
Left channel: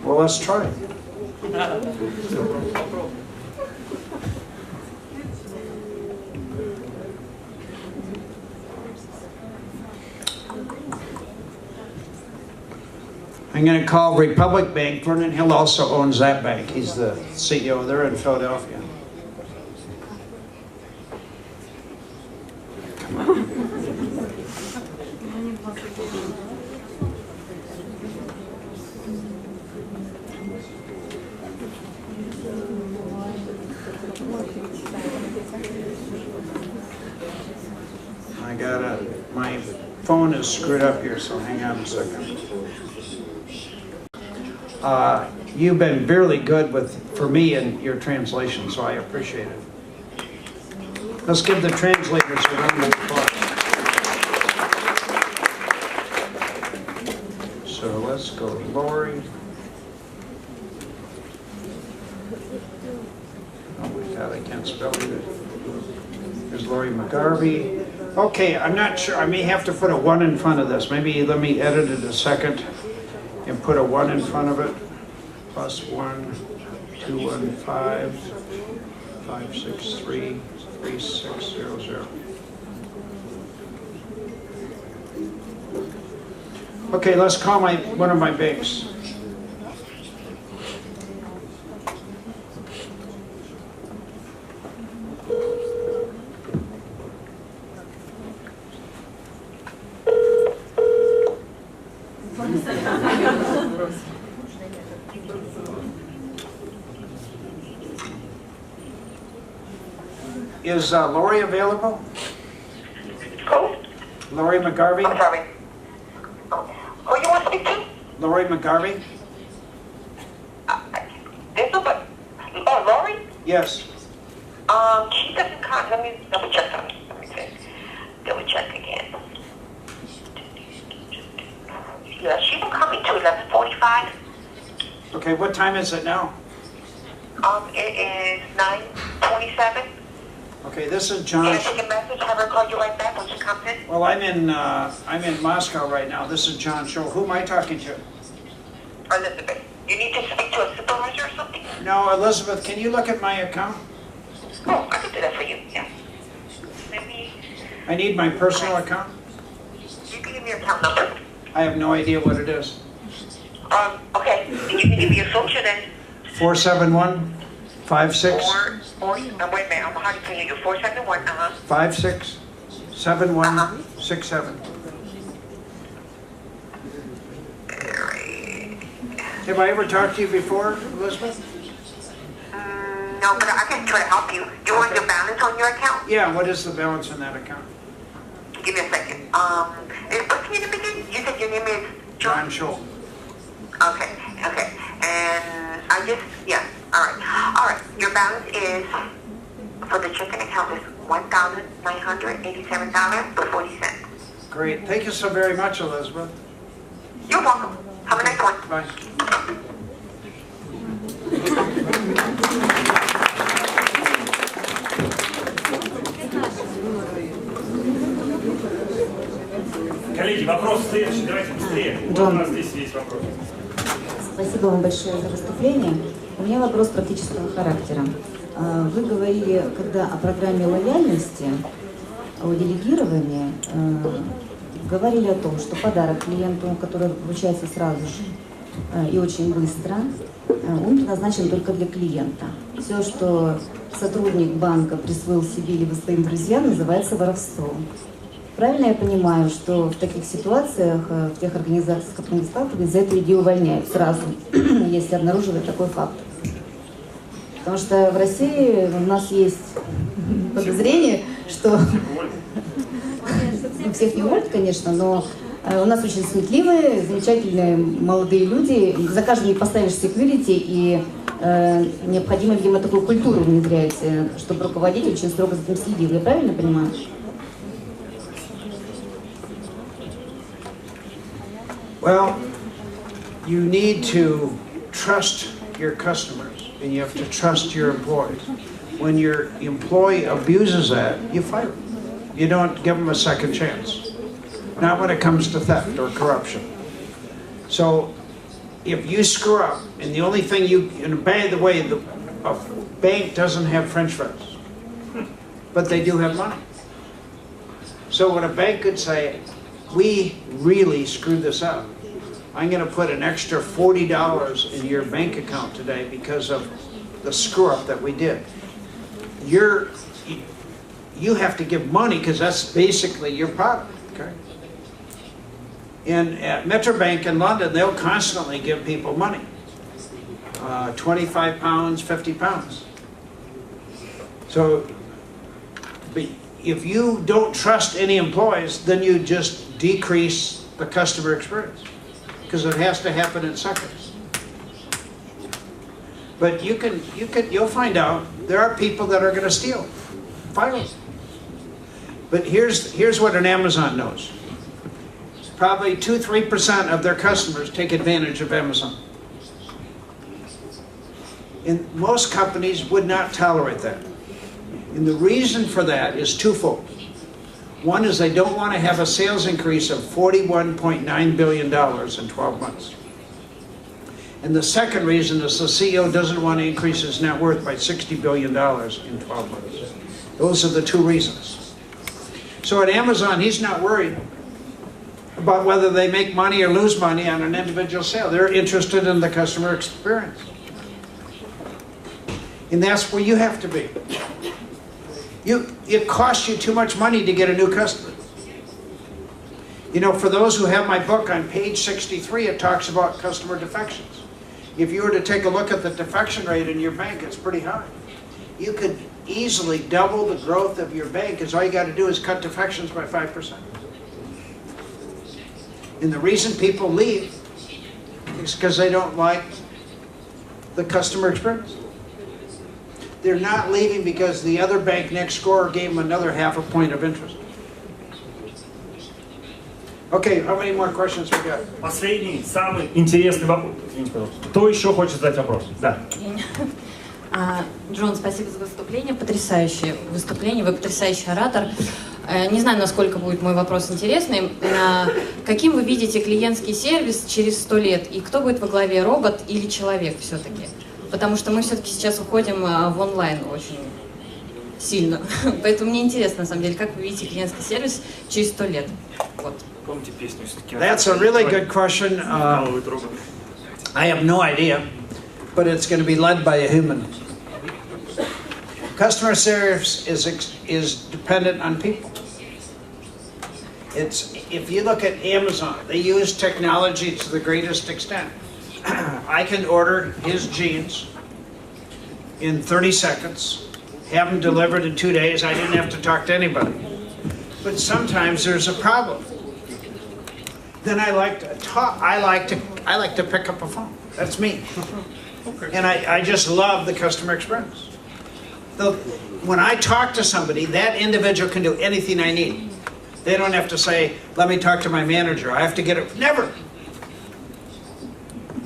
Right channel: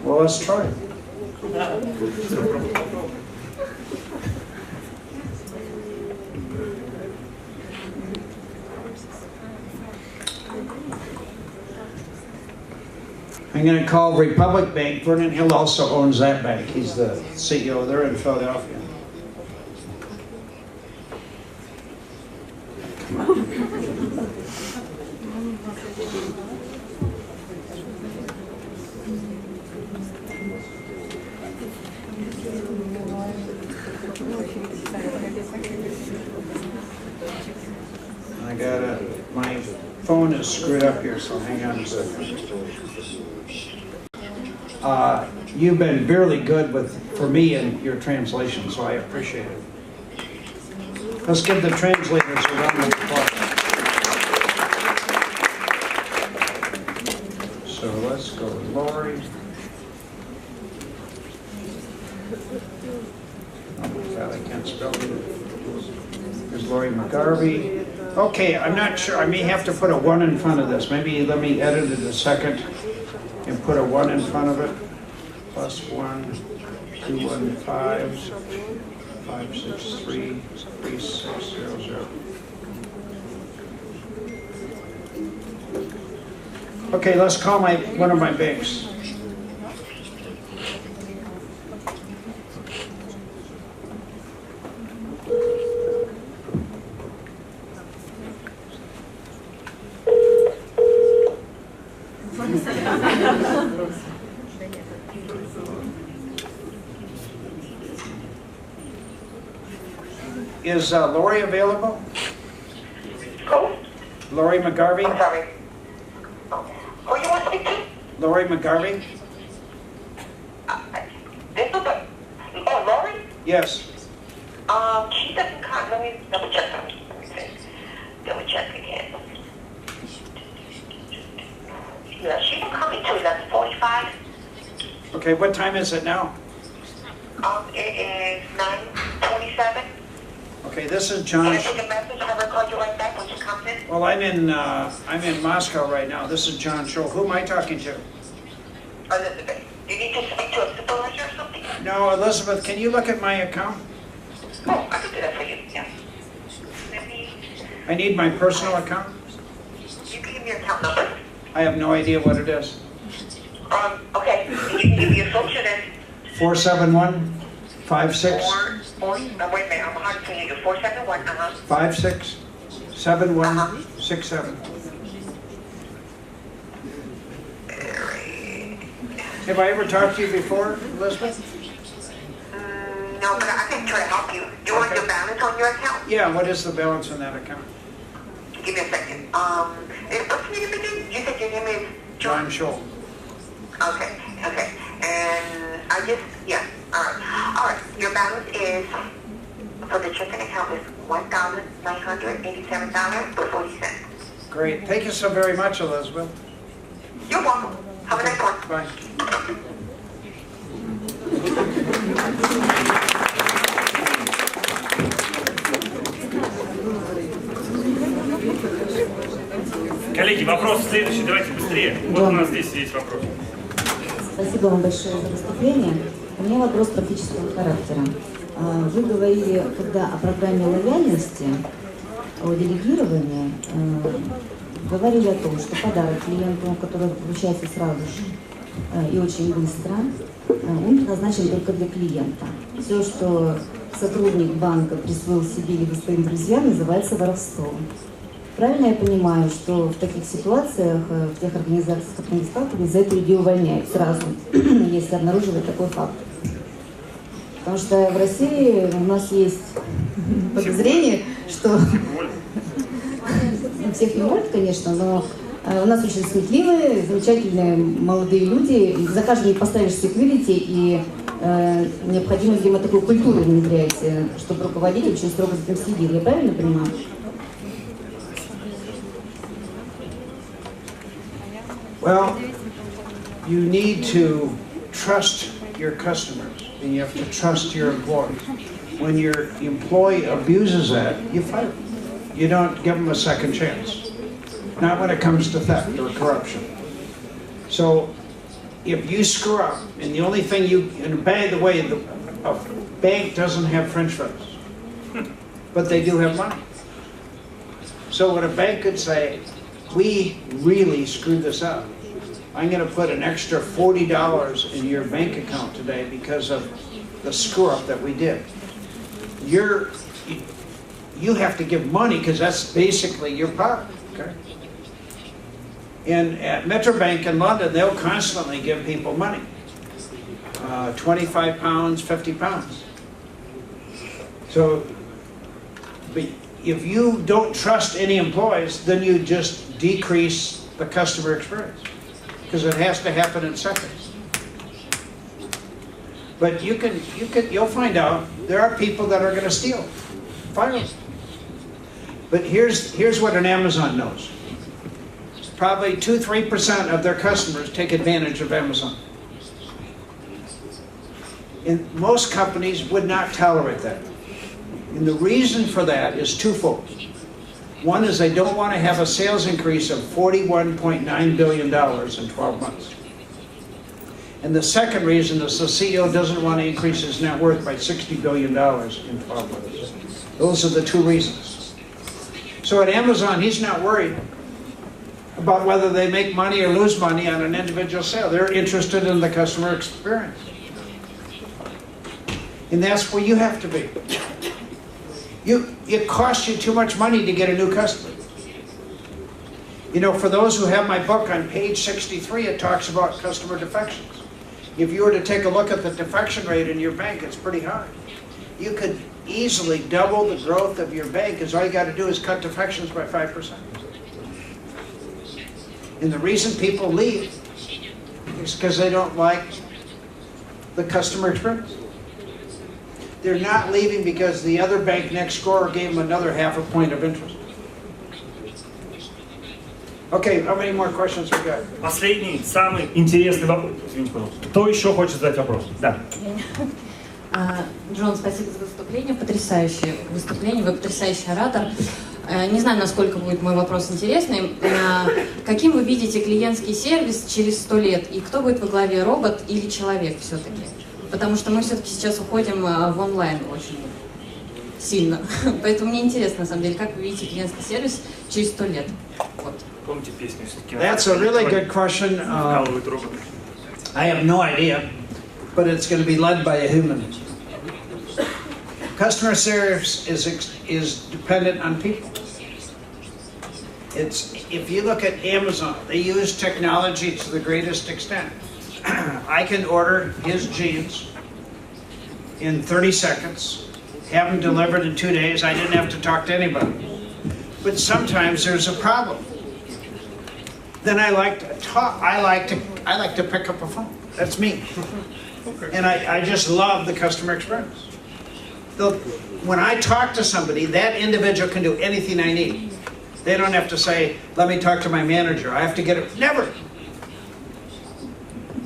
Well, let's try. I'm going to call Republic Bank. Vernon Hill also owns that bank. He's the CEO. They're in Philadelphia. My phone is screwed up here, so hang on a second. You've been really good for me in your translation, so I appreciate it. Let's give the translators a round of applause. So let's go to Lori. Oh God, I can't spell it. There's Lori McGarvey. Okay, I'm not sure. I may have to put a 1 in front of this. Maybe let me edit it a second. put a 1 in front of it. Plus 1, 215, 563, 3600. Okay, let's call one of my banks. Is Lori available? Who? Lori McGarvey? I'm sorry. Who you want to speak to? Lori McGarvey? This number? Oh, Lori? Yes. She doesn't come. Let me double check something. Let me see. Double check again. Yeah, she will come into 11:45. Okay, what time is it now? It is 9:27. Okay, this is Can I John. take a message? Have her call you right back when she comes in? Well, I'm in Moscow right now. This is John Tschohl. Who am I talking to? Elizabeth. You need to speak to a supervisor or something? No, Elizabeth, can you look at my account? Oh, I can do that for you. Yeah. I need my personal account. You can give me your account number. I have no idea what it is. Okay. You can give me your social then. 471-56. Wait a minute. I'm behind you. 471. 567167. Have I ever talked to you before, Elizabeth? No, but I can try to help you. You want your balance on your account? Yeah, what is the balance on that account? Give me a second. What's your name again? You said your name is John Tschohl. Okay. And all right. Your balance is, for the checking account, is $1,987.40. Great. Thank you so very much, Elizabeth. You're welcome. Have a nice one. Bye. Коллеги, вопрос следующий, давайте быстрее. Вот у нас здесь есть вопрос. Спасибо вам большое за выступление. У меня вопрос практического характера. Вы говорили, когда о программе лояльности, о делегировании, говорили о том, что подарок клиенту, который получается сразу же и очень быстро, он предназначен только для клиента. Все, что сотрудник банка присвоил себе либо своим друзьям, называется воровством. Правильно я понимаю, что в таких ситуациях, в тех организациях, с которыми сталкивались, за это людей увольняют сразу, если обнаруживают такой факт? Потому что в России у нас есть подозрение, что... Всех не уволят, конечно, но у нас очень сметливые, замечательные молодые люди. За каждым не поставишь секьюрити, и необходимо, видимо, такую культуру внедрять, чтобы руководитель очень строго за этим следил. Я правильно понимаю? Well, you need to trust your customers, and you have to trust your employees. When your employee abuses that, you fire them. You don't give them a second chance. Not when it comes to theft or corruption. So, if you screw up, and the only thing and by the way, a bank doesn't have French fries, but they do have money. So what a bank could say, we really screwed this up. I'm going to put an extra $40 in your bank account today because of the screw up that we did. You have to give money because that's basically your product. Okay? And at Metrobank in London, they'll constantly give people money. 25 pounds, 50 pounds. So if you don't trust any employees, then you just decrease the customer experience because it has to happen in seconds. But you'll find out there are people that are going to steal. Fire them. But here's what an Amazon knows. Probably 2-3% of their customers take advantage of Amazon. And most companies would not tolerate that. And the reason for that is twofold. One is they don't want to have a sales increase of $41.9 billion in 12 months. And the second reason is the CEO doesn't want to increase his net worth by $60 billion in 12 months. Those are the two reasons. So at Amazon, he's not worried about whether they make money or lose money on an individual sale. They're interested in the customer experience. And that's where you have to be. It costs you too much money to get a new customer. You know, for those who have my book, on page 63, it talks about customer defections. If you were to take a look at the defection rate in your bank, it's pretty high. You could easily double the growth of your bank, because all you got to do is cut defections by 5%. And the reason people leave is because they don't like the customer experience. They're not leaving because the other bank next door gave them another ½ point of interest. Okay, how many more questions we got? Последний, самый интересный вопрос. Извините, пожалуйста. Кто еще хочет задать вопрос? Да. Джон, спасибо за выступление, потрясающее выступление, вы потрясающий оратор. Не знаю, насколько будет мой вопрос интересный. Каким вы видите клиентский сервис через 100 лет? И кто будет во главе, робот или человек все-таки? Потому что мы все-таки сейчас уходим в онлайн очень сильно. Поэтому мне интересно, на самом деле, как вы видите клиентский сервис через 100 лет? Вот. Помните песню все-таки? That's a really good question. I have no idea, but it's going to be led by a human. Customer service is dependent on people. If you look at Amazon, they use technology to the greatest extent. I can order his jeans in 30 seconds, have them delivered in 2 days. I didn't have to talk to anybody. But sometimes there's a problem. Then I like to talk. I like to pick up a phone. That's me. And I just love the customer experience. When I talk to somebody, that individual can do anything I need. They don't have to say, let me talk to my manager. I have to get it. Never.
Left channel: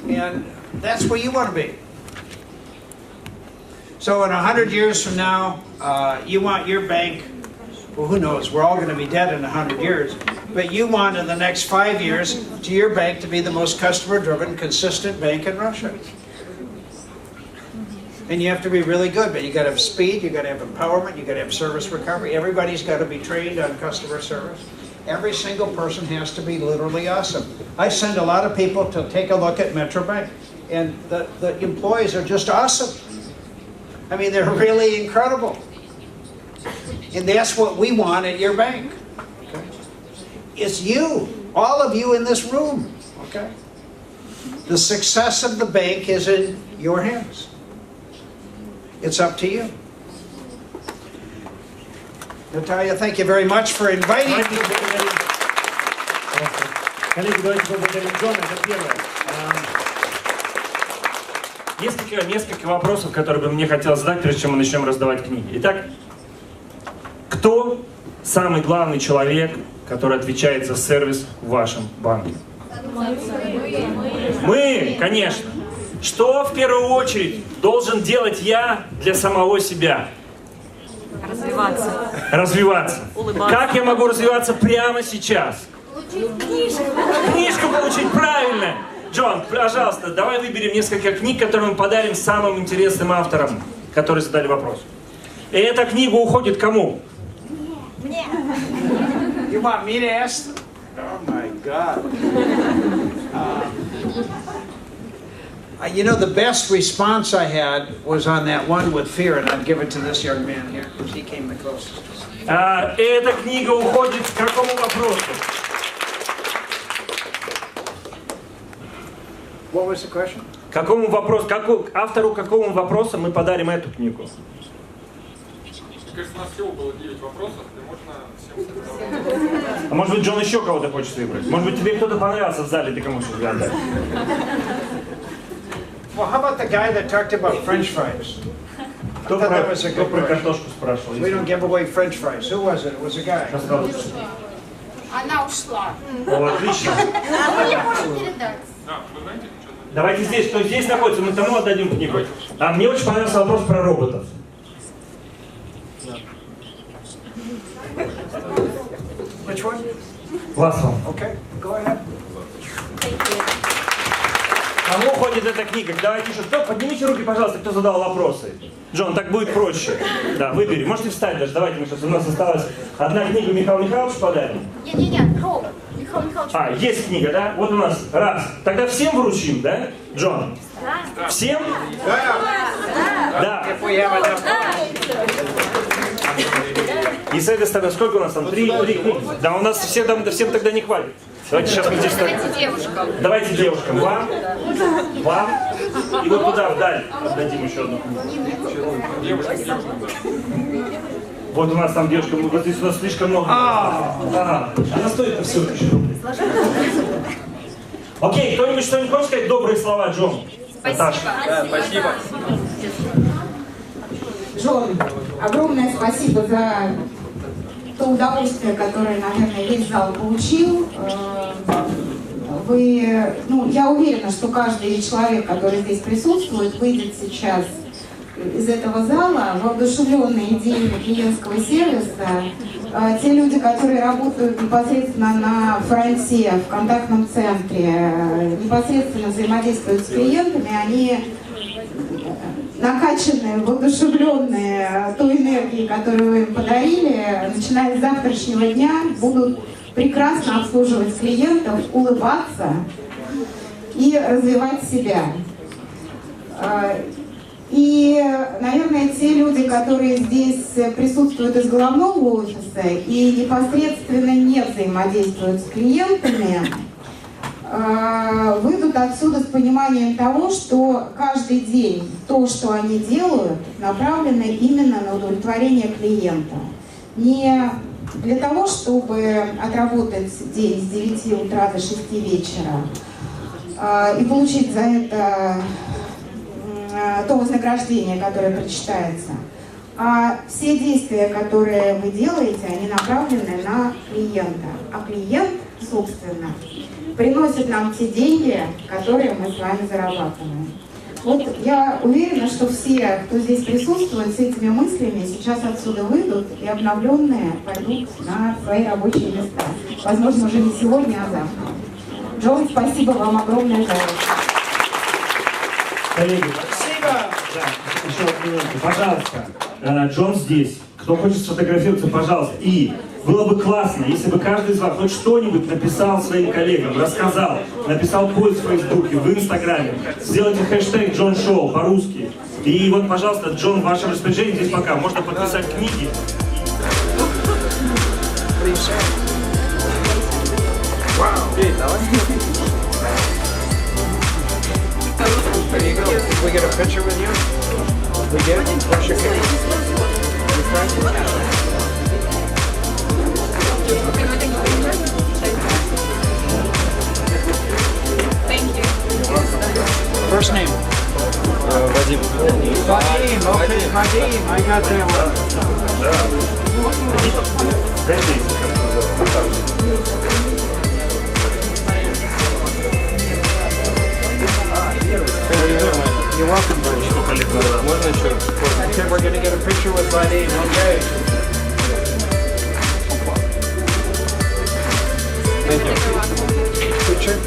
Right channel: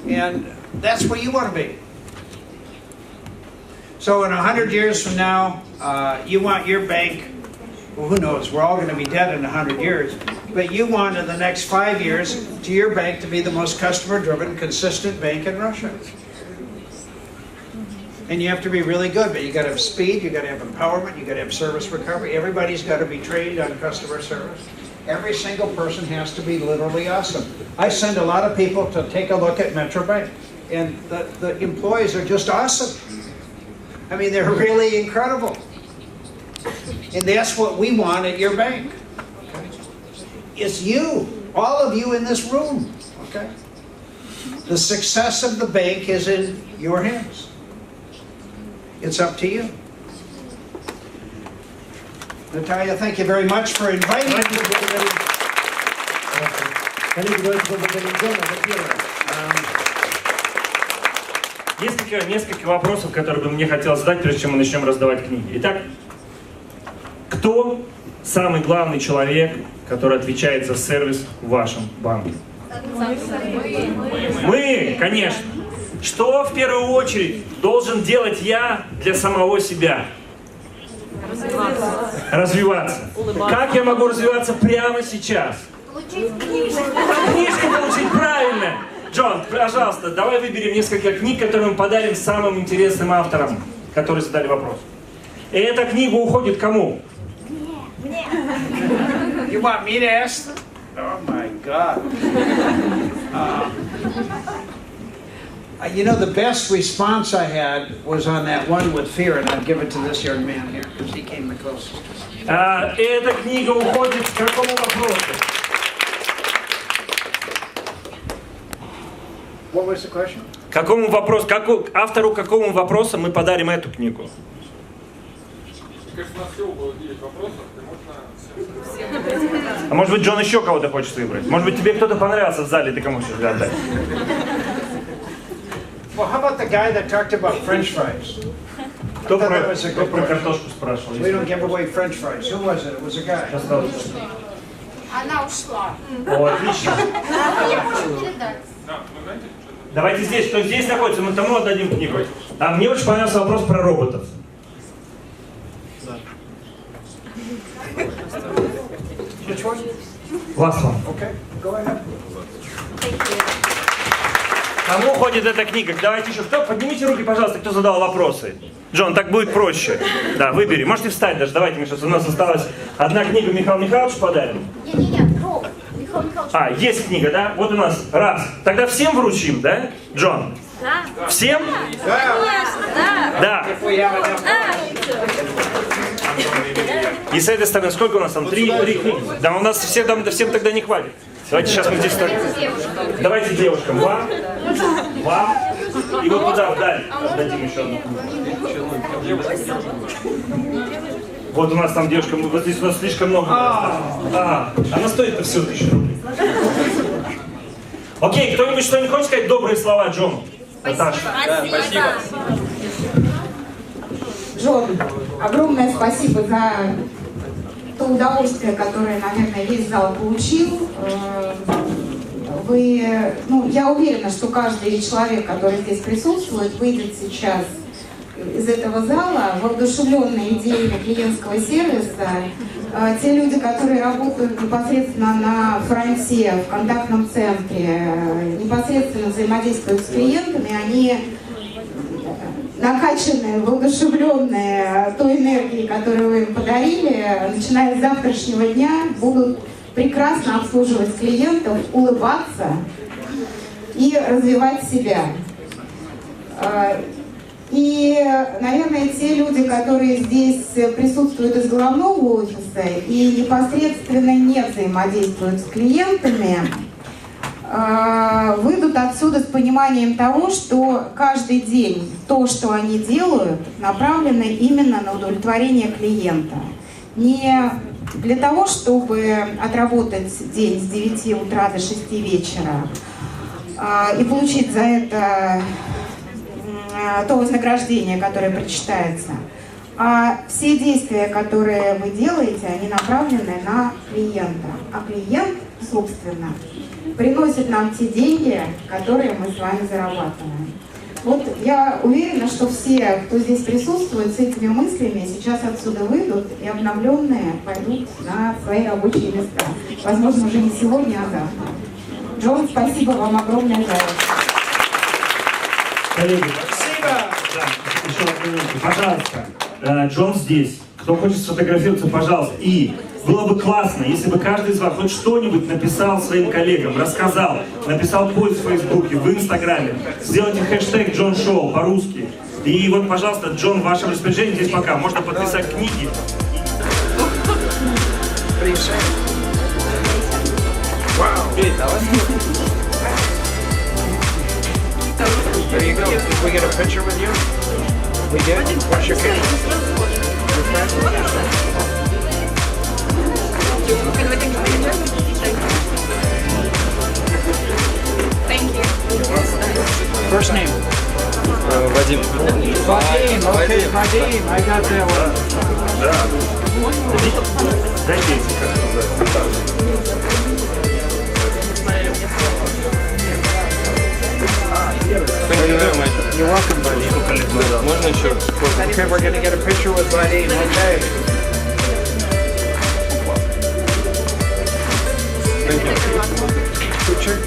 And that's where you want to be. So in 100 years from now, you want your bank, well, who knows, we're all going to be dead in 100 years, but you want in the next 5 years to your bank to be the most customer-driven, consistent bank in Russia. And you have to be really good, but you got to have speed, you got to have empowerment, you got to have service recovery. Everybody's got to be trained on customer service. Every single person has to be literally awesome. I send a lot of people to take a look at Metro Bank, and the employees are just awesome. I mean, they're really incredible. And that's what we want at your bank. Okay? It's you, all of you in this room. Okay? The success of the bank is in your hands. It's up to you. Natalia, thank you very much for inviting me. Несколько вопросов, которые бы мне хотелось задать, прежде чем мы начнем раздавать книги. Итак, кто самый главный человек, который отвечает за сервис в вашем банке? Мы, конечно. Что в первую очередь должен делать я для самого себя? Развиваться. Как я могу развиваться прямо сейчас? Книжку получить, правильно. Джон, пожалуйста, давай выберем несколько книг, которые мы подарим самым интересным авторам, которые задали вопрос. И эта книга уходит кому? Мне. You want me to ask? Oh my God. You know, the best response I had was on that one with fear, and I'd give it to this young man here, because he came the closest. Эта книга уходит к какому вопросу? What was the question? Какому вопросу, автору какому вопросу мы подарим эту книгу? А может быть, Джон еще кого-то хочет выбрать? Может быть, тебе кто-то понравился в зале, ты кому хочешь отдать? Well, how about the guy that talked about French fries? Кто про картошку спрашивал? We don't give away French fries. Who was it? It was a guy. Она ушла. О, отлично. Мы не можем передать. Давайте здесь, кто здесь находится, мы тому отдадим книгу. А мне очень понравился вопрос про роботов. Which one? Last one. Okay, go ahead. Thank you. Кому уходит эта книга? Давайте еще. Кто? Поднимите руки, пожалуйста, кто задал вопросы. Джон, так будет проще. Да, выбери. Можете встать даже. Давайте, Миша, у нас осталась одна книга, Михаил Михайлович подарим. Нет, А, есть книга, да? Вот у нас. Раз. Тогда всем вручим, да? Джон? Да. Всем? Да. И с этой стороны, сколько у нас там? Три книги. Да, у нас всем тогда не хватит. Давайте сейчас мы здесь так. Давайте девушкам. Вам. И вот туда, вдаль. Отдадим еще одну книгу. Вот у нас там девушка, вот здесь у нас слишком много. Она стоит-то всего 1000 рублей. Окей, кто-нибудь что-нибудь хочет сказать? Добрые слова, Джон. Наташа. Спасибо. Джон, огромное спасибо за то удовольствие, которое, наверное, весь зал получил. Я уверена, что каждый человек, который здесь присутствует, выйдет сейчас из этого зала воодушевленные идеями клиентского сервиса. Те люди, которые работают непосредственно на фронте, в контактном центре, непосредственно взаимодействуют с клиентами, они накачанные, воодушевленные той энергией, которую вы им подарили, начиная с завтрашнего дня будут прекрасно обслуживать клиентов, улыбаться и развивать себя. И, наверное, те люди, которые здесь присутствуют из головного офиса и непосредственно не взаимодействуют с клиентами, выйдут отсюда с пониманием того, что каждый день то, что они делают, направлено именно на удовлетворение клиента. Не для того, чтобы отработать день с 9 утра до 6 вечера и получить за это то вознаграждение, которое причитается, а все действия, которые вы делаете, они направлены на клиента. А клиент, собственно, приносит нам те деньги, которые мы с вами зарабатываем. Вот я уверена, что все, кто здесь присутствует, с этими мыслями сейчас отсюда выйдут и обновленные пойдут на свои рабочие места. Возможно, уже не сегодня, а завтра. Джон, спасибо вам огромное за это. Коллеги, спасибо. Да, еще одну минуту, пожалуйста. Джон здесь. Кто хочет сфотографироваться, пожалуйста. И было бы классно, если бы каждый из вас хоть что-нибудь написал своим коллегам, рассказал, написал пост в Фейсбуке, в Инстаграме. Сделайте хэштег Джон Шоу по-русски. И вот, пожалуйста, Джон, в вашем распоряжении здесь пока. Можно подписать книги. There you go. Did we get a picture with you? We did? What's your case? Your friend? Can we take a picture? Thank you. You're welcome. First name? Вадим. Vadim. Okay, Vadim. I got that one. You're welcome, buddy. Можно еще? Okay, we're gonna get a picture with Vadim. Okay. Thank you. Picture.